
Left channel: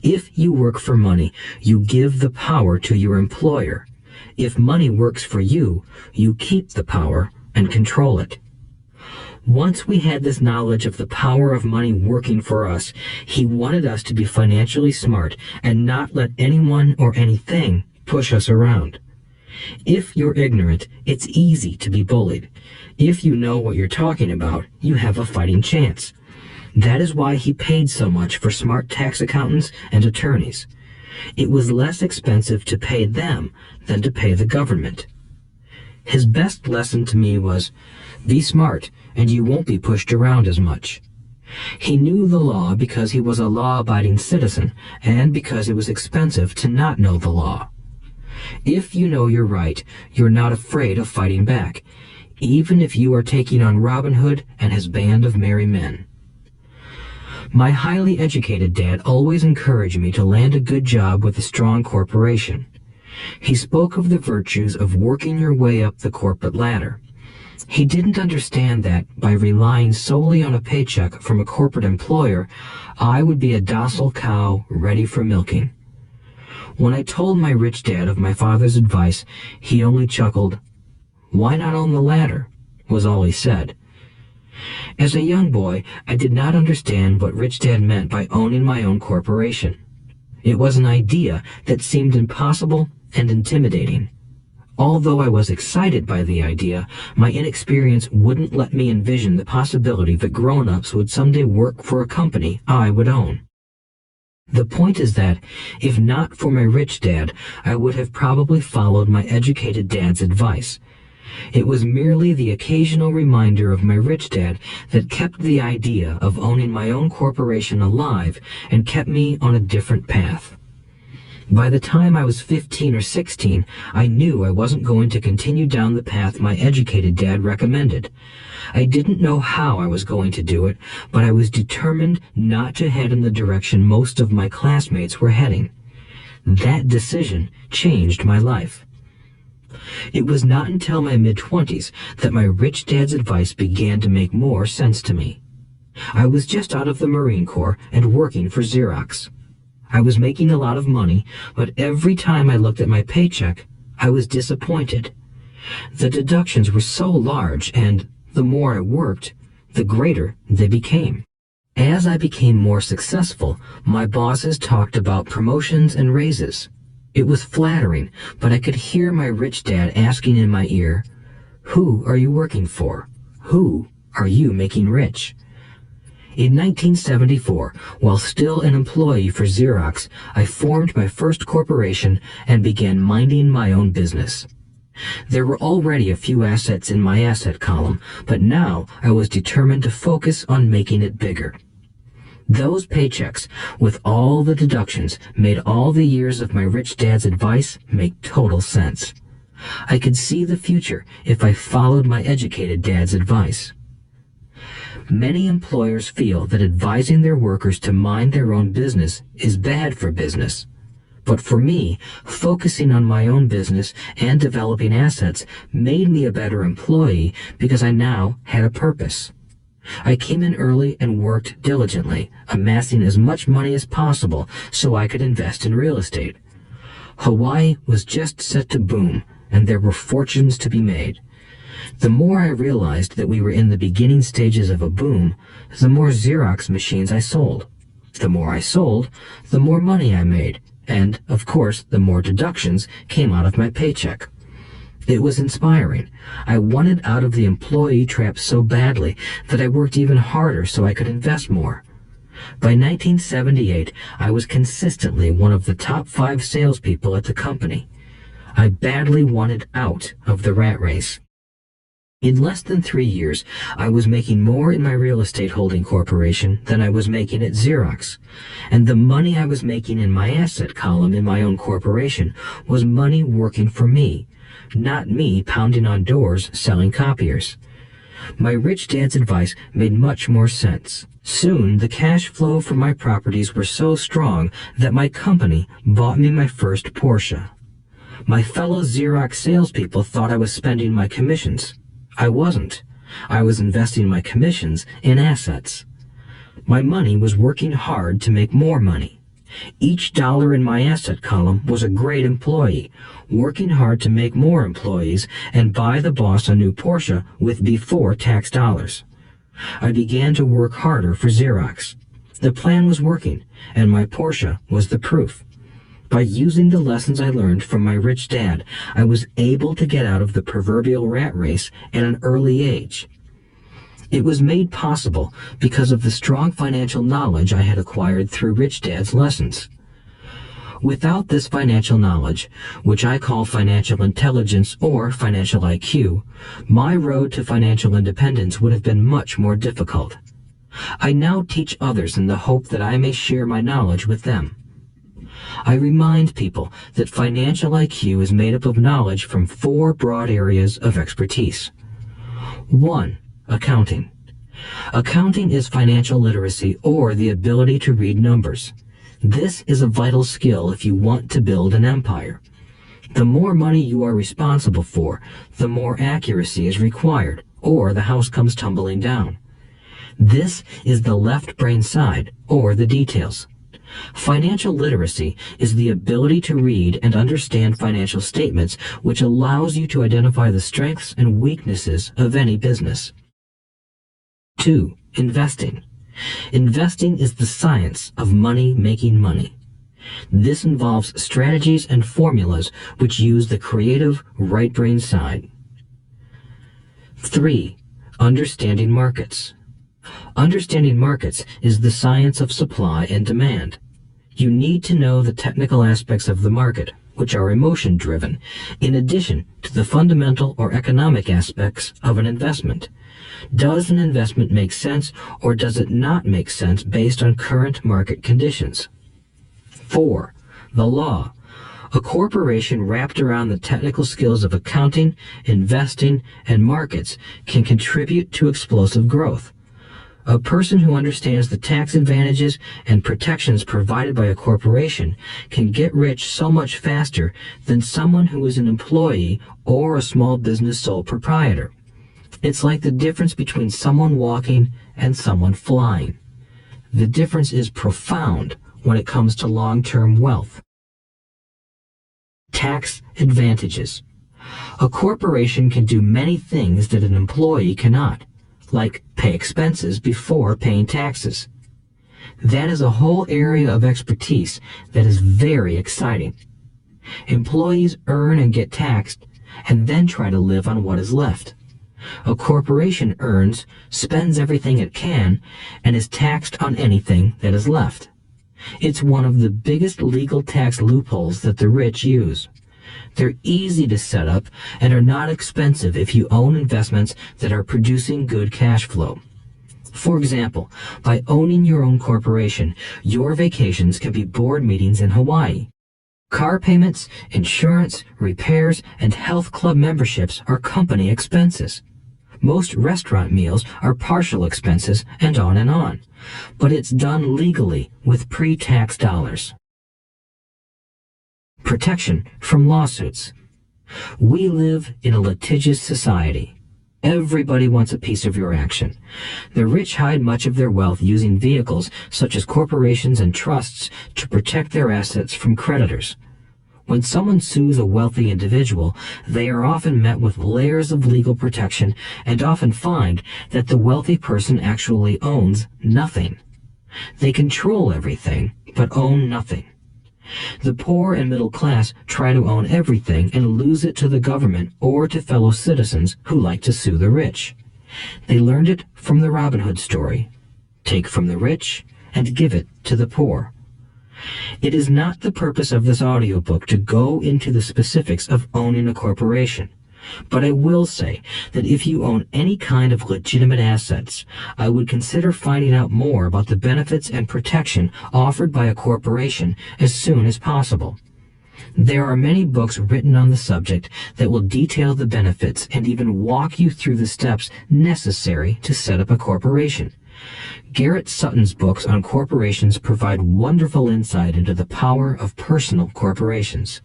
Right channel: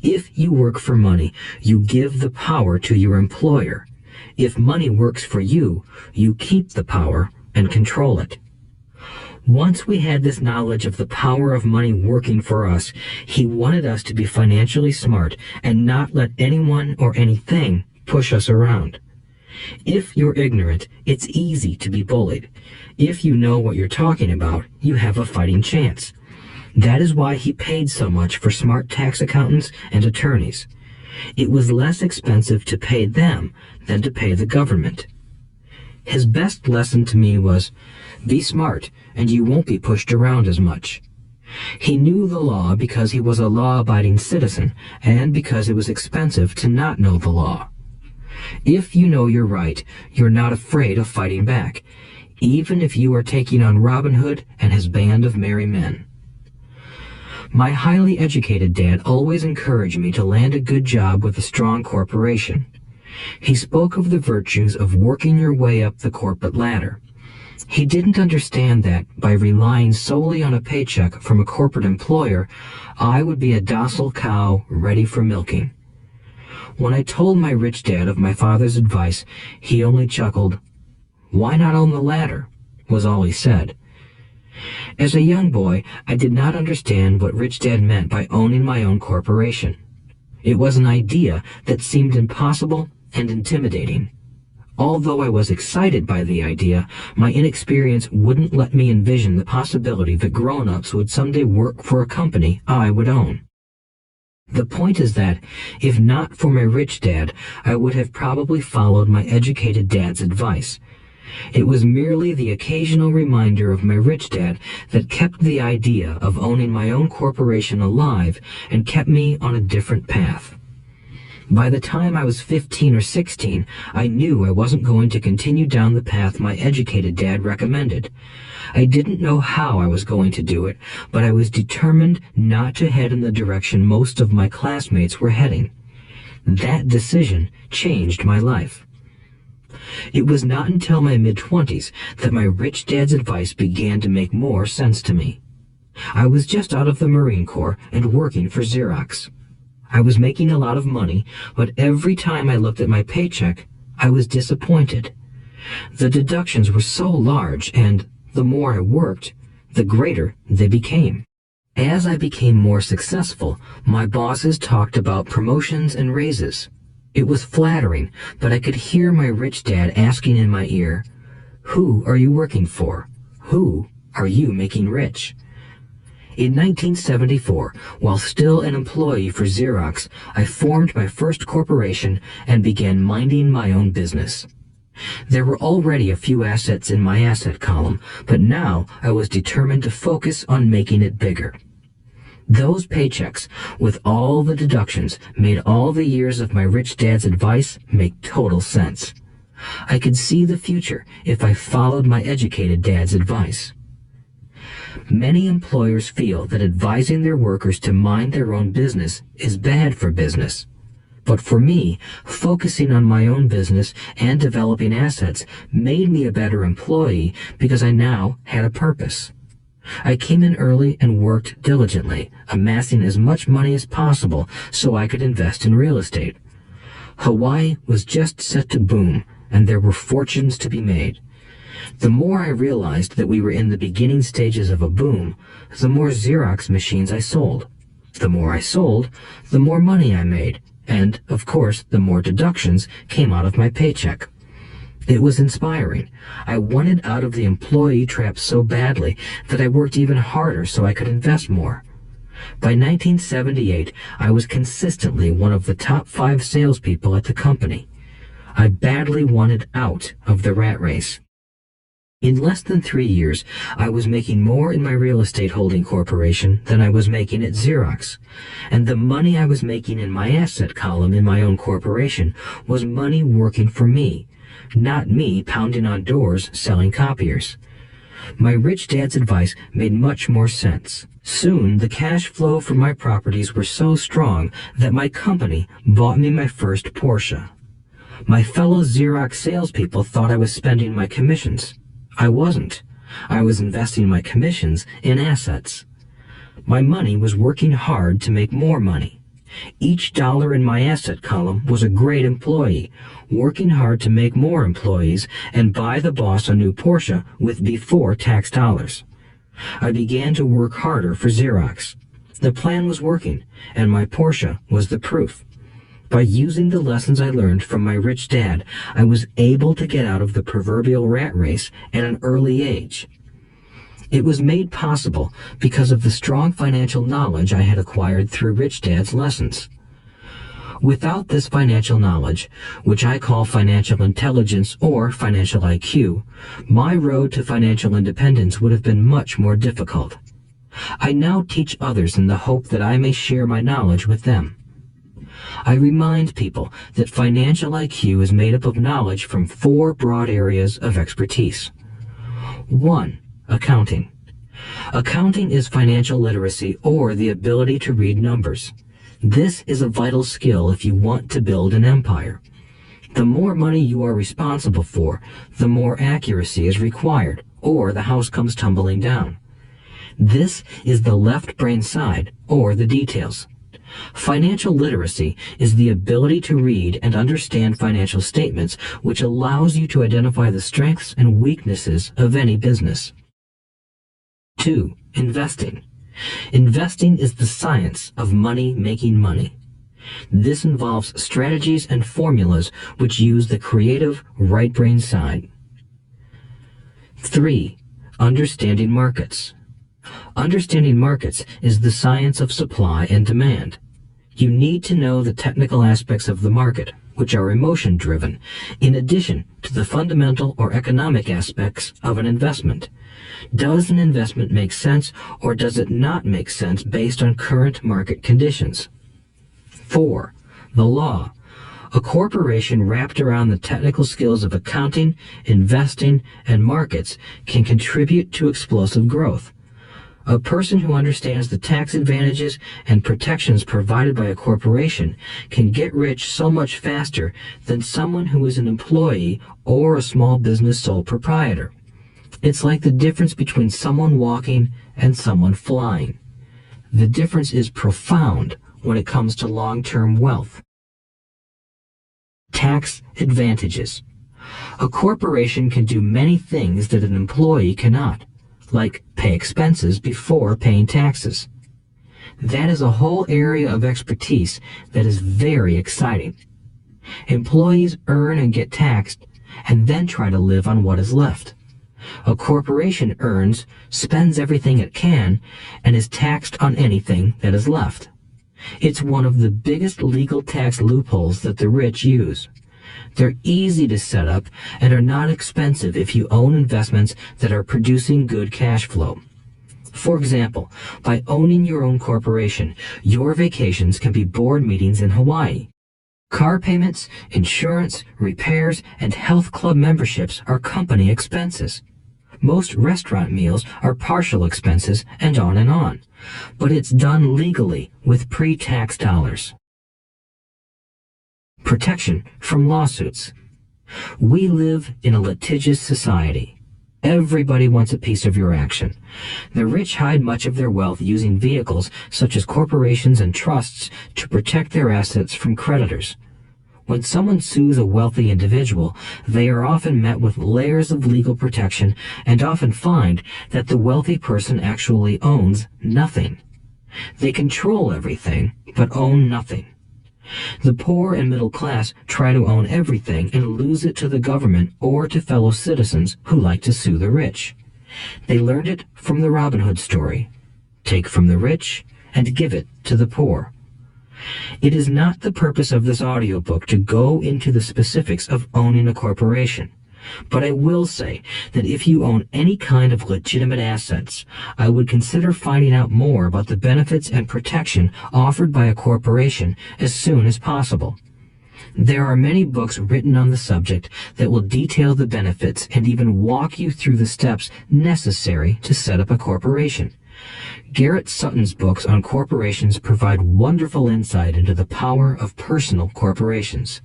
If you work for money, you give the power to your employer. If money works for you, you keep the power and control it. Once we had this knowledge of the power of money working for us, he wanted us to be financially smart and not let anyone or anything push us around. If you're ignorant, it's easy to be bullied. If you know what you're talking about, you have a fighting chance. That is why he paid so much for smart tax accountants and attorneys. It was less expensive to pay them than to pay the government. His best lesson to me was, be smart and you won't be pushed around as much. He knew the law because he was a law-abiding citizen and because it was expensive to not know the law. If you know you're right, you're not afraid of fighting back, even if you are taking on Robin Hood and his band of merry men. My highly educated dad always encouraged me to land a good job with a strong corporation. He spoke of the virtues of working your way up the corporate ladder. He didn't understand that, by relying solely on a paycheck from a corporate employer, I would be a docile cow ready for milking. When I told my rich dad of my father's advice, he only chuckled. "Why not own the ladder?" was all he said. As a young boy, I did not understand what Rich Dad meant by owning my own corporation. It was an idea that seemed impossible and intimidating. Although I was excited by the idea, my inexperience wouldn't let me envision the possibility that grown-ups would someday work for a company I would own. The point is that, if not for my rich dad, I would have probably followed my educated dad's advice. It was merely the occasional reminder of my rich dad that kept the idea of owning my own corporation alive and kept me on a different path. By the time I was 15 or 16, I knew I wasn't going to continue down the path my educated dad recommended. I didn't know how I was going to do it, but I was determined not to head in the direction most of my classmates were heading. That decision changed my life. It was not until my mid-20s that my rich dad's advice began to make more sense to me. I was just out of the Marine Corps and working for Xerox. I was making a lot of money, but every time I looked at my paycheck, I was disappointed. The deductions were so large, and the more I worked, the greater they became. As I became more successful, my bosses talked about promotions and raises. It was flattering, but I could hear my rich dad asking in my ear, "Who are you working for? Who are you making rich?" In 1974, while still an employee for Xerox, I formed my first corporation and began minding my own business. There were already a few assets in my asset column, but now I was determined to focus on making it bigger. Those paychecks, with all the deductions, made all the years of my rich dad's advice make total sense. I could see the future if I followed my educated dad's advice. Many employers feel that advising their workers to mind their own business is bad for business. But for me, focusing on my own business and developing assets made me a better employee because I now had a purpose. I came in early and worked diligently, amassing as much money as possible so I could invest in real estate. Hawaii was just set to boom, and there were fortunes to be made. The more I realized that we were in the beginning stages of a boom, the more Xerox machines I sold. The more I sold, the more money I made, and, of course, the more deductions came out of my paycheck. It was inspiring. I wanted out of the employee trap so badly that I worked even harder so I could invest more. By 1978, I was consistently one of the top 5 salespeople at the company. I badly wanted out of the rat race. In less than 3 years, I was making more in my real estate holding corporation than I was making at Xerox, and the money I was making in my asset column in my own corporation was money working for me, not me pounding on doors selling copiers. My rich dad's advice made much more sense. Soon, the cash flow from my properties were so strong that my company bought me my first Porsche. My fellow Xerox salespeople thought I was spending my commissions. I wasn't. I was investing my commissions in assets. My money was working hard to make more money. Each dollar in my asset column was a great employee, working hard to make more employees and buy the boss a new Porsche with before tax dollars. I began to work harder for Xerox. The plan was working, and my Porsche was the proof. By using the lessons I learned from my rich dad, I was able to get out of the proverbial rat race at an early age. It was made possible because of the strong financial knowledge I had acquired through Rich Dad's lessons. Without this financial knowledge, which I call financial intelligence or financial IQ, my road to financial independence would have been much more difficult. I now teach others in the hope that I may share my knowledge with them. I remind people that financial IQ is made up of knowledge from 4 broad areas of expertise. 1. Accounting. Accounting is financial literacy or the ability to read numbers. This is a vital skill if you want to build an empire. The more money you are responsible for, the more accuracy is required, or the house comes tumbling down. This is the left brain side, or the details. Financial literacy is the ability to read and understand financial statements, which allows you to identify the strengths and weaknesses of any business. 2. Investing. Investing is the science of money making money. This involves strategies and formulas which use the creative right brain side. 3. Understanding markets. Understanding markets is the science of supply and demand. You need to know the technical aspects of the market, which are emotion-driven, in addition to the fundamental or economic aspects of an investment. Does an investment make sense or does it not make sense based on current market conditions? 4. The law. A corporation wrapped around the technical skills of accounting, investing, and markets can contribute to explosive growth. A person who understands the tax advantages and protections provided by a corporation can get rich so much faster than someone who is an employee or a small business sole proprietor. It's like the difference between someone walking and someone flying. The difference is profound when it comes to long-term wealth. Tax advantages. A corporation can do many things that an employee cannot, like pay expenses before paying taxes. That is a whole area of expertise that is very exciting. Employees earn and get taxed, and then try to live on what is left. A corporation earns, spends everything it can, and is taxed on anything that is left. It's one of the biggest legal tax loopholes that the rich use. They're easy to set up and are not expensive if you own investments that are producing good cash flow. For example, by owning your own corporation, your vacations can be board meetings in Hawaii. Car payments, insurance, repairs, and health club memberships are company expenses. Most restaurant meals are partial expenses, and on. But it's done legally with pre-tax dollars. Protection from lawsuits. We live in a litigious society. Everybody wants a piece of your action. The rich hide much of their wealth using vehicles such as corporations and trusts to protect their assets from creditors. When someone sues a wealthy individual, they are often met with layers of legal protection and often find that the wealthy person actually owns nothing. They control everything, but own nothing. The poor and middle class try to own everything and lose it to the government or to fellow citizens who like to sue the rich. They learned it from the Robin Hood story. Take from the rich and give it to the poor. It is not the purpose of this audiobook to go into the specifics of owning a corporation. But I will say that if you own any kind of legitimate assets, I would consider finding out more about the benefits and protection offered by a corporation as soon as possible. There are many books written on the subject that will detail the benefits and even walk you through the steps necessary to set up a corporation. Garrett Sutton's books on corporations provide wonderful insight into the power of personal corporations.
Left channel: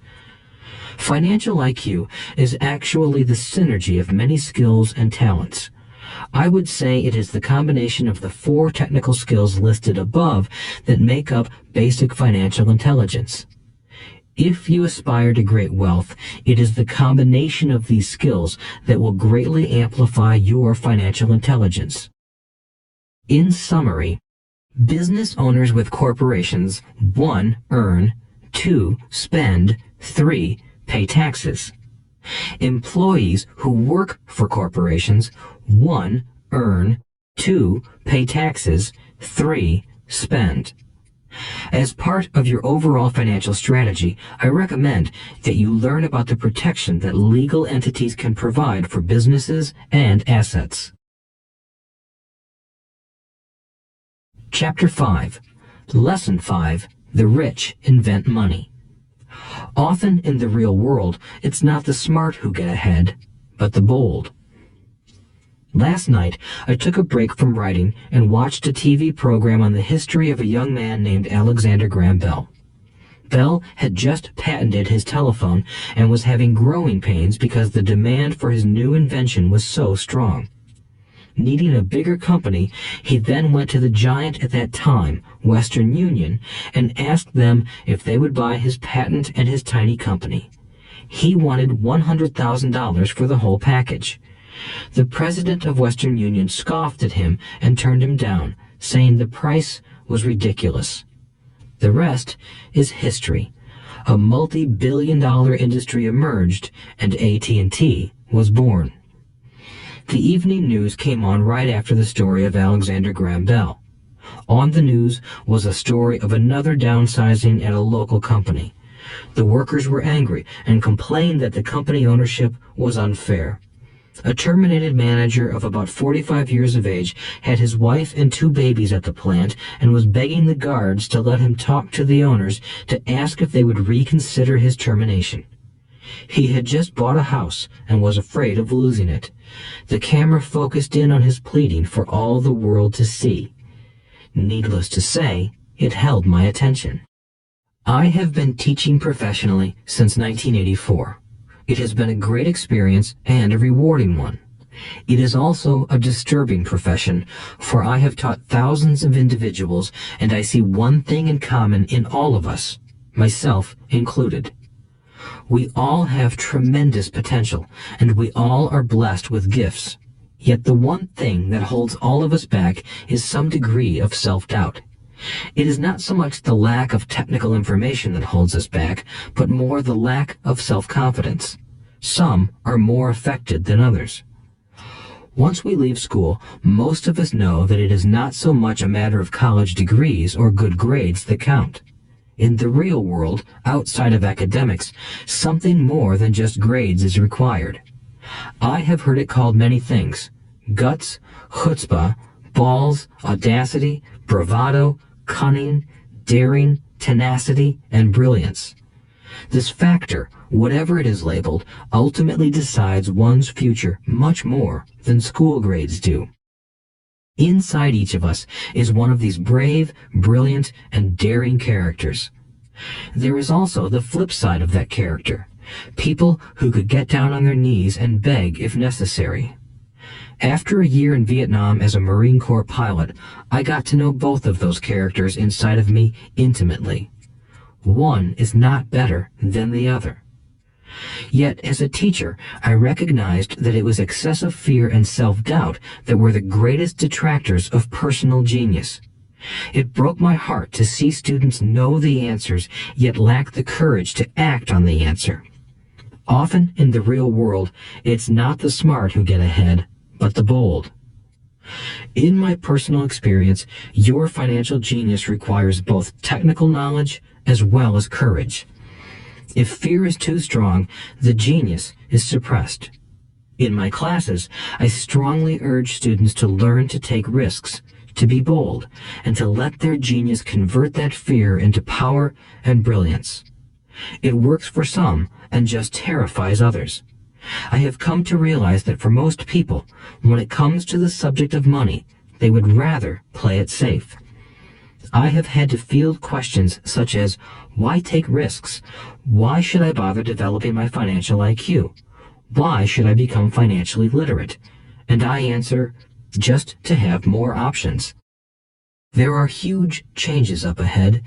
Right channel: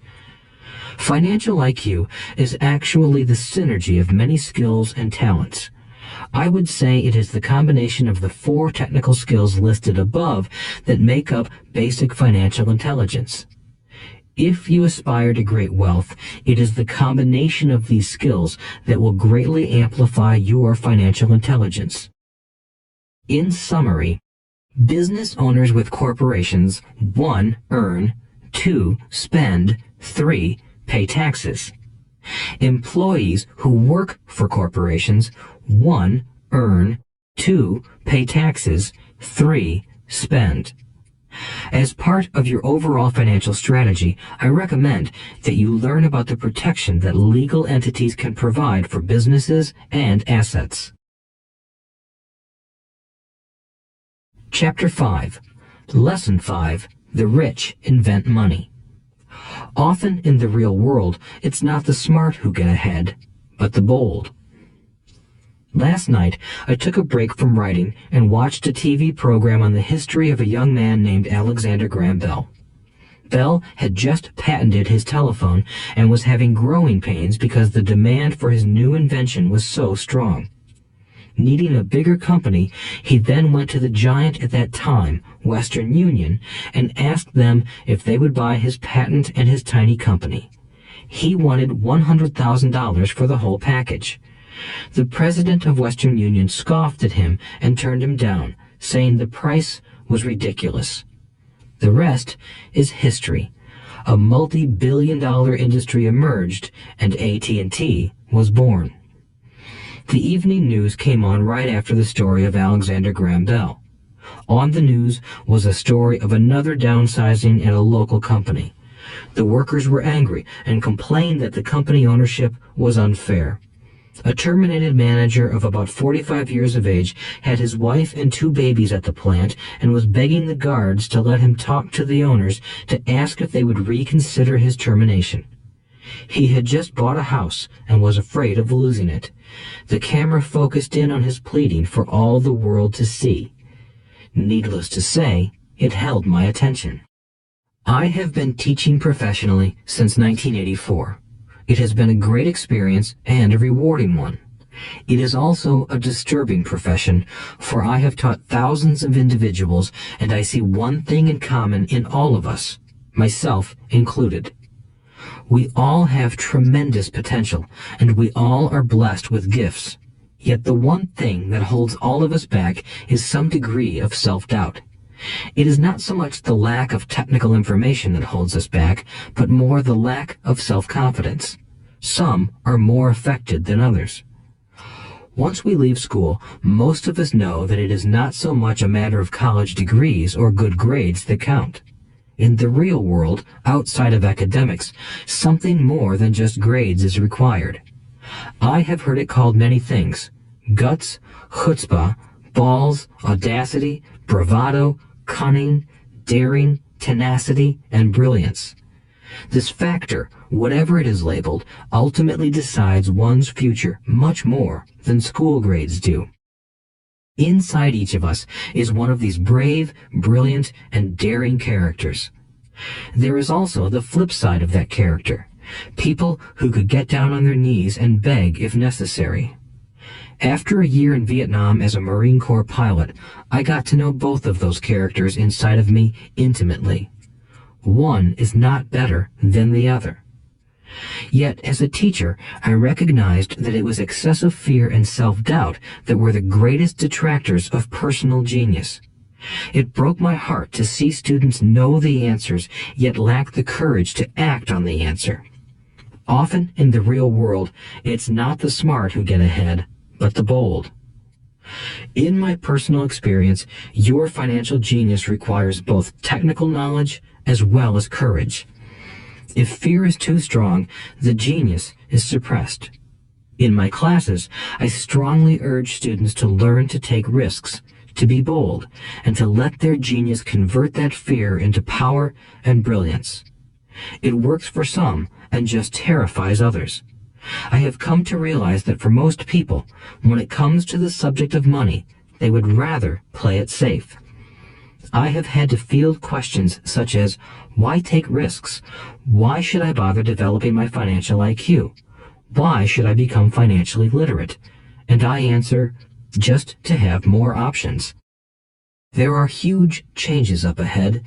Financial IQ is actually the synergy of many skills and talents. I would say it is the combination of the 4 technical skills listed above that make up basic financial intelligence. If you aspire to great wealth, it is the combination of these skills that will greatly amplify your financial intelligence. In summary, business owners with corporations 1. Earn, 2. Spend, 3. Pay taxes. Employees who work for corporations 1. Earn, 2. Pay taxes, 3. Spend. As part of your overall financial strategy, I recommend that you learn about the protection that legal entities can provide for businesses and assets. Chapter 5. Lesson 5. The rich invent money. Often in the real world, it's not the smart who get ahead, but the bold. Last night, I took a break from writing and watched a TV program on the history of a young man named Alexander Graham Bell. Bell had just patented his telephone and was having growing pains because the demand for his new invention was so strong. Needing a bigger company, he then went to the giant at that time, Western Union, and asked them if they would buy his patent and his tiny company. He wanted $100,000 for the whole package. The president of Western Union scoffed at him and turned him down, saying the price was ridiculous. The rest is history. A multi-billion-dollar industry emerged, and AT&T was born. The evening news came on right after the story of Alexander Graham Bell. On the news was a story of another downsizing at a local company. The workers were angry and complained that the company ownership was unfair. A terminated manager of about 45 years of age had his wife and 2 babies at the plant and was begging the guards to let him talk to the owners to ask if they would reconsider his termination. He had just bought a house and was afraid of losing it. The camera focused in on his pleading for all the world to see. Needless to say, it held my attention. I have been teaching professionally since 1984. It has been a great experience and a rewarding one. It is also a disturbing profession, for I have taught thousands of individuals, and I see one thing in common in all of us, myself included. We all have tremendous potential, and we all are blessed with gifts. Yet the one thing that holds all of us back is some degree of self-doubt. It is not so much the lack of technical information that holds us back, but more the lack of self-confidence. Some are more affected than others. Once we leave school, most of us know that it is not so much a matter of college degrees or good grades that count. In the real world, outside of academics, something more than just grades is required. I have heard it called many things: guts, chutzpah, balls, audacity, bravado, cunning, daring, tenacity, and brilliance. This factor, whatever it is labeled, ultimately decides one's future much more than school grades do. Inside each of us is one of these brave, brilliant, and daring characters. There is also the flip side of that character, people who could get down on their knees and beg if necessary. After a year in Vietnam as a Marine Corps pilot, I got to know both of those characters inside of me intimately. One is not better than the other. Yet, as a teacher, I recognized that it was excessive fear and self-doubt that were the greatest detractors of personal genius. It broke my heart to see students know the answers, yet lack the courage to act on the answer. Often, in the real world, it's not the smart who get ahead, but the bold. In my personal experience, your financial genius requires both technical knowledge as well as courage. If fear is too strong, the genius is suppressed. In my classes, I strongly urge students to learn to take risks, to be bold, and to let their genius convert that fear into power and brilliance. It works for some and just terrifies others. I have come to realize that for most people, when it comes to the subject of money, they would rather play it safe. I have had to field questions such as, why take risks? Why should I bother developing my financial IQ? Why should I become financially literate? And I answer, just to have more options. There are huge changes up ahead.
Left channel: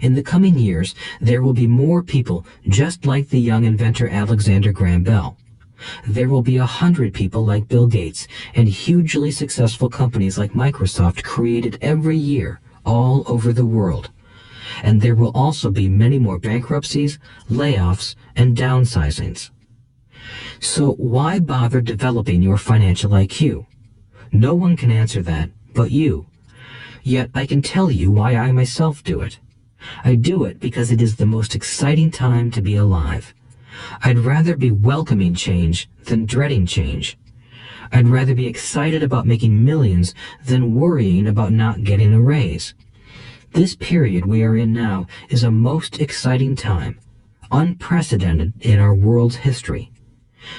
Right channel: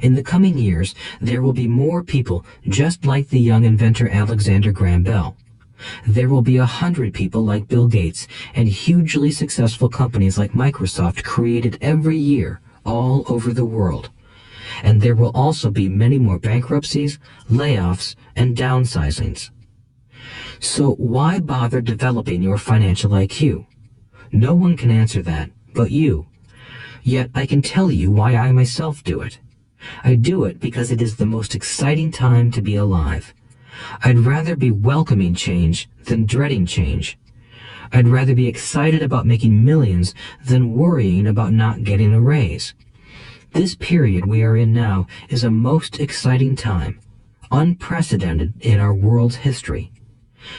In the coming years, there will be more people just like the young inventor Alexander Graham Bell. There will be 100 people like Bill Gates and hugely successful companies like Microsoft created every year all over the world. And there will also be many more bankruptcies, layoffs, and downsizings. So why bother developing your financial IQ? No one can answer that but you. Yet I can tell you why I myself do it. I do it because it is the most exciting time to be alive. I'd rather be welcoming change than dreading change. I'd rather be excited about making millions than worrying about not getting a raise. This period we are in now is a most exciting time, unprecedented in our world's history.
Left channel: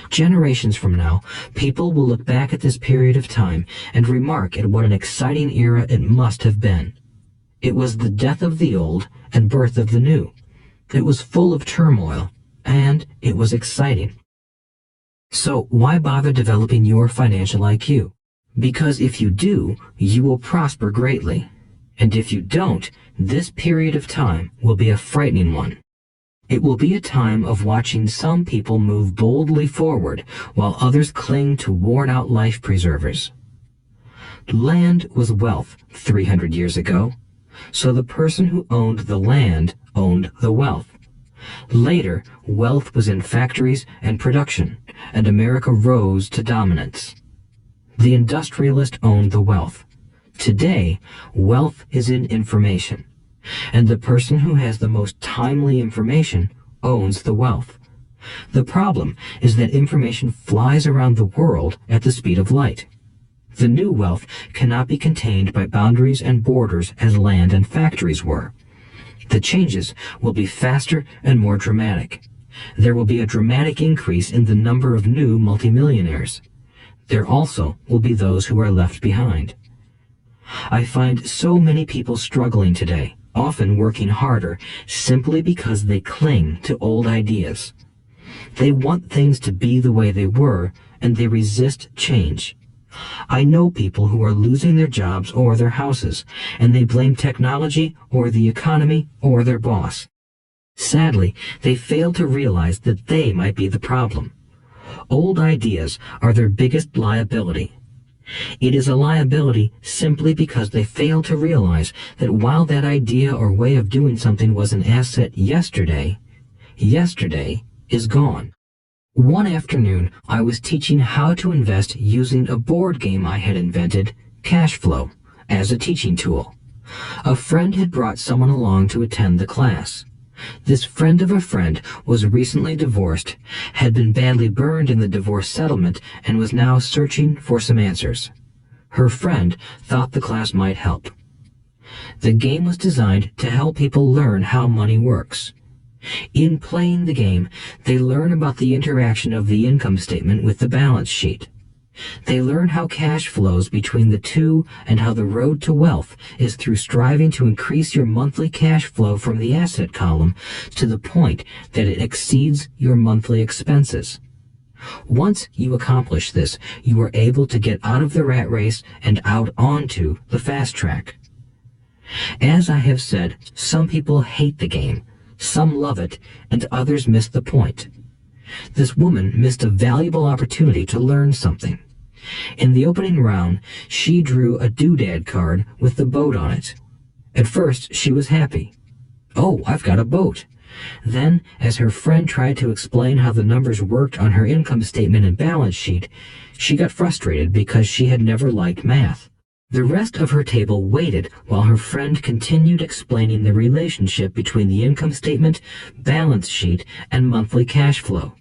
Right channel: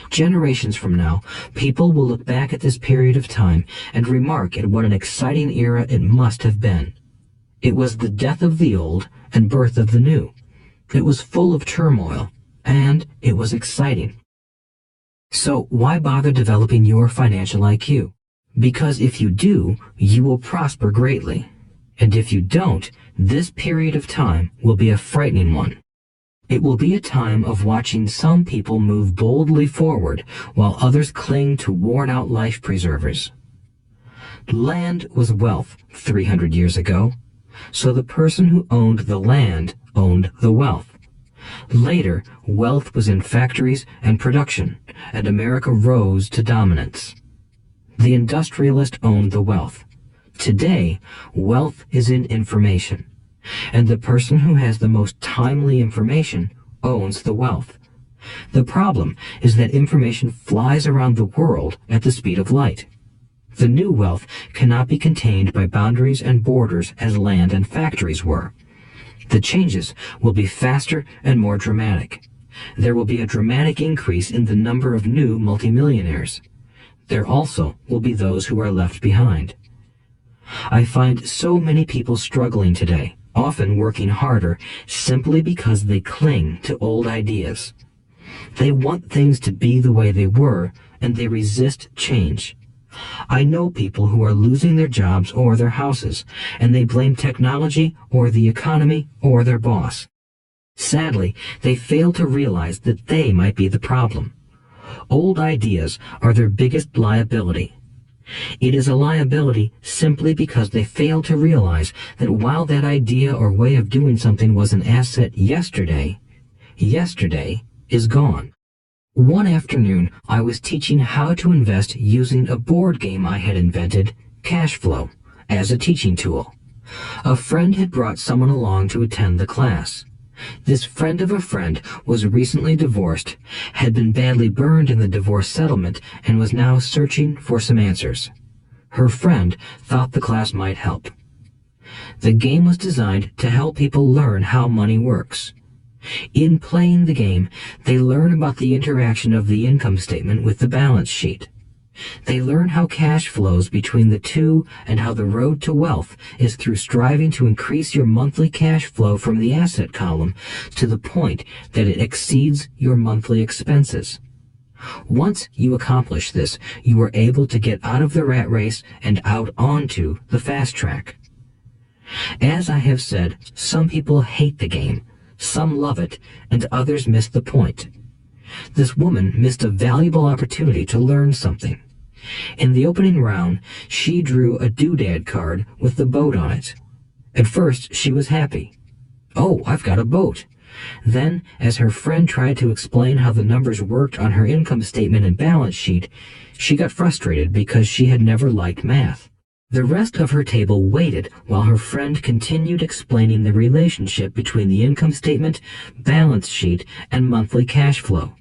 Generations from now, people will look back at this period of time and remark at what an exciting era it must have been. It was the death of the old and birth of the new. It was full of turmoil, and it was exciting. So why bother developing your financial IQ? Because if you do, you will prosper greatly. And if you don't, this period of time will be a frightening one. It will be a time of watching some people move boldly forward while others cling to worn-out life preservers. Land was wealth 300 years ago, so the person who owned the land owned the wealth. Later, wealth was in factories and production, and America rose to dominance. The industrialist owned the wealth. Today, wealth is in information, and the person who has the most timely information owns the wealth. The problem is that information flies around the world at the speed of light. The new wealth cannot be contained by boundaries and borders as land and factories were. The changes will be faster and more dramatic. There will be a dramatic increase in the number of new multimillionaires. There also will be those who are left behind. I find so many people struggling today, often working harder, simply because they cling to old ideas. They want things to be the way they were, and they resist change. I know people who are losing their jobs or their houses, and they blame technology or the economy or their boss. Sadly, they fail to realize that they might be the problem. Old ideas are their biggest liability. It is a liability simply because they fail to realize that while that idea or way of doing something was an asset yesterday, yesterday is gone. One afternoon, I was teaching how to invest using a board game I had invented, Cash Flow, as a teaching tool. A friend had brought someone along to attend the class. This friend of a friend was recently divorced, had been badly burned in the divorce settlement, and was now searching for some answers. Her friend thought the class might help. The game was designed to help people learn how money works. In playing the game, they learn about the interaction of the income statement with the balance sheet. They learn how cash flows between the two and how the road to wealth is through striving to increase your monthly cash flow from the asset column to the point that it exceeds your monthly expenses. Once you accomplish this, you are able to get out of the rat race and out onto the fast track. As I have said, some people hate the game, some love it, and others miss the point. This woman missed a valuable opportunity to learn something. In the opening round, she drew a doodad card with the boat on it. At first, she was happy. "Oh, I've got a boat." Then, as her friend tried to explain how the numbers worked on her income statement and balance sheet, she got frustrated because she had never liked math. The rest of her table waited while her friend continued explaining the relationship between the income statement, balance sheet, and monthly cash flow.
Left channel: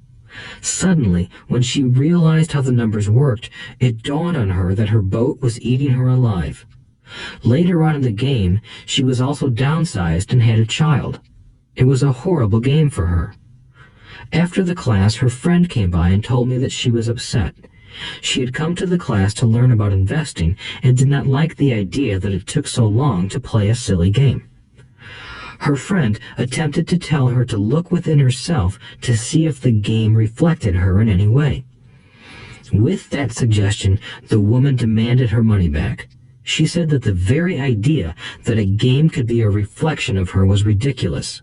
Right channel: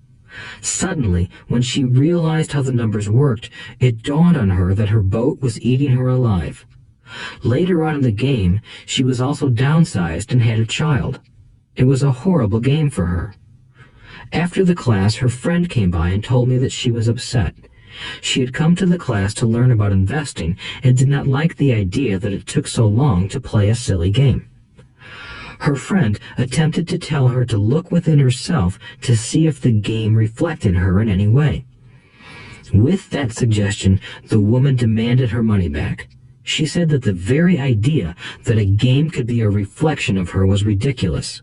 Suddenly, when she realized how the numbers worked, it dawned on her that her boat was eating her alive. Later on in the game, she was also downsized and had a child. It was a horrible game for her. After the class, her friend came by and told me that she was upset. She had come to the class to learn about investing and did not like the idea that it took so long to play a silly game. Her friend attempted to tell her to look within herself to see if the game reflected her in any way. With that suggestion, the woman demanded her money back. She said that the very idea that a game could be a reflection of her was ridiculous.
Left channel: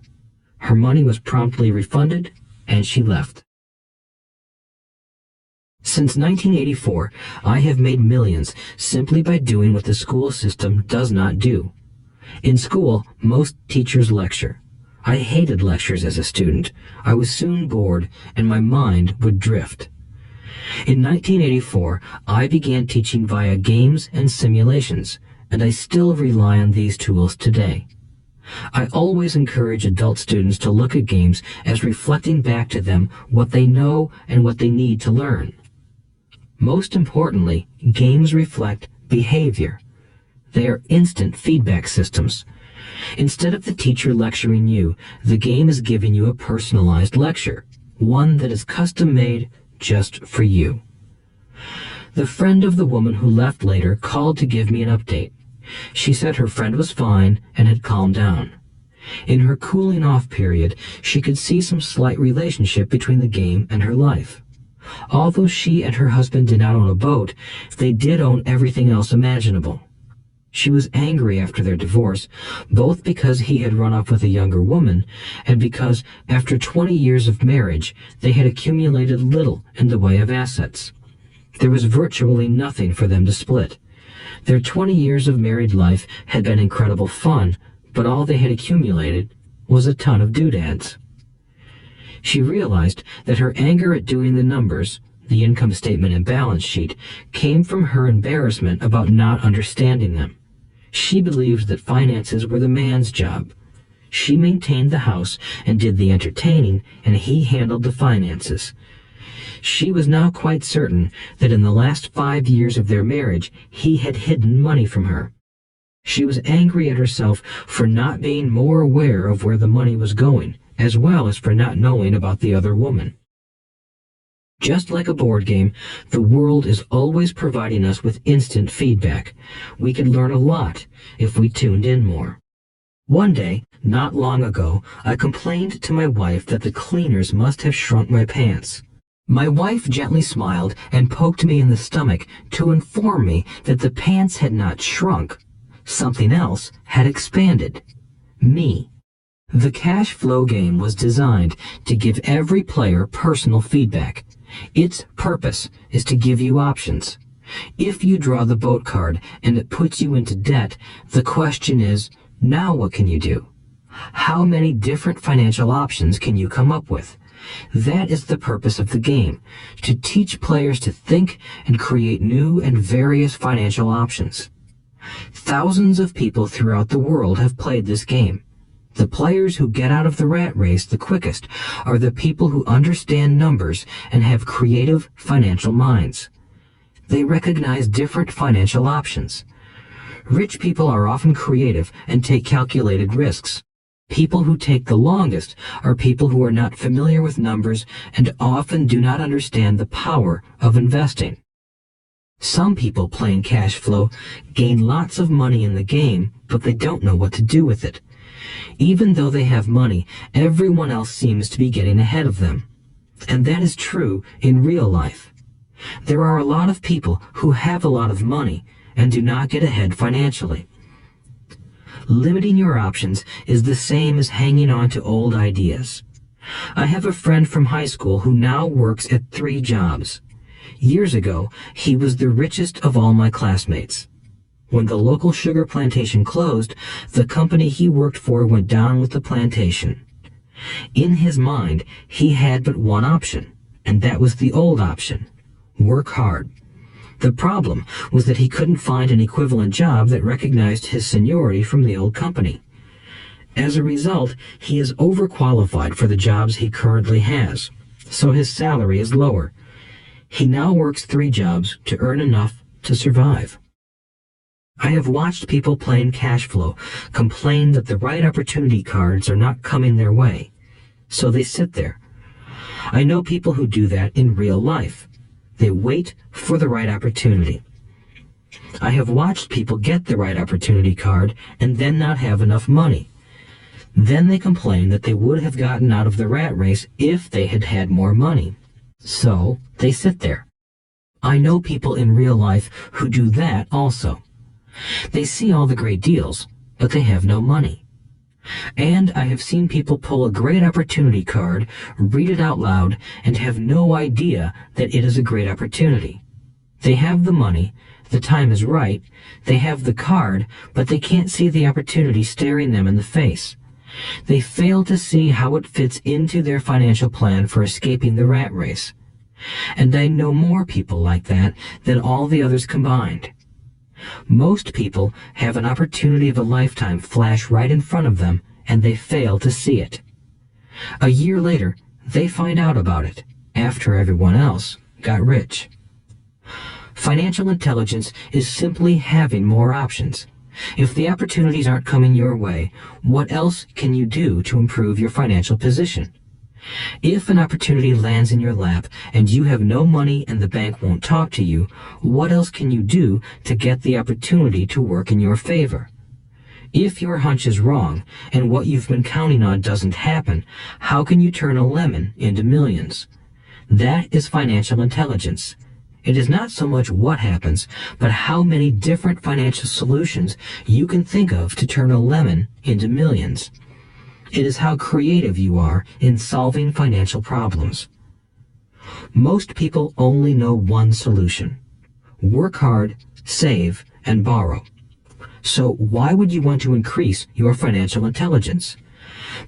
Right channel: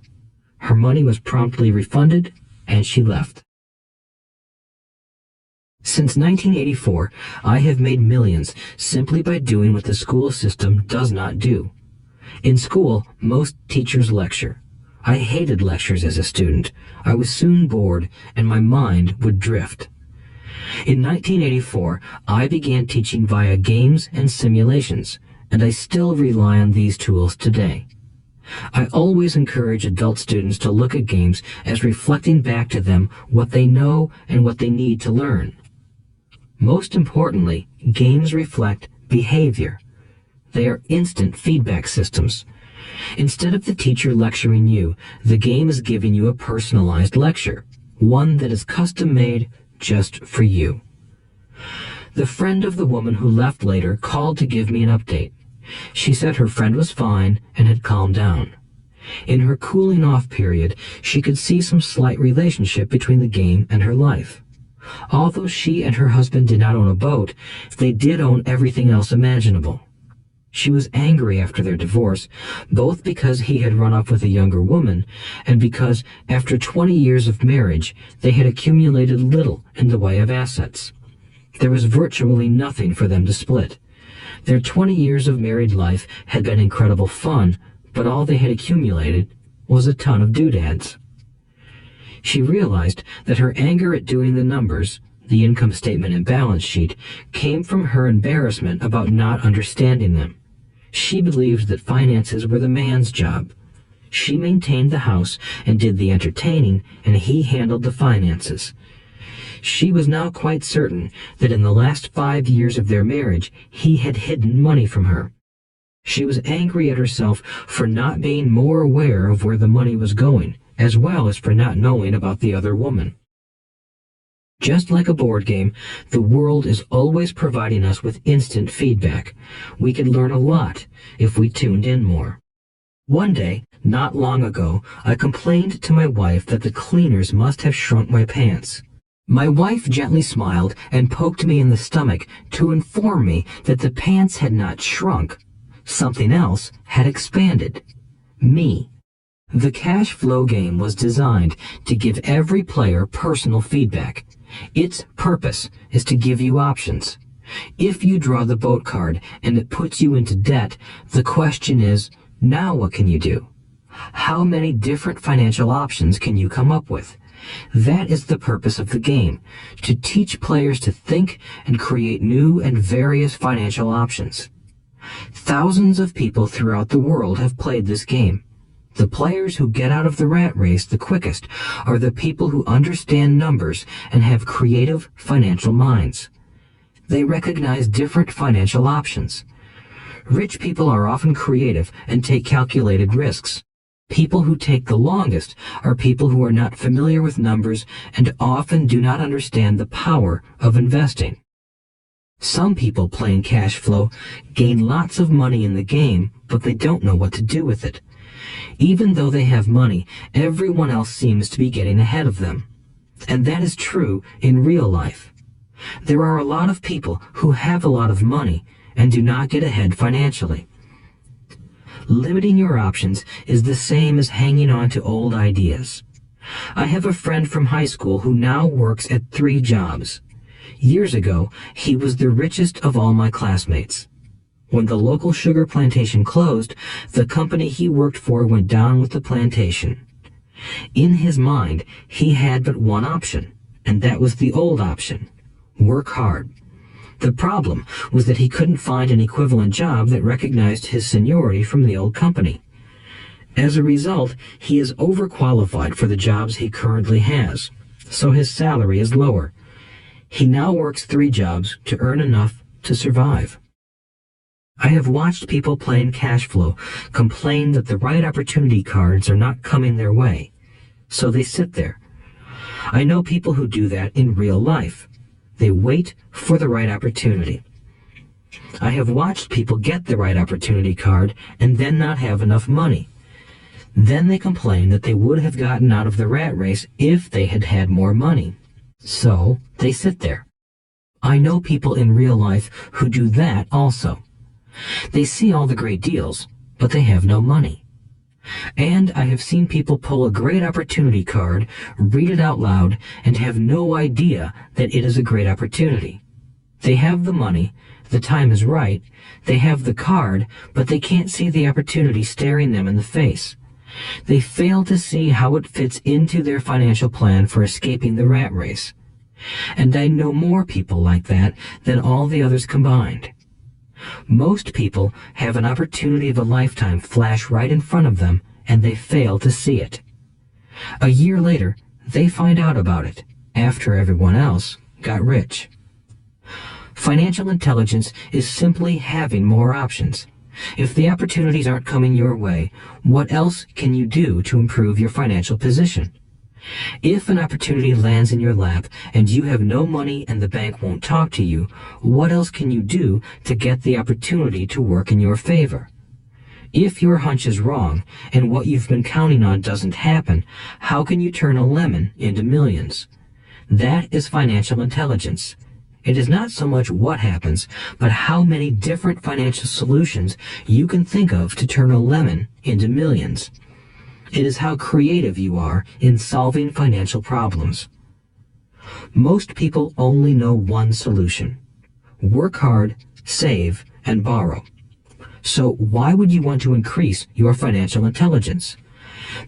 Her money was promptly refunded, and she left. Since 1984, I have made millions simply by doing what the school system does not do. In school, most teachers lecture. I hated lectures as a student. I was soon bored, and my mind would drift. In 1984, I began teaching via games and simulations, and I still rely on these tools today. I always encourage adult students to look at games as reflecting back to them what they know and what they need to learn. Most importantly, games reflect behavior. They are instant feedback systems. Instead of the teacher lecturing you, the game is giving you a personalized lecture, one that is custom-made just for you. The friend of the woman who left later called to give me an update. She said her friend was fine and had calmed down. In her cooling off period, she could see some slight relationship between the game and her life. Although she and her husband did not own a boat, they did own everything else imaginable. She was angry after their divorce, both because he had run off with a younger woman, and because, after 20 years of marriage, they had accumulated little in the way of assets. There was virtually nothing for them to split. Their 20 years of married life had been incredible fun, but all they had accumulated was a ton of doodads. She realized that her anger at doing the numbers, the income statement and balance sheet, came from her embarrassment about not understanding them. She believed that finances were the man's job. She maintained the house and did the entertaining, and he handled the finances. She was now quite certain that in the last 5 years of their marriage, he had hidden money from her. She was angry at herself for not being more aware of where the money was going, as well as for not knowing about the other woman. Just like a board game, the world is always providing us with instant feedback. We could learn a lot if we tuned in more. One day, not long ago, I complained to my wife that the cleaners must have shrunk my pants. My wife gently smiled and poked me in the stomach to inform me that the pants had not shrunk. Something else had expanded. Me. The cash flow game was designed to give every player personal feedback. Its purpose is to give you options. If you draw the boat card and it puts you into debt, the question is, now what can you do? How many different financial options can you come up with? That is the purpose of the game, to teach players to think and create new and various financial options. Thousands of people throughout the world have played this game. The players who get out of the rat race the quickest are the people who understand numbers and have creative financial minds. They recognize different financial options. Rich people are often creative and take calculated risks. People who take the longest are people who are not familiar with numbers and often do not understand the power of investing. Some people playing cash flow gain lots of money in the game, but they don't know what to do with it. Even though they have money, everyone else seems to be getting ahead of them. And that is true in real life. There are a lot of people who have a lot of money and do not get ahead financially. Limiting your options is the same as hanging on to old ideas. I have a friend from high school who now works at 3 jobs. Years ago, he was the richest of all my classmates. When the local sugar plantation closed, the company he worked for went down with the plantation. In his mind, he had but one option, and that was the old option: work hard. The problem was that he couldn't find an equivalent job that recognized his seniority from the old company. As a result, he is overqualified for the jobs he currently has. so his salary is lower. He now works 3 jobs to earn enough to survive. I have watched people playing cash flow complain that the right opportunity cards are not coming their way, so they sit there. I know people who do that in real life. They wait for the right opportunity. I have watched people get the right opportunity card and then not have enough money. Then they complain that they would have gotten out of the rat race if they had had more money. So they sit there. I know people in real life who do that also. They see all the great deals, but they have no money. And I have seen people pull a great opportunity card, read it out loud, and have no idea that it is a great opportunity. They have the money, the time is right, they have the card, but they can't see the opportunity staring them in the face. They fail to see how it fits into their financial plan for escaping the rat race. And I know more people like that than all the others combined. Most people have an opportunity of a lifetime flash right in front of them, and they fail to see it. A year later, they find out about it, after everyone else got rich. Financial intelligence is simply having more options. If the opportunities aren't coming your way, what else can you do to improve your financial position? If an opportunity lands in your lap and you have no money and the bank won't talk to you, what else can you do to get the opportunity to work in your favor? If your hunch is wrong and what you've been counting on doesn't happen, how can you turn a lemon into millions? That is financial intelligence. It is not so much what happens, but how many different financial solutions you can think of to turn a lemon into millions. It is how creative you are in solving financial problems. Most people only know one solution: work hard, save, and borrow. So why would you want to increase your financial intelligence?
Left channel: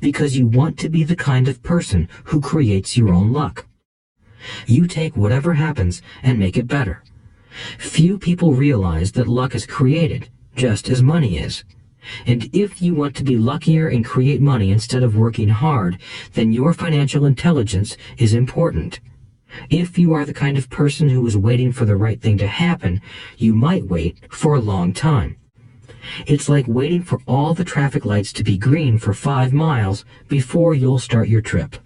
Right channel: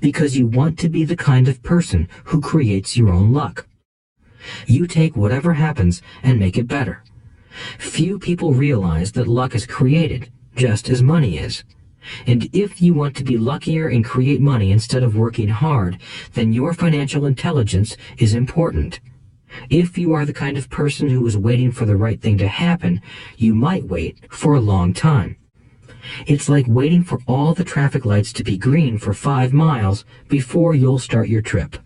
Because you want to be the kind of person who creates your own luck. You take whatever happens and make it better. Few people realize that luck is created, just as money is. And if you want to be luckier and create money instead of working hard, then your financial intelligence is important. If you are the kind of person who is waiting for the right thing to happen, you might wait for a long time. It's like waiting for all the traffic lights to be green for 5 miles before you'll start your trip.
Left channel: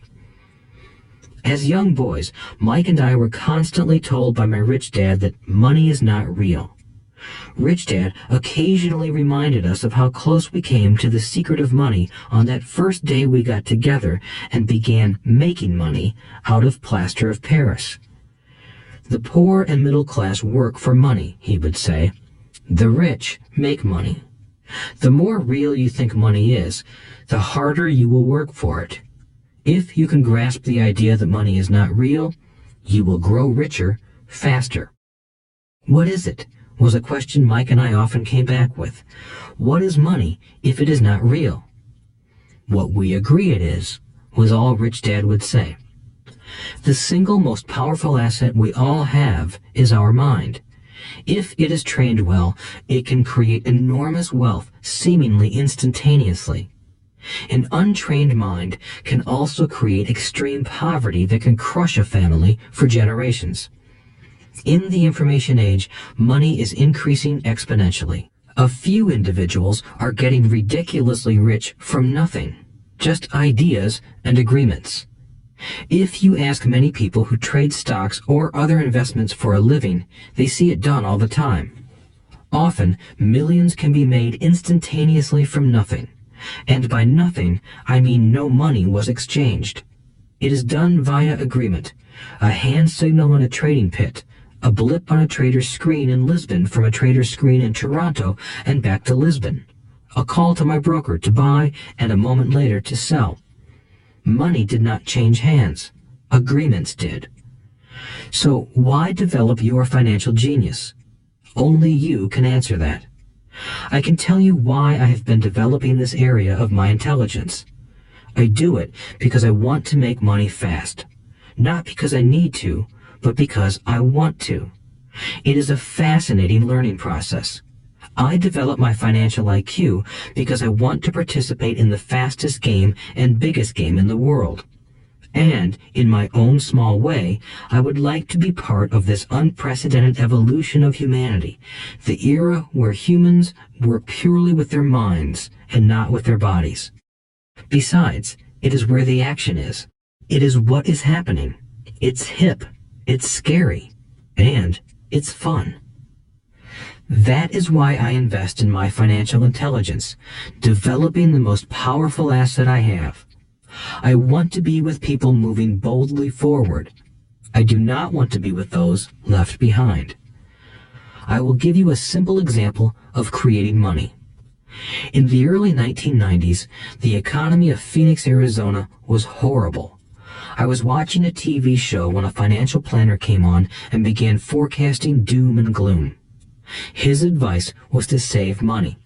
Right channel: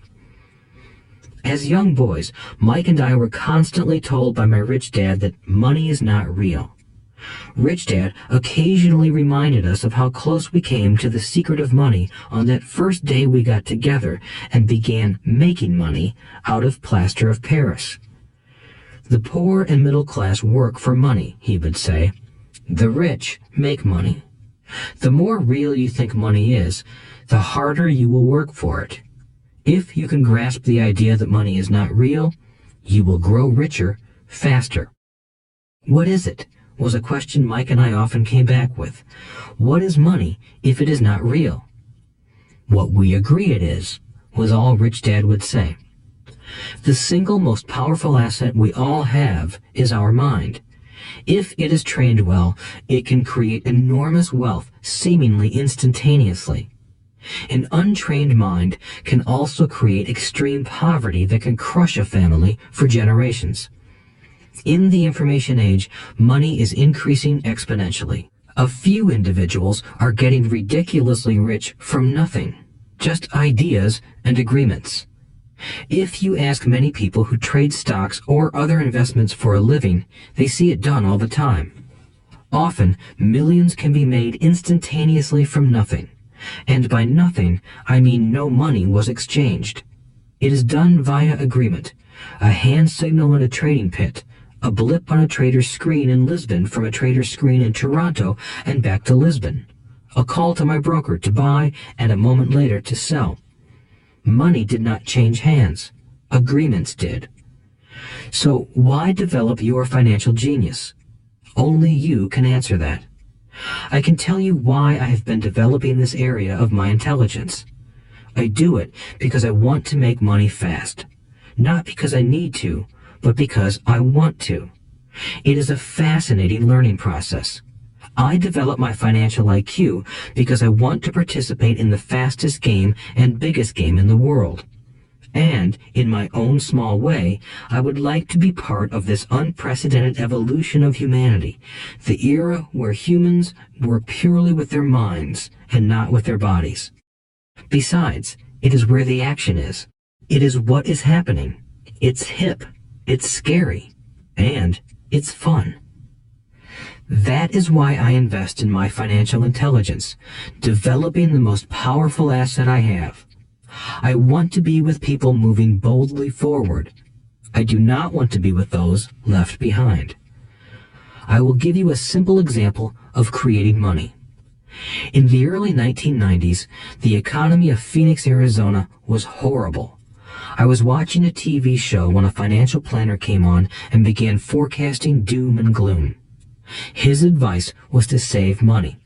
As young boys, Mike and I were constantly told by my rich dad that money is not real. Rich Dad occasionally reminded us of how close we came to the secret of money on that first day we got together and began making money out of plaster of Paris. The poor and middle class work for money, he would say. The rich make money. The more real you think money is, the harder you will work for it. If you can grasp the idea that money is not real, you will grow richer faster. What is it? Was a question Mike and I often came back with. What is money if it is not real? What we agree it is, was all Rich Dad would say. The single most powerful asset we all have is our mind. If it is trained well, it can create enormous wealth seemingly instantaneously. An untrained mind can also create extreme poverty that can crush a family for generations. In the information age, money is increasing exponentially. A few individuals are getting ridiculously rich from nothing, just ideas and agreements. If you ask many people who trade stocks or other investments for a living, they see it done all the time. Often, millions can be made instantaneously from nothing. And by nothing, I mean no money was exchanged. It is done via agreement, a hand signal in a trading pit, a blip on a trader's screen in Lisbon from a trader's screen in Toronto and back to Lisbon, a call to my broker to buy and a moment later to sell. Money did not change hands. Agreements did. So why develop your financial genius? Only you can answer that. I can tell you why I have been developing this area of my intelligence. I do it because I want to make money fast. Not because I need to, but because I want to. It is a fascinating learning process. I develop my financial IQ because I want to participate in the fastest game and biggest game in the world. And, in my own small way, I would like to be part of this unprecedented evolution of humanity, the era where humans work purely with their minds and not with their bodies. Besides, it is where the action is. It is what is happening. It's hip, it's scary, and it's fun. That is why I invest in my financial intelligence, developing the most powerful asset I have. I want to be with people moving boldly forward. I do not want to be with those left behind. I will give you a simple example of creating money. In the early 1990s, the economy of Phoenix, Arizona was horrible. I was watching a TV show when a financial planner came on and began forecasting doom and gloom. His advice was to save money.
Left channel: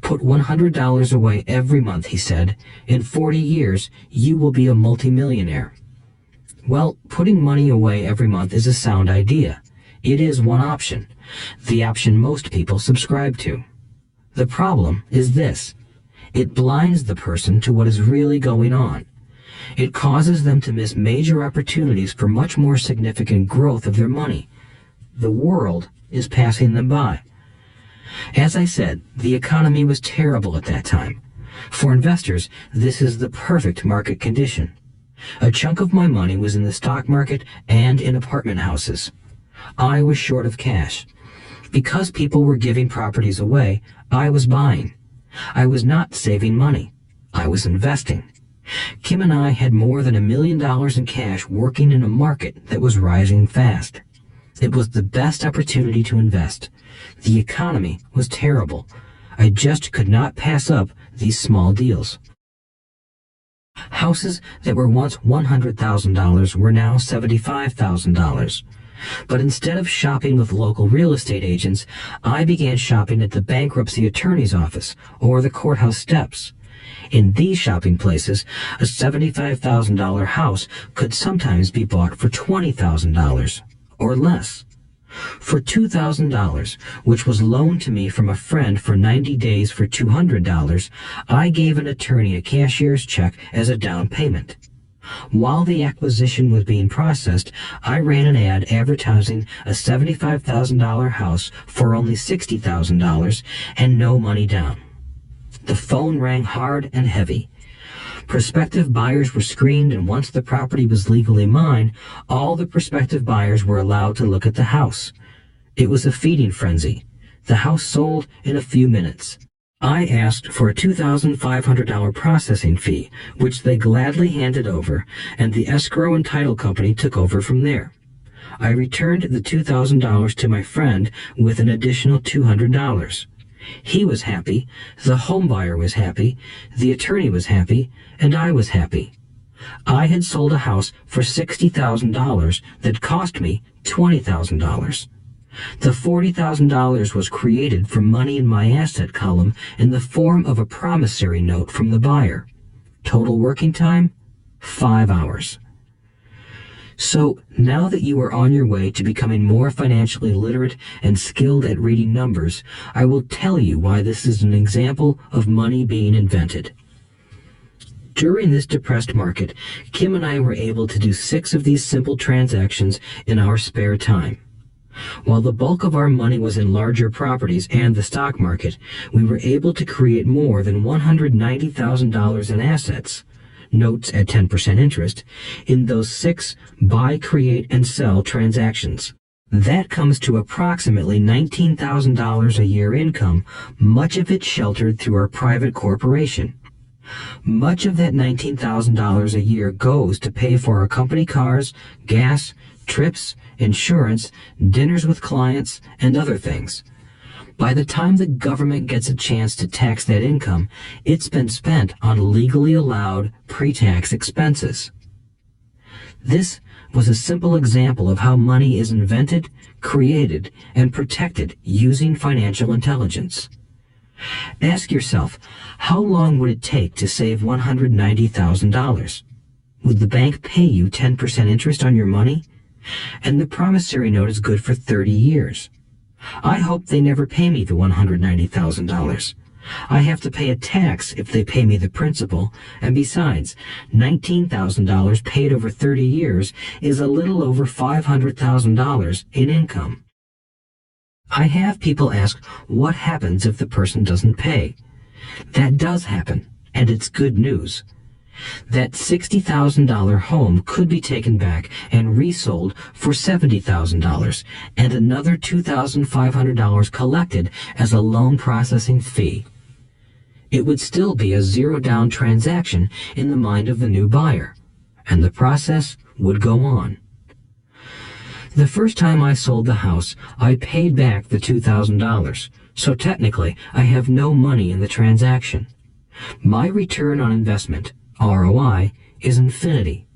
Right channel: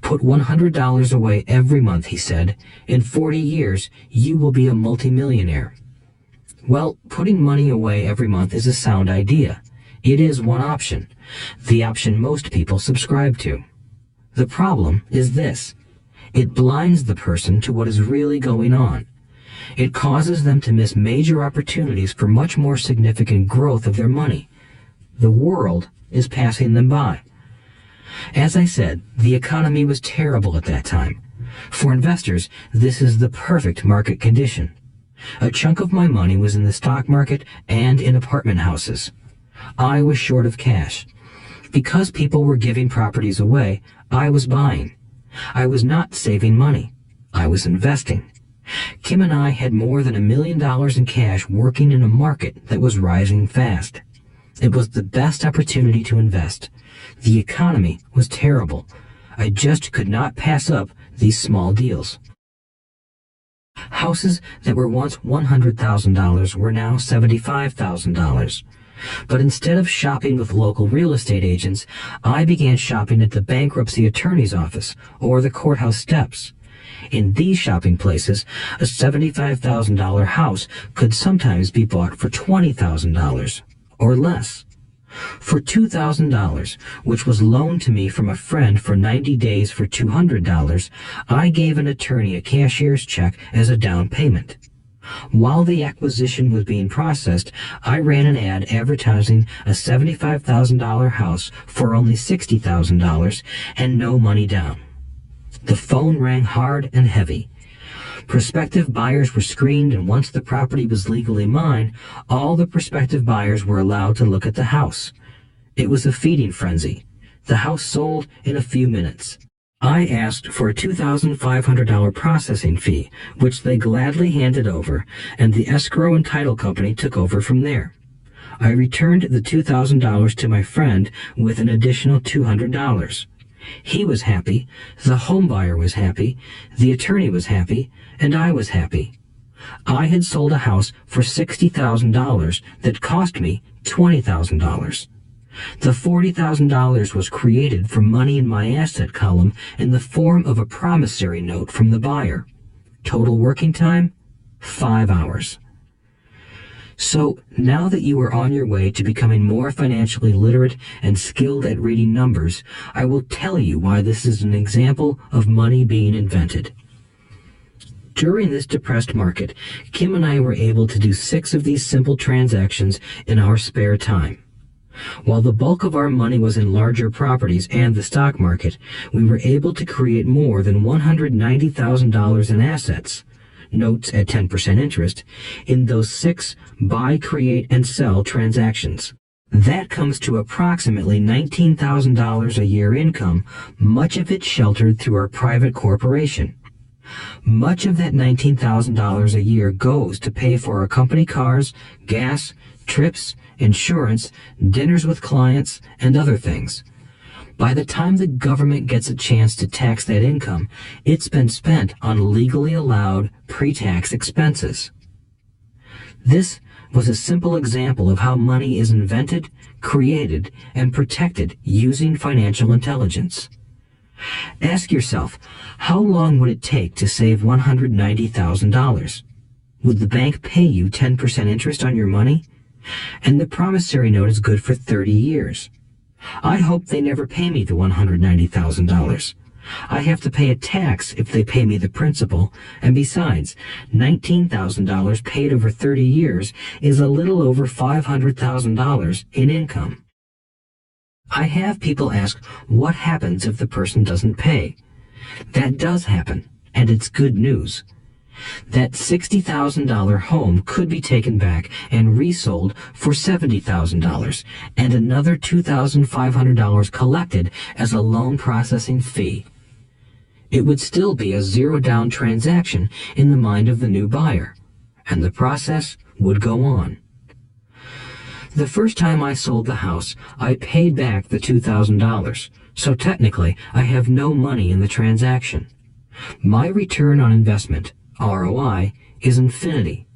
Put $100 away every month, he said. In 40 years, you will be a multimillionaire. Well, putting money away every month is a sound idea. It is one option, the option most people subscribe to. The problem is this. It blinds the person to what is really going on. It causes them to miss major opportunities for much more significant growth of their money. The world is passing them by. As I said, the economy was terrible at that time. For investors, this is the perfect market condition. A chunk of my money was in the stock market and in apartment houses. I was short of cash. Because people were giving properties away, I was buying. I was not saving money. I was investing. Kim and I had more than $1 million in cash working in a market that was rising fast. It was the best opportunity to invest. The economy was terrible. I just could not pass up these small deals. Houses that were once $100,000 were now $75,000. But instead of shopping with local real estate agents, I began shopping at the bankruptcy attorney's office or the courthouse steps. In these shopping places, a $75,000 house could sometimes be bought for $20,000 or less. For $2,000, which was loaned to me from a friend for 90 days for $200, I gave an attorney a cashier's check as a down payment. While the acquisition was being processed, I ran an ad advertising a $75,000 house for only $60,000 and no money down. The phone rang hard and heavy. Prospective buyers were screened, and once the property was legally mine, all the prospective buyers were allowed to look at the house. It was a feeding frenzy. The house sold in a few minutes. I asked for a $2,500 processing fee, which they gladly handed over, and the escrow and title company took over from there. I returned the $2,000 to my friend with an additional $200. He was happy, the home buyer was happy, the attorney was happy, and I was happy. I had sold a house for $60,000 that cost me $20,000. The $40,000 was created from money in my asset column in the form of a promissory note from the buyer. Total working time, 5 hours. So, now that you are on your way to becoming more financially literate and skilled at reading numbers, I will tell you why this is an example of money being invented. During this depressed market, Kim and I were able to do 6 of these simple transactions in our spare time. While the bulk of our money was in larger properties and the stock market, we were able to create more than $190,000 in assets, notes at 10% interest, in those 6 buy, create, and sell transactions. That comes to approximately $19,000 a year income, much of it sheltered through our private corporation. Much of that $19,000 a year goes to pay for our company cars, gas, trips, insurance, dinners with clients, and other things. By the time the government gets a chance to tax that income, it's been spent on legally allowed pre-tax expenses. This was a simple example of how money is invented, created, and protected using financial intelligence. Ask yourself, how long would it take to save $190,000? Would the bank pay you 10% interest on your money? And the promissory note is good for 30 years. I hope they never pay me the $190,000. I have to pay a tax if they pay me the principal, and besides, $19,000 paid over 30 years is a little over $500,000 in income. I have people ask what happens if the person doesn't pay. That does happen, and it's good news. That $60,000 home could be taken back and resold for $70,000 and another $2,500 collected as a loan processing fee. It would still be a zero-down transaction in the mind of the new buyer, and the process would go on. The first time I sold the house, I paid back the $2,000, so technically I have no money in the transaction. My return on investment, ROI, is infinity.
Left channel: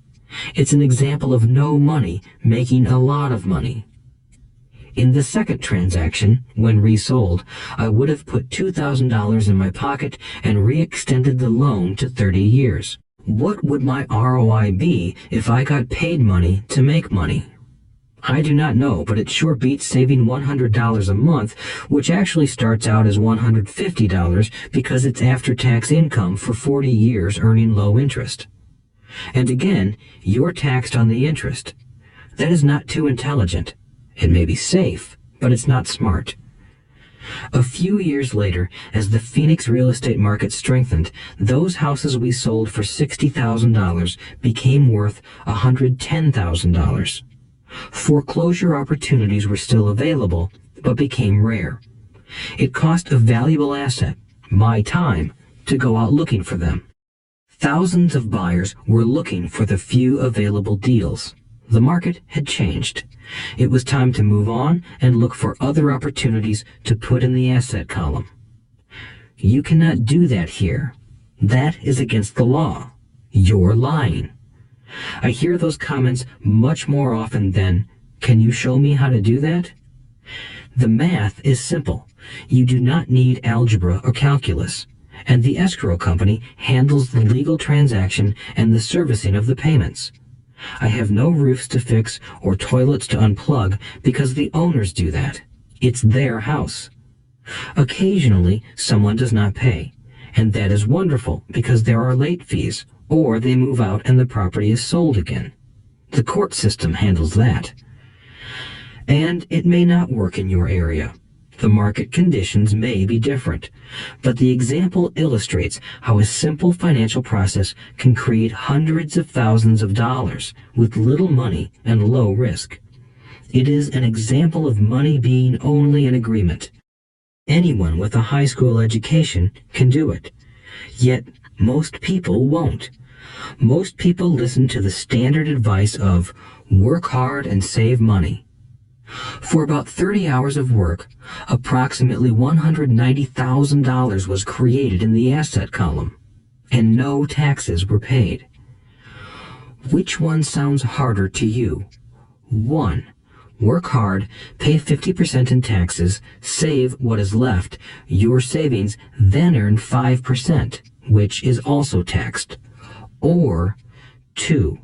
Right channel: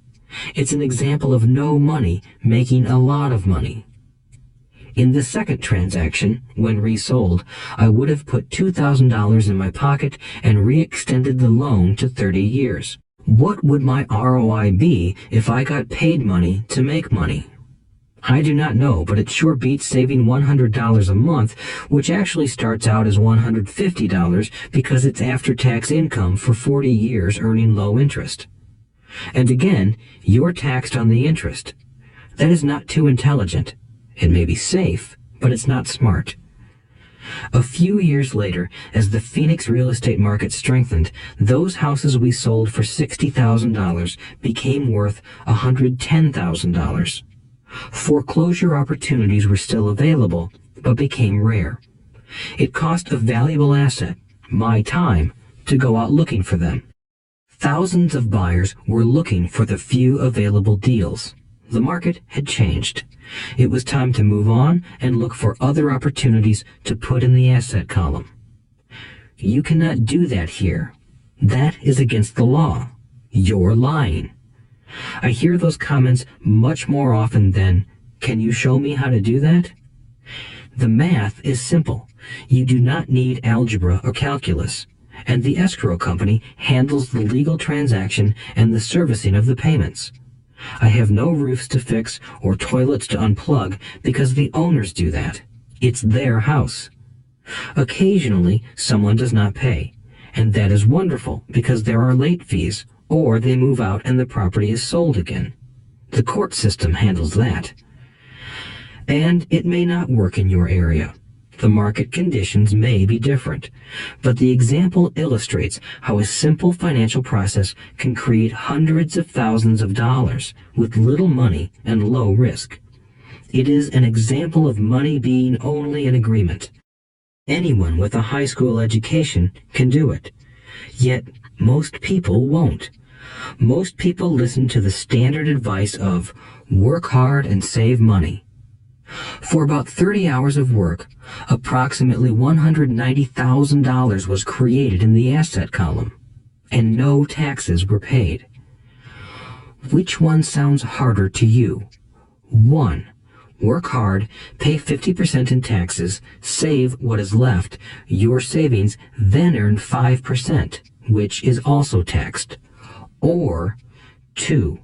It's an example of no money making a lot of money. In the second transaction, when resold, I would have put $2,000 in my pocket and re-extended the loan to 30 years. What would my ROI be if I got paid money to make money? I do not know, but it sure beats saving $100 a month, which actually starts out as $150 because it's after-tax income for 40 years earning low interest. And again, you're taxed on the interest. That is not too intelligent. It may be safe, but it's not smart. A few years later, as the Phoenix real estate market strengthened, those houses we sold for $60,000 became worth $110,000. Foreclosure opportunities were still available, but became rare. It cost a valuable asset, my time, to go out looking for them. Thousands of buyers were looking for the few available deals. The market had changed. It was time to move on and look for other opportunities to put in the asset column. You cannot do that here. That is against the law. You're lying. I hear those comments much more often than, "Can you show me how to do that?" The math is simple. You do not need algebra or calculus, and the escrow company handles the legal transaction and the servicing of the payments. I have no roofs to fix or toilets to unplug because the owners do that. It's their house. Occasionally, someone does not pay, and that is wonderful because there are late fees, or they move out and the property is sold again. The court system handles that. And it may not work in your area. The market conditions may be different, but the example illustrates how a simple financial process can create hundreds of thousands of dollars with little money and low risk. It is an example of money being only an agreement. Anyone with a high school education can do it. Yet most people won't. Most people listen to the standard advice of work hard and save money. For about 30 hours of work, approximately $190,000 was created in the asset column, and no taxes were paid. Which one sounds harder to you? 1. Work hard, pay 50% in taxes, save what is left, your savings, then earn 5%, which is also taxed. Or 2.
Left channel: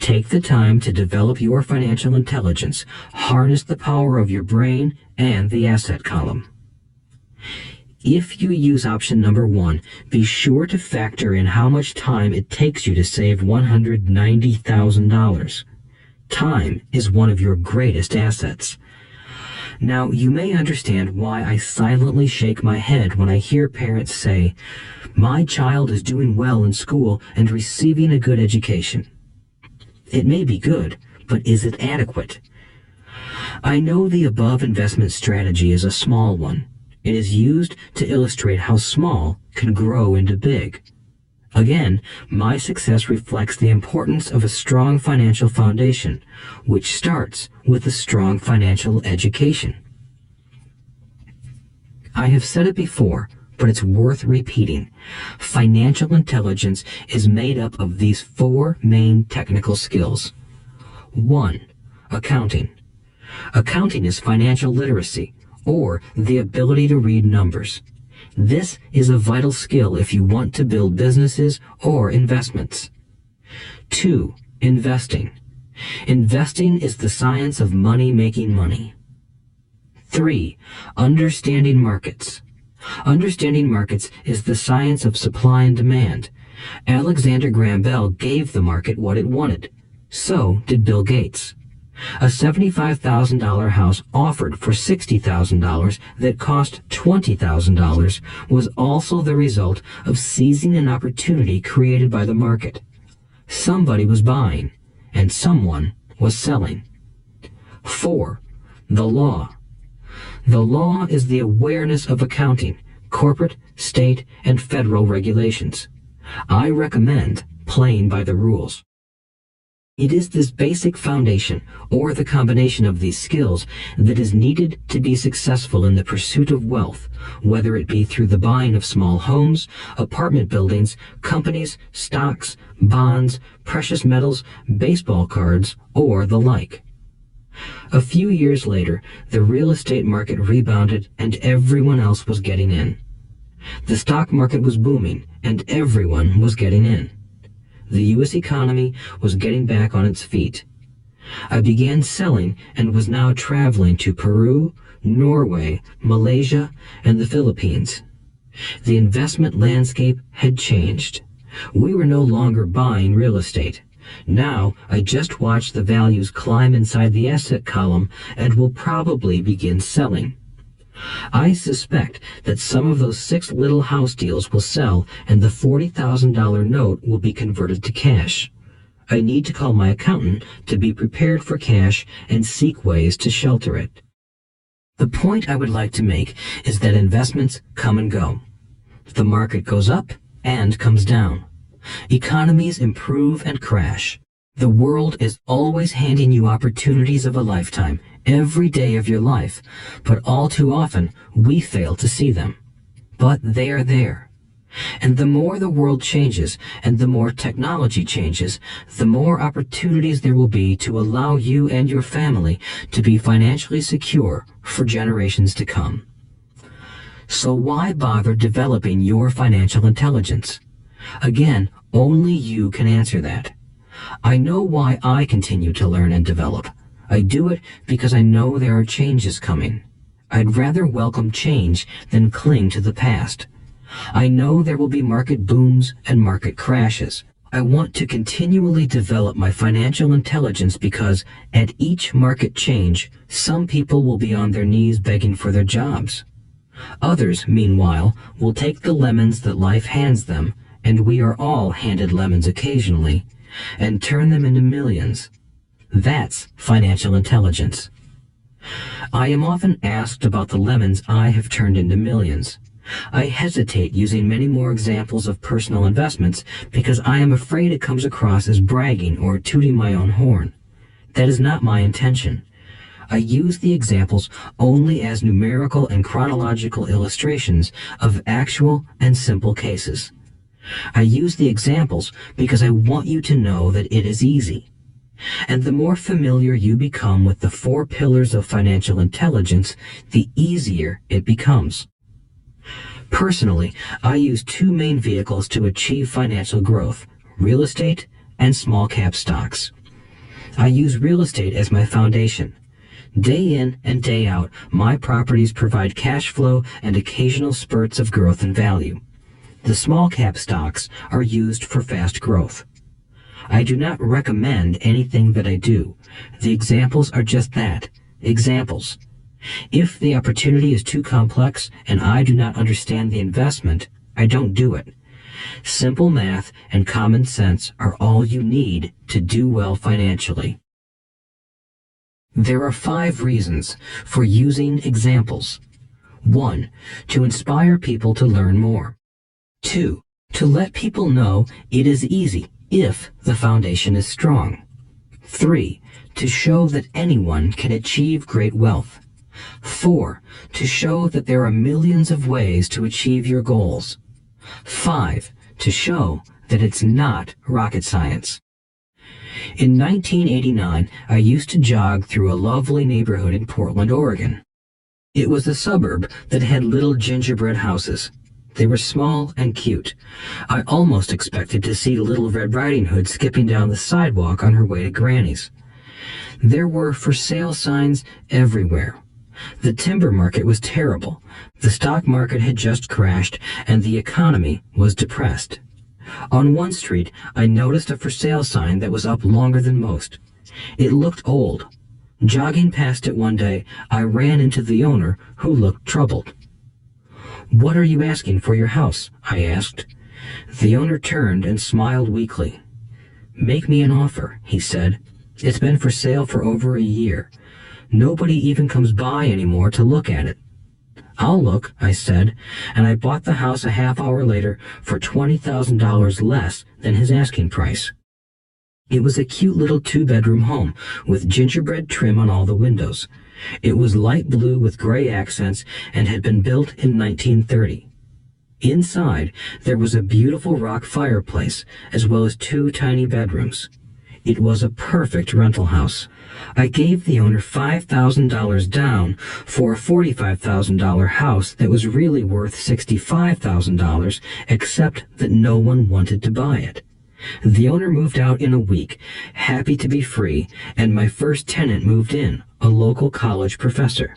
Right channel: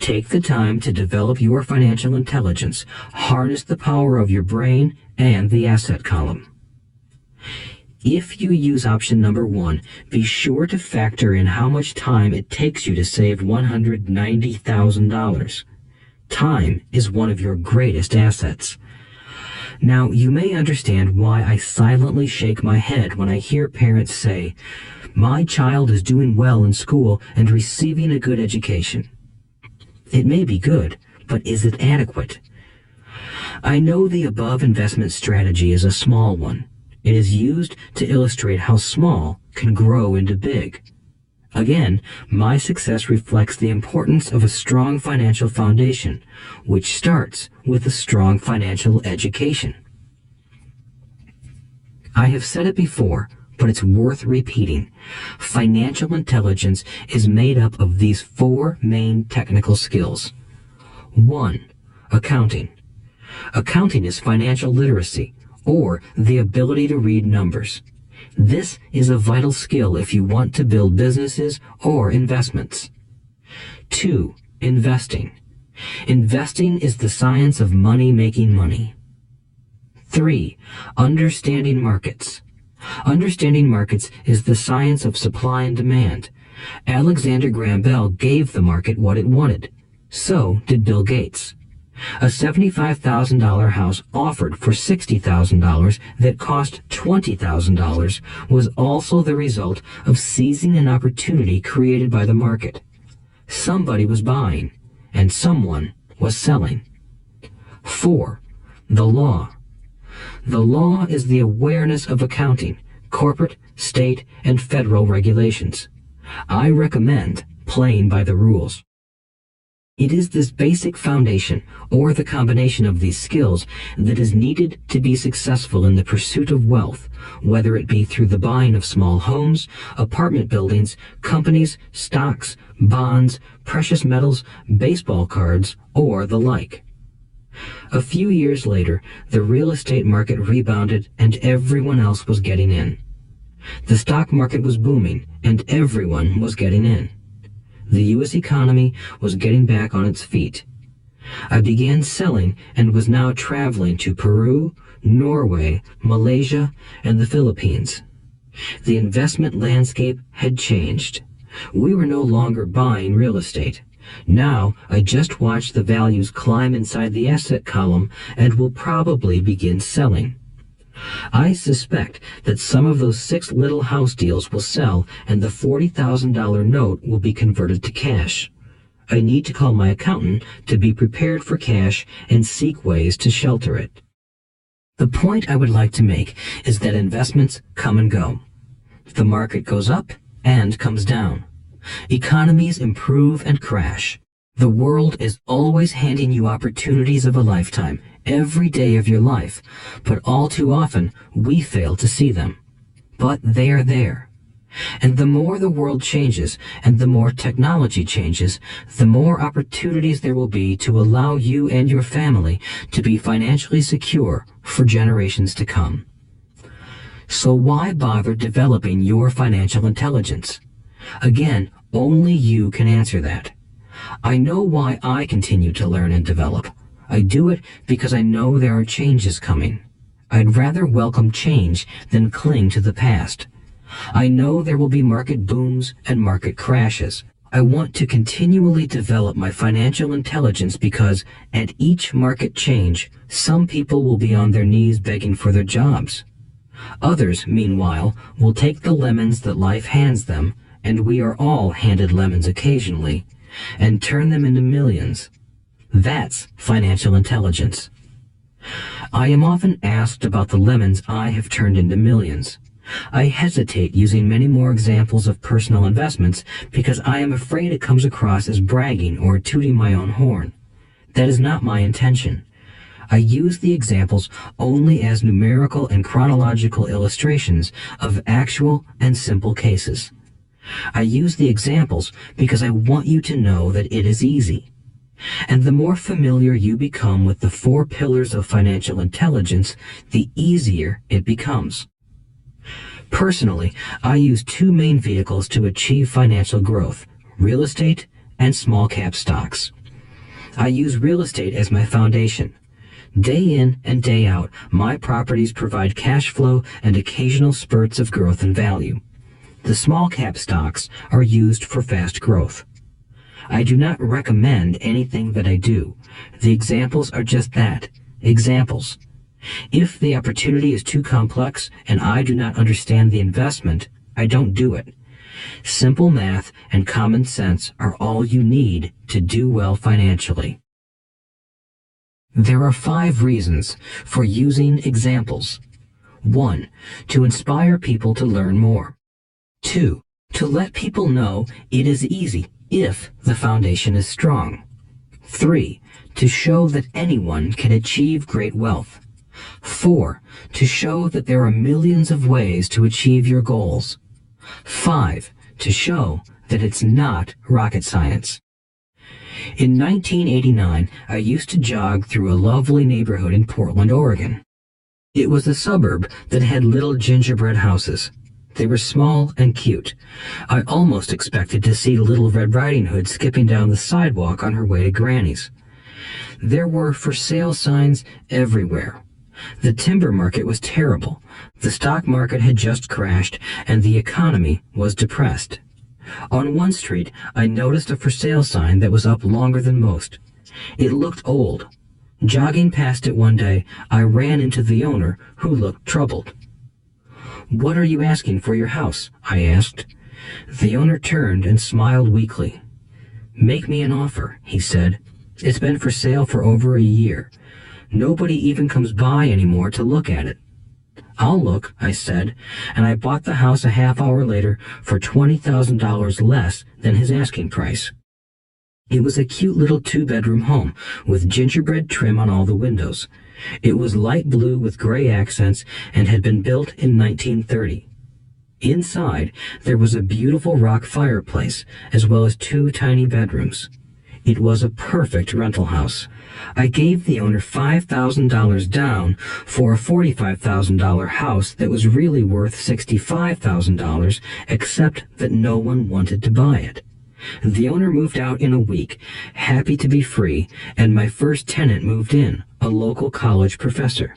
Take the time to develop your financial intelligence, harness the power of your brain and the asset column. If you use option number 1, be sure to factor in how much time it takes you to save $190,000. Time is one of your greatest assets. Now, you may understand why I silently shake my head when I hear parents say, "My child is doing well in school and receiving a good education." It may be good, but is it adequate? I know the above investment strategy is a small one. It is used to illustrate how small can grow into big. Again, my success reflects the importance of a strong financial foundation, which starts with a strong financial education. I have said it before, but it's worth repeating. Financial intelligence is made up of these 4 main technical skills. 1. Accounting. Accounting is financial literacy, or the ability to read numbers. This is a vital skill if you want to build businesses or investments. 2. Investing. Investing is the science of money making money. 3. Understanding markets. Understanding markets is the science of supply and demand. Alexander Graham Bell gave the market what it wanted. So did Bill Gates. A $75,000 house offered for $60,000 that cost $20,000 was also the result of seizing an opportunity created by the market. Somebody was buying, and someone was selling. 4. The law. The law is the awareness of accounting, corporate, state, and federal regulations. I recommend playing by the rules. It is this basic foundation, or the combination of these skills, that is needed to be successful in the pursuit of wealth, whether it be through the buying of small homes, apartment buildings, companies, stocks, bonds, precious metals, baseball cards, or the like. A few years later, the real estate market rebounded and everyone else was getting in. The stock market was booming and everyone was getting in. The U.S. economy was getting back on its feet. I began selling and was now traveling to Peru, Norway, Malaysia, and the Philippines. The investment landscape had changed. We were no longer buying real estate. Now I just watch the values climb inside the asset column and will probably begin selling. I suspect that some of those 6 little house deals will sell and the $40,000 note will be converted to cash. I need to call my accountant to be prepared for cash and seek ways to shelter it. The point I would like to make is that investments come and go. The market goes up and comes down. Economies improve and crash. The world is always handing you opportunities of a lifetime, every day of your life, but all too often we fail to see them. But they are there. And the more the world changes and the more technology changes, the more opportunities there will be to allow you and your family to be financially secure for generations to come. So why bother developing your financial intelligence? Again, only you can answer that. I know why I continue to learn and develop. I do it because I know there are changes coming. I'd rather welcome change than cling to the past. I know there will be market booms and market crashes. I want to continually develop my financial intelligence because at each market change, some people will be on their knees begging for their jobs. Others, meanwhile, will take the lemons that life hands them, and we are all handed lemons occasionally, and turn them into millions. That's financial intelligence. I am often asked about the lemons I have turned into millions. I hesitate using many more examples of personal investments because I am afraid it comes across as bragging or tooting my own horn. That is not my intention. I use the examples only as numerical and chronological illustrations of actual and simple cases. I use the examples because I want you to know that it is easy. And the more familiar you become with the 4 pillars of financial intelligence, the easier it becomes. Personally, I use 2 main vehicles to achieve financial growth: real estate and small cap stocks. I use real estate as my foundation. Day in and day out, my properties provide cash flow and occasional spurts of growth and value. The small cap stocks are used for fast growth. I do not recommend anything that I do. The examples are just that, examples. If the opportunity is too complex and I do not understand the investment, I don't do it. Simple math and common sense are all you need to do well financially. There are 5 reasons for using examples. 1. To inspire people to learn more. 2. To let people know it is easy if the foundation is strong. 3. To show that anyone can achieve great wealth. 4. To show that there are millions of ways to achieve your goals. 5. To show that it's not rocket science. In 1989, I used to jog through a lovely neighborhood in Portland, Oregon. It was a suburb that had little gingerbread houses. They were small and cute. I almost expected to see Little Red Riding Hood skipping down the sidewalk on her way to Granny's. There were for sale signs everywhere. The timber market was terrible. The stock market had just crashed, and the economy was depressed. On one street, I noticed a for sale sign that was up longer than most. It looked old. Jogging past it one day, I ran into the owner, who looked troubled. "What are you asking for your house?" I asked. The owner turned and smiled weakly. "Make me an offer," he said. "It's been for sale for over a year. Nobody even comes by anymore to look at it." "I'll look," I said, and I bought the house a half hour later for $20,000 less than his asking price. It was a cute little 2-bedroom home with gingerbread trim on all the windows. It was light blue with gray accents and had been built in 1930. Inside, there was a beautiful rock fireplace, as well as 2 tiny bedrooms. It was a perfect rental house. I gave the owner $5,000 down for a $45,000 house that was really worth $65,000, except that no one wanted to buy it. The owner moved out in a week, happy to be free, and my first tenant moved in, a local college professor.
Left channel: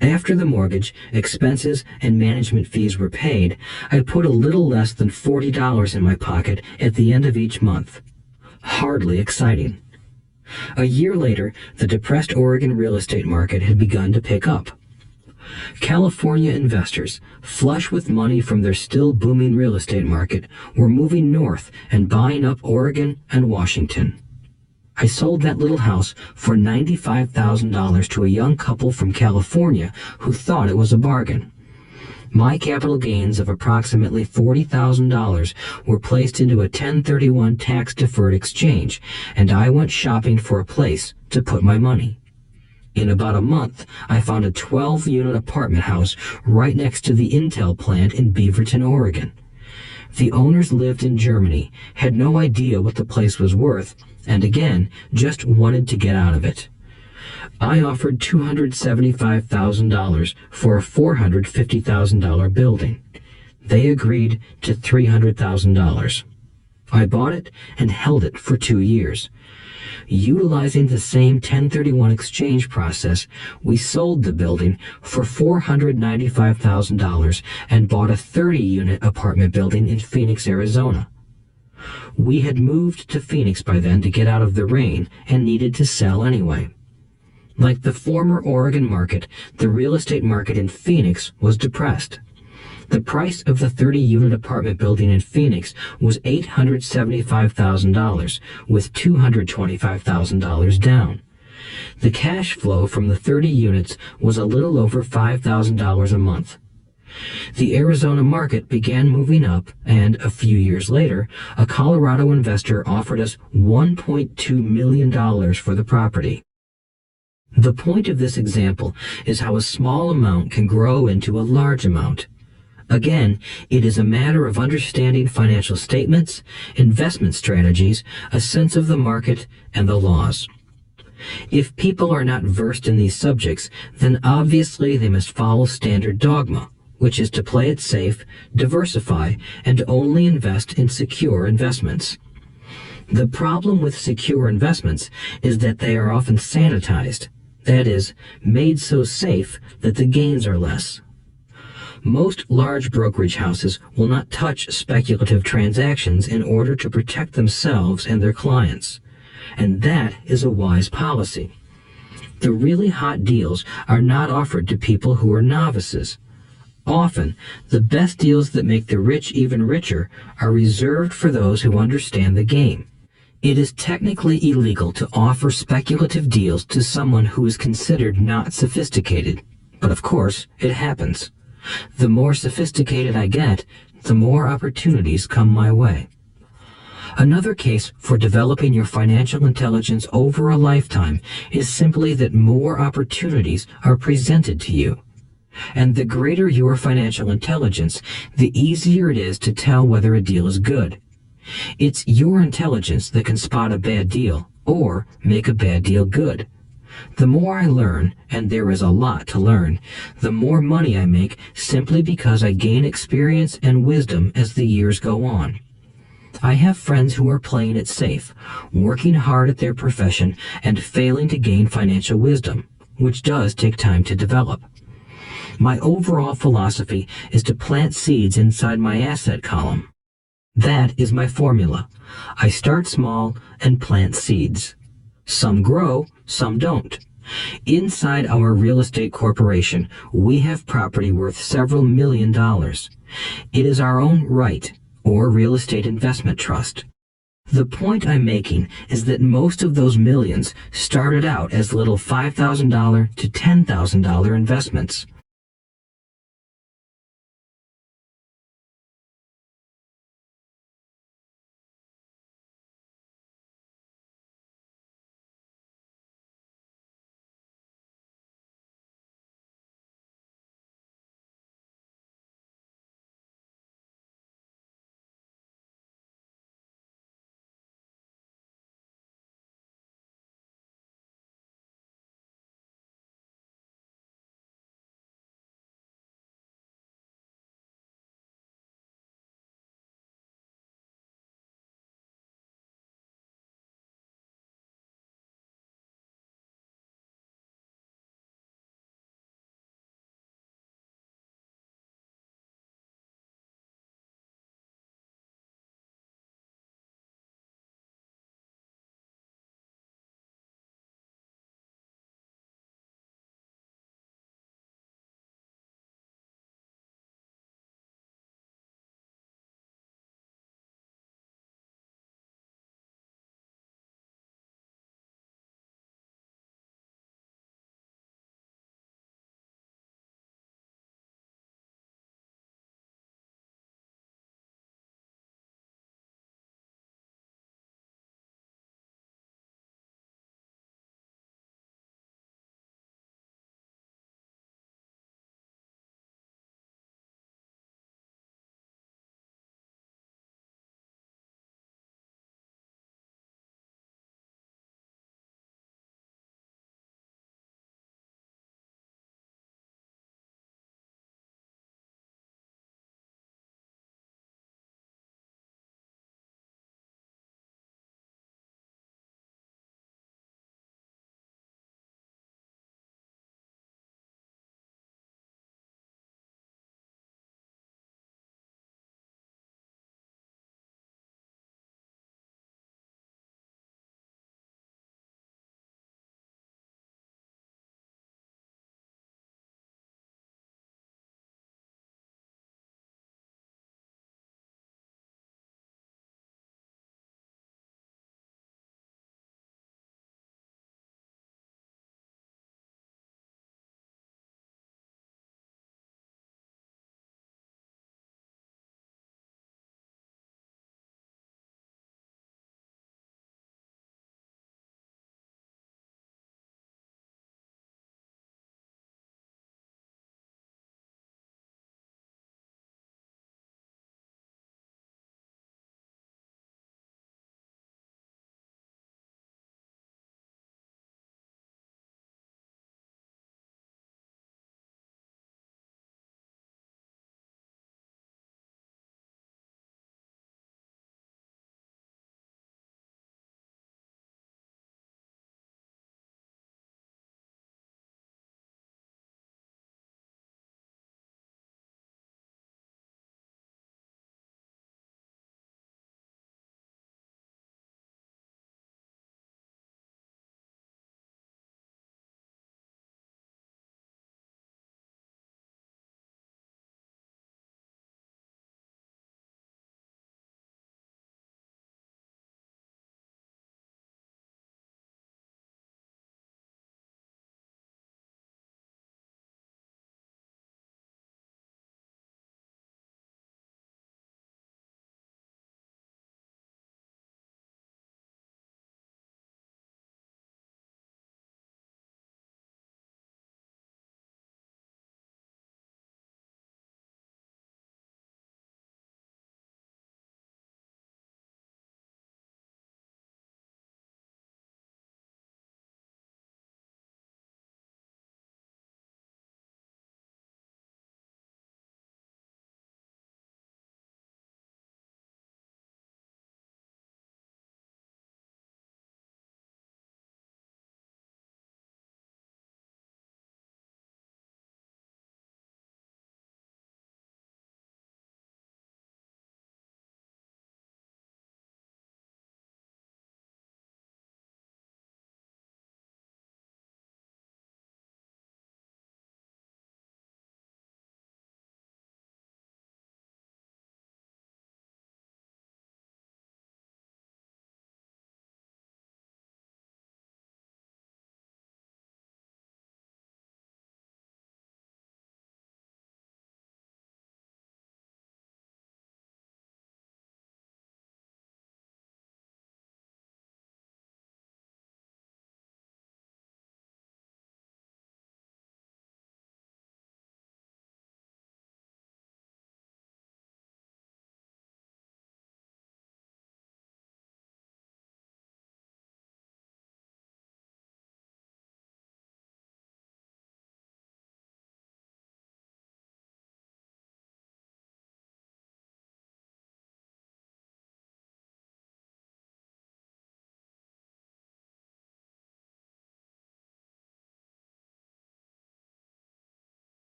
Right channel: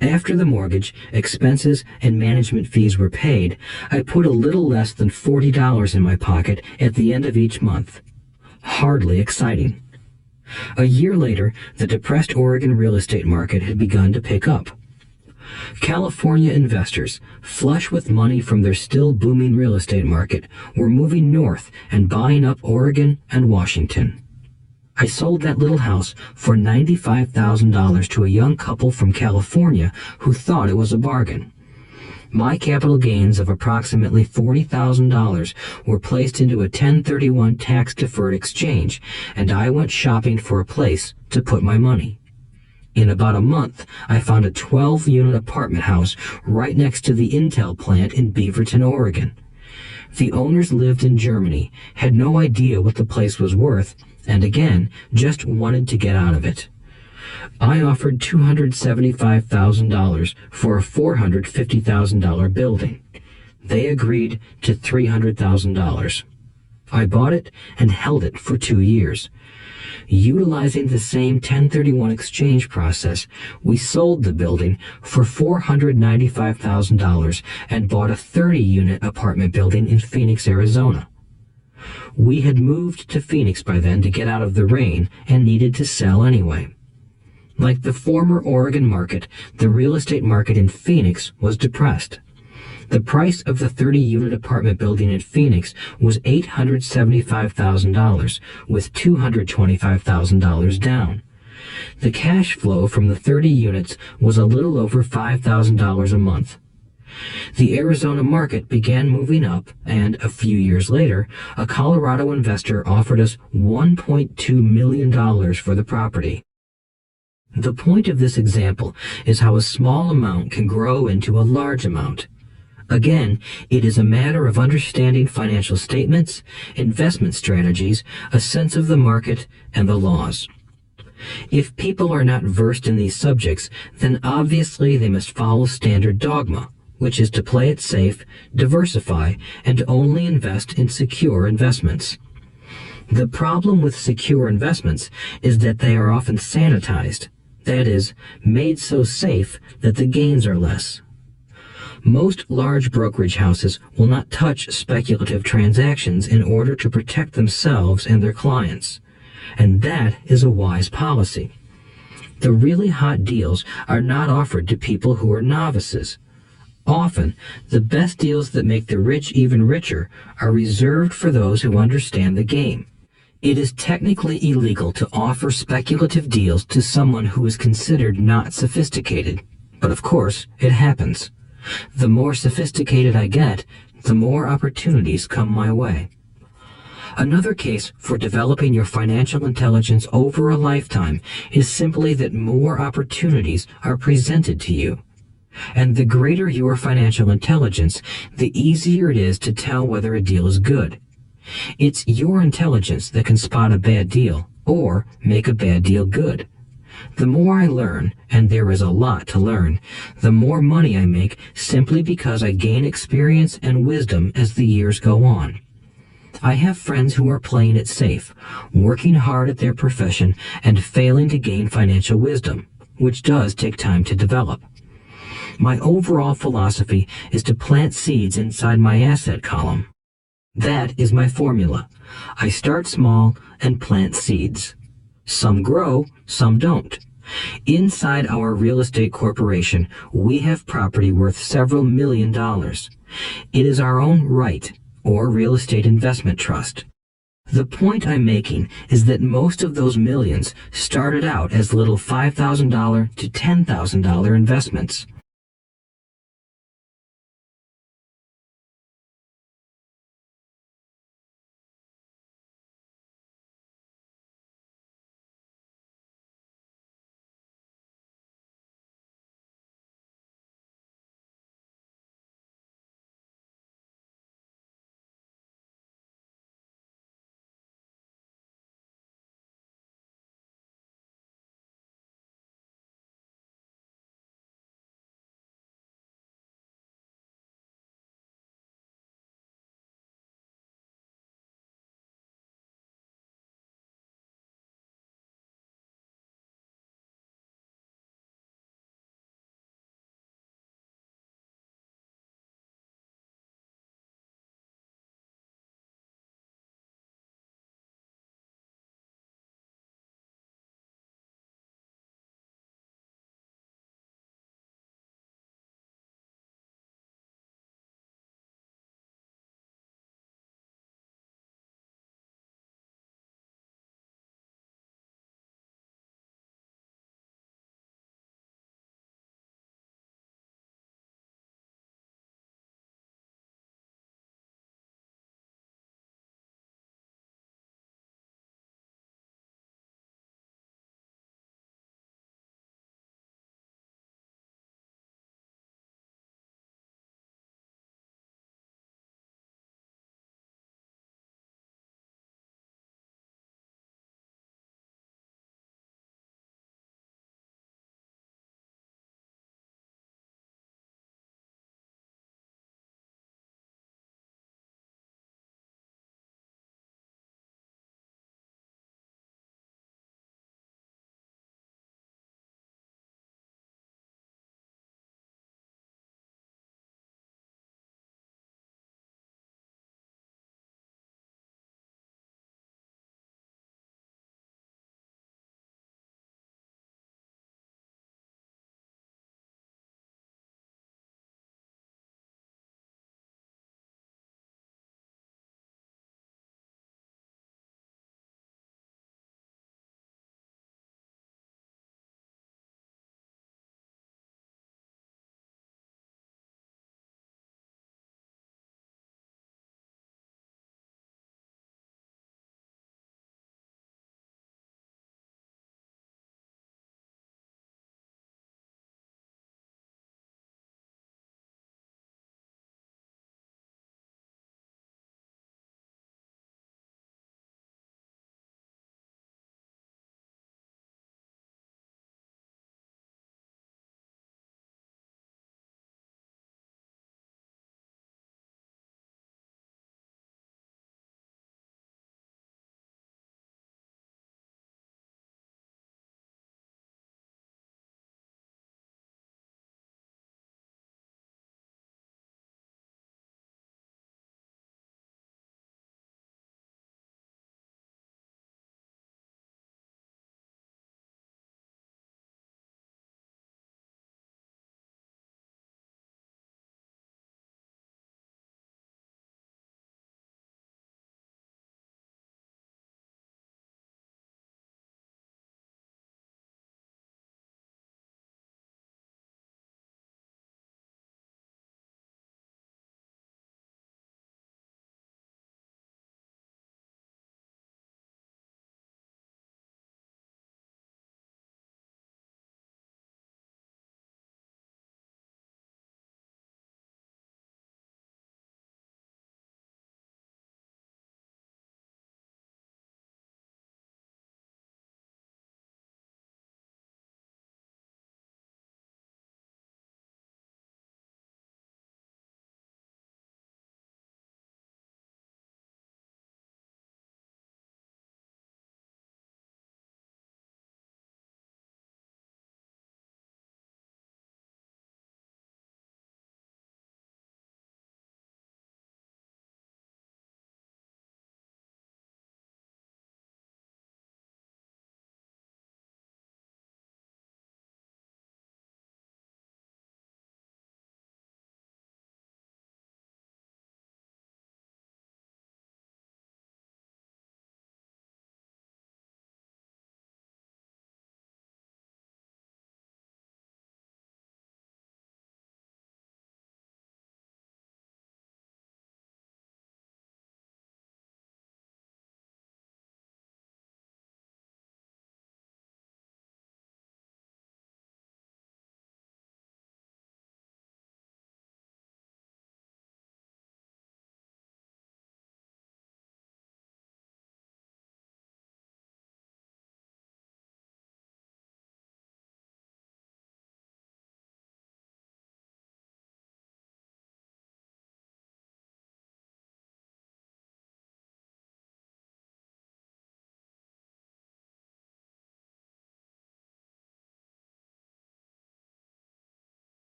After the mortgage, expenses, and management fees were paid, I put a little less than $40 in my pocket at the end of each month. Hardly exciting. A year later, the depressed Oregon real estate market had begun to pick up. California investors, flush with money from their still booming real estate market, were moving north and buying up Oregon and Washington. I sold that little house for $95,000 to a young couple from California who thought it was a bargain. My capital gains of approximately $40,000 were placed into a 1031 tax-deferred exchange, and I went shopping for a place to put my money. In about a month, I found a 12-unit apartment house right next to the Intel plant in Beaverton, Oregon. The owners lived in Germany, had no idea what the place was worth, and again, just wanted to get out of it. I offered $275,000 for a $450,000 building. They agreed to $300,000. I bought it and held it for 2 years. Utilizing the same 1031 exchange process, we sold the building for $495,000 and bought a 30-unit apartment building in Phoenix, Arizona. We had moved to Phoenix by then to get out of the rain and needed to sell anyway. Like the former Oregon market, the real estate market in Phoenix was depressed. The price of the 30-unit apartment building in Phoenix was $875,000, with $225,000 down. The cash flow from the 30 units was a little over $5,000 a month. The Arizona market began moving up, and a few years later, a Colorado investor offered us $1.2 million for the property. The point of this example is how a small amount can grow into a large amount. Again, it is a matter of understanding financial statements, investment strategies, a sense of the market, and the laws. If people are not versed in these subjects, then obviously they must follow standard dogma, which is to play it safe, diversify, and only invest in secure investments. The problem with secure investments is that they are often sanitized, that is, made so safe that the gains are less. Most large brokerage houses will not touch speculative transactions in order to protect themselves and their clients, and that is a wise policy. The really hot deals are not offered to people who are novices. Often, the best deals that make the rich even richer are reserved for those who understand the game. It is technically illegal to offer speculative deals to someone who is considered not sophisticated, but of course, it happens. The more sophisticated I get, the more opportunities come my way. Another case for developing your financial intelligence over a lifetime is simply that more opportunities are presented to you. And the greater your financial intelligence, the easier it is to tell whether a deal is good. It's your intelligence that can spot a bad deal or make a bad deal good. The more I learn, and there is a lot to learn, the more money I make simply because I gain experience and wisdom as the years go on. I have friends who are playing it safe, working hard at their profession and failing to gain financial wisdom, which does take time to develop. My overall philosophy is to plant seeds inside my asset column. That is my formula. I start small and plant seeds. Some grow, some don't. Inside our real estate corporation, we have property worth several $1,000,000. It is our own right, or real estate investment trust. The point I'm making is that most of those millions started out as little $5,000 to $10,000 investments.